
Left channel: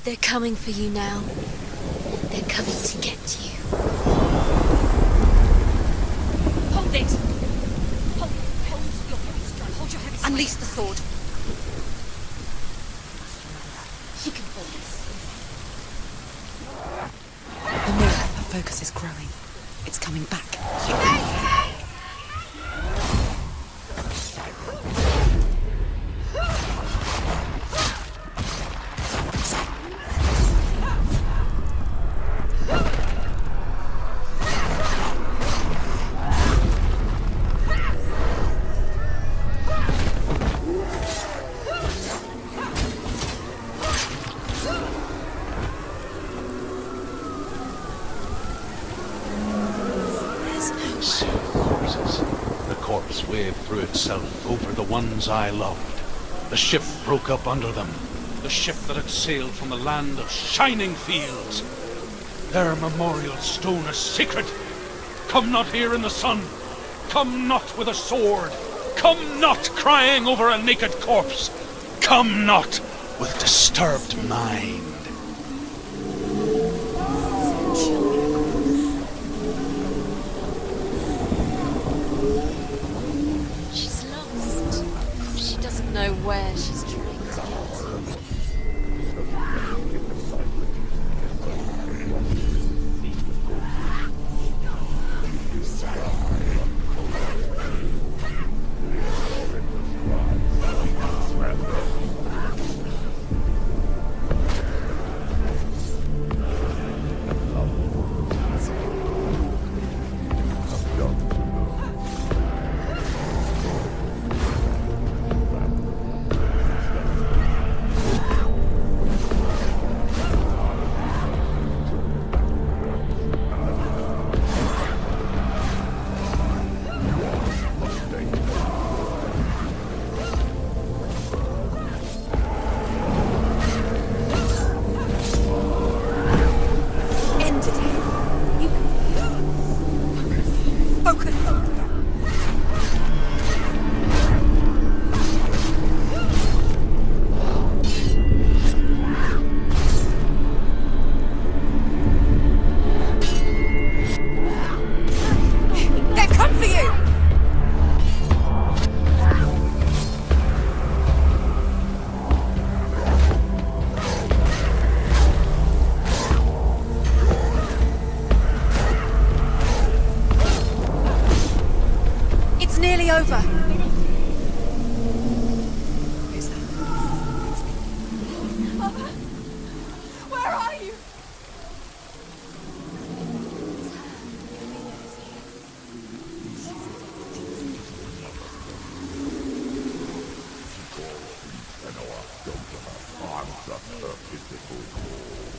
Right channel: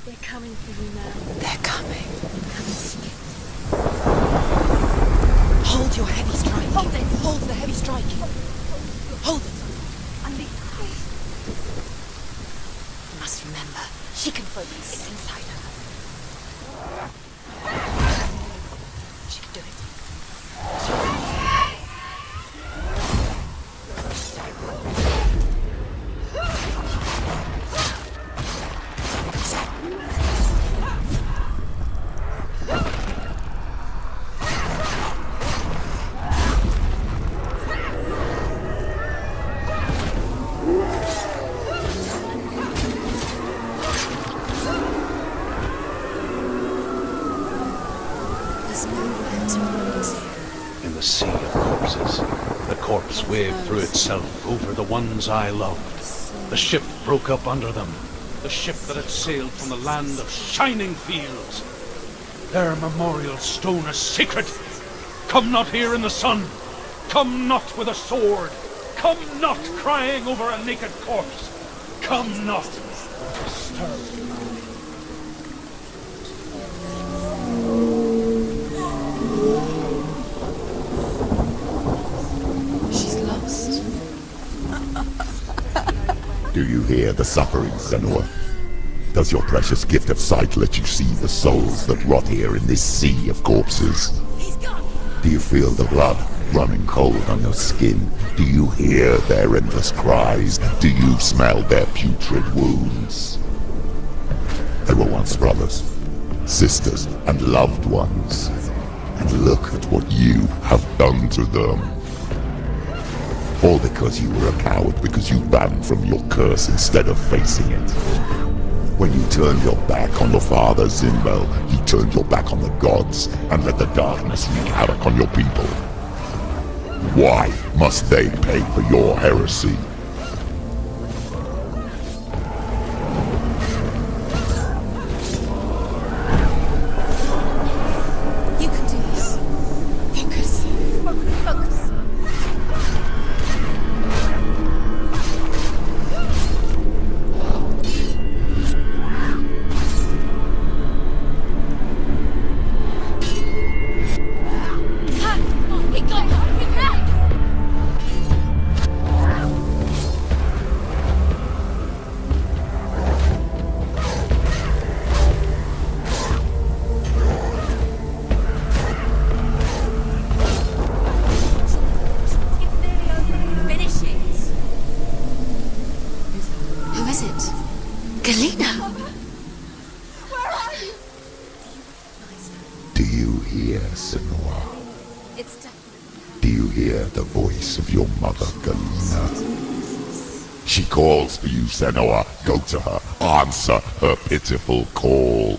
They're coming for you now. They're coming. They're coming to get you. Hold your heavy strike. Hold it! Hold the heavy strike. Hold it. Hold your heavy strike. Unleash the sword. Must remember, she can focus. It's inside her. The more her focus is growing, it's coming back. Sea of corpses. The corpse waved through itself over the ones I loved. The ship broke up under them. The ship that had sailed from the land of shining fields. Their memorial stone is sacred. Come not here in the sun. Come not with a sword. Come not crying over a naked corpse. Come not with disturbed mind. She's lost. She doesn't know where. Do you hear the suffering, Senua? Does your precious gift of sight let you see the souls that rot here in this sea of corpses? Do you feel the blood running cold on your skin? Do you hear their endless cries? Do you smell their putrid wounds? They were once brothers, sisters, and loved ones. And look at what you have done to them. All because you were a coward, because you ran from your curse instead of facing it. When you turned your back on the Father Zimbel, you turned your back on the gods and let the darkness wreak havoc on your people. Why must they pay for your heresy? You can do this. Focus. Focus. Focus. They've come for you! It's nearly over. Finish it. Who's that? Who is it? Galena! Where are you? Do you hear, Senua? It's Do you hear the voice of your mother, Galena? She calls for you, Senua. Go to her. Answer her pitiful call.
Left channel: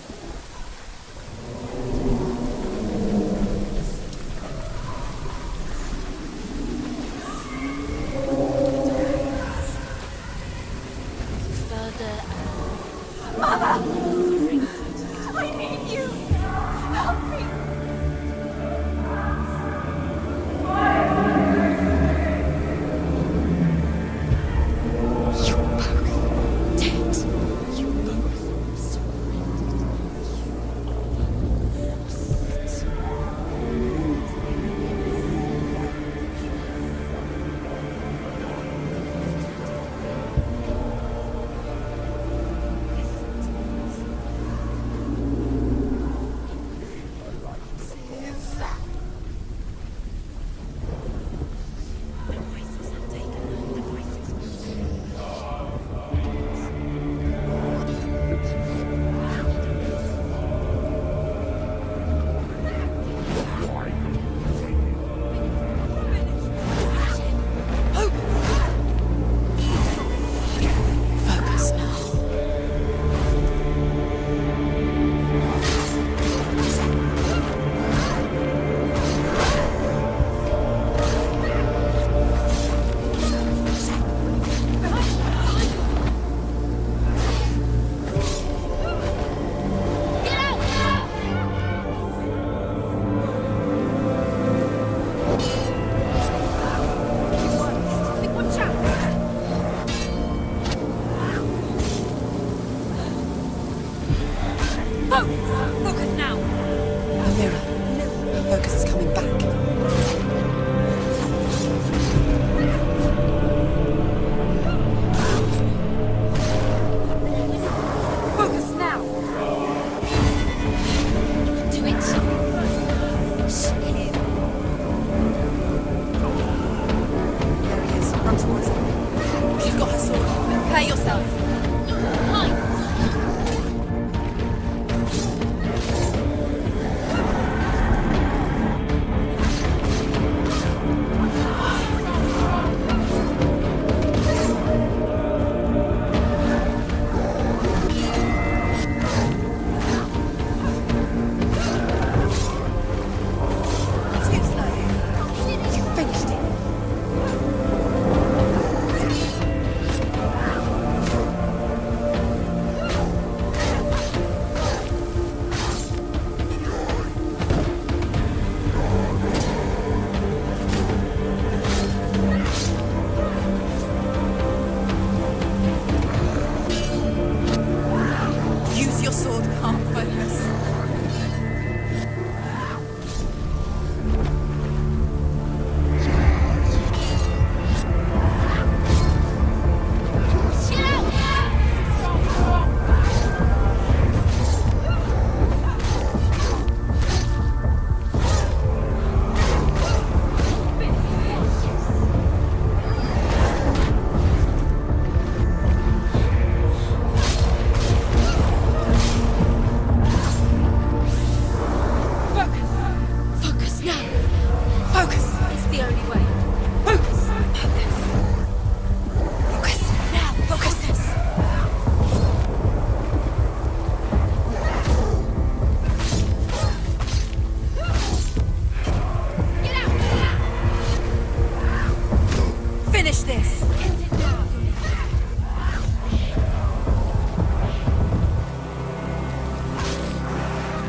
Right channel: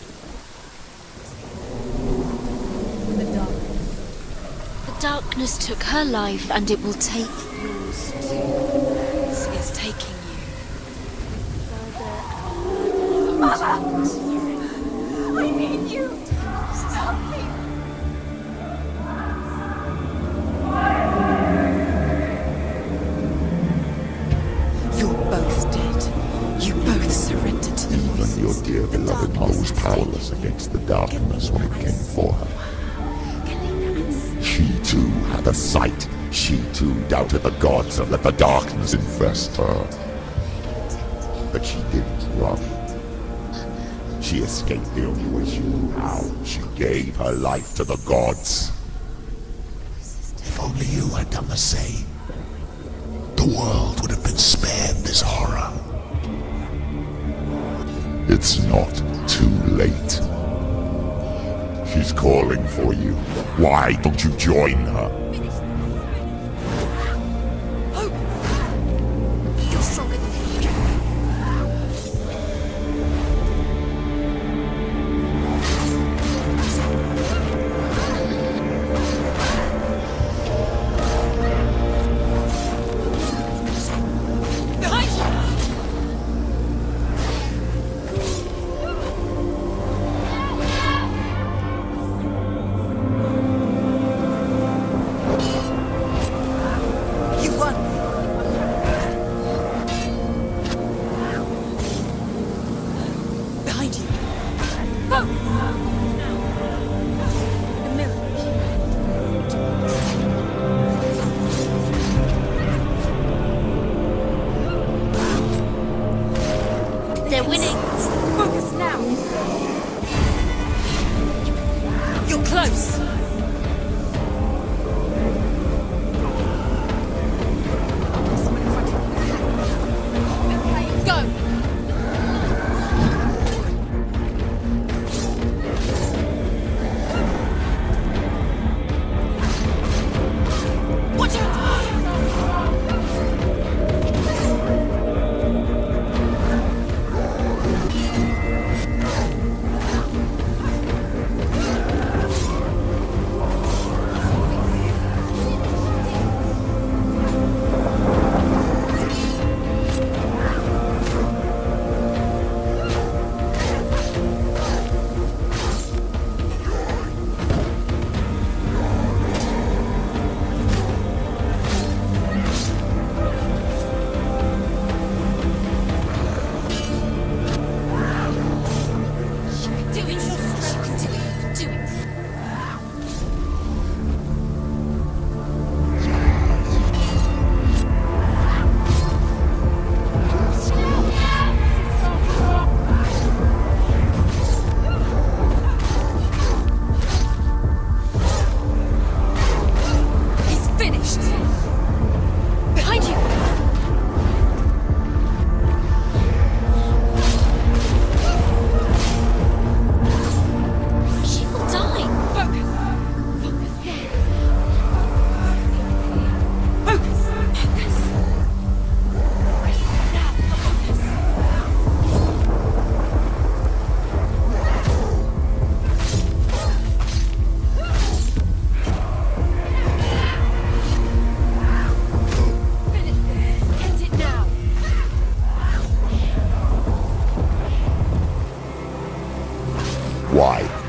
Darkness took her life, and it will take yours. It's taking you further. Mother! I need you! Help me! You're both dead. You both surrendered to the voices. Your dear beloved mother was powerless against the darkness when it came for her. She too had a sight. She too doubted the gods and let the darkness infest her. But she didn't run. She escaped the only way she knew how. She gave her life to the gods. If only you had done the same, the world would have been spared this horror. It's not too late. She's calling for you. Why don't you join her?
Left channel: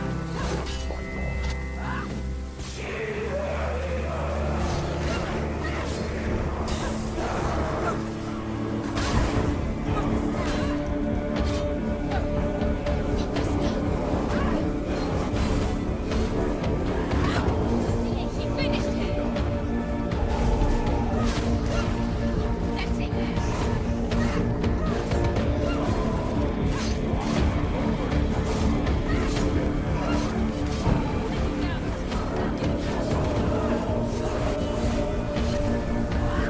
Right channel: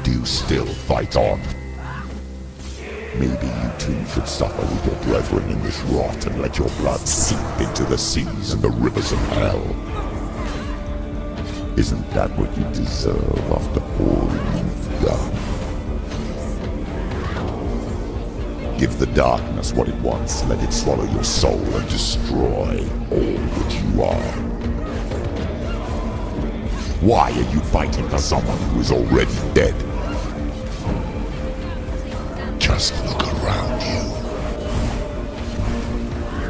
do still fight on. Maybe you too should suffer with your brethren in this rot and let your blood seep into the seas and the rivers of hell. Isn't that what you deserve after all you've done? Give the darkness what it wants, let it swallow your soul and destroy all that you are. Why are you fighting for someone who is already dead? Just look around you.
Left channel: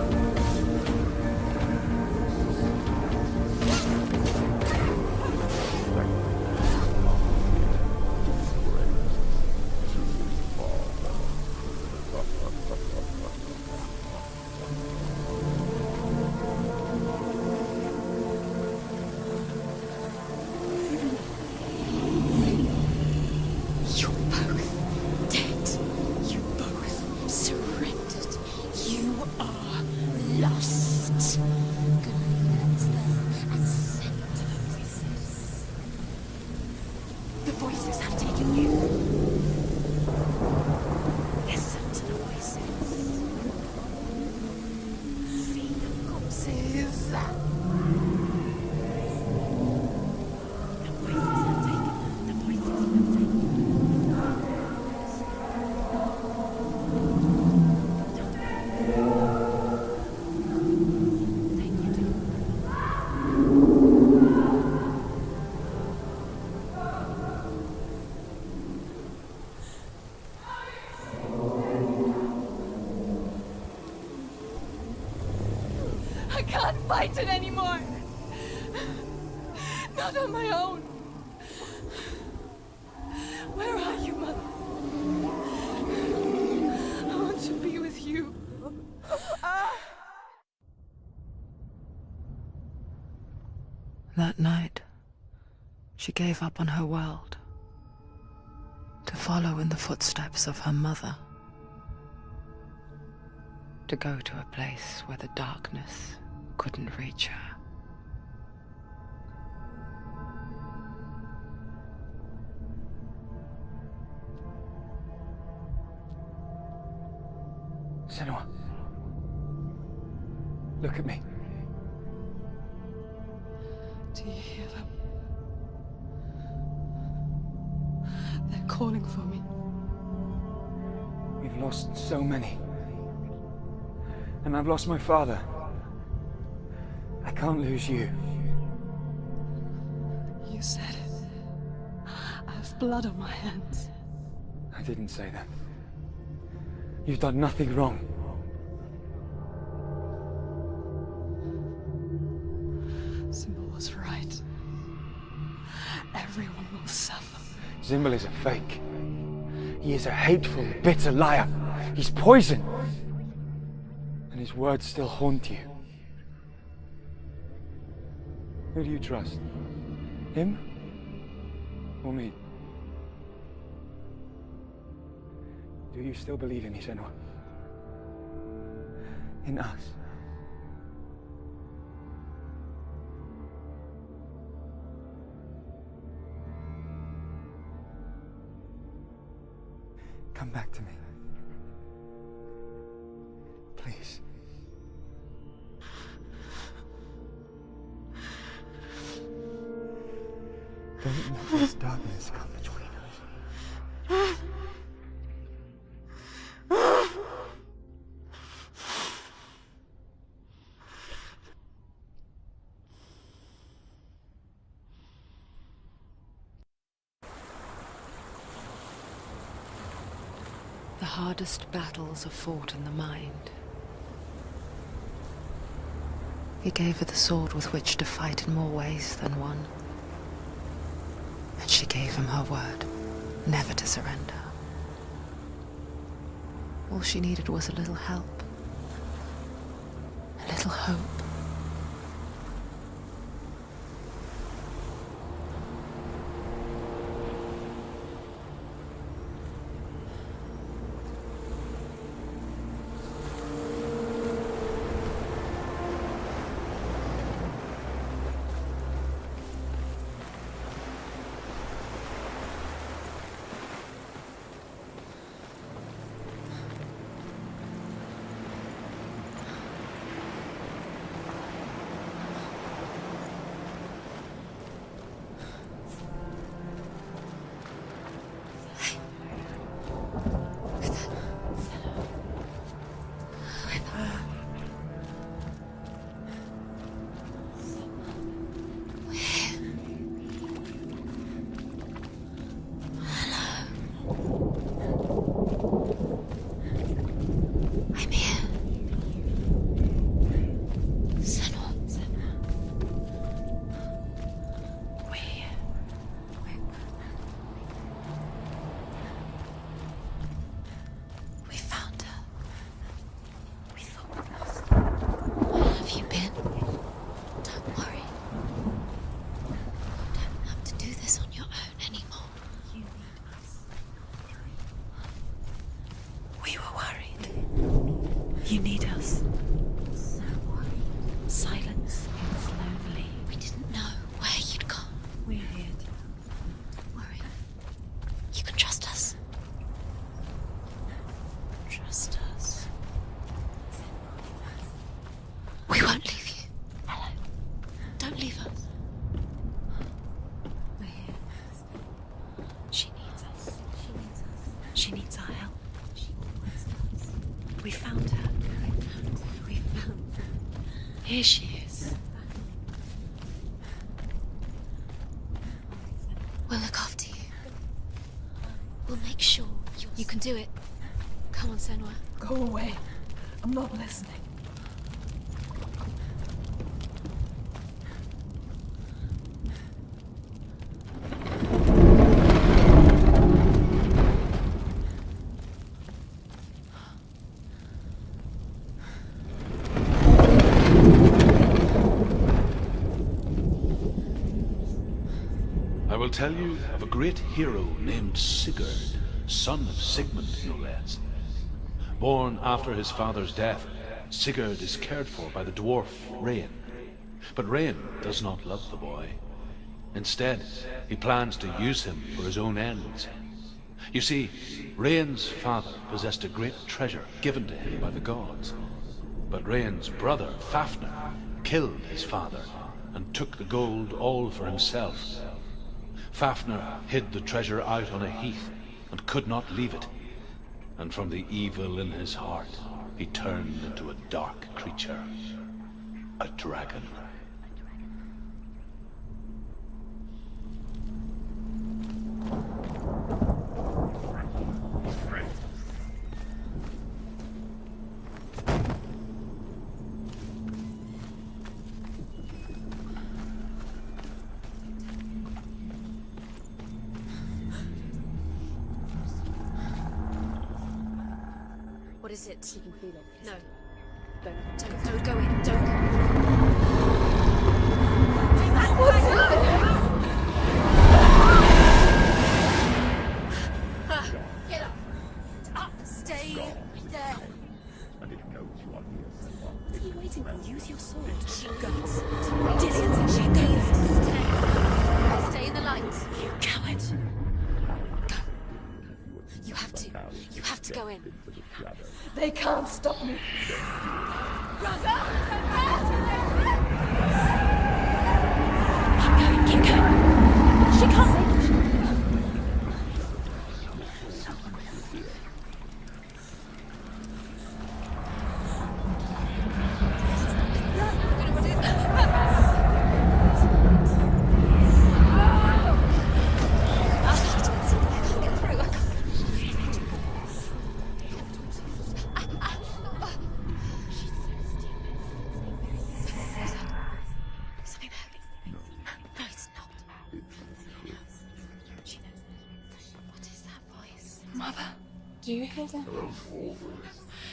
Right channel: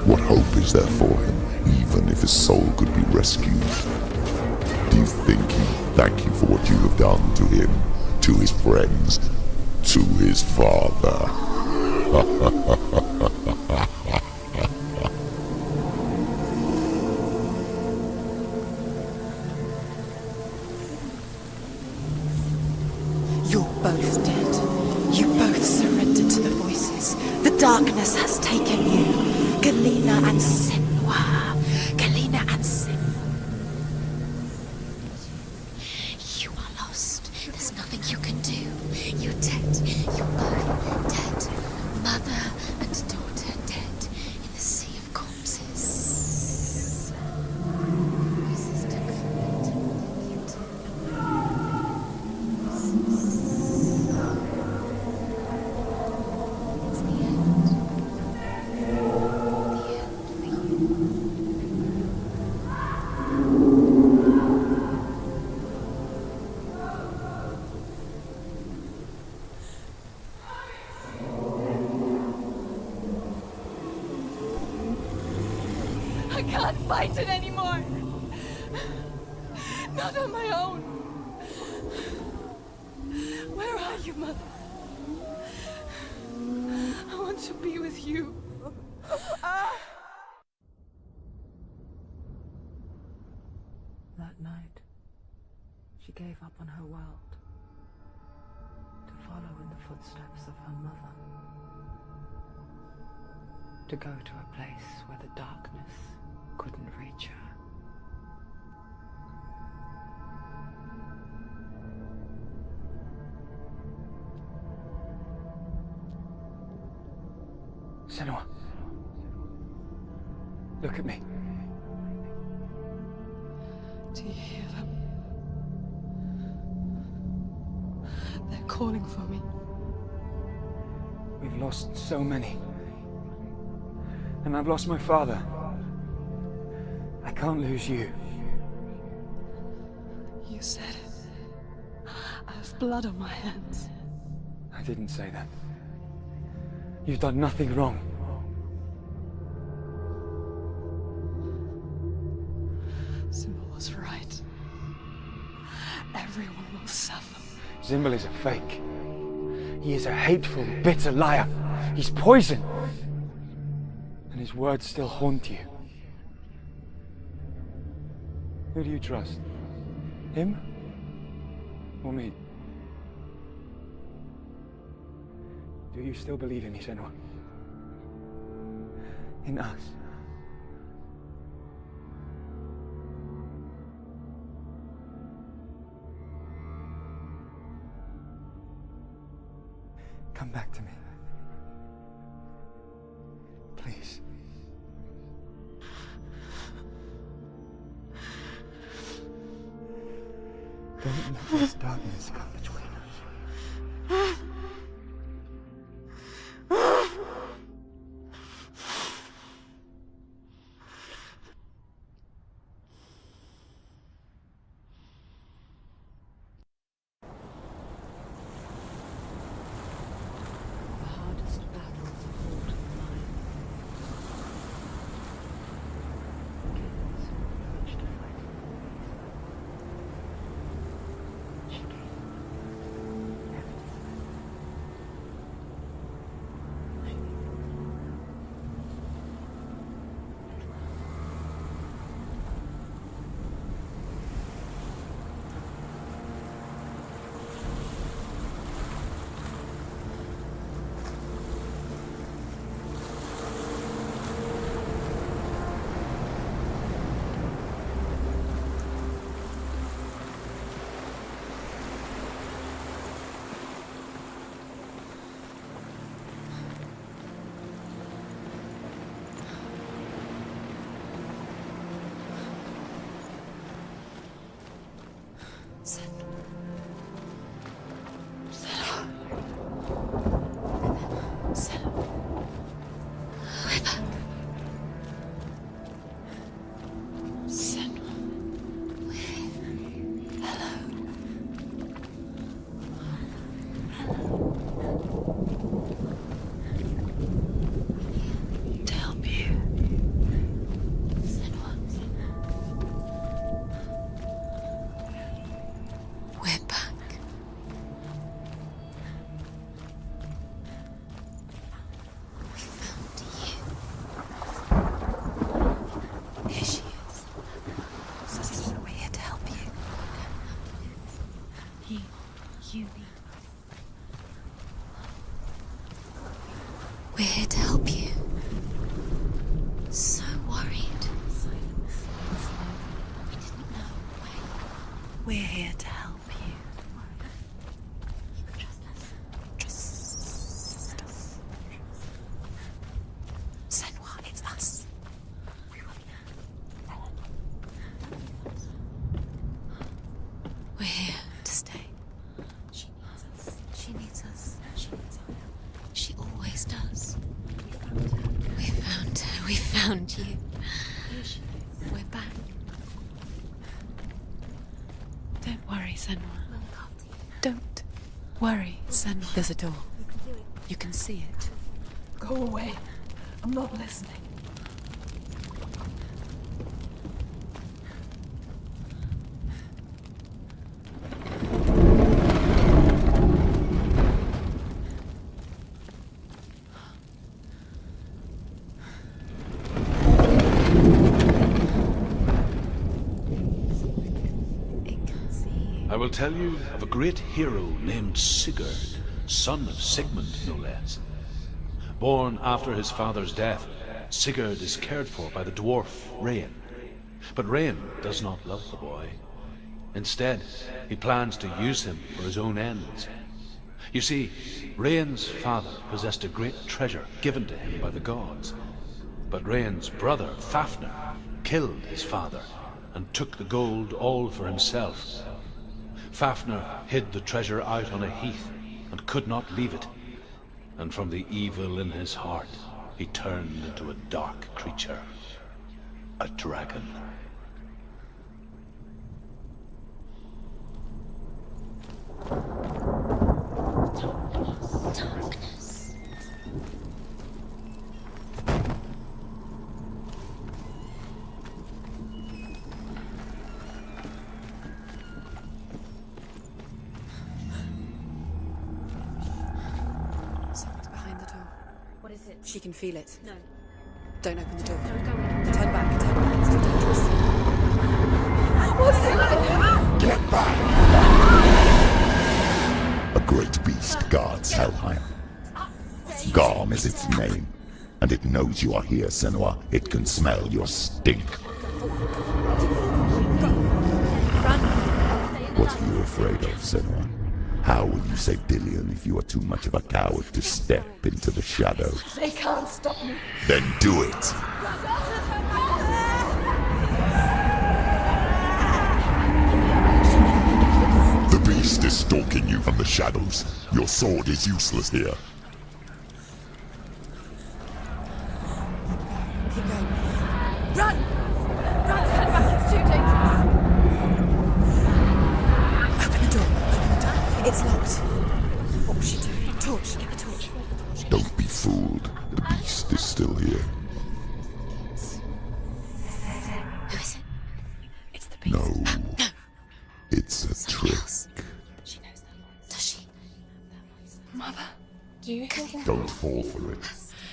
What hope is there for him, even if his soul could be rescued? Do you think he'd thank you for what you have done to him, to his friends, to his father? You're both dead. You both surrendered to the voices. The darkness has taken you. Galena and Senua. Galena and You are lost. There's nothing you can do. You're dead. You're both dead. Mother and daughter dead in the sea of corpses. I can't fight it anymore. Not on my own. Where are you, Mother? I want to be with you. That night, she gave up on her world to follow in the footsteps of her mother, to go to a place where the darkness couldn't reach her. Senua. Look at me. Do you hear them? They're calling for me. We've lost so many. And I've lost my father. I can't lose you. You said it. I have blood on my hands. I didn't say that. You've done nothing wrong. Symbol was right. Everyone will suffer. Zimbel is a fake. He is a hateful, bitter liar. He's poison. And his words still haunt you. Who do you trust? Him? Or me? Do you still believe in me, Senua? In us? Come back to me. Please. Don't let this darkness come between us. The hardest battles are fought in the mind. He gave her the sword with which to fight in more ways than one. And she gave him her word, never to surrender. All she needed was a little help, a little hope. She needs our help. She always does. We found her. We found her. We found you. Here she is. We're back. Don't worry, Senua. We'll look after you. Don't worry, Senua. There's a door. You can do it. You can see it. Come on, Senua. Go away. I'm not listening. I will tell you of a great hero named Sigurd, son of Sigmund, no less. Born after his father's death, Sigurd is cared for by the dwarf Rain. But Rain does not love the boy. Instead, he plans to use him for his own ends. You see, Rain's father possessed a great treasure given to him by the gods. But Rain's brother, Fafnir, killed his father and took the gold all for himself. Fafnir hid the treasure out on a heath and could not leave it. And from the evil in his heart, he turned into a dark creature, a dragon. What is it? She can feel it. No. Don't open the door. No, go in. Turn back. What's in there? Get back! A great beast guards Helheim. Garm is its name, and it knows you are here, Senua. It can smell your stink. What are you afraid of, Senua? How will you save Dillion if you are too much of a coward to step into the shadows? They can't stop me. Then do it! The beast is stalking you from the shadows. Your sword is useless here. Don't be fooled. The beast is still here. Who is it? Something there. It's the beast. No. No, it's not. It's a trick. She knows that. Does she? What is that voice? Mother, do you hear that? Don't fall for it.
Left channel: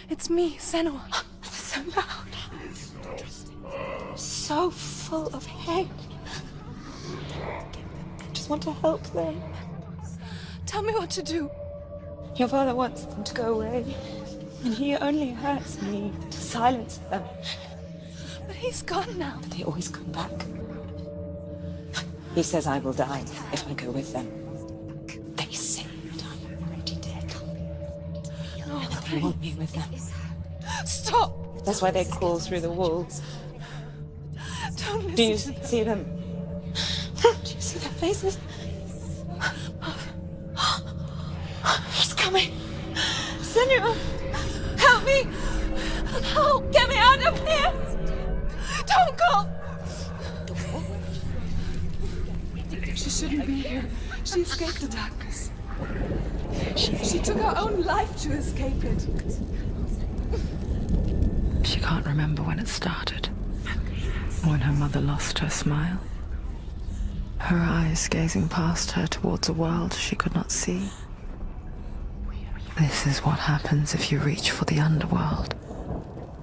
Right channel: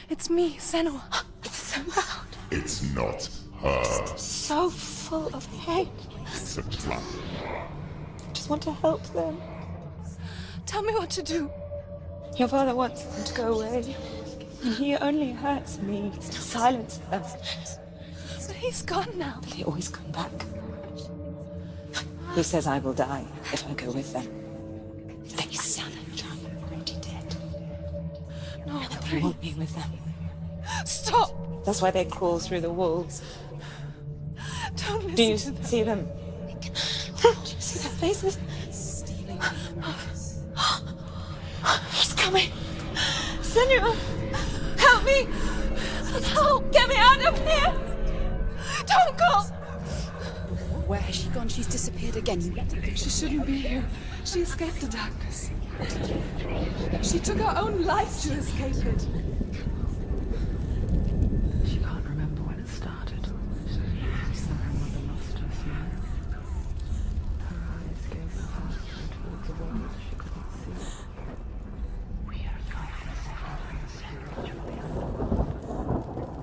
It's me, Senua. It's so loud. It's not her. So full of hate. It's a trap. I just want to help them. Tell me what to do. Your father wants them to go away, and he only hurts me to silence them. But he's gone now. But they always come back. He says I will die if I go with them. They say that I'm already dead. No, And they want me with them. Stop! That's why they crawl through the walls. Don't listen Do you to them. see them? Do you see their faces? He's coming. Senua, help me! Help! Get me out of here! Don't go! Where has she gone? She's disappeared again. She shouldn't be here. She escaped the darkness. She took her own life to escape it. She can't remember when it started. When her mother lost her smile. Her eyes gazing past her towards a world she could not see. This is what happens if you reach for the underworld,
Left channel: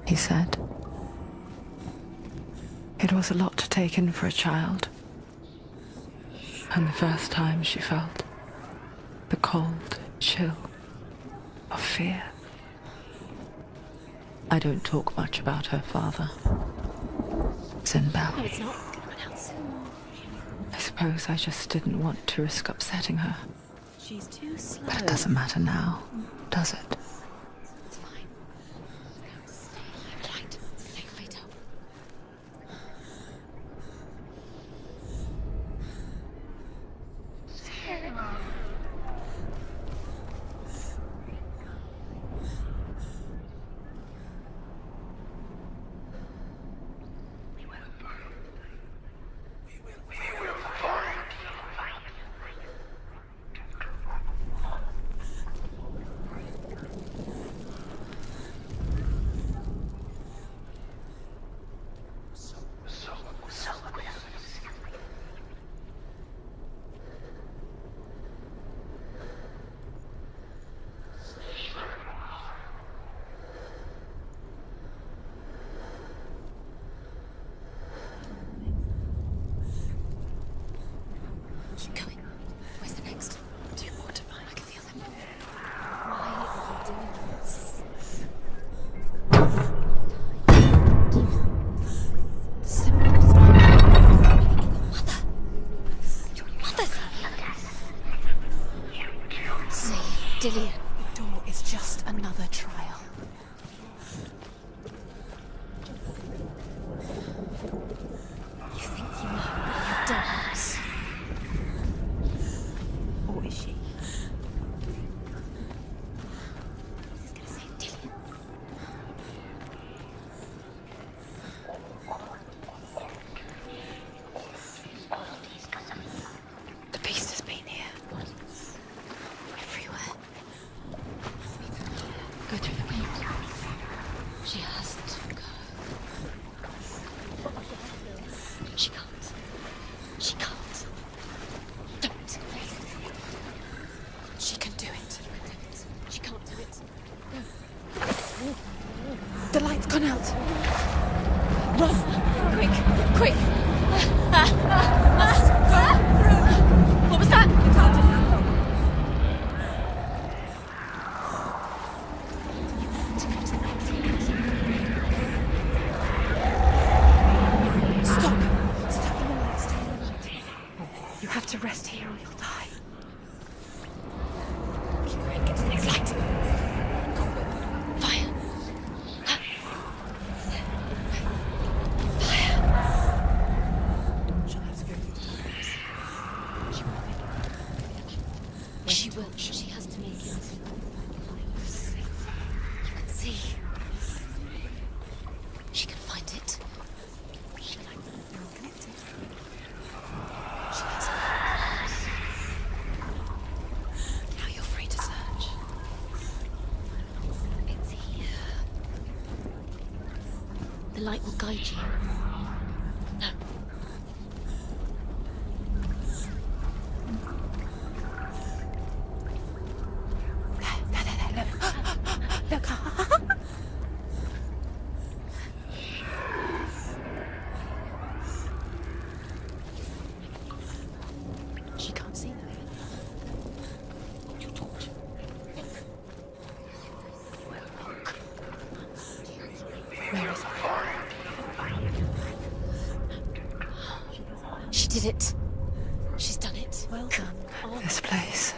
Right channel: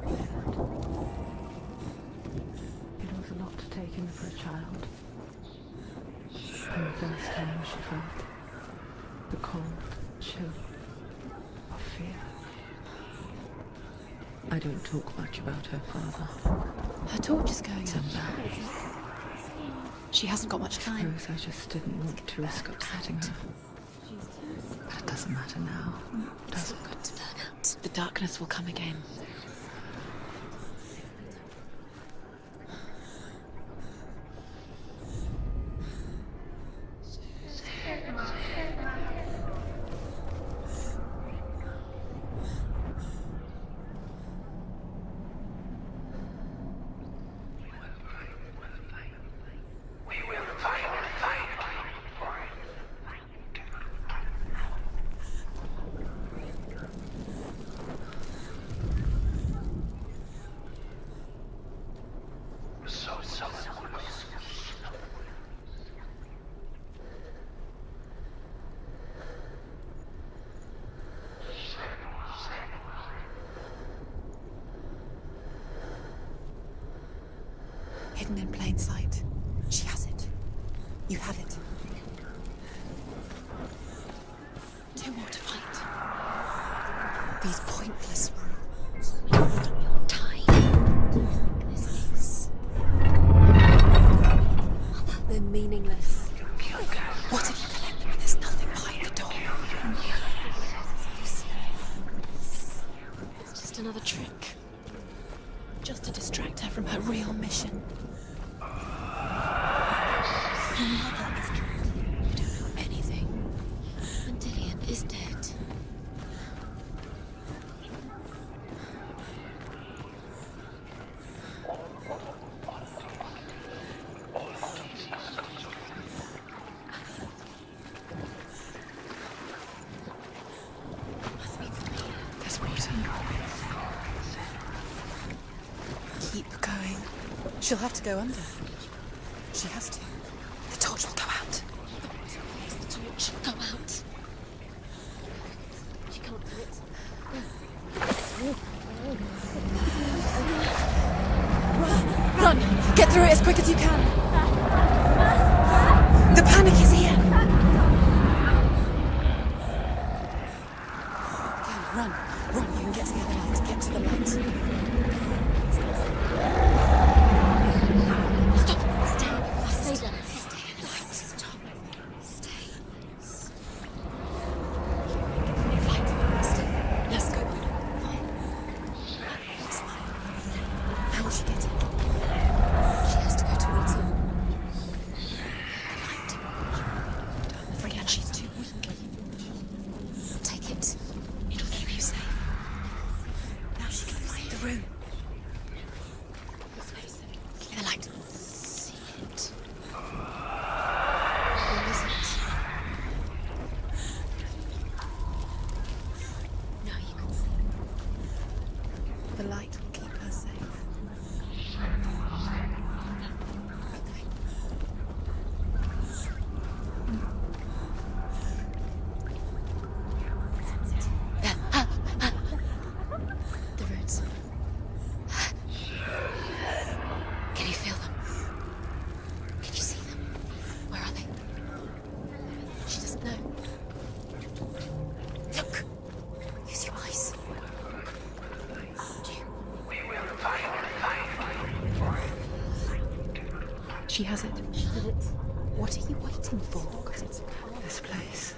he said. It was a lot to take in for a child. And the first time she felt the cold chill of fear. I don't talk much about her father. Her torch is going. Sinbad. No, it's not. She hasn't got much I time. suppose I just didn't want to risk upsetting her. She's too slow. But it doesn't matter now, does it? The darkness will come again. Dillian, it's just another trial. Just another trick. Just to distract her from her real mission. You think do anything, is she? Dillian is dead. The beast has been here. Everywhere. Must be familiar. There's no time. She has to go. Keep going. She'll have to go under. She can't. She has to. She can't. The torch will come out. Don't. The torch will come out. She can do it. She can't do it. No. The light's gone out. Run! Run! Get through it as quick as you can. The panic is here. What was that? Run. Run. Get to the light. Get to the light. Stop. Stop. Stay down. Stay down. You have to rest here inside. It's light. Let's go. Fire. How she gets it? Fire. She has to go towards her. Brianna, she's too weak. She will. She has to be. Take it. It'll keep you safe. See. Now she can find the room. She can find it. The light. See it. She has it. Where is it? Now you're free to search. No, it's here. The light will keep her safe. The light will guide you. No. Look. The roots. Can you feel them? Can you see them? Where are they? She can't see them. She doesn't know. Look. Use your eyes. Where is it? She has it. She did it. What do you think? She's done it. Well done. This place.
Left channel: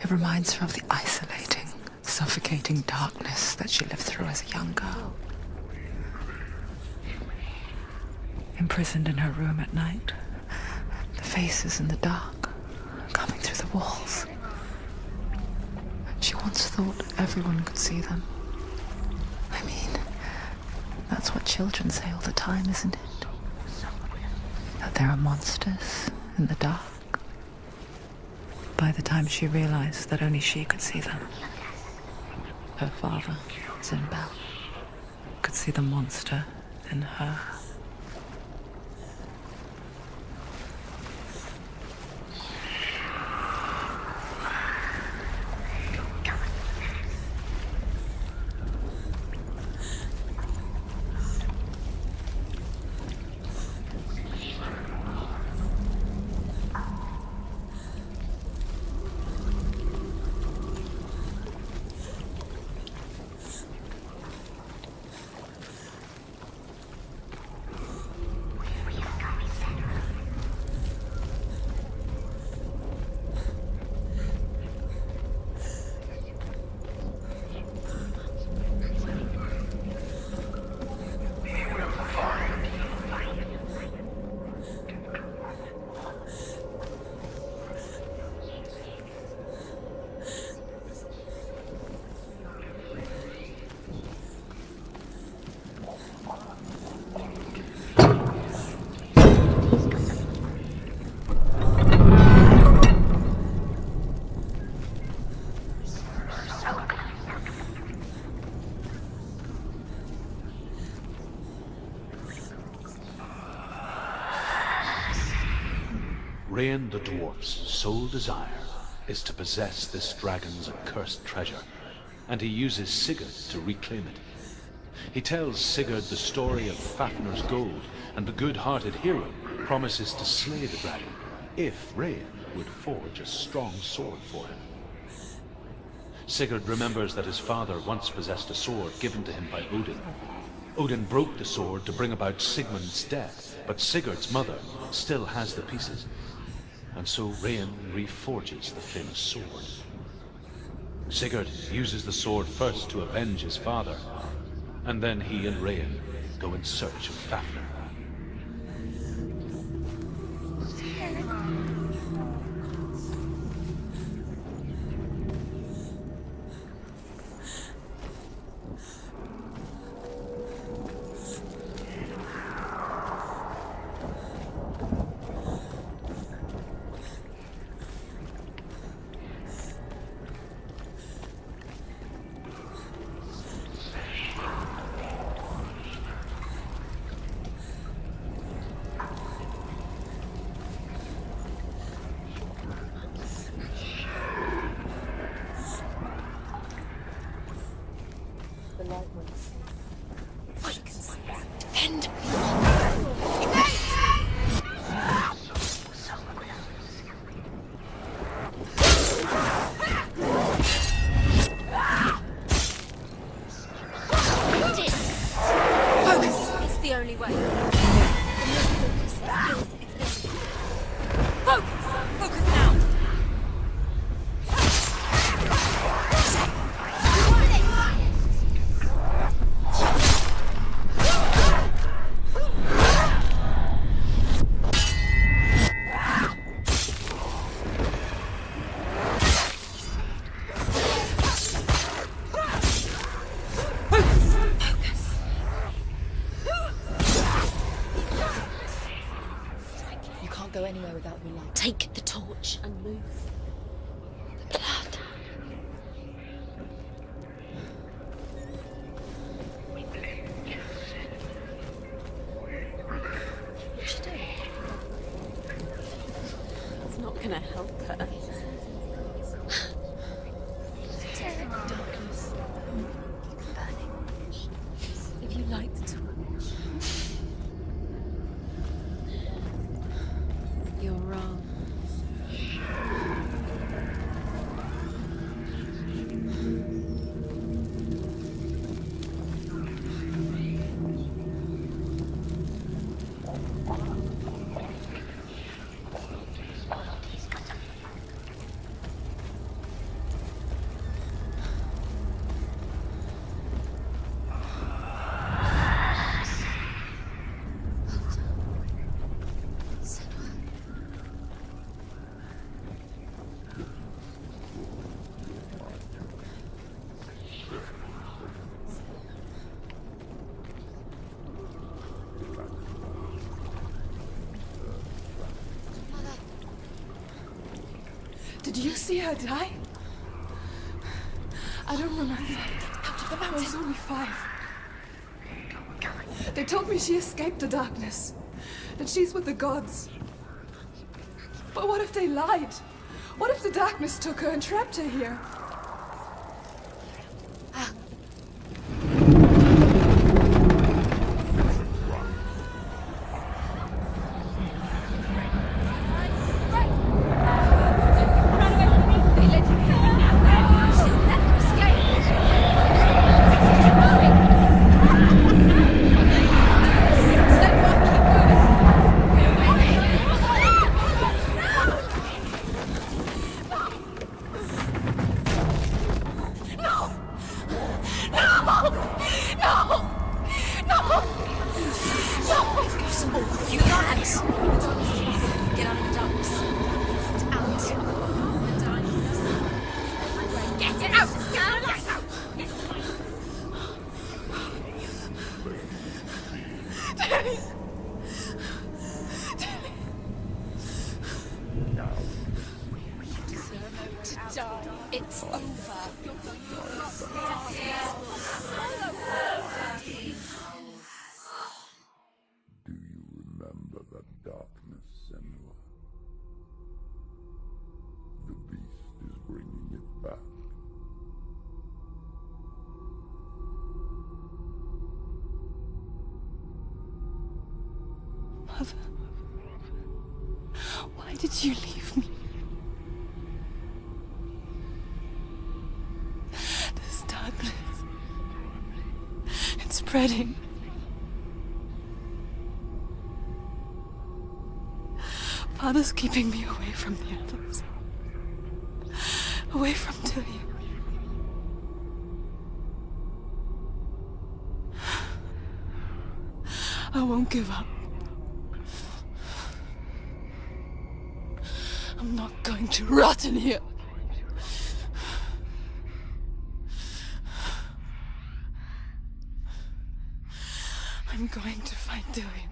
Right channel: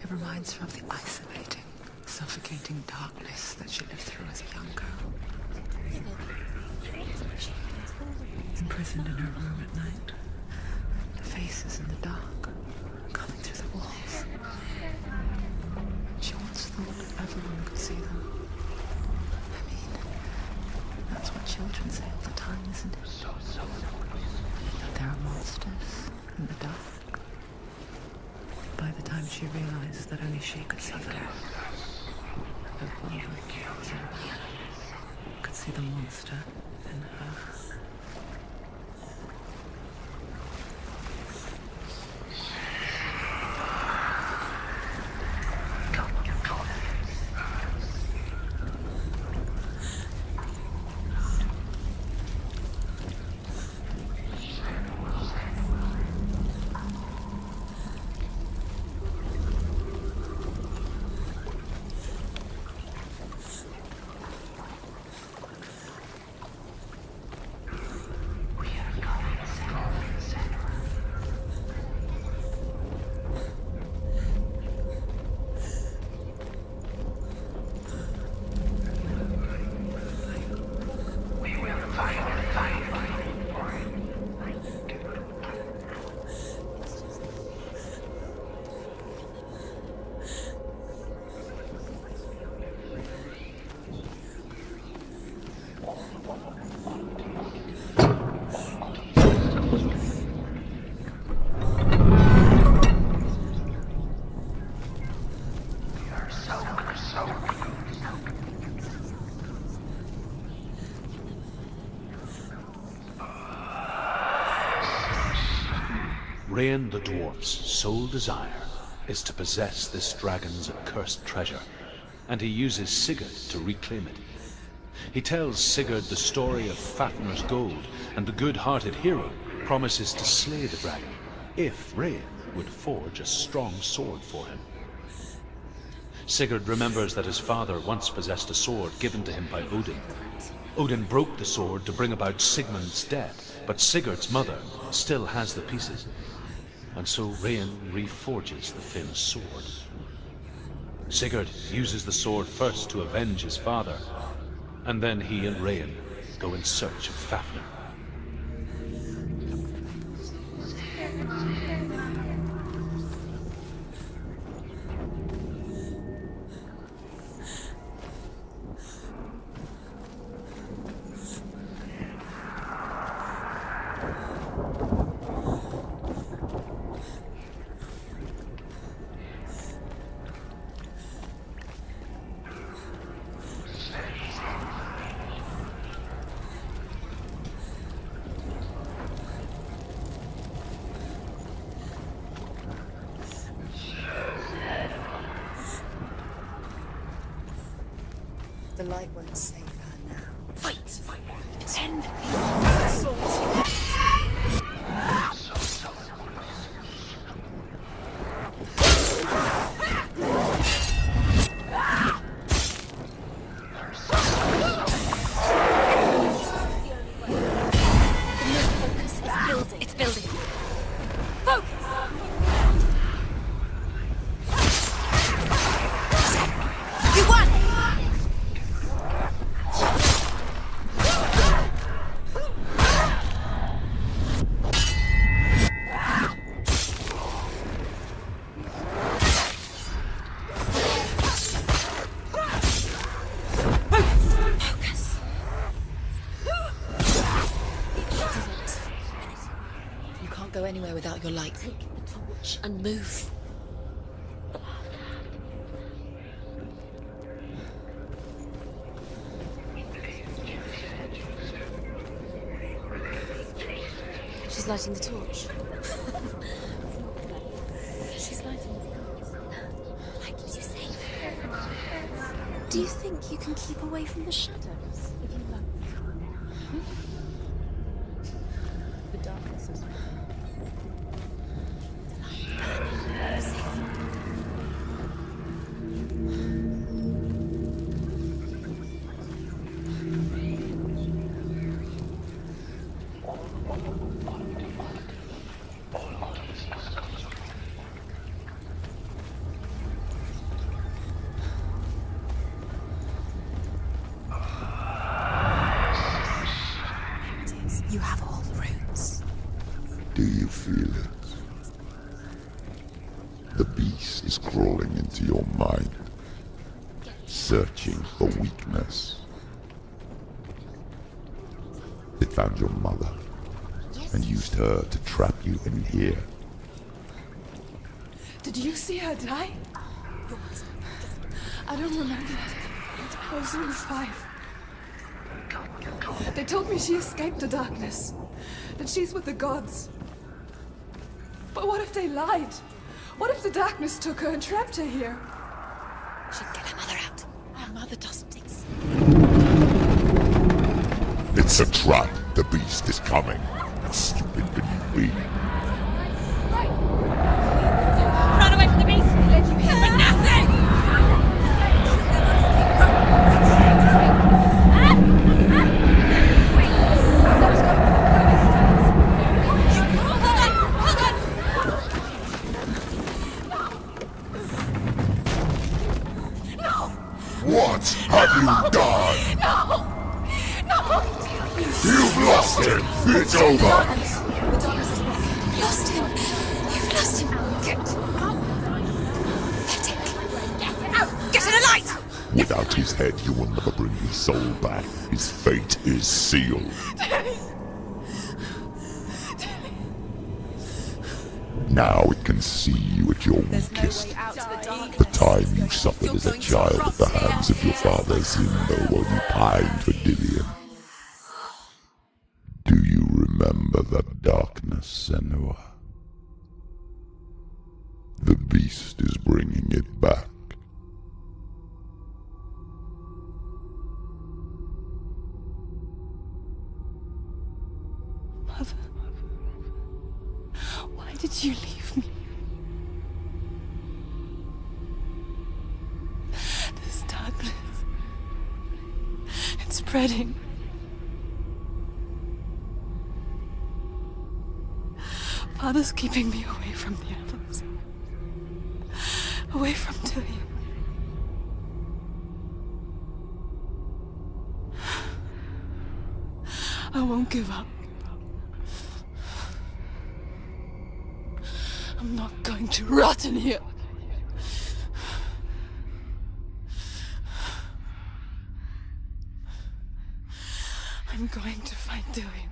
It reminds her of the isolating, suffocating darkness that she lived through as a young girl. Imprisoned in her room at night, the faces in the dark, coming through the walls. She once thought everyone could see them. I mean, that's what children say all the time, isn't it? That there are monsters in the dark. By the time she realized that only she could see them, her father, Zinbao, could see the monster in her. Rain the dwarf's sole desire is to possess this dragon's accursed treasure, and he uses Sigurd to reclaim it. He tells Sigurd the story of Fafnir's gold, and the good-hearted hero promises to slay the dragon if Rain would forge a strong sword for him. Sigurd remembers that his father once possessed a sword given to him by Odin. Odin broke the sword to bring about Sigmund's death, but Sigurd's mother still has the pieces. And so Rain reforges the famous sword. Sigurd uses the sword first to avenge his father, and then he and Rayan go in search of Fafnir. The light won't save her now. Fight! Defend! It's the only way. The focus is building. It's building. Focus! Focus now! You won it! You can't go anywhere without your light. Take the torch and move. The blood. She's lighting the torch. It's not gonna help her. She's lighting the torch. Why did you say that? Do you think you can keep away from the shadows if you light the torch? The darkness is wrong. You're wrong. You have all the roots. Do you feel it? The beast is crawling into your mind, searching for weakness. It found your mother and used her to trap you in here. Did you see her die? I don't remember. I was only 5. They told me she escaped the darkness, that she's with the gods. But what if they lied? What if the darkness took her and trapped her here? She'd get her mother out. Our mother doesn't exist. It's a trap. The beast is coming. Stupid being. Run away from the beast! He led you here for nothing! What have you done? No! No! You've lost him. It's over. The darkness is back. You've lost him. You've lost him out. Get it out! Get to the light! Without his head, you will never bring his soul back. His fate is sealed. Daddy! Now it can see you at your weakest. The time you suffered as a child at the hands of your father Zindo while you pined for Dillion. Do you remember that darkness, Senua? The beast is bringing it back. Mother, why did you leave me? This darkness, it's spreading. Father's keeping me away from the others. Away from Dillion. I won't give up. I'm not going to rot in here. I'm going to find Dylan.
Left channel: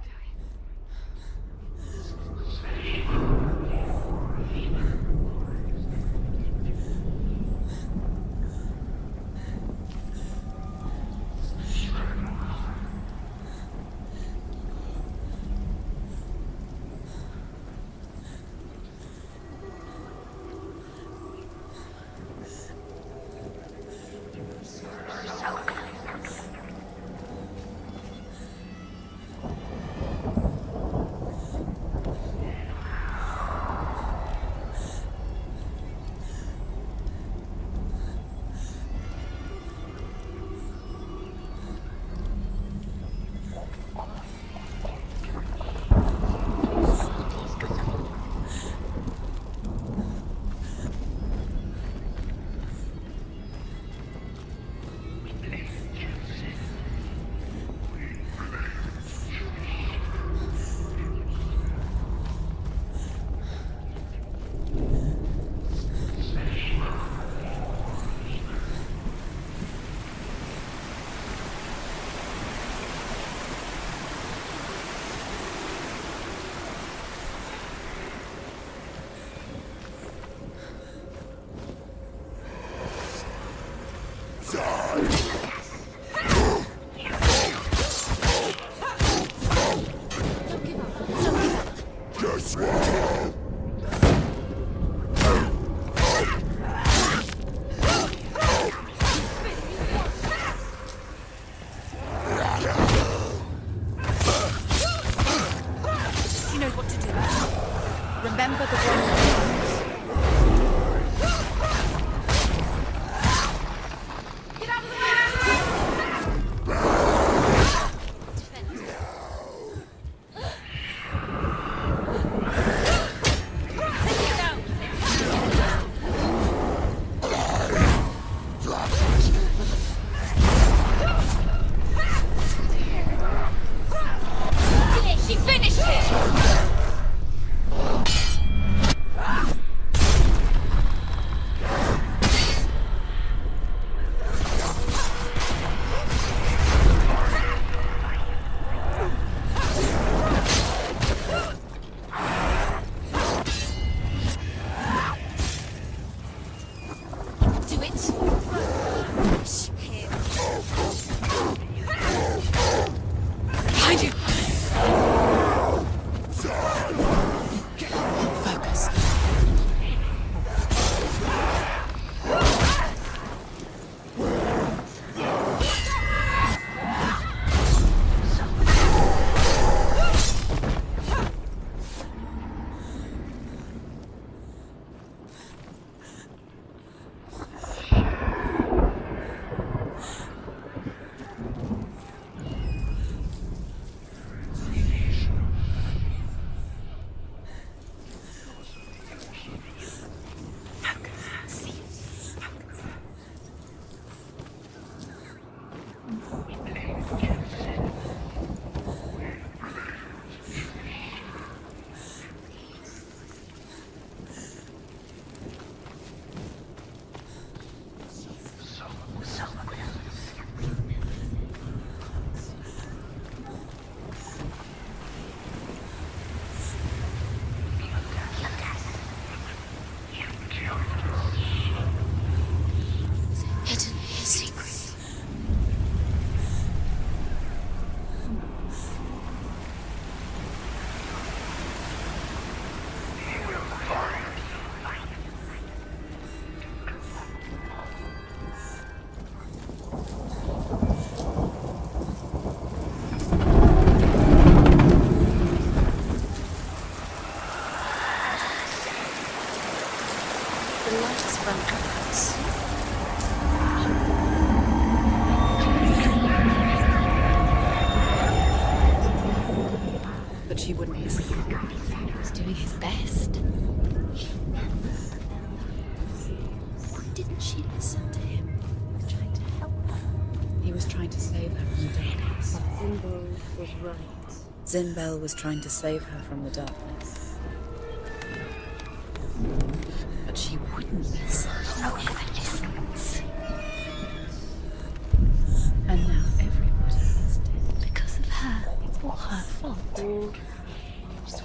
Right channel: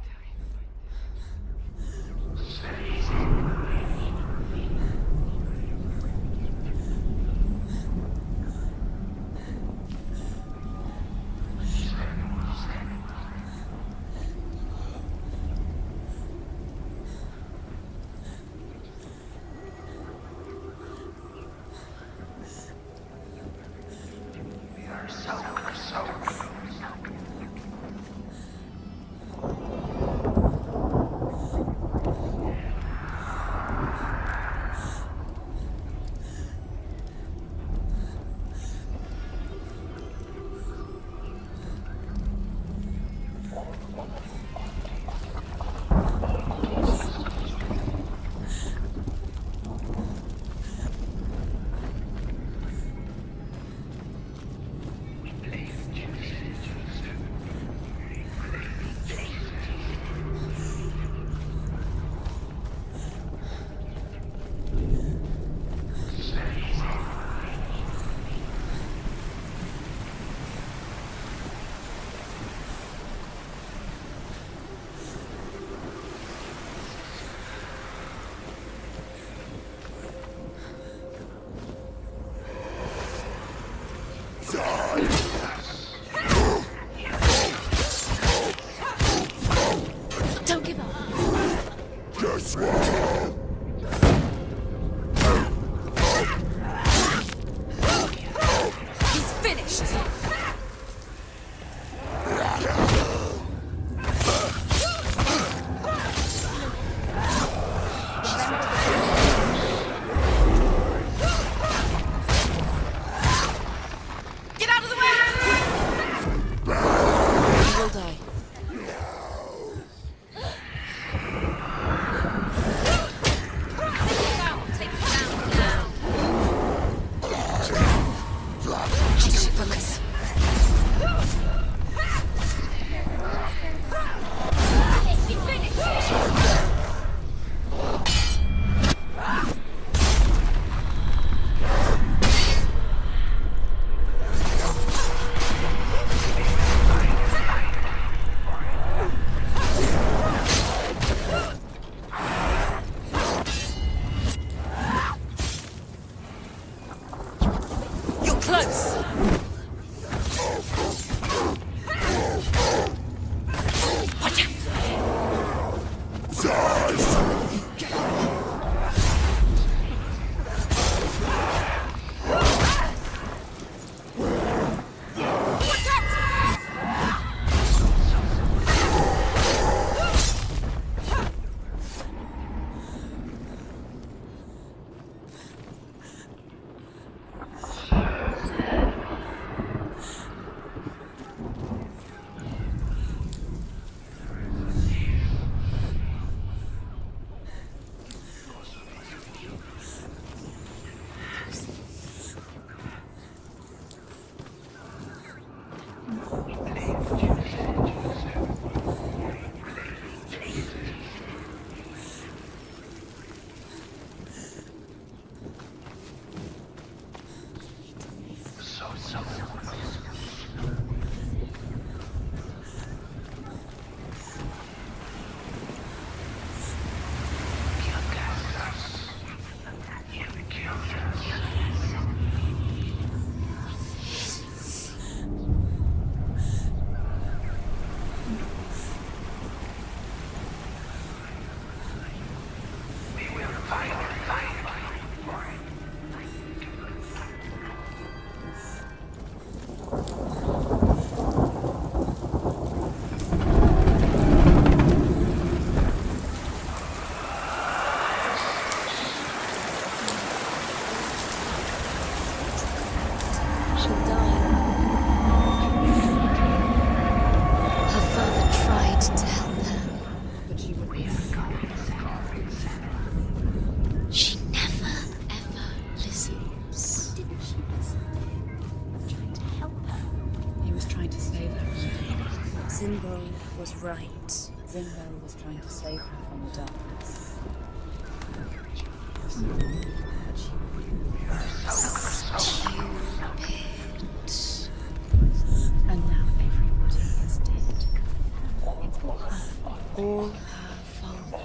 Don't give up. Just one. He's finished. You know what to do. Remember the Get out of the way! Hold on. Focus. She finished it! Do it. You're close. Hide it. Hidden secret. Tried to help her, but she wouldn't listen. He was doing his best. She never, ever listens. Why didn't she listen to him? Trying to help her. He was trying to save her from Davis. Zimbel was right. Zimbel was trying to save her from the darkness. But she wouldn't listen. And now everybody is dead. Because of her. It's all her fault. All her fault.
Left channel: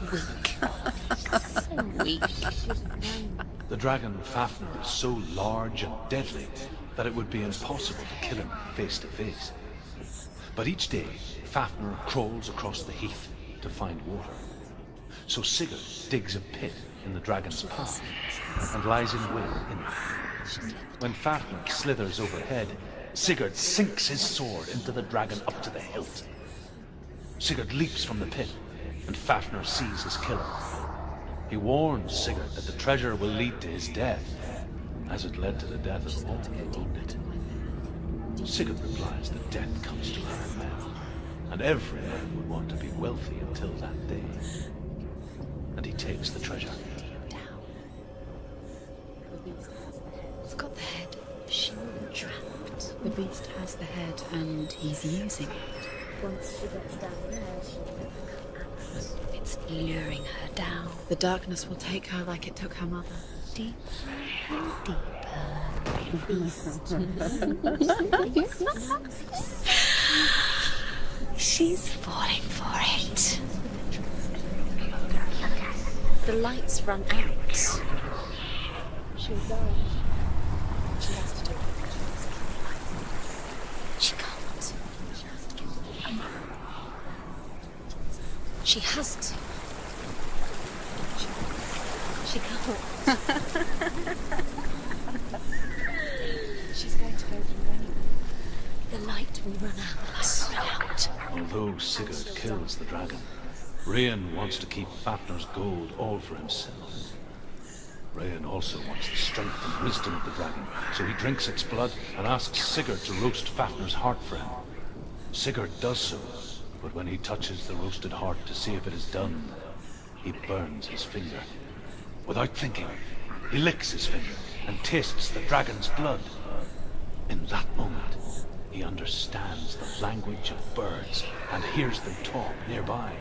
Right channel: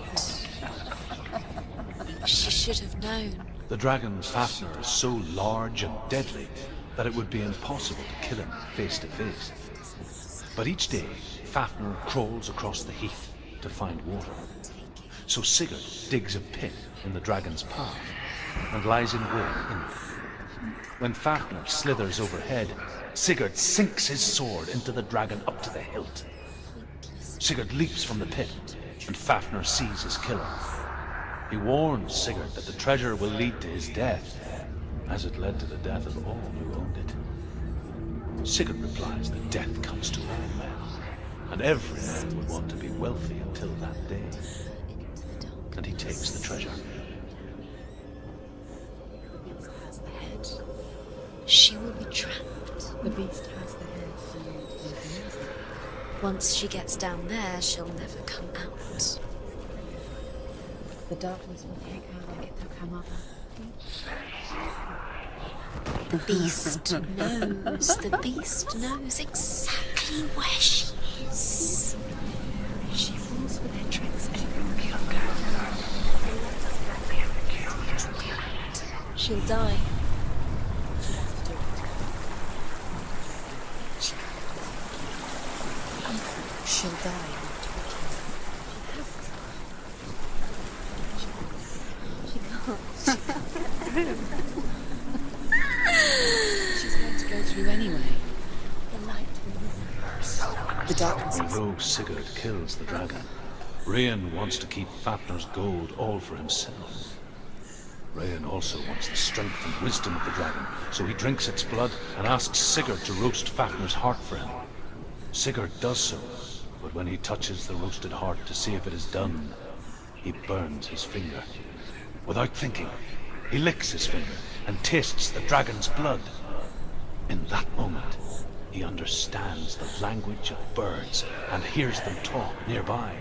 Weak. She should have known. The dragon Fafnir is so large and deadly that it would be impossible to kill him face to face. But each day, Fafnir crawls across the heath to find water. So Sigurd digs a pit in the dragon's path and lies in wait in it. When Fafnir slithers overhead, Sigurd sinks his sword into the dragon up to the hilt. Sigurd leaps from the pit, and Fafnir sees his killer. He warns Sigurd that the treasure will lead to his death, as it led to the death of all who owned it. Sigurd replies that death comes to all men, and every man would want to be wealthy until that day. And he takes the treasure. The beast has the head. Got the head. She will be trapped. The beast has the head, and he's using it. Once she gets down there, she'll never come out. It's luring her down. The darkness will take her like it took her mother. Deeper, deeper. The beast knows. The beast knows exactly where she is. She's falling for it. She knows the entrance every The lights run out. She'll die. She has to do it. She can't. She'll die. She has to. She can't. She's going to go through anyway. The light will run out. The darkness. Although Sigurd kills the dragon, Rayan wants to keep Fafnir's gold all for himself. Rayan also wants the strength and wisdom of the dragon, so he drinks its blood and asks Sigurd to roast Fafnir's heart for him. Sigurd does so, but when he touches the roasted heart to see if it is done, he burns his finger. Without thinking, he licks his finger and tastes the dragon's blood. In that moment, he understands the language of birds and hears them talk nearby.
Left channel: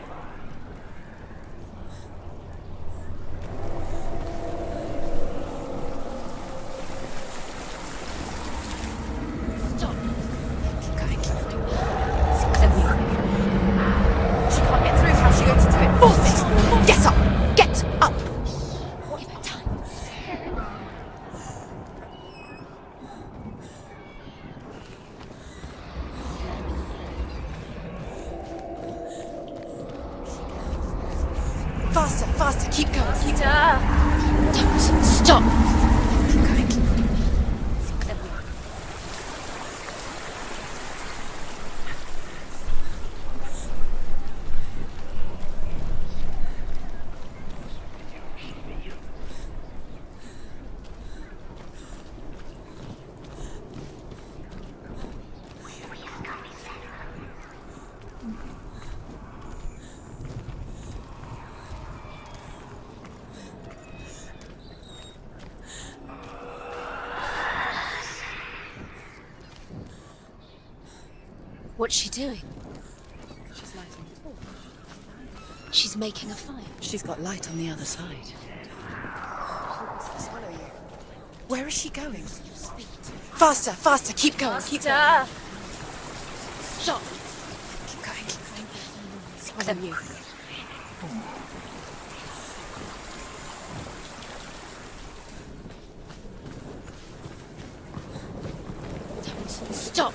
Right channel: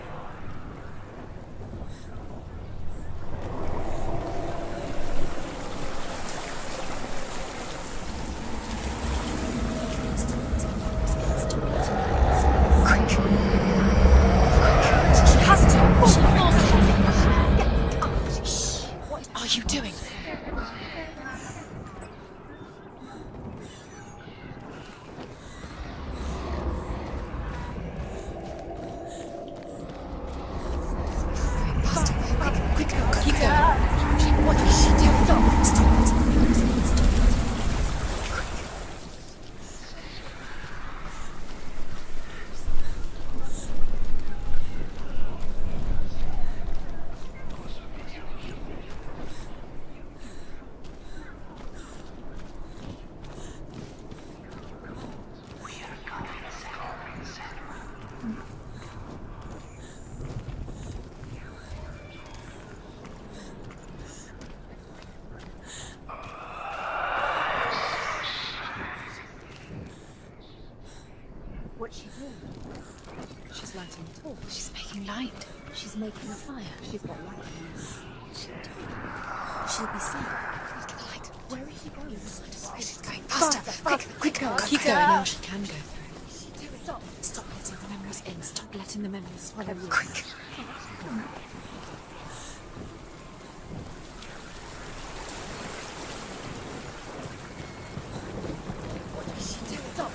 Get up! Get up! What are you doing? Faster, faster, keep going, keep going. Stop! What's she doing? She's lighting a torch. She's making light. She's making a fire. She's got light on the other side. She'll be sustained. Where is she going? Faster, faster, keep going, keep going. Now she can go. Stop. Keep going. Stop letting the memories follow you. Stop.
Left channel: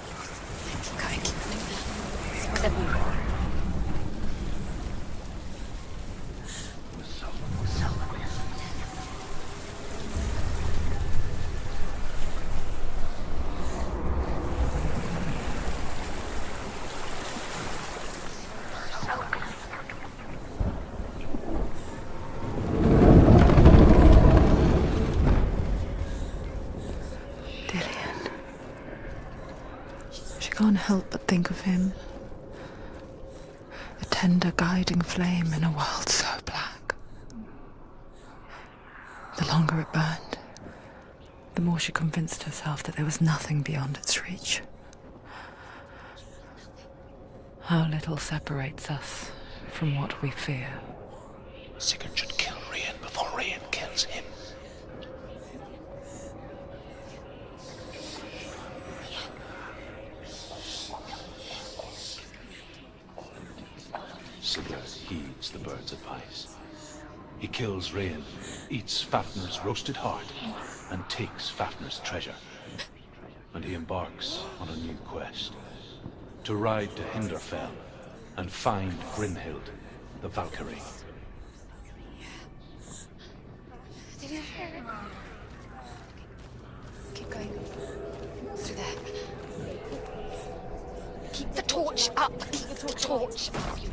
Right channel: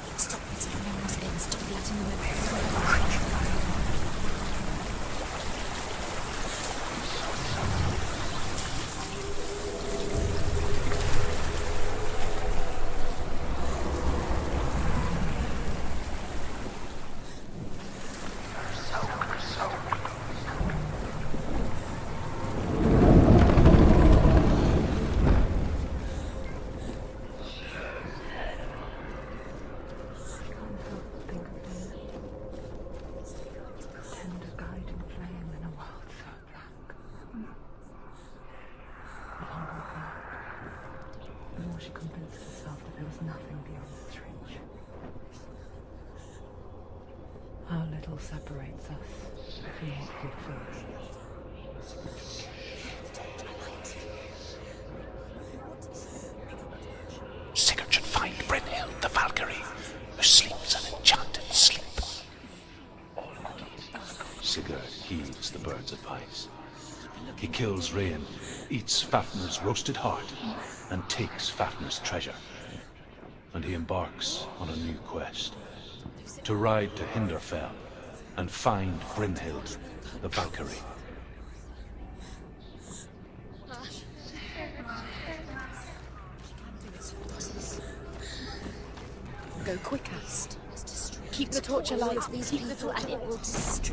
Can't help but think of him. A tender guiding flame in a world so black. The longer it burned, the more she convinced herself that there was nothing beyond its reach. How little separates us from what we fear. Sigurd should kill Rian before Rian kills him. Sigurd should find Brynhild the Valkyrie, who sleeps an enchanted sleep. Sigurd heeds the bird's advice. He kills Rian, eats Fafnir's roasted heart, and takes Fafnir's treasure. And he embarks on a new quest. To ride to Hinderfell and find Brynhild the Valkyrie. Go quicker. Keep the torch up. Keep the torch alight.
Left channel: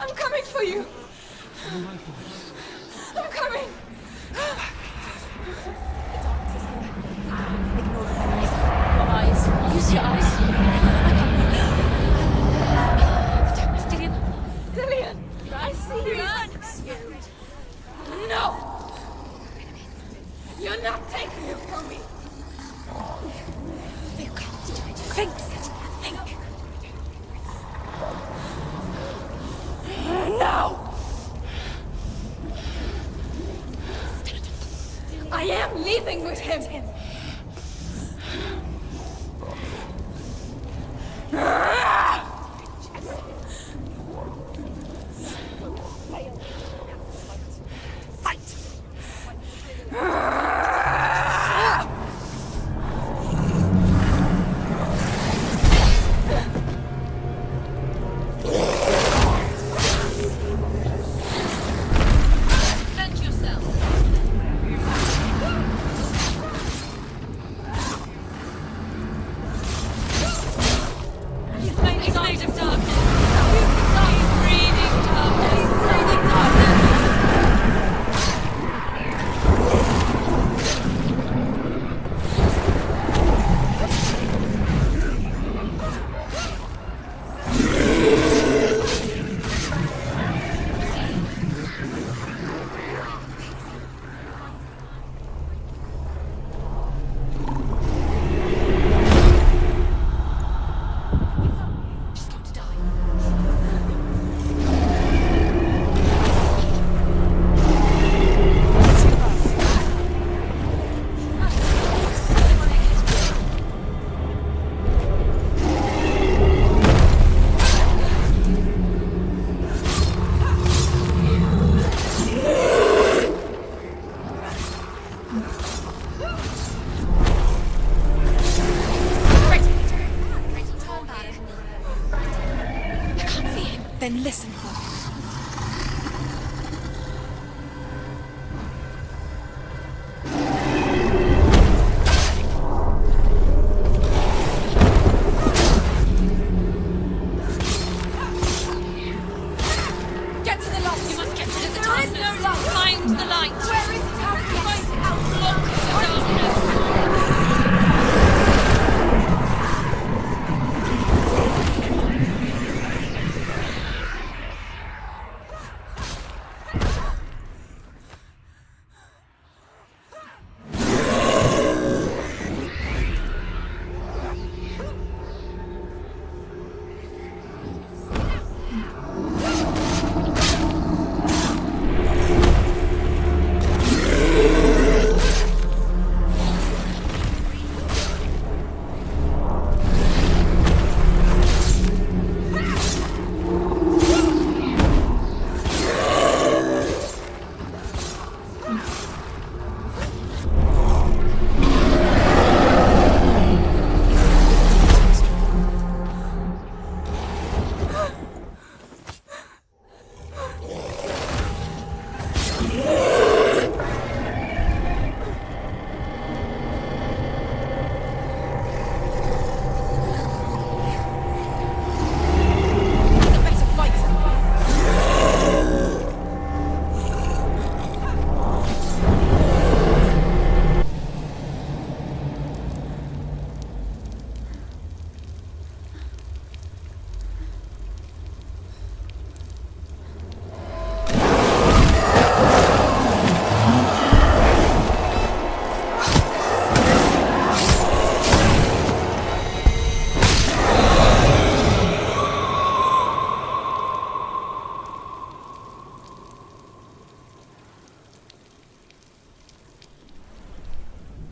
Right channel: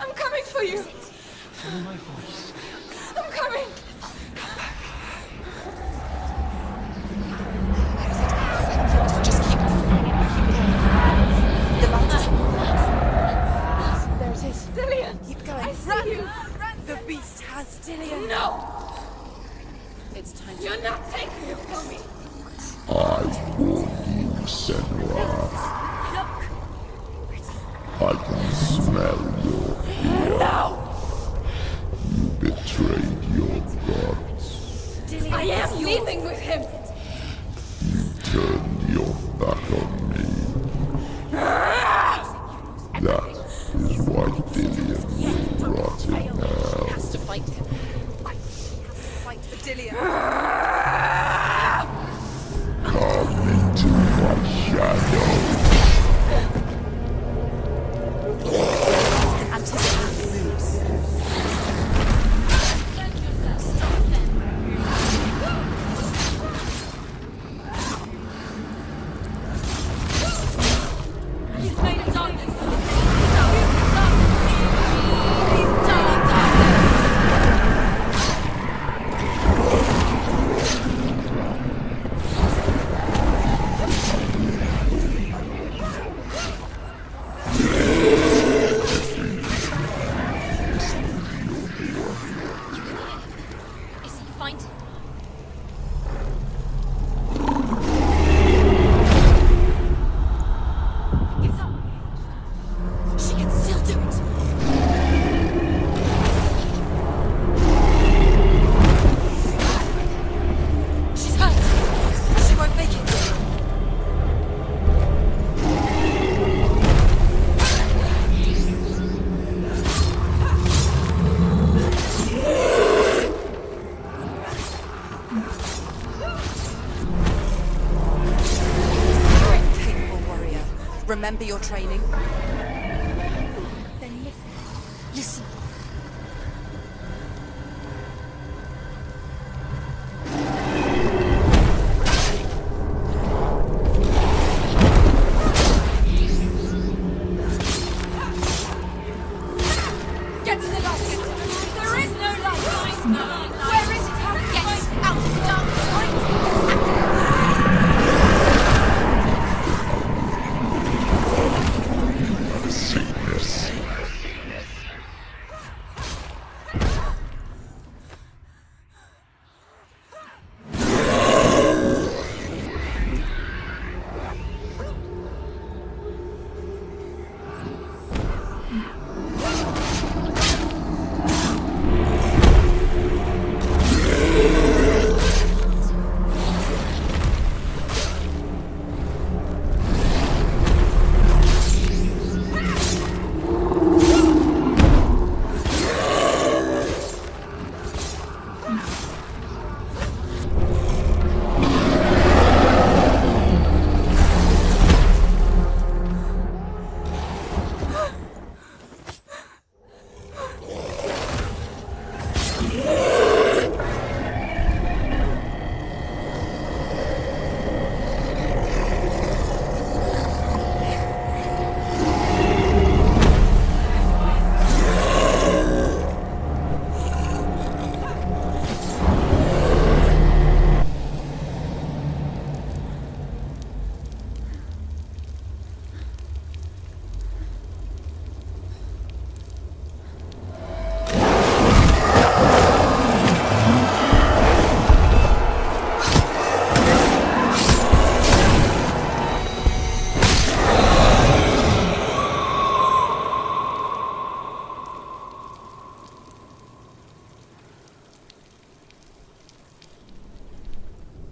I'm coming for you. Follow my voice. I'm coming. Just keep using Dillian, I see you. The beast has Dillian. No. You're not taking it from me. I warn you, Senua. I can smell your No. You betrayed your gods. I am leaving with him. Turn your back on me. That is why Dillian will rot in hell. Come into my shadow.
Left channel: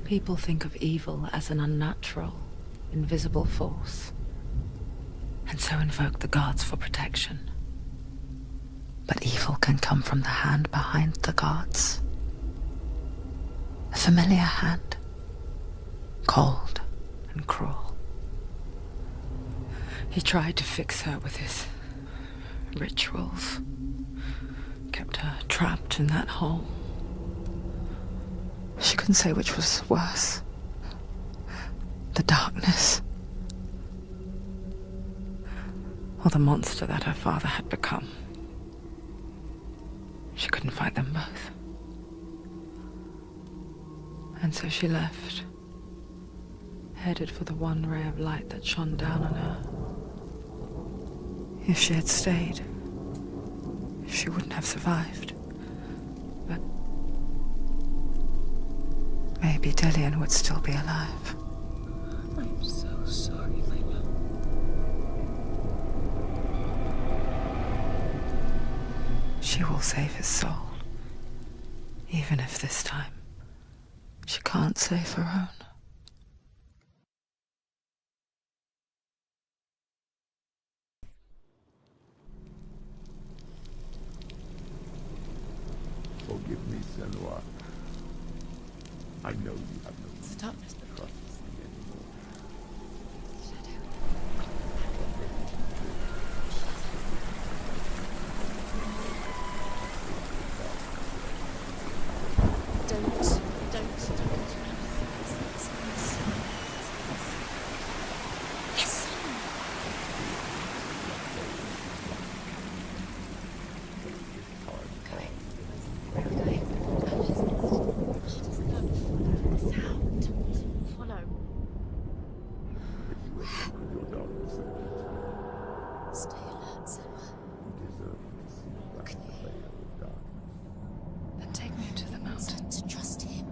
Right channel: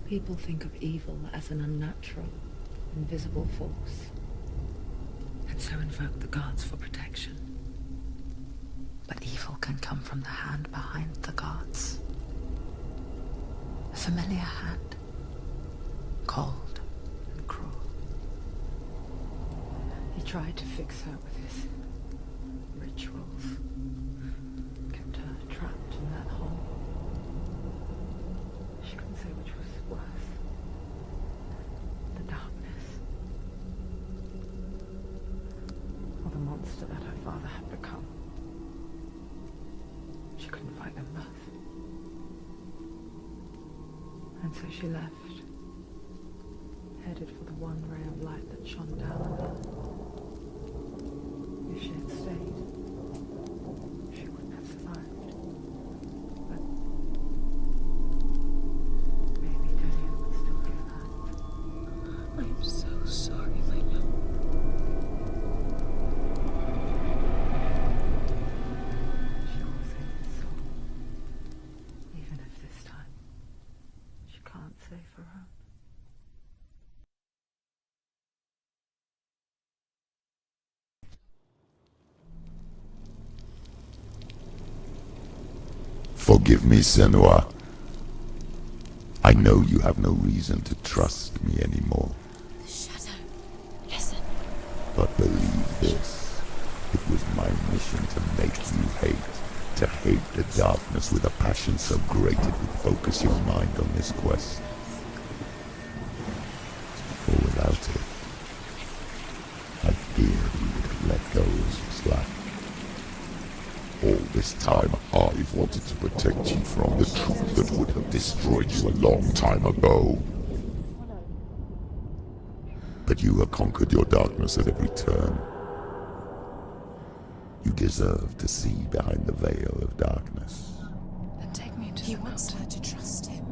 People think of evil as an unnatural, invisible force, and so invoke the gods for protection. But evil can come from the hand behind the gods. A familiar hand, cold and cruel. He tried to fix her with his rituals, kept her trapped in that hole. She couldn't say which was worse. The darkness, or the monster that her father had become. She couldn't fight them both. And so she left, headed for the one ray of light that shone down on her. If she had stayed, she wouldn't have survived. But maybe Dillian would still be alive. I'm so sorry, my love. She will save his soul. Even if this time she can't save her own. Forgive me, Senua. I know you have no reason to trust me anymore. Listen. But believe this. It was my mission to make you hate. To hate the darkness with a passion so great that you focus your mind on this quest. For without it, I've been let those slack. All this time, I've wanted to protect you from the truth that would have destroyed you a long time ago. But you have conquered your darkness at every turn. You deserve to see behind the veil of darkness. Then take me to the mountain. To trust him.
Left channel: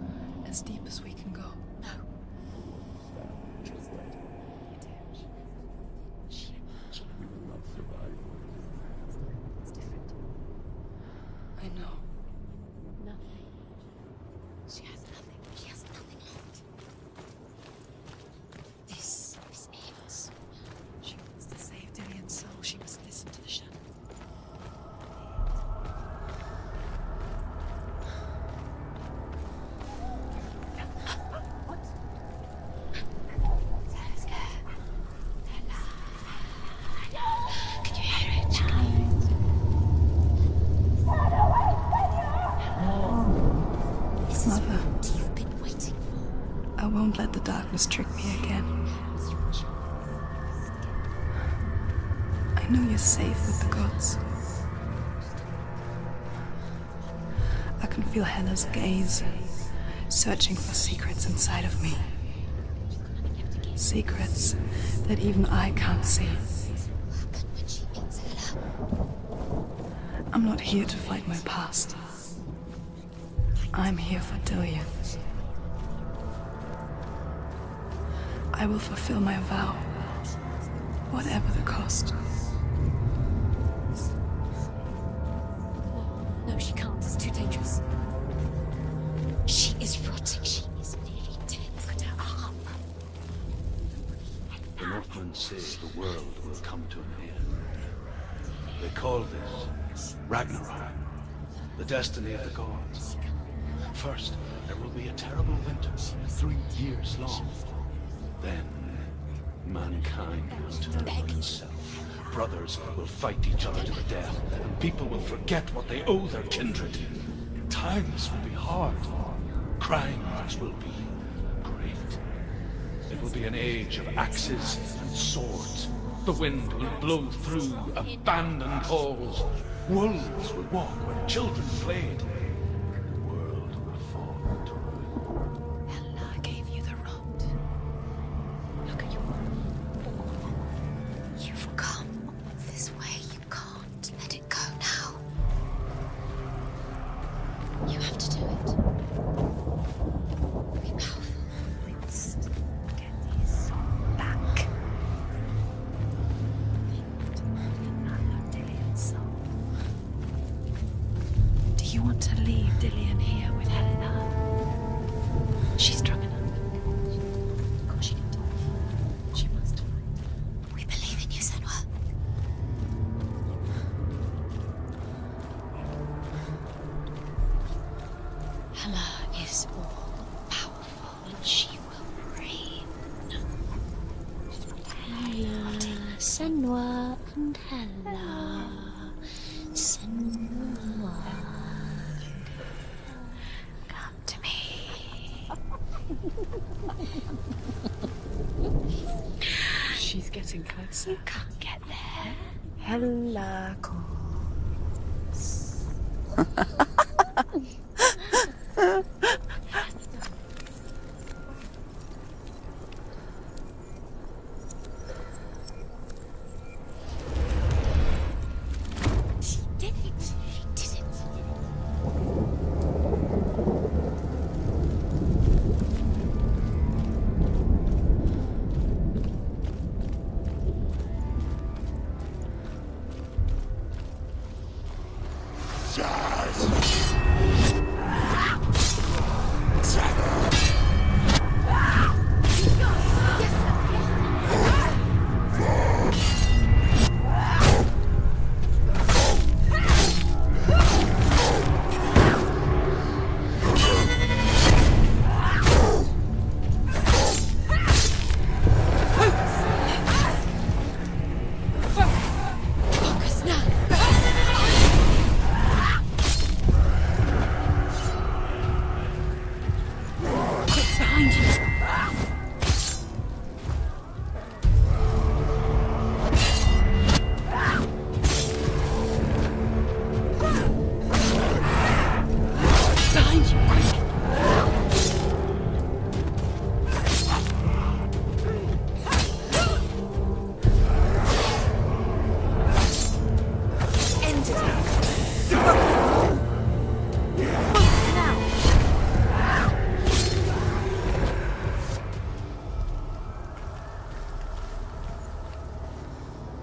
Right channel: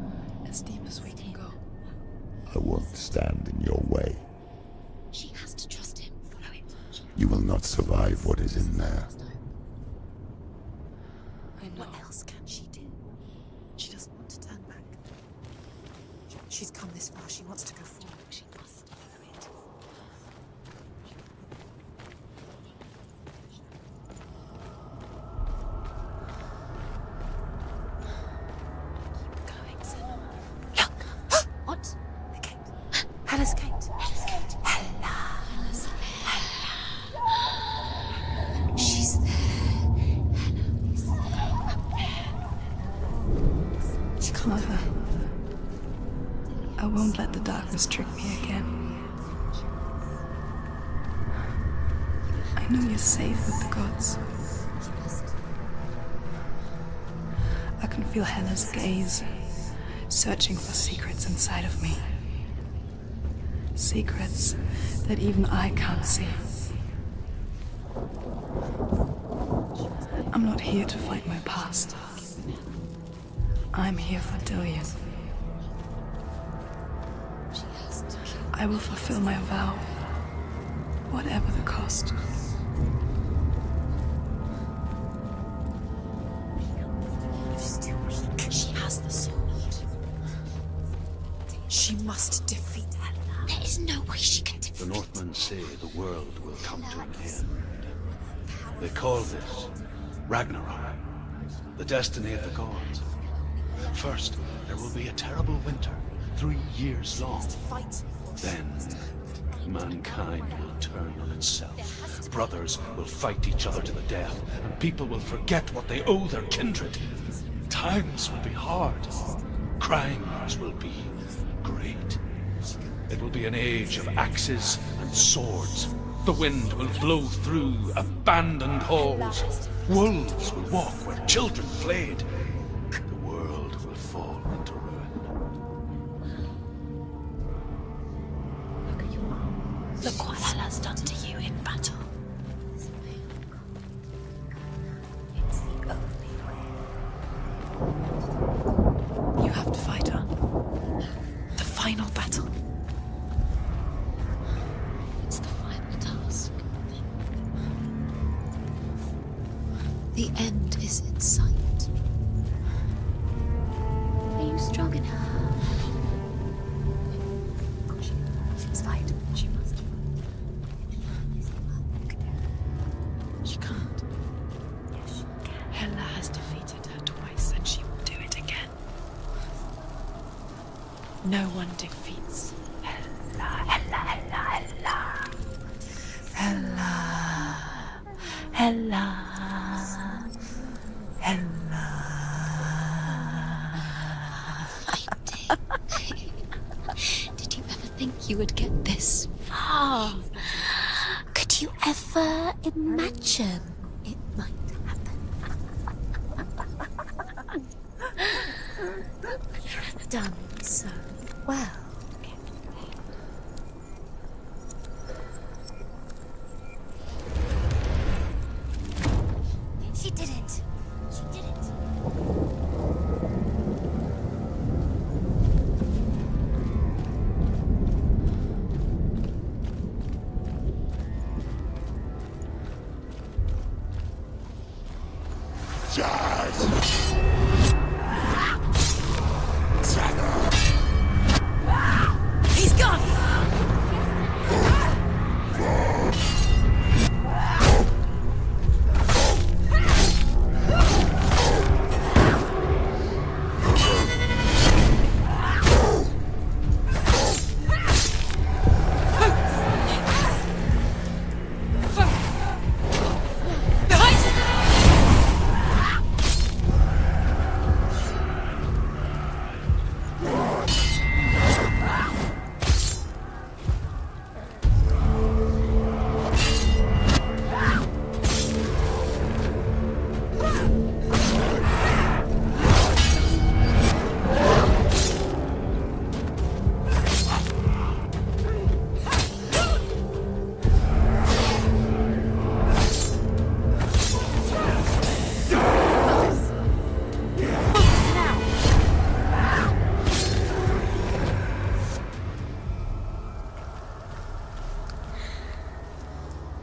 As deep as we can go. I won't stand in your way. She has to trust him. You will not survive what is in there. I know. What else can she do? No. She doesn't want to turn back. She has nothing. She's come this far. She wants to go forward. She wants this. She wants to save Dillian's soul. She must listen to the shadow. What? The gate. Hella's gate. Hella's gate. Hella. She's there. Mother, I won't let the darkness trick me again. I know you're safe with the gods. I can feel Hella's gaze, searching for secrets inside of me. Secrets that even I can't see. I'm not here to fight my past. I'm here for Dillian. I will fulfill my vow, whatever the cost. No, she can't. It's too dangerous. She has the sword. She is rotting. She must defeat her. There is no way she can defeat The Northmen say the world will come to an end. They call this Ragnarok, the destiny of the gods. First, there will be a terrible winter, 3 years long. Then, mankind will turn on itself. Brothers will fight each other to the death, and people will forget what they owe their kindred. Times will be hard. Crimes will be great. It will be an age of axes and swords. The wind will blow through abandoned halls. Wolves will walk where children played. The world will fall into ruin. Hella gave you the rot. Look at your mom. Look what Hella's done to you in front of you. This way you can't let it go now. You have to do it. You have to fight her. The final battle. Back. It's the final task. The end is in sight. Do you want to leave Dillian here with Helena? Are you strong enough? She's strong enough. No one defeats me. Senua and Did you ever think you would get this far? She's getting closer. Could you ever imagine it might happen? You've done so well. She didn't. He's gone!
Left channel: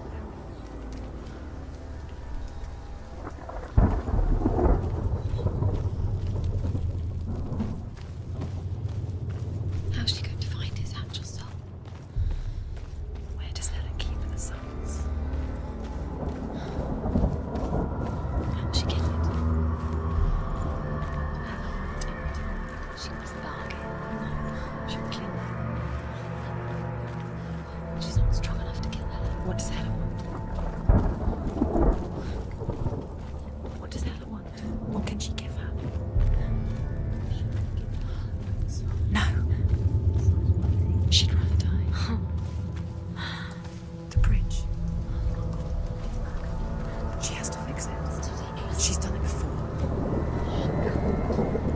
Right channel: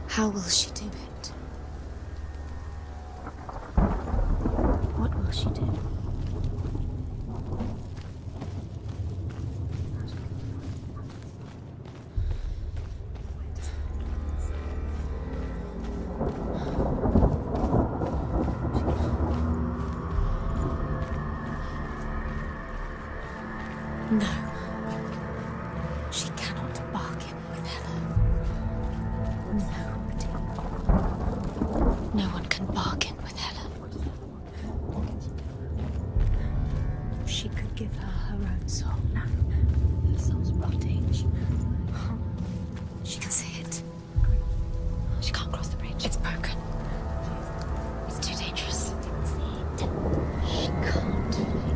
How will she do it? What will she do? How's she going to find his actual soul? Where does Helen keep the souls? How'd she get it? She must bargain. No. She'll kill her. She cannot bargain with Helen. She's not strong enough to kill her. What does Helen want? No one can bargain with Helen. What does Helen want? What can she give her? She could give her her own soul. No. Her soul's wanting. She'd rather die. Oh. She can see it. The bridge. She can't cross the bridge. It's broken. She has to fix it. It's too dangerous. She's done it before. She can't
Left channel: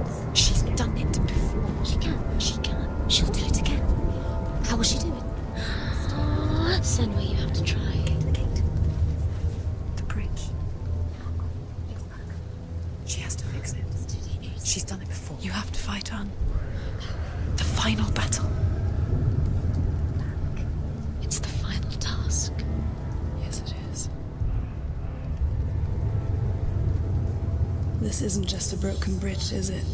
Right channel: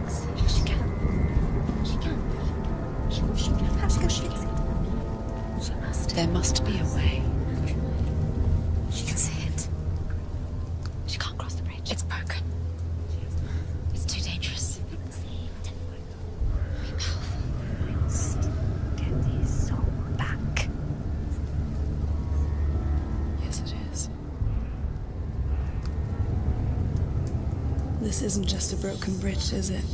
fix it. She's done it before. She can. She can. She'll do it again. How's she going to fix it? How will she do it? There must be a way. You have to try. She can see it. The bridge. She can't cross the bridge. It's broken. She has to fix it. It's too dangerous. She's done it before. You have to fight on. The final battle. Get his soul back. It's the final task. Yes, it is. This isn't just a broken bridge, is it?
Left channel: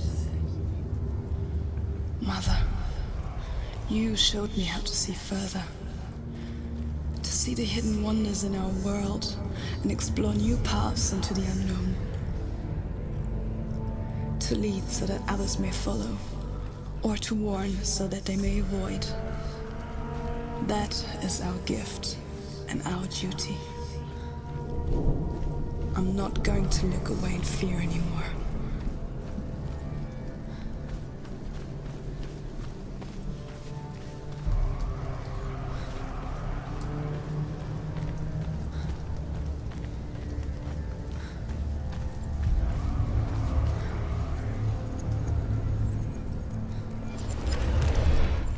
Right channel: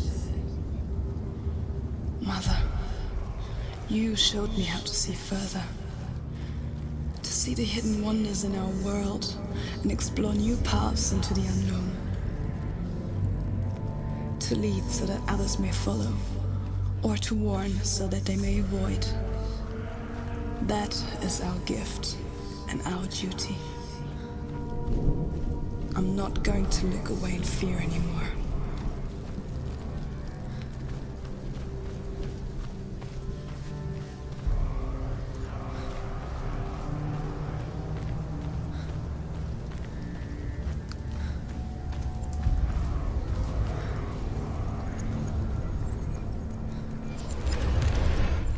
Mother, you showed me how to see further. To see the hidden wonders in our world and explore new paths into the unknown. To lead so that others may follow, or to warn so that they may avoid. That is our gift and our duty. I'm not going to look away in fear anymore.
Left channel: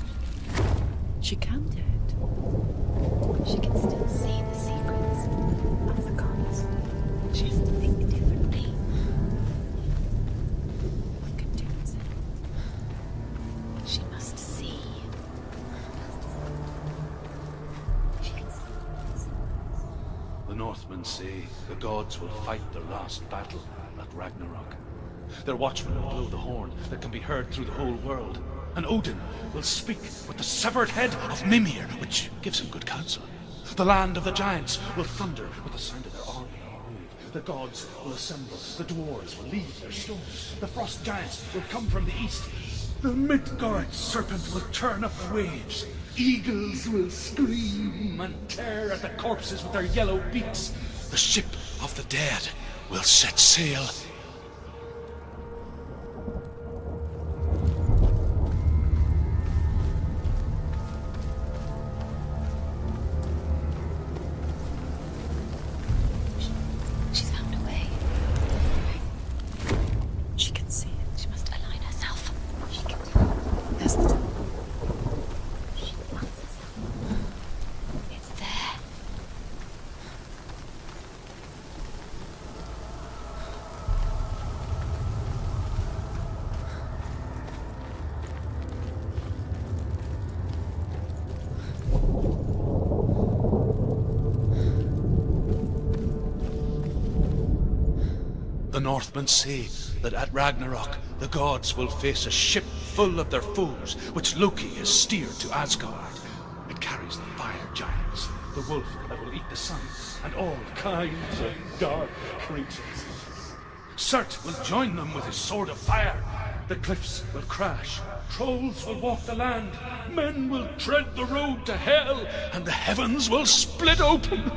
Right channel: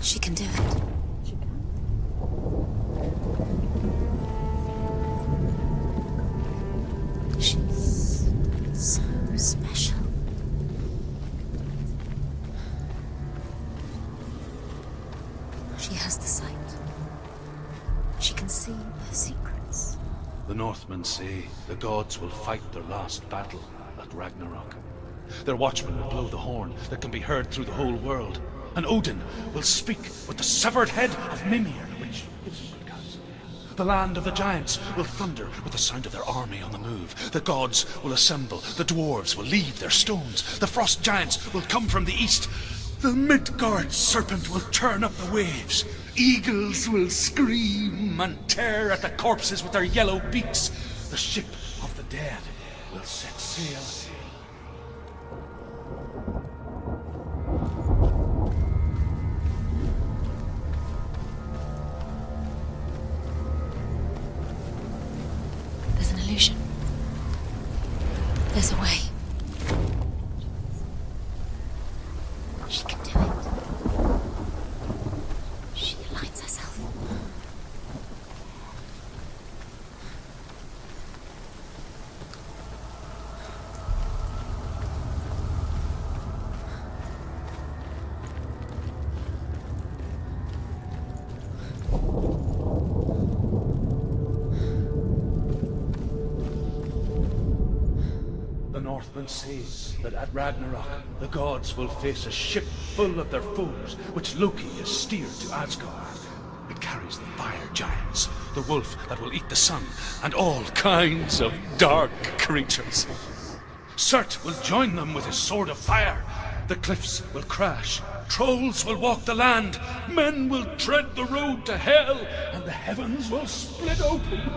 She can do it. She can do it. She can still see the secrets of the gods. She thinks differently, so special. You can do it. She must see. She has the sight. She can see their secrets. The Northmen say the gods will fight their last battle at Ragnarok. Their watchmen will blow the horn that can be heard through the whole world. And Odin will speak with the severed head of Mimir, which gives him good counsel. The land of the giants will thunder with the sound of their army on the move. The gods will assemble, the dwarves will leave their stones, the frost giants will come from the east. The Midgard serpent will turn up the waves. Eagles will scream and tear at the corpses with their yellow beaks. The ship of the dead will set sail. There's an illusion. She's found a way. There's a way. She can see it. She must align herself. She can do it. That's the... She aligns herself. It's there. The Northmen say that at Ragnarok, the gods will face a ship full of their foes, which Loki has steered to Asgard. It carries the fire giants, the wolf that will eat the sun, and all kinds of dark creatures. Surt will join them with his sword of fire. The cliffs will crash. Trolls will walk the land. Men will tread the road to hell, and the heavens will split open.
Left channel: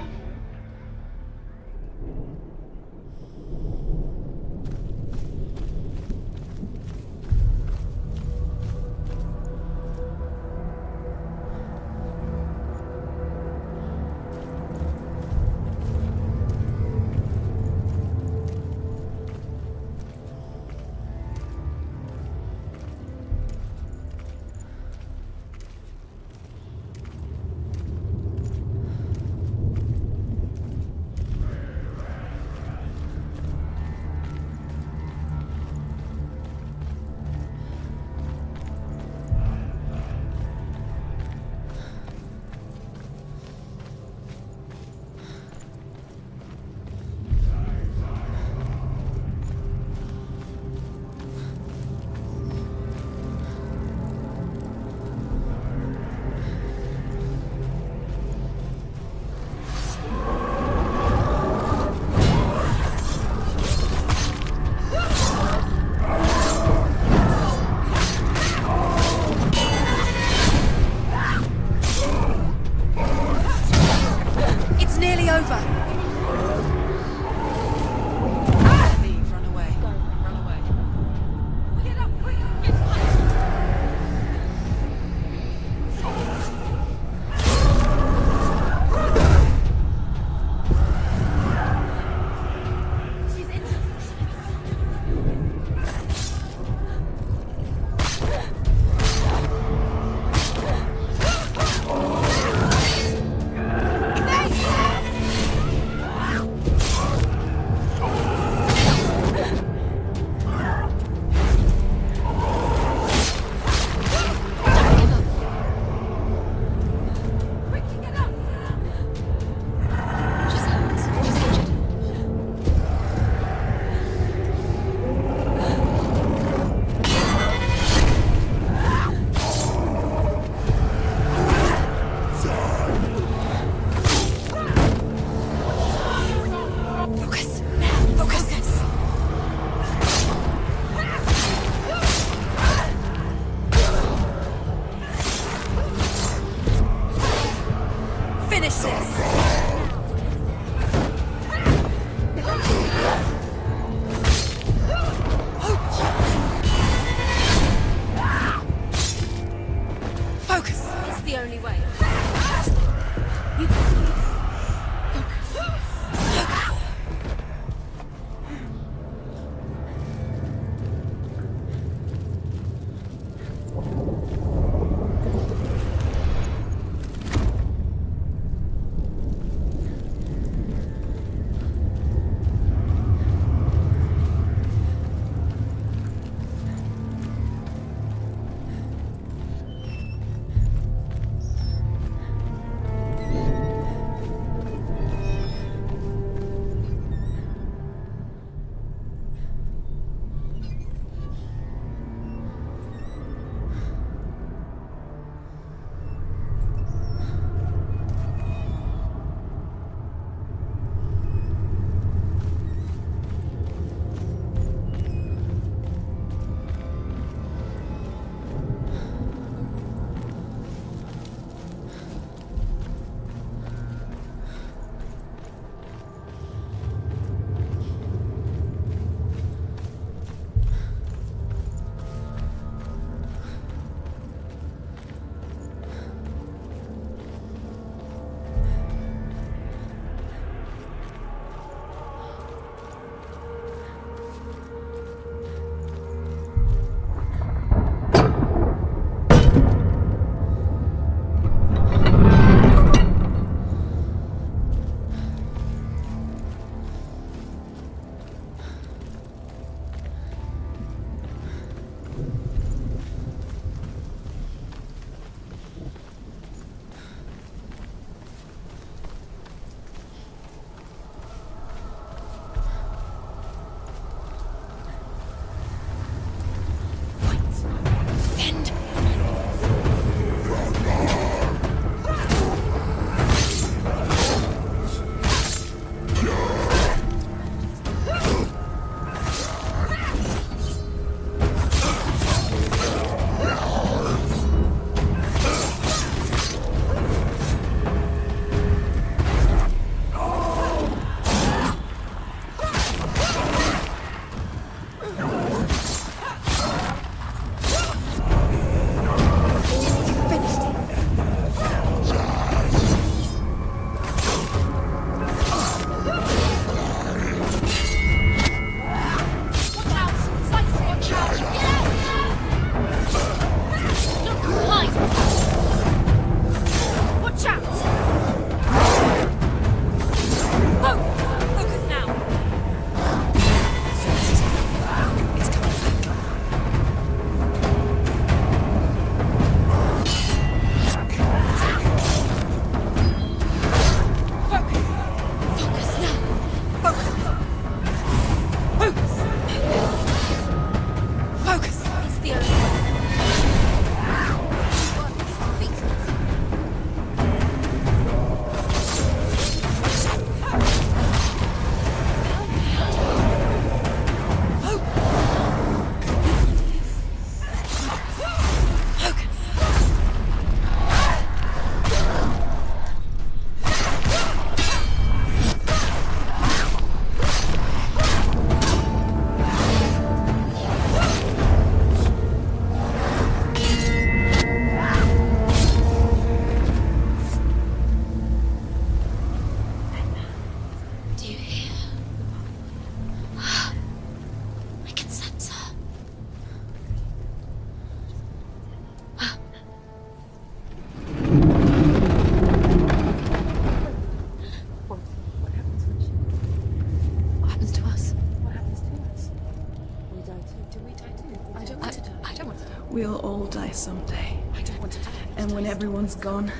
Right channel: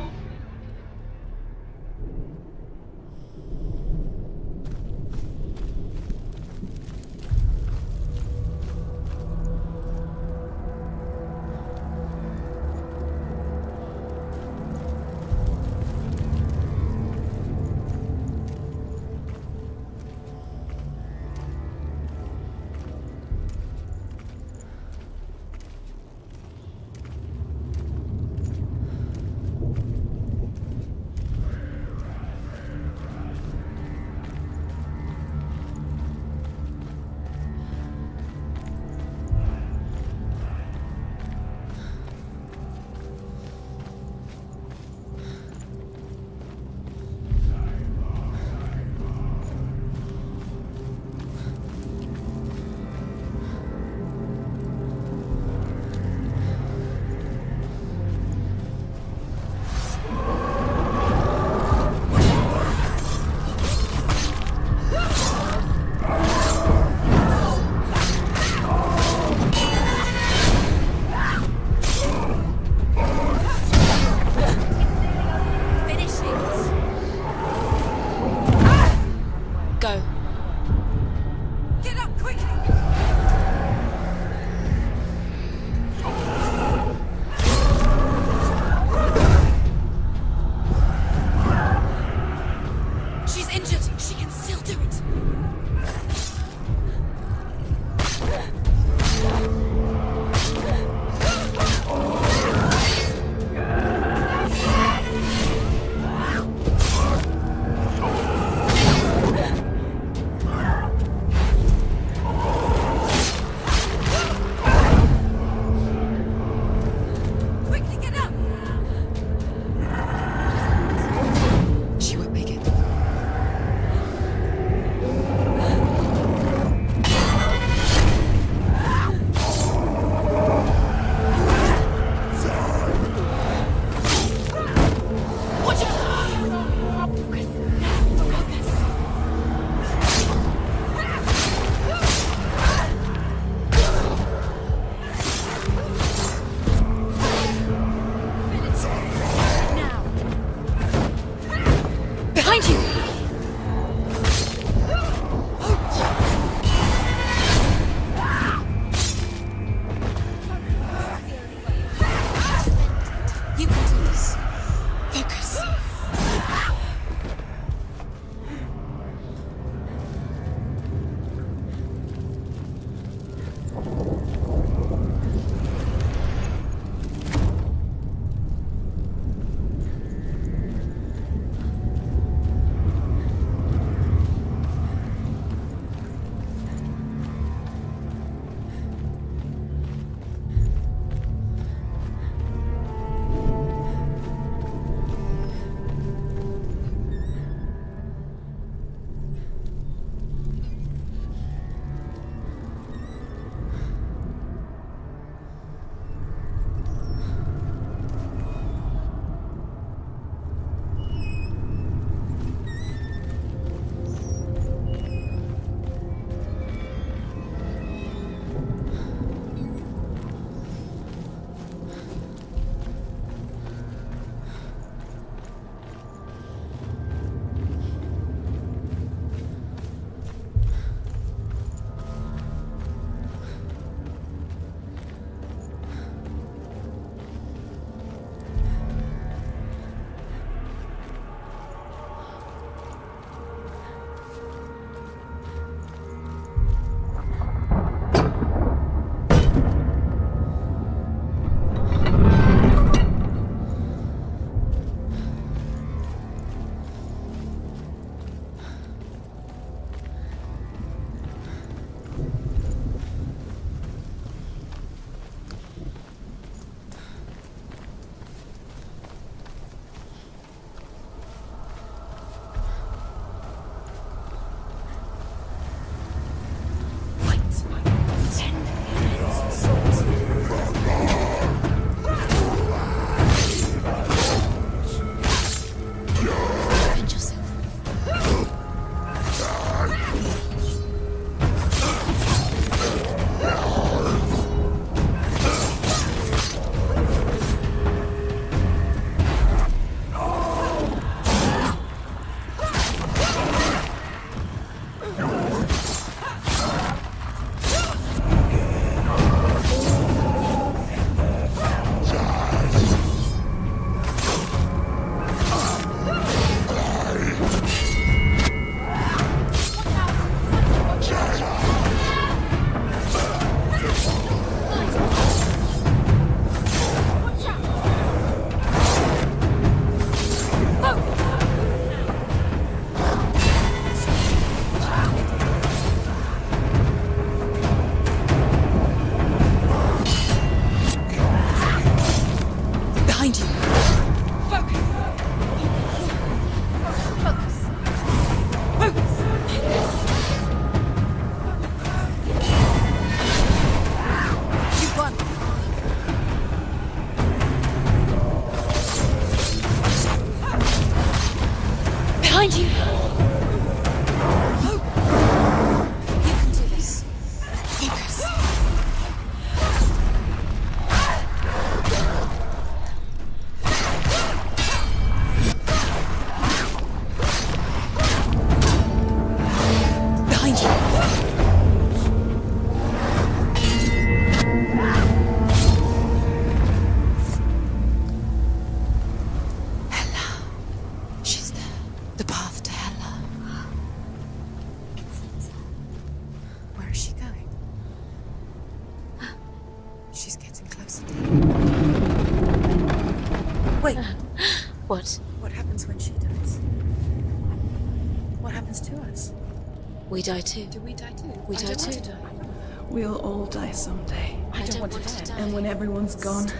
We die too. Do we die too? We die too. I don't want to. We'll all die someday. I don't want to die. And when everyone's gone,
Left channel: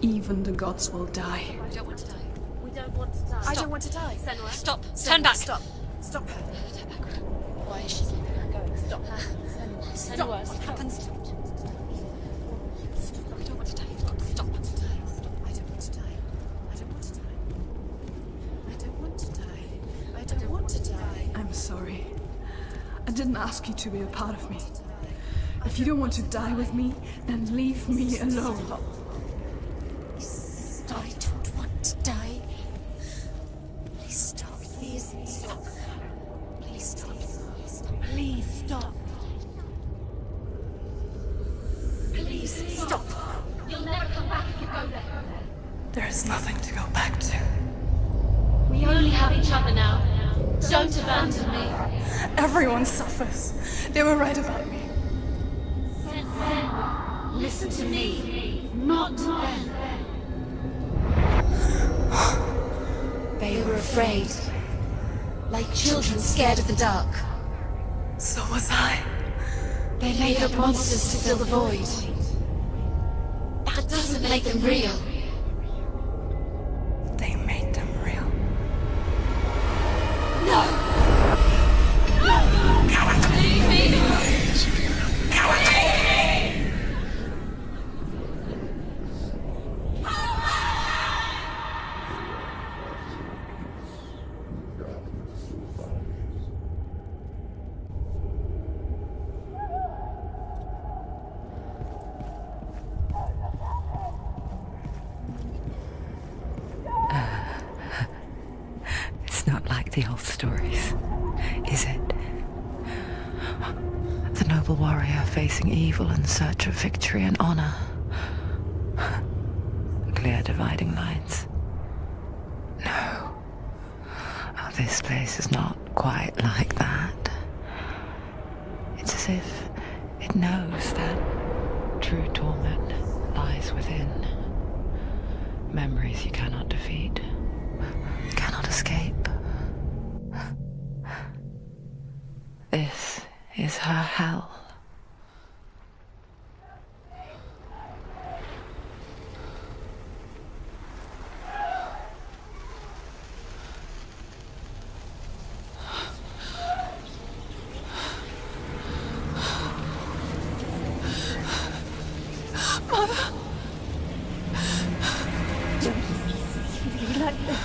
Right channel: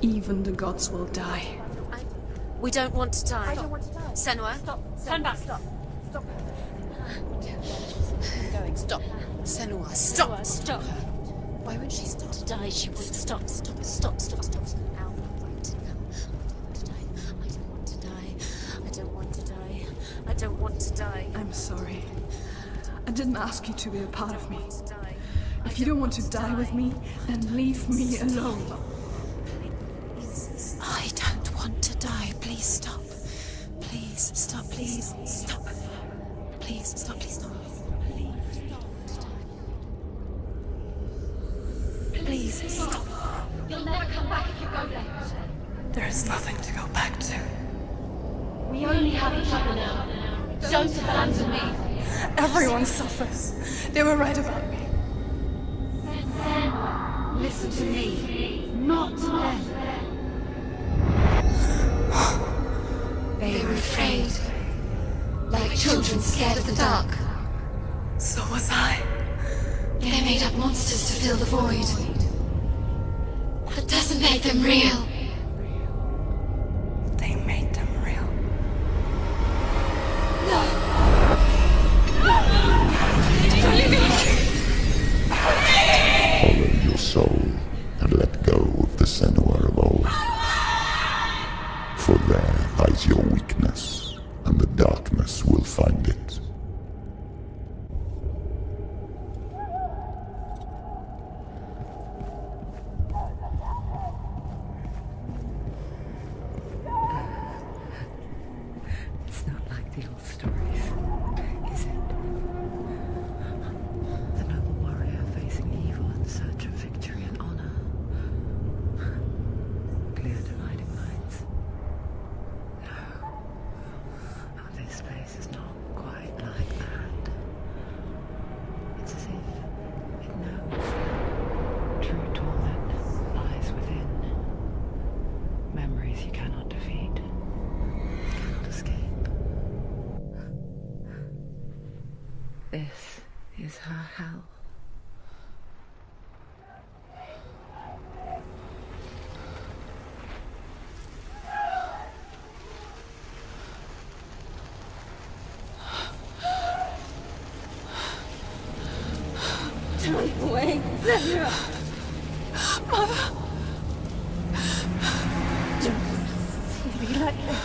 even the gods will die. We don't want to die. I don't want to die. Senua, stop. Turn back. Stop. Stop. Why is she going? Stop. Senua, stop. Stop. Why would she stop to die? She would stop. Stop. Stop. I don't want to die. I'm sorry. I didn't ask you to be a part of me. If you don't want to die with me, then leave me alone. I don't want to die. Please stop. Please stop. Please stop. Please stop. Please stop. Please stop. Please stop. You'll never come back if you go there. There is nothing to go back to. We only have each other now. Don't abandon me. Everyone suffers. They were right about me. Listen to me, not them. They were afraid. Like children scared of the dark. So was I. They made up monsters to fill the void. That doesn't make them real. They made them real. No! Follow your soul and let go of the Senua of old. For there lies your weakness, and the darkness will find it. It's not like the old stories, is it? The noble warrior facing evil in search of victory and honor. Clear dividing lines. No. Oh, this place is not quite like that. It's as if it knows that true torment lies within. Memories you cannot defeat, cannot escape. This is her hell. Wait, Mother! don't be like this.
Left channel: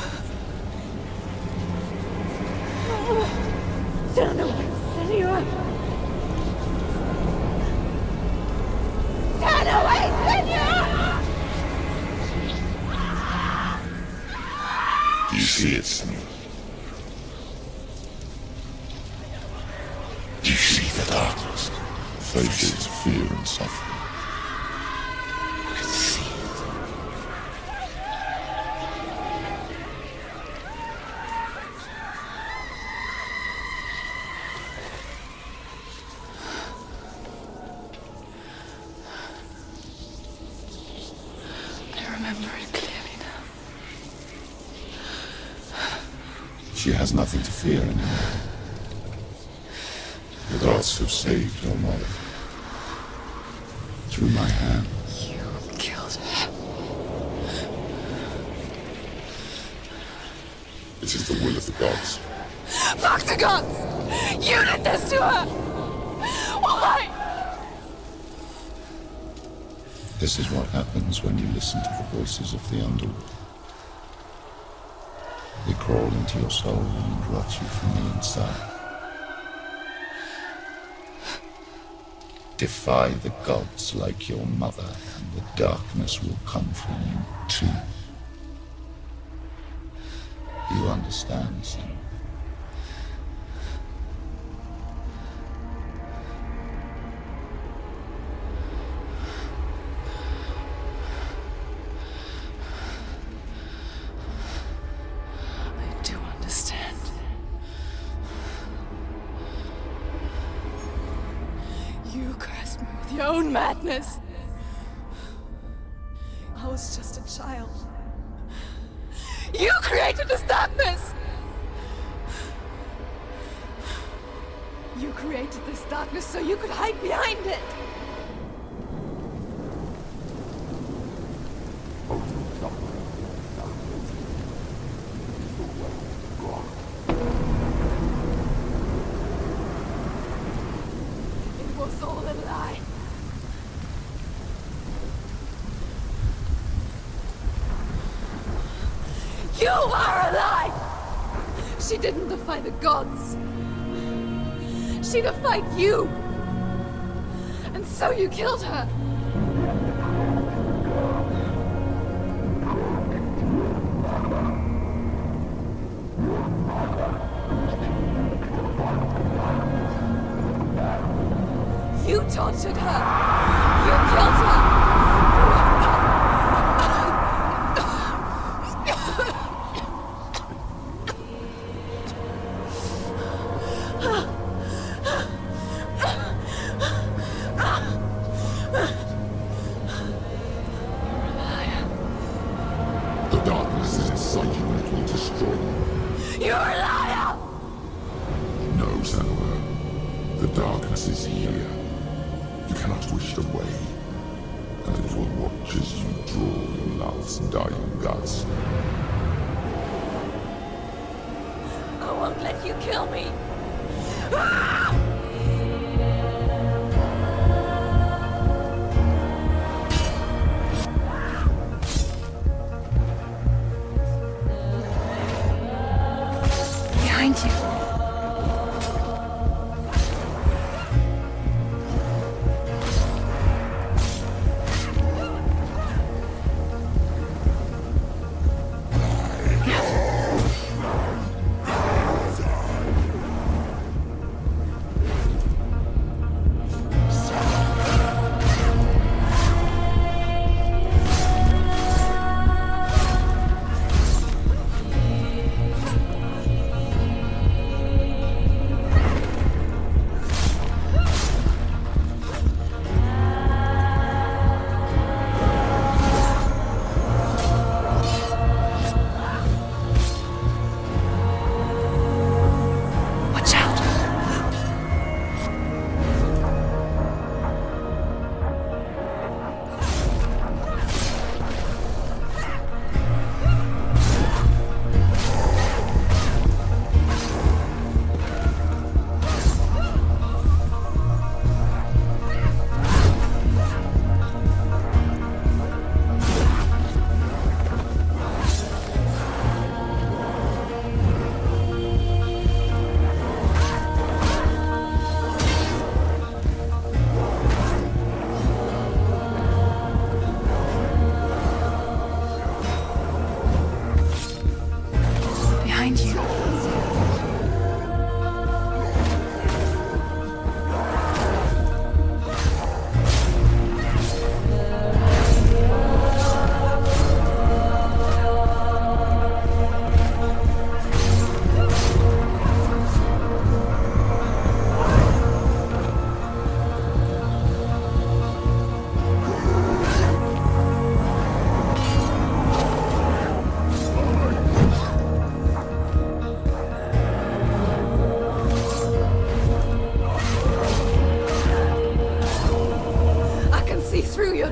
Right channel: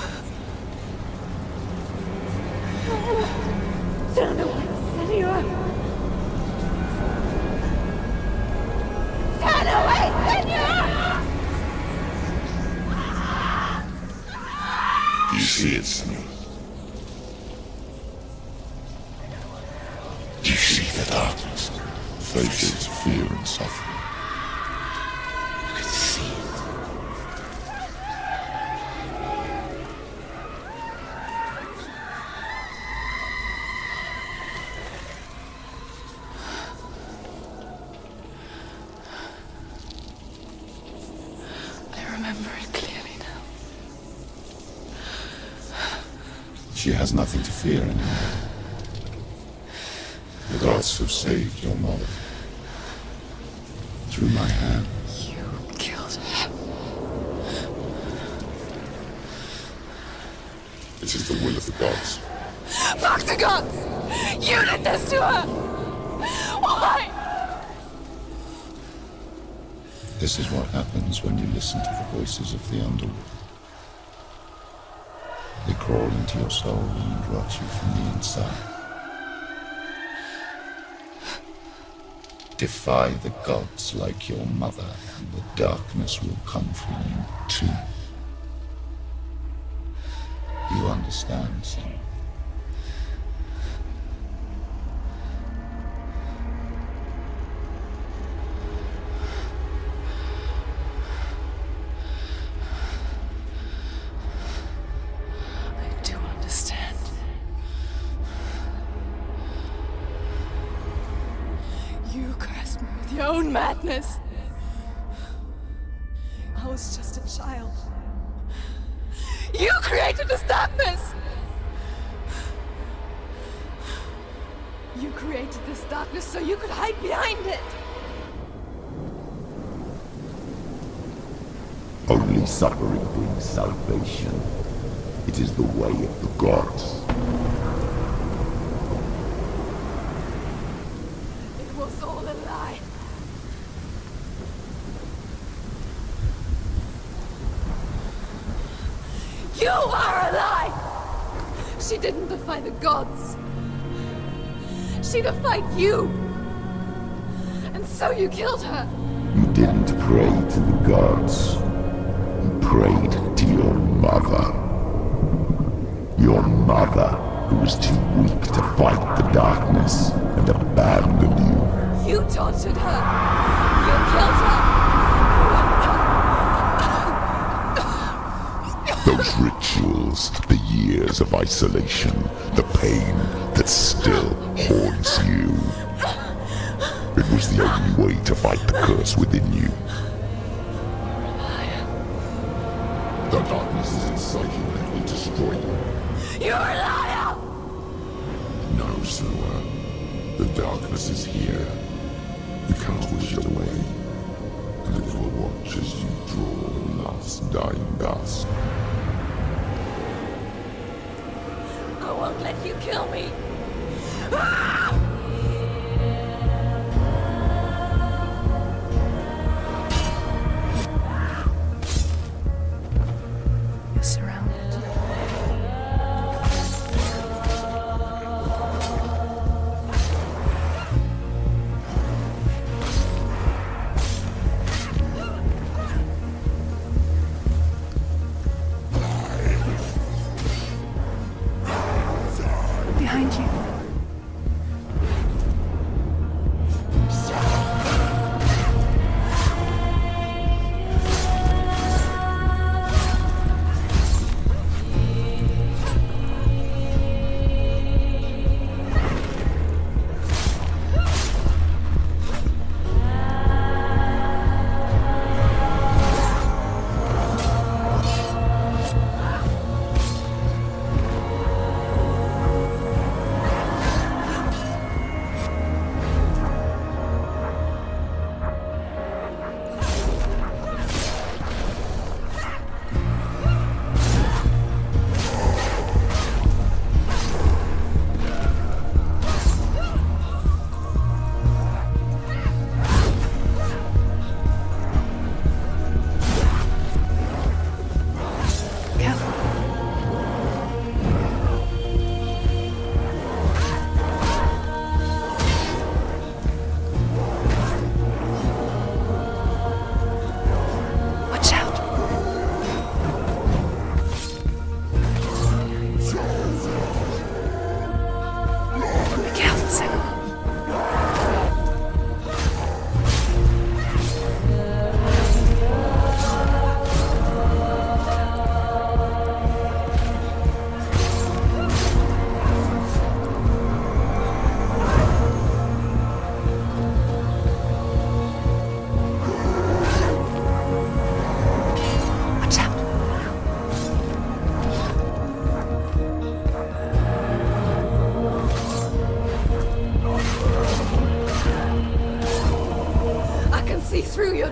Turn away, Senua! Turn away, Senua! You see it, Senua? You see the darkness, faces of fear and suffering. You can see it. I remember it clearly now. She has nothing to fear anymore. The gods have saved your mother. Through my hand. You killed her. It is the will of the gods. Fuck the gods! You did this to her! Why? This is what happens when you listen to the voices of the underworld. They crawl into your soul and rot you from the inside. Defy the gods like your mother, and the darkness will come for you too. You understand, Senua? I do understand. You cursed me with your own madness. I was just a child. You created this darkness! You created this darkness so you could hide behind it! Only suffering brings salvation. It is the way of the gods. It was all a lie. You are a lie! She didn't defy the gods. She defied you! And so you killed her! You didn't pray to the gods. You prayed to your mother. Your mother, who was too weak to fight the darkness and abandoned you. You taunted her! You killed her! Those rituals, the years of isolation, the pain that still haunts you. It was the only way to fight the curse within you. You're a liar. The darkness is inside you that will destroy you. You're a liar! No, Senua. The darkness is here. You cannot wish it away. And it will watch as you draw your last dying gasp. I won't let you kill me! You're surrounded. Behind you.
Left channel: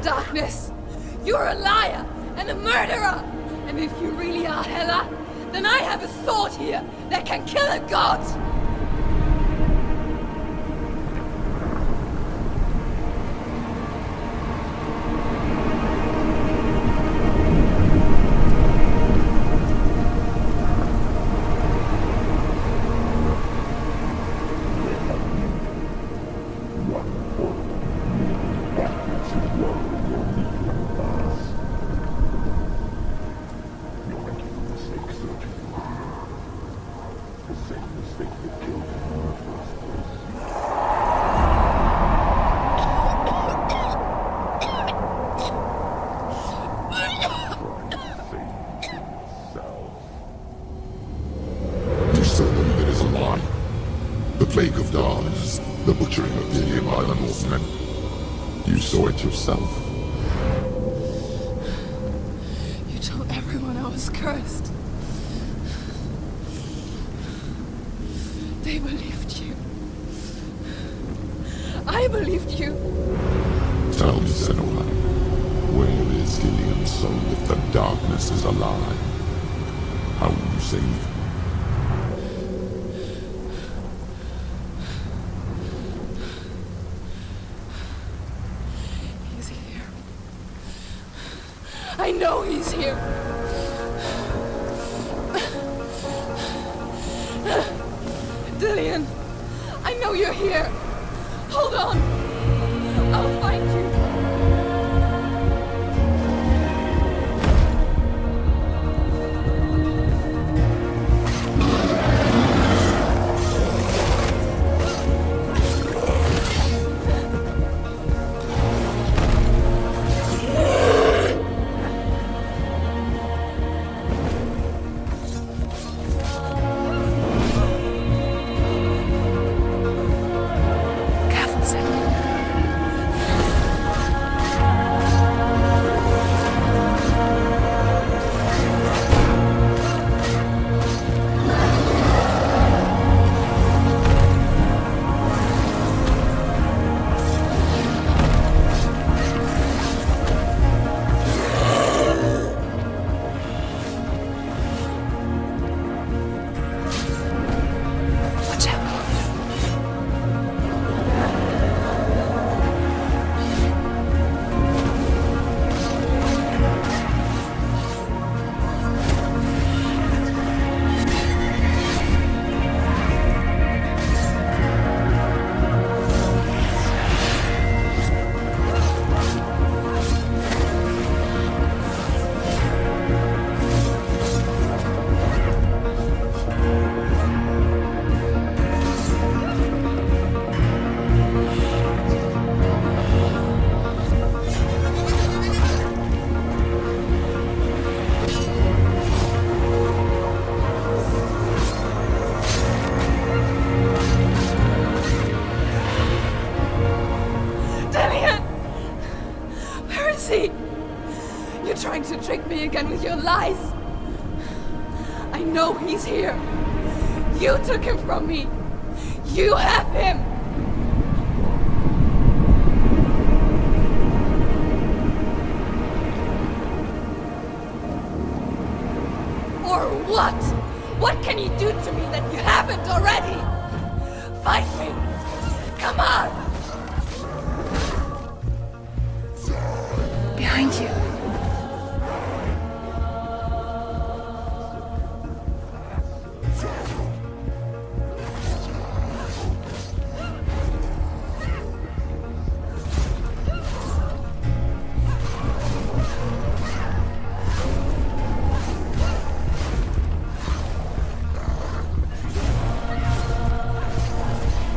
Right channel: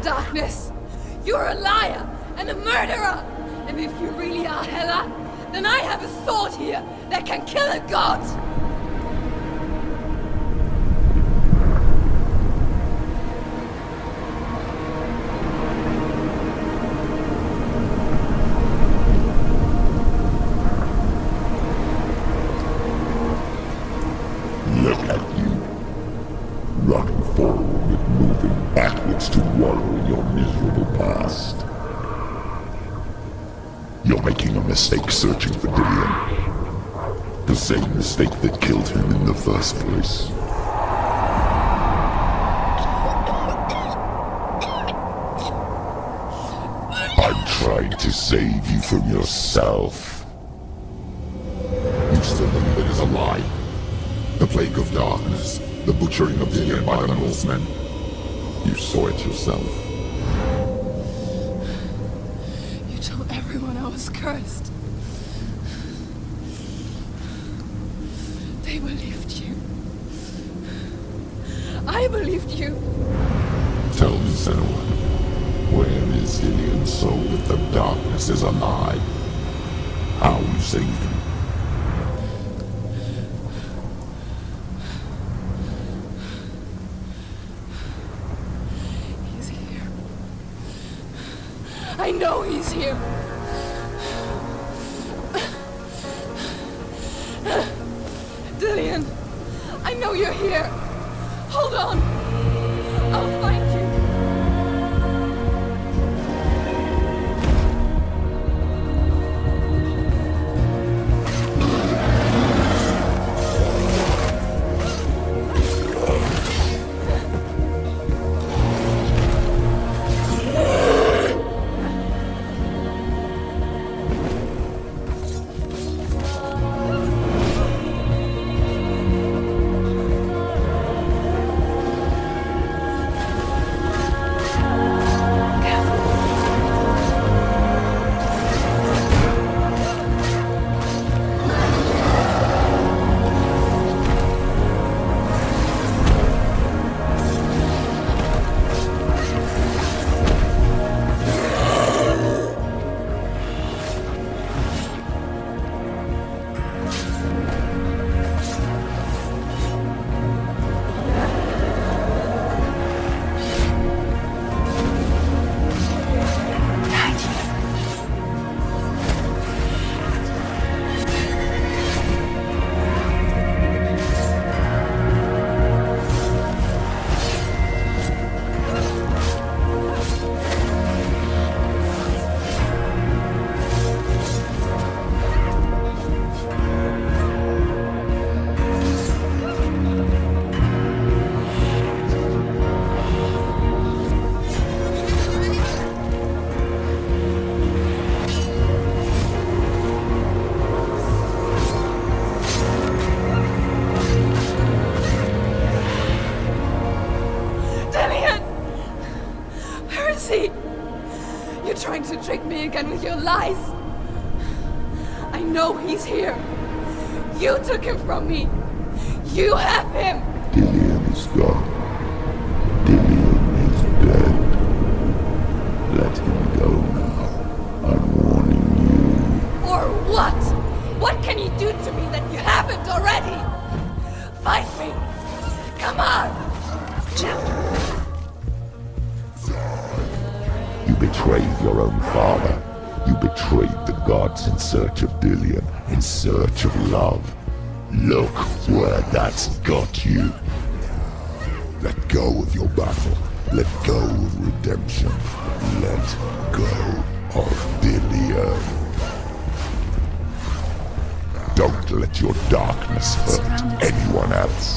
Darkness! You're a liar and a murderer! And if you really are Hela, then I have a sword here that can kill a god! Look at you. Running forward, moving backwards to wallow in your miserable past. You're making a mistake searching for Dillion. The same mistake that killed him in the first place. I'm trying to save you from yourself. You still believe it is a lie. The plague of darkness, the butchering of Dillion by the Northmen. You saw it yourself. You told everyone I was cursed. They believed you. I believed you. Tell me, Senua, where is Dillian's soul if the darkness is alive? How you saved him? He's here. I know he's here. Dillian, I know you're here. Hold on. I'll find you. You're trying to trick me again with your lies. I know he's here. You took him from me. You have him. Dillian's gone. Dillian is dead. Let him go now. I'm warning you. Or what? What can you do to me that you haven't already? Fight me. Come on. Behind you. You betrayed your own father. You betrayed the gods in search of Dillian, in search of love. Look where that's got you. Let go of your battle. Let go of redemption. Let go of Dillian. Don't let your darkness hurt anyone else.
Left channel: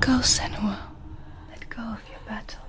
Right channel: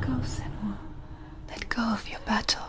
Let go, Senua. Let go of your battle.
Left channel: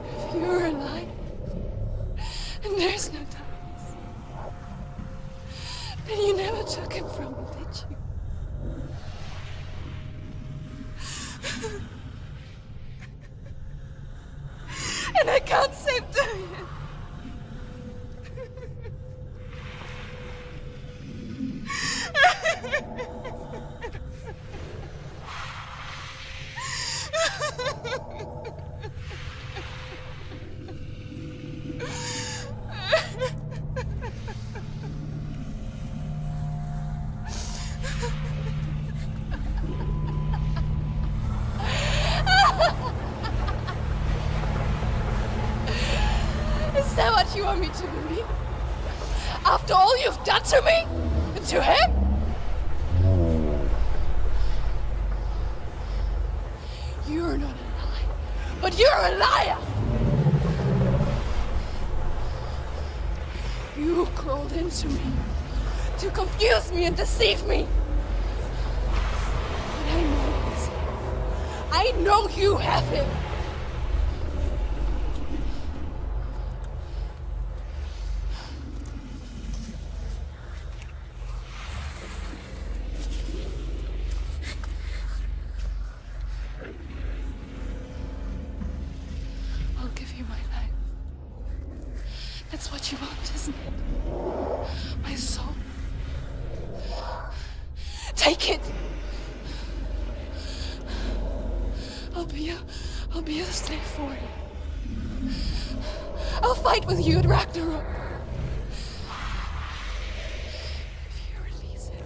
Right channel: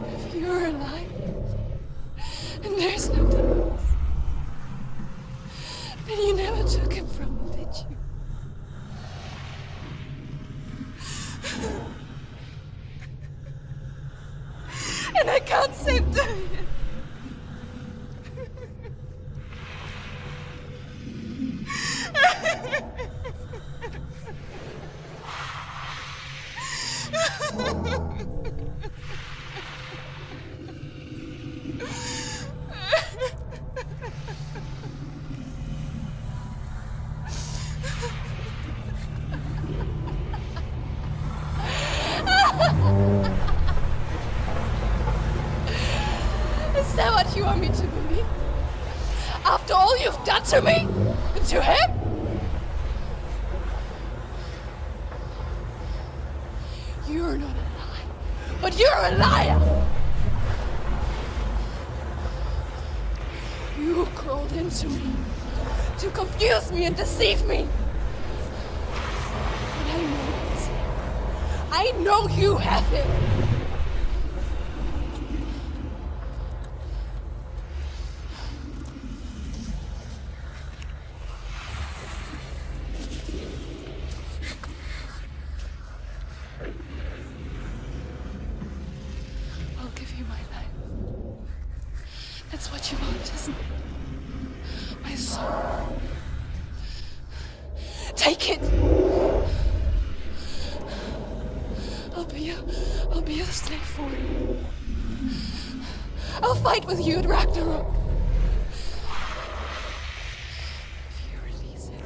If you're alive, and there's no darkness, then you never took him from me, did you? And I can't save Dorian. Is that what you want me to believe? After all you've done to me? And to him? You're not a lie, but you're a liar! You crawled into me to confuse me and deceive me. But I know he's here. I know you have him. I'll give you my life. That's what you want, isn't it? My soul. Take it. I'll be a slave for you. I'll fight with you at Ragnarok. If you release it.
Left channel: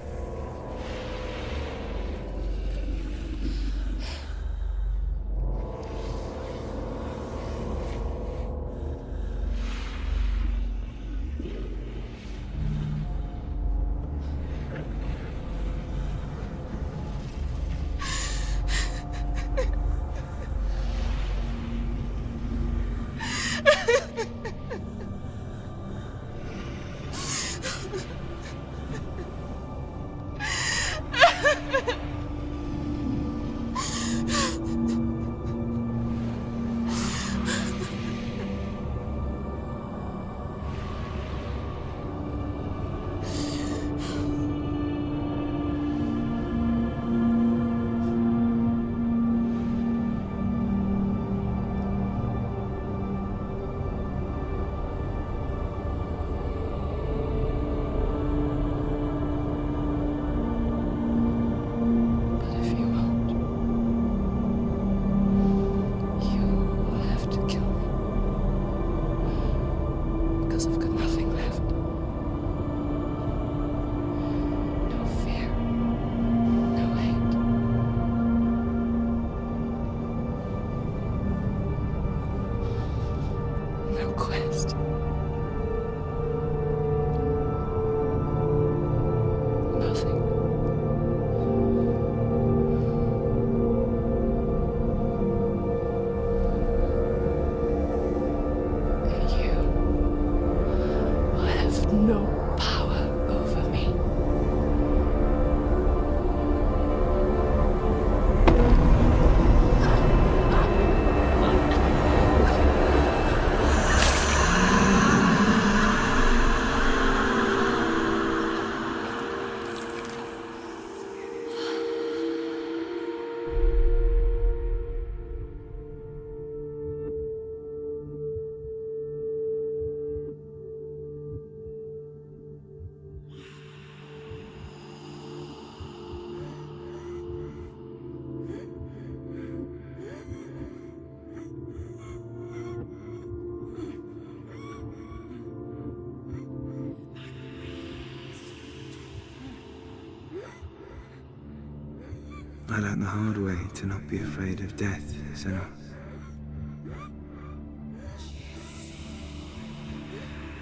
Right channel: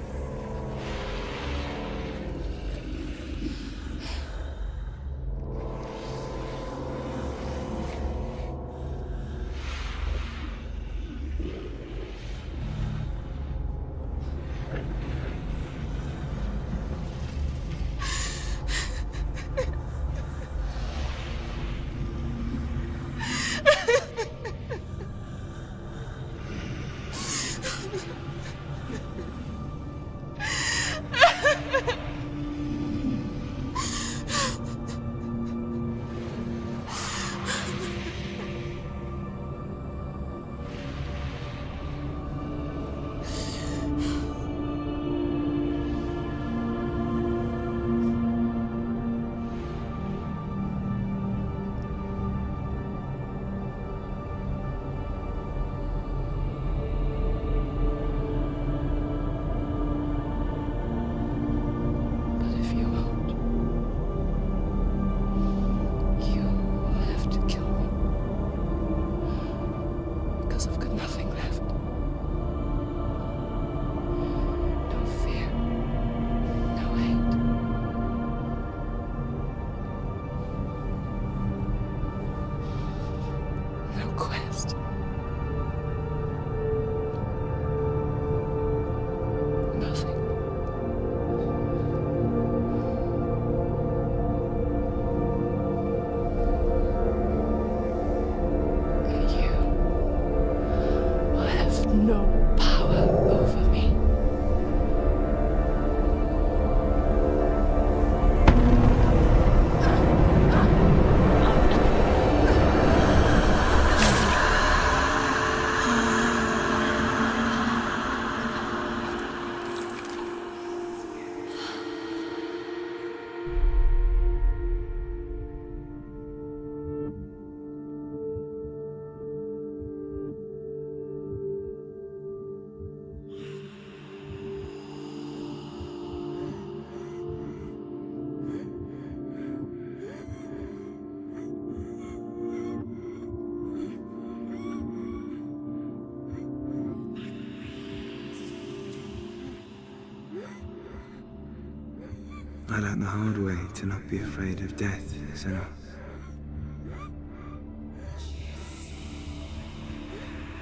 I learned the hard way to not be afraid of death, Senua.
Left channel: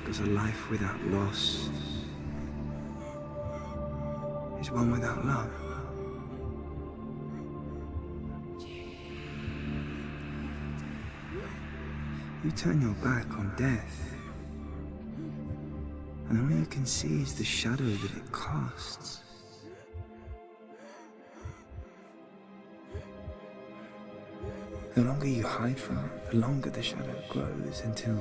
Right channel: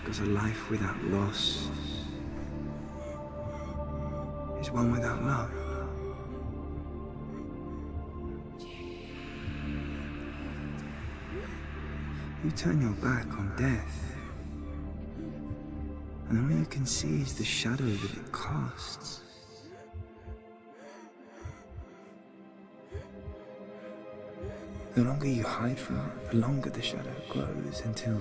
Because a life without loss is one without love. You turn your back on death, and all you can see is the shadow that it casts. The longer you hide from it, the longer the shadow grows until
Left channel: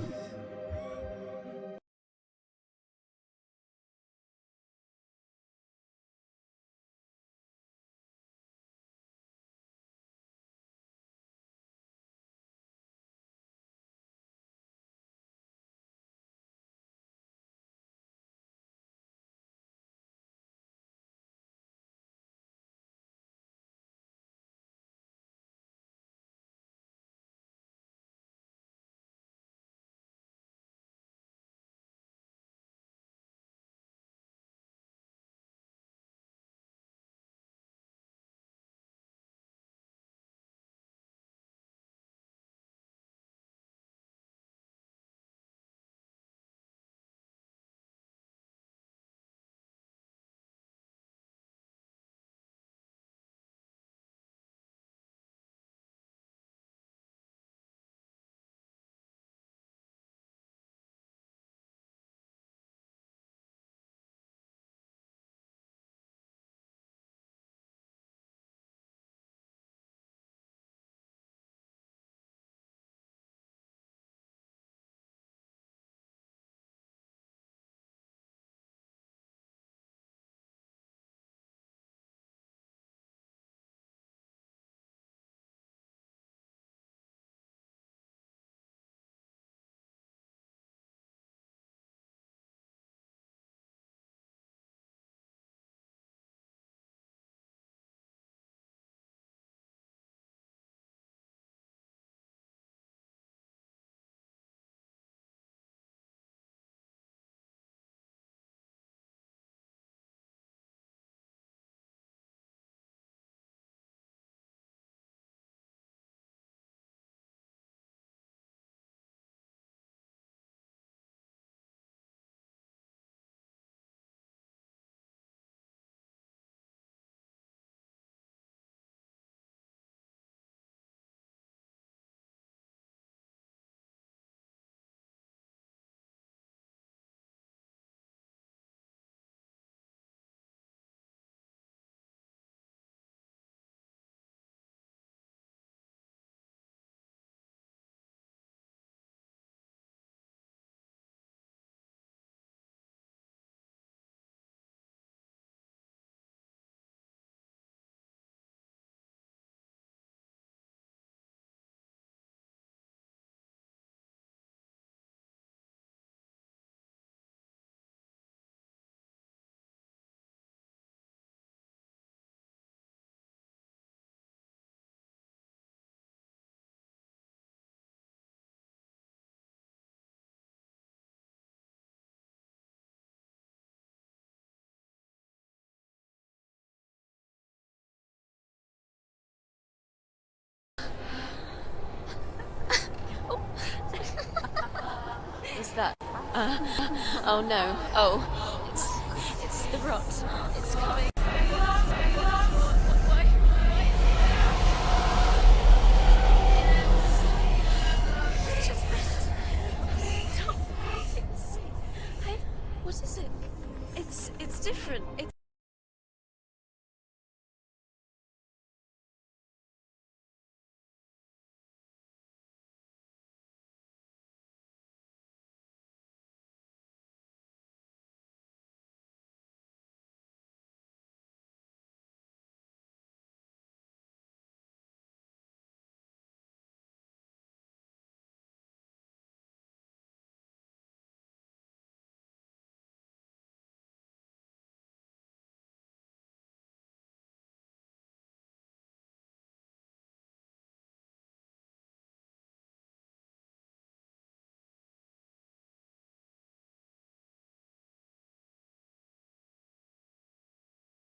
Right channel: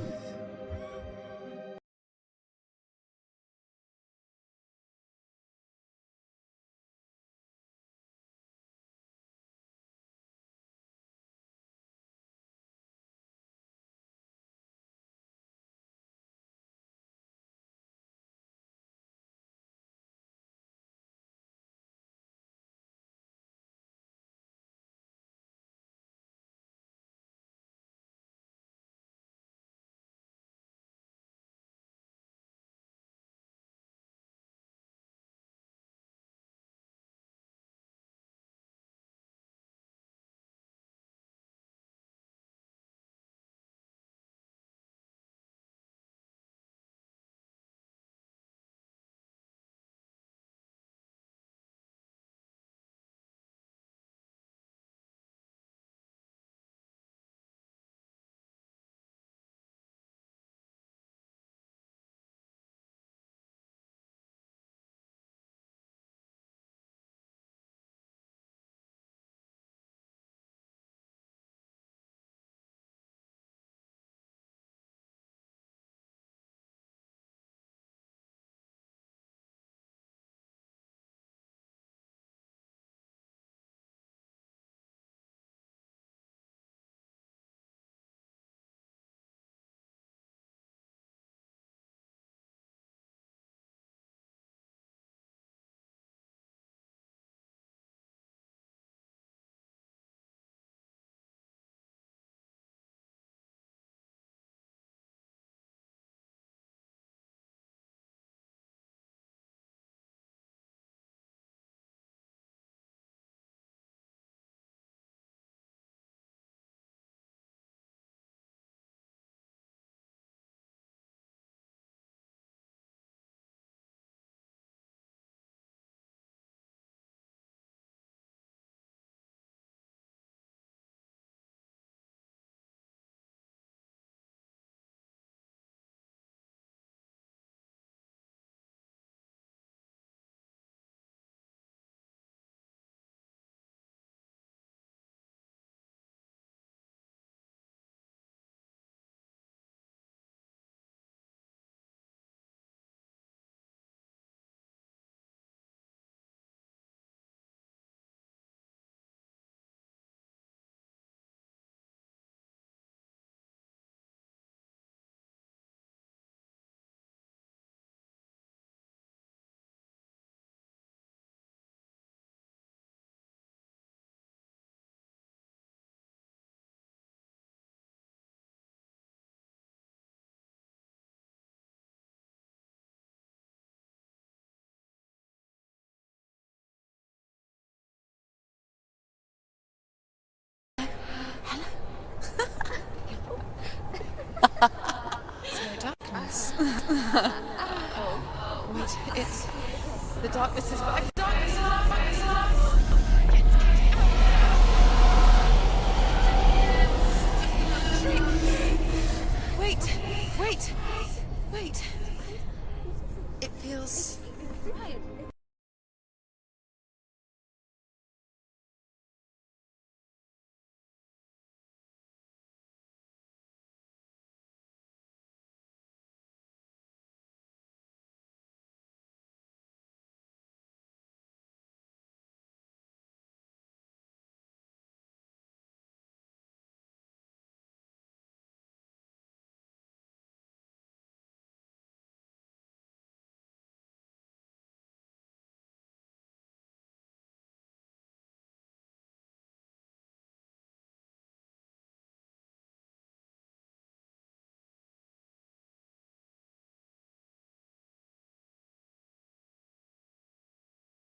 Is that oh no. Oh.